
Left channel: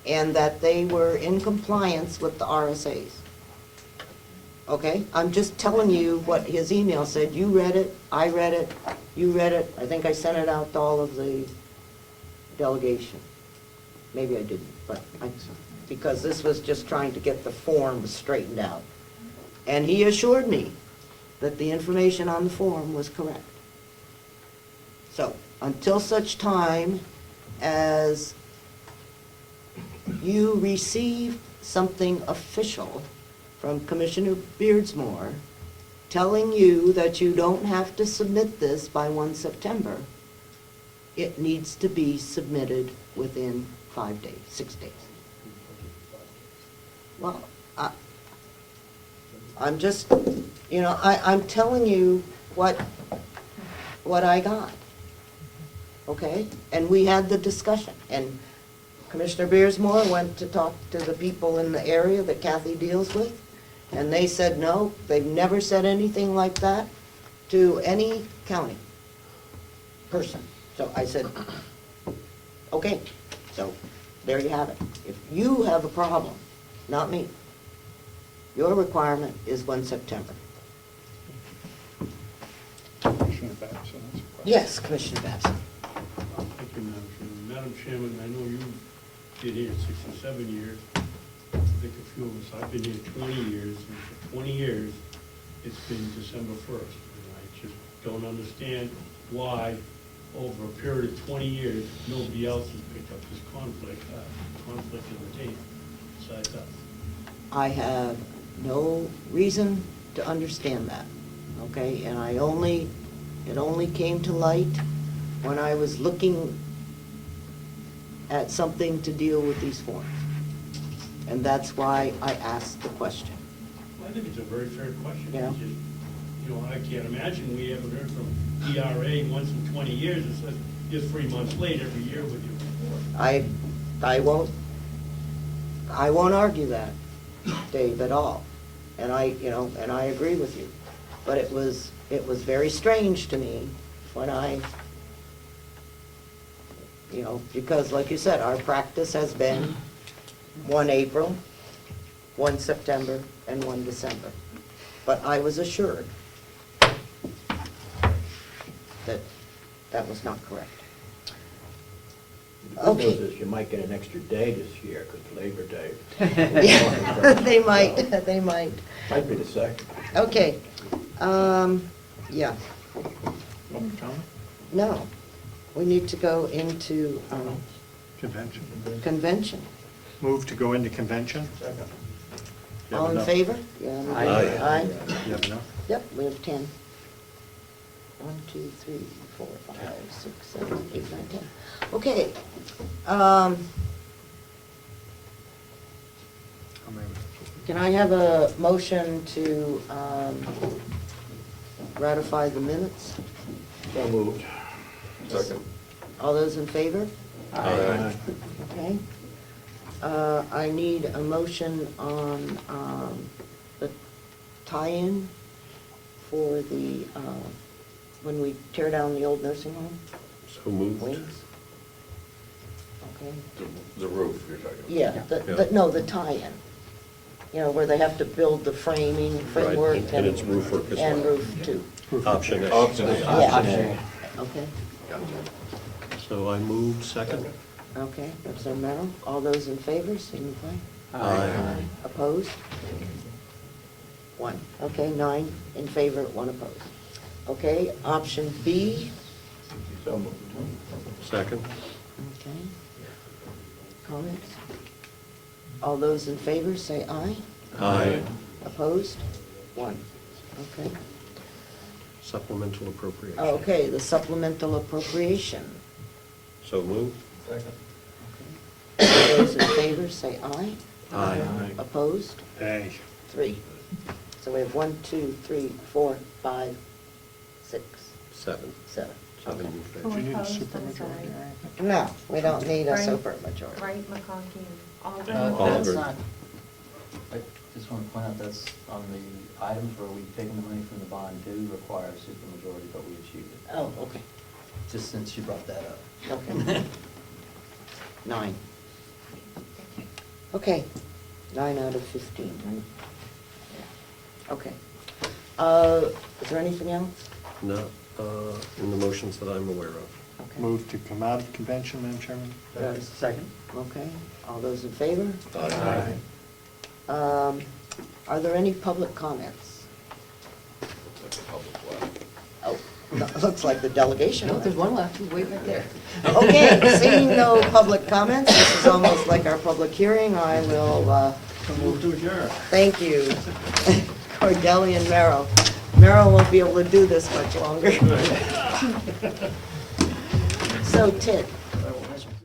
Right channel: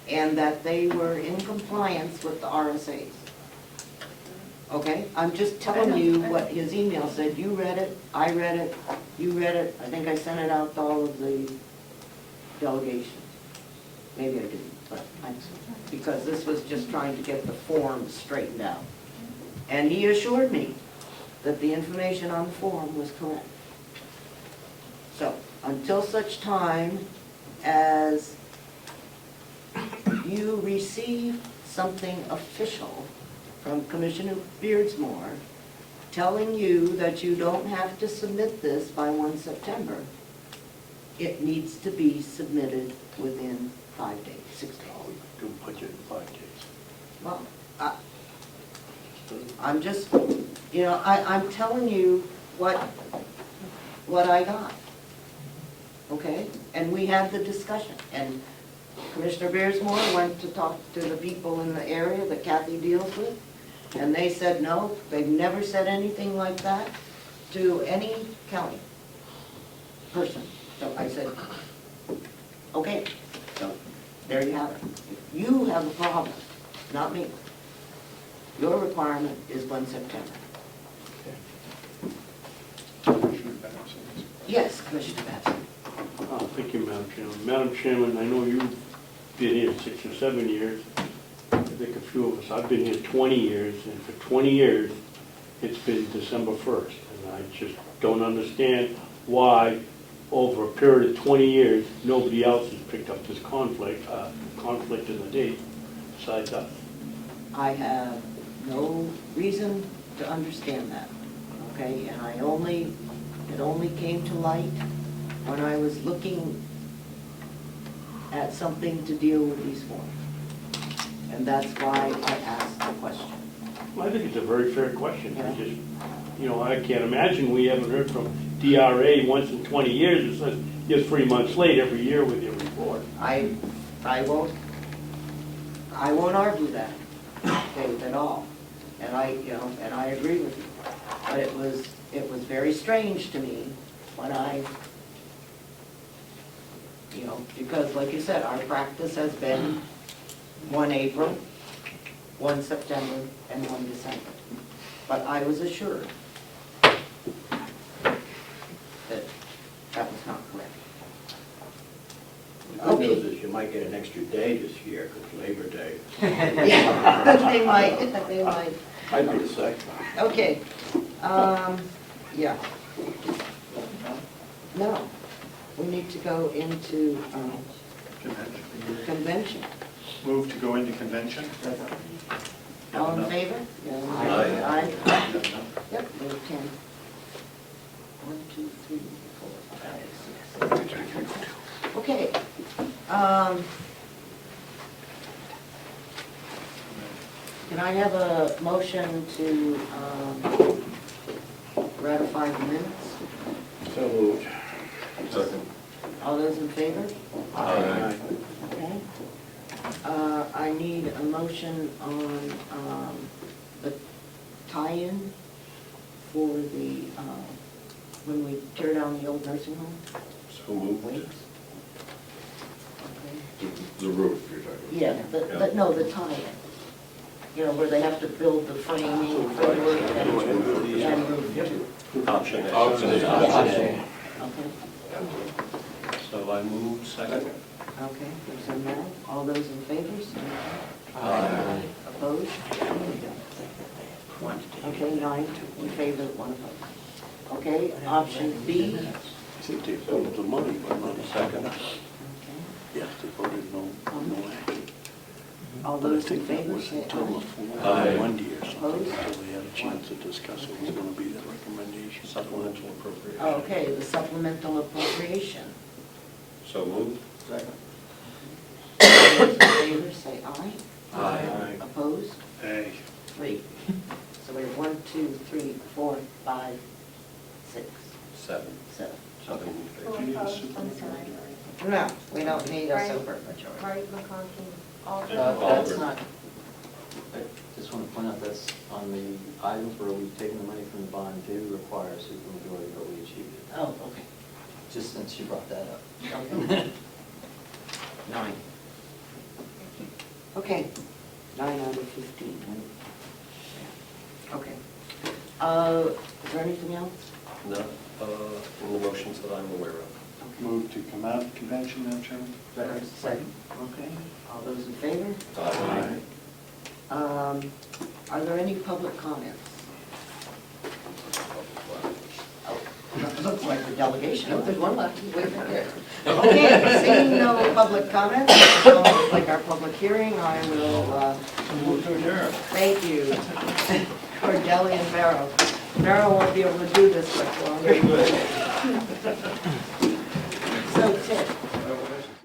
and that they were in compliance with the RSAs. Okay, I'm just telling you what his email said. You read it, I read it, you read it. I think I sent it out to all of the delegation. Maybe I didn't, but because this was just trying to get the form straightened out. And he assured me that the information on the form was correct. So, until such time as you receive something official from Commissioner Beardsmore telling you that you don't have to submit this by 1 September, it needs to be submitted within 5 days, 6 days. Do put it in 5 days. Well, I'm just, I'm telling you what I got, okay? And we had the discussion, and Commissioner Beardsmore went to talk to the people in the area that Kathy deals with, and they said no, they've never said anything like that to any county person. So I said, okay, so there you have it. If you have a problem, not me, your requirement is 1 September. Commissioner Batson. Yes, Commissioner Bassett. Thank you, Madam Chairman. Madam Chairman, I know you've been here 6 or 7 years. I think a few of us, I've been here 20 years, and for 20 years, it's been December 1st. And I just don't understand why, over a period of 20 years, nobody else has picked up this conflict in the date besides us. I have no reason to understand that, okay? And it only came to light when I was looking at something to deal with these forms. And that's why I asked the question. Well, I think it's a very fair question. Yeah. It's just, I can't imagine we haven't heard from DRA once in 20 years. It says you're 3 months late every year with your report. I won't argue that, Dave, at all. And I agree with you. But it was very strange to me when because like you said, our practice has been 1 April, 1 September, and 1 December. But I was assured that that was not correct. The good news is you might get an extra day this year, because Labor Day. Yeah, they might. I'd be the same. Okay, yeah. No, we need to go into Convention. convention. Move to go into convention? All in favor? Yeah. Aye. Aye. Yep, we have 10. 1, 2, 3, 4, 5, 6, 7, 8. Okay. Can I have a motion to ratify the minutes? So moved. Second. All those in favor? Aye. Okay. I need a motion on the tie-in for the, when we tear down the old nursing home. So moved. Wings. Okay. The roof you're talking about. Yeah, no, the tie-in. Where they have to build the framing, framework, And it's roof and roof too. Option A. Okay. So I move second. Okay, so now, all those in favor, say aye. Aye. Opposed? 1. Okay, 9 in favor, 1 opposed. Okay, option B. I think they doubled the money, but not Second. Okay. Yes, they voted no. All those in favor, say aye. Aye. Opposed? So we had a chance to discuss it, was gonna be the recommendation. Supplemental appropriation. Okay, the supplemental appropriation. So moved. Second. All those in favor, say aye. Aye. Opposed? Aye. 3. So we have 1, 2, 3, 4, 5, 6, 7. 7. Seven. Who opposed? I'm sorry. No, we don't need a Right. supermajority. Right, McConkey, all No, those. that's Auburn. not, I just want to point out that's on the item for we've taken the money from the bond to require a supermajority vote, we achieved it. Oh, okay. Just since you brought that up. Okay. 9. Okay, 9 out of 15. Okay. Is there anything else? Not in the motions that I'm aware of. Okay. Move to come out of convention, Madam Chairman? Second. Okay, all those in favor? Aye. Are there any public comments? Oh, Looks like the delegation. Nope, there's one left, way right there. Okay, seeing no public comments, this is almost like our public hearing, I will, Move to adjourn. thank you. Cordelli and Merrill. Merrill won't be able to do this much longer. So Ted,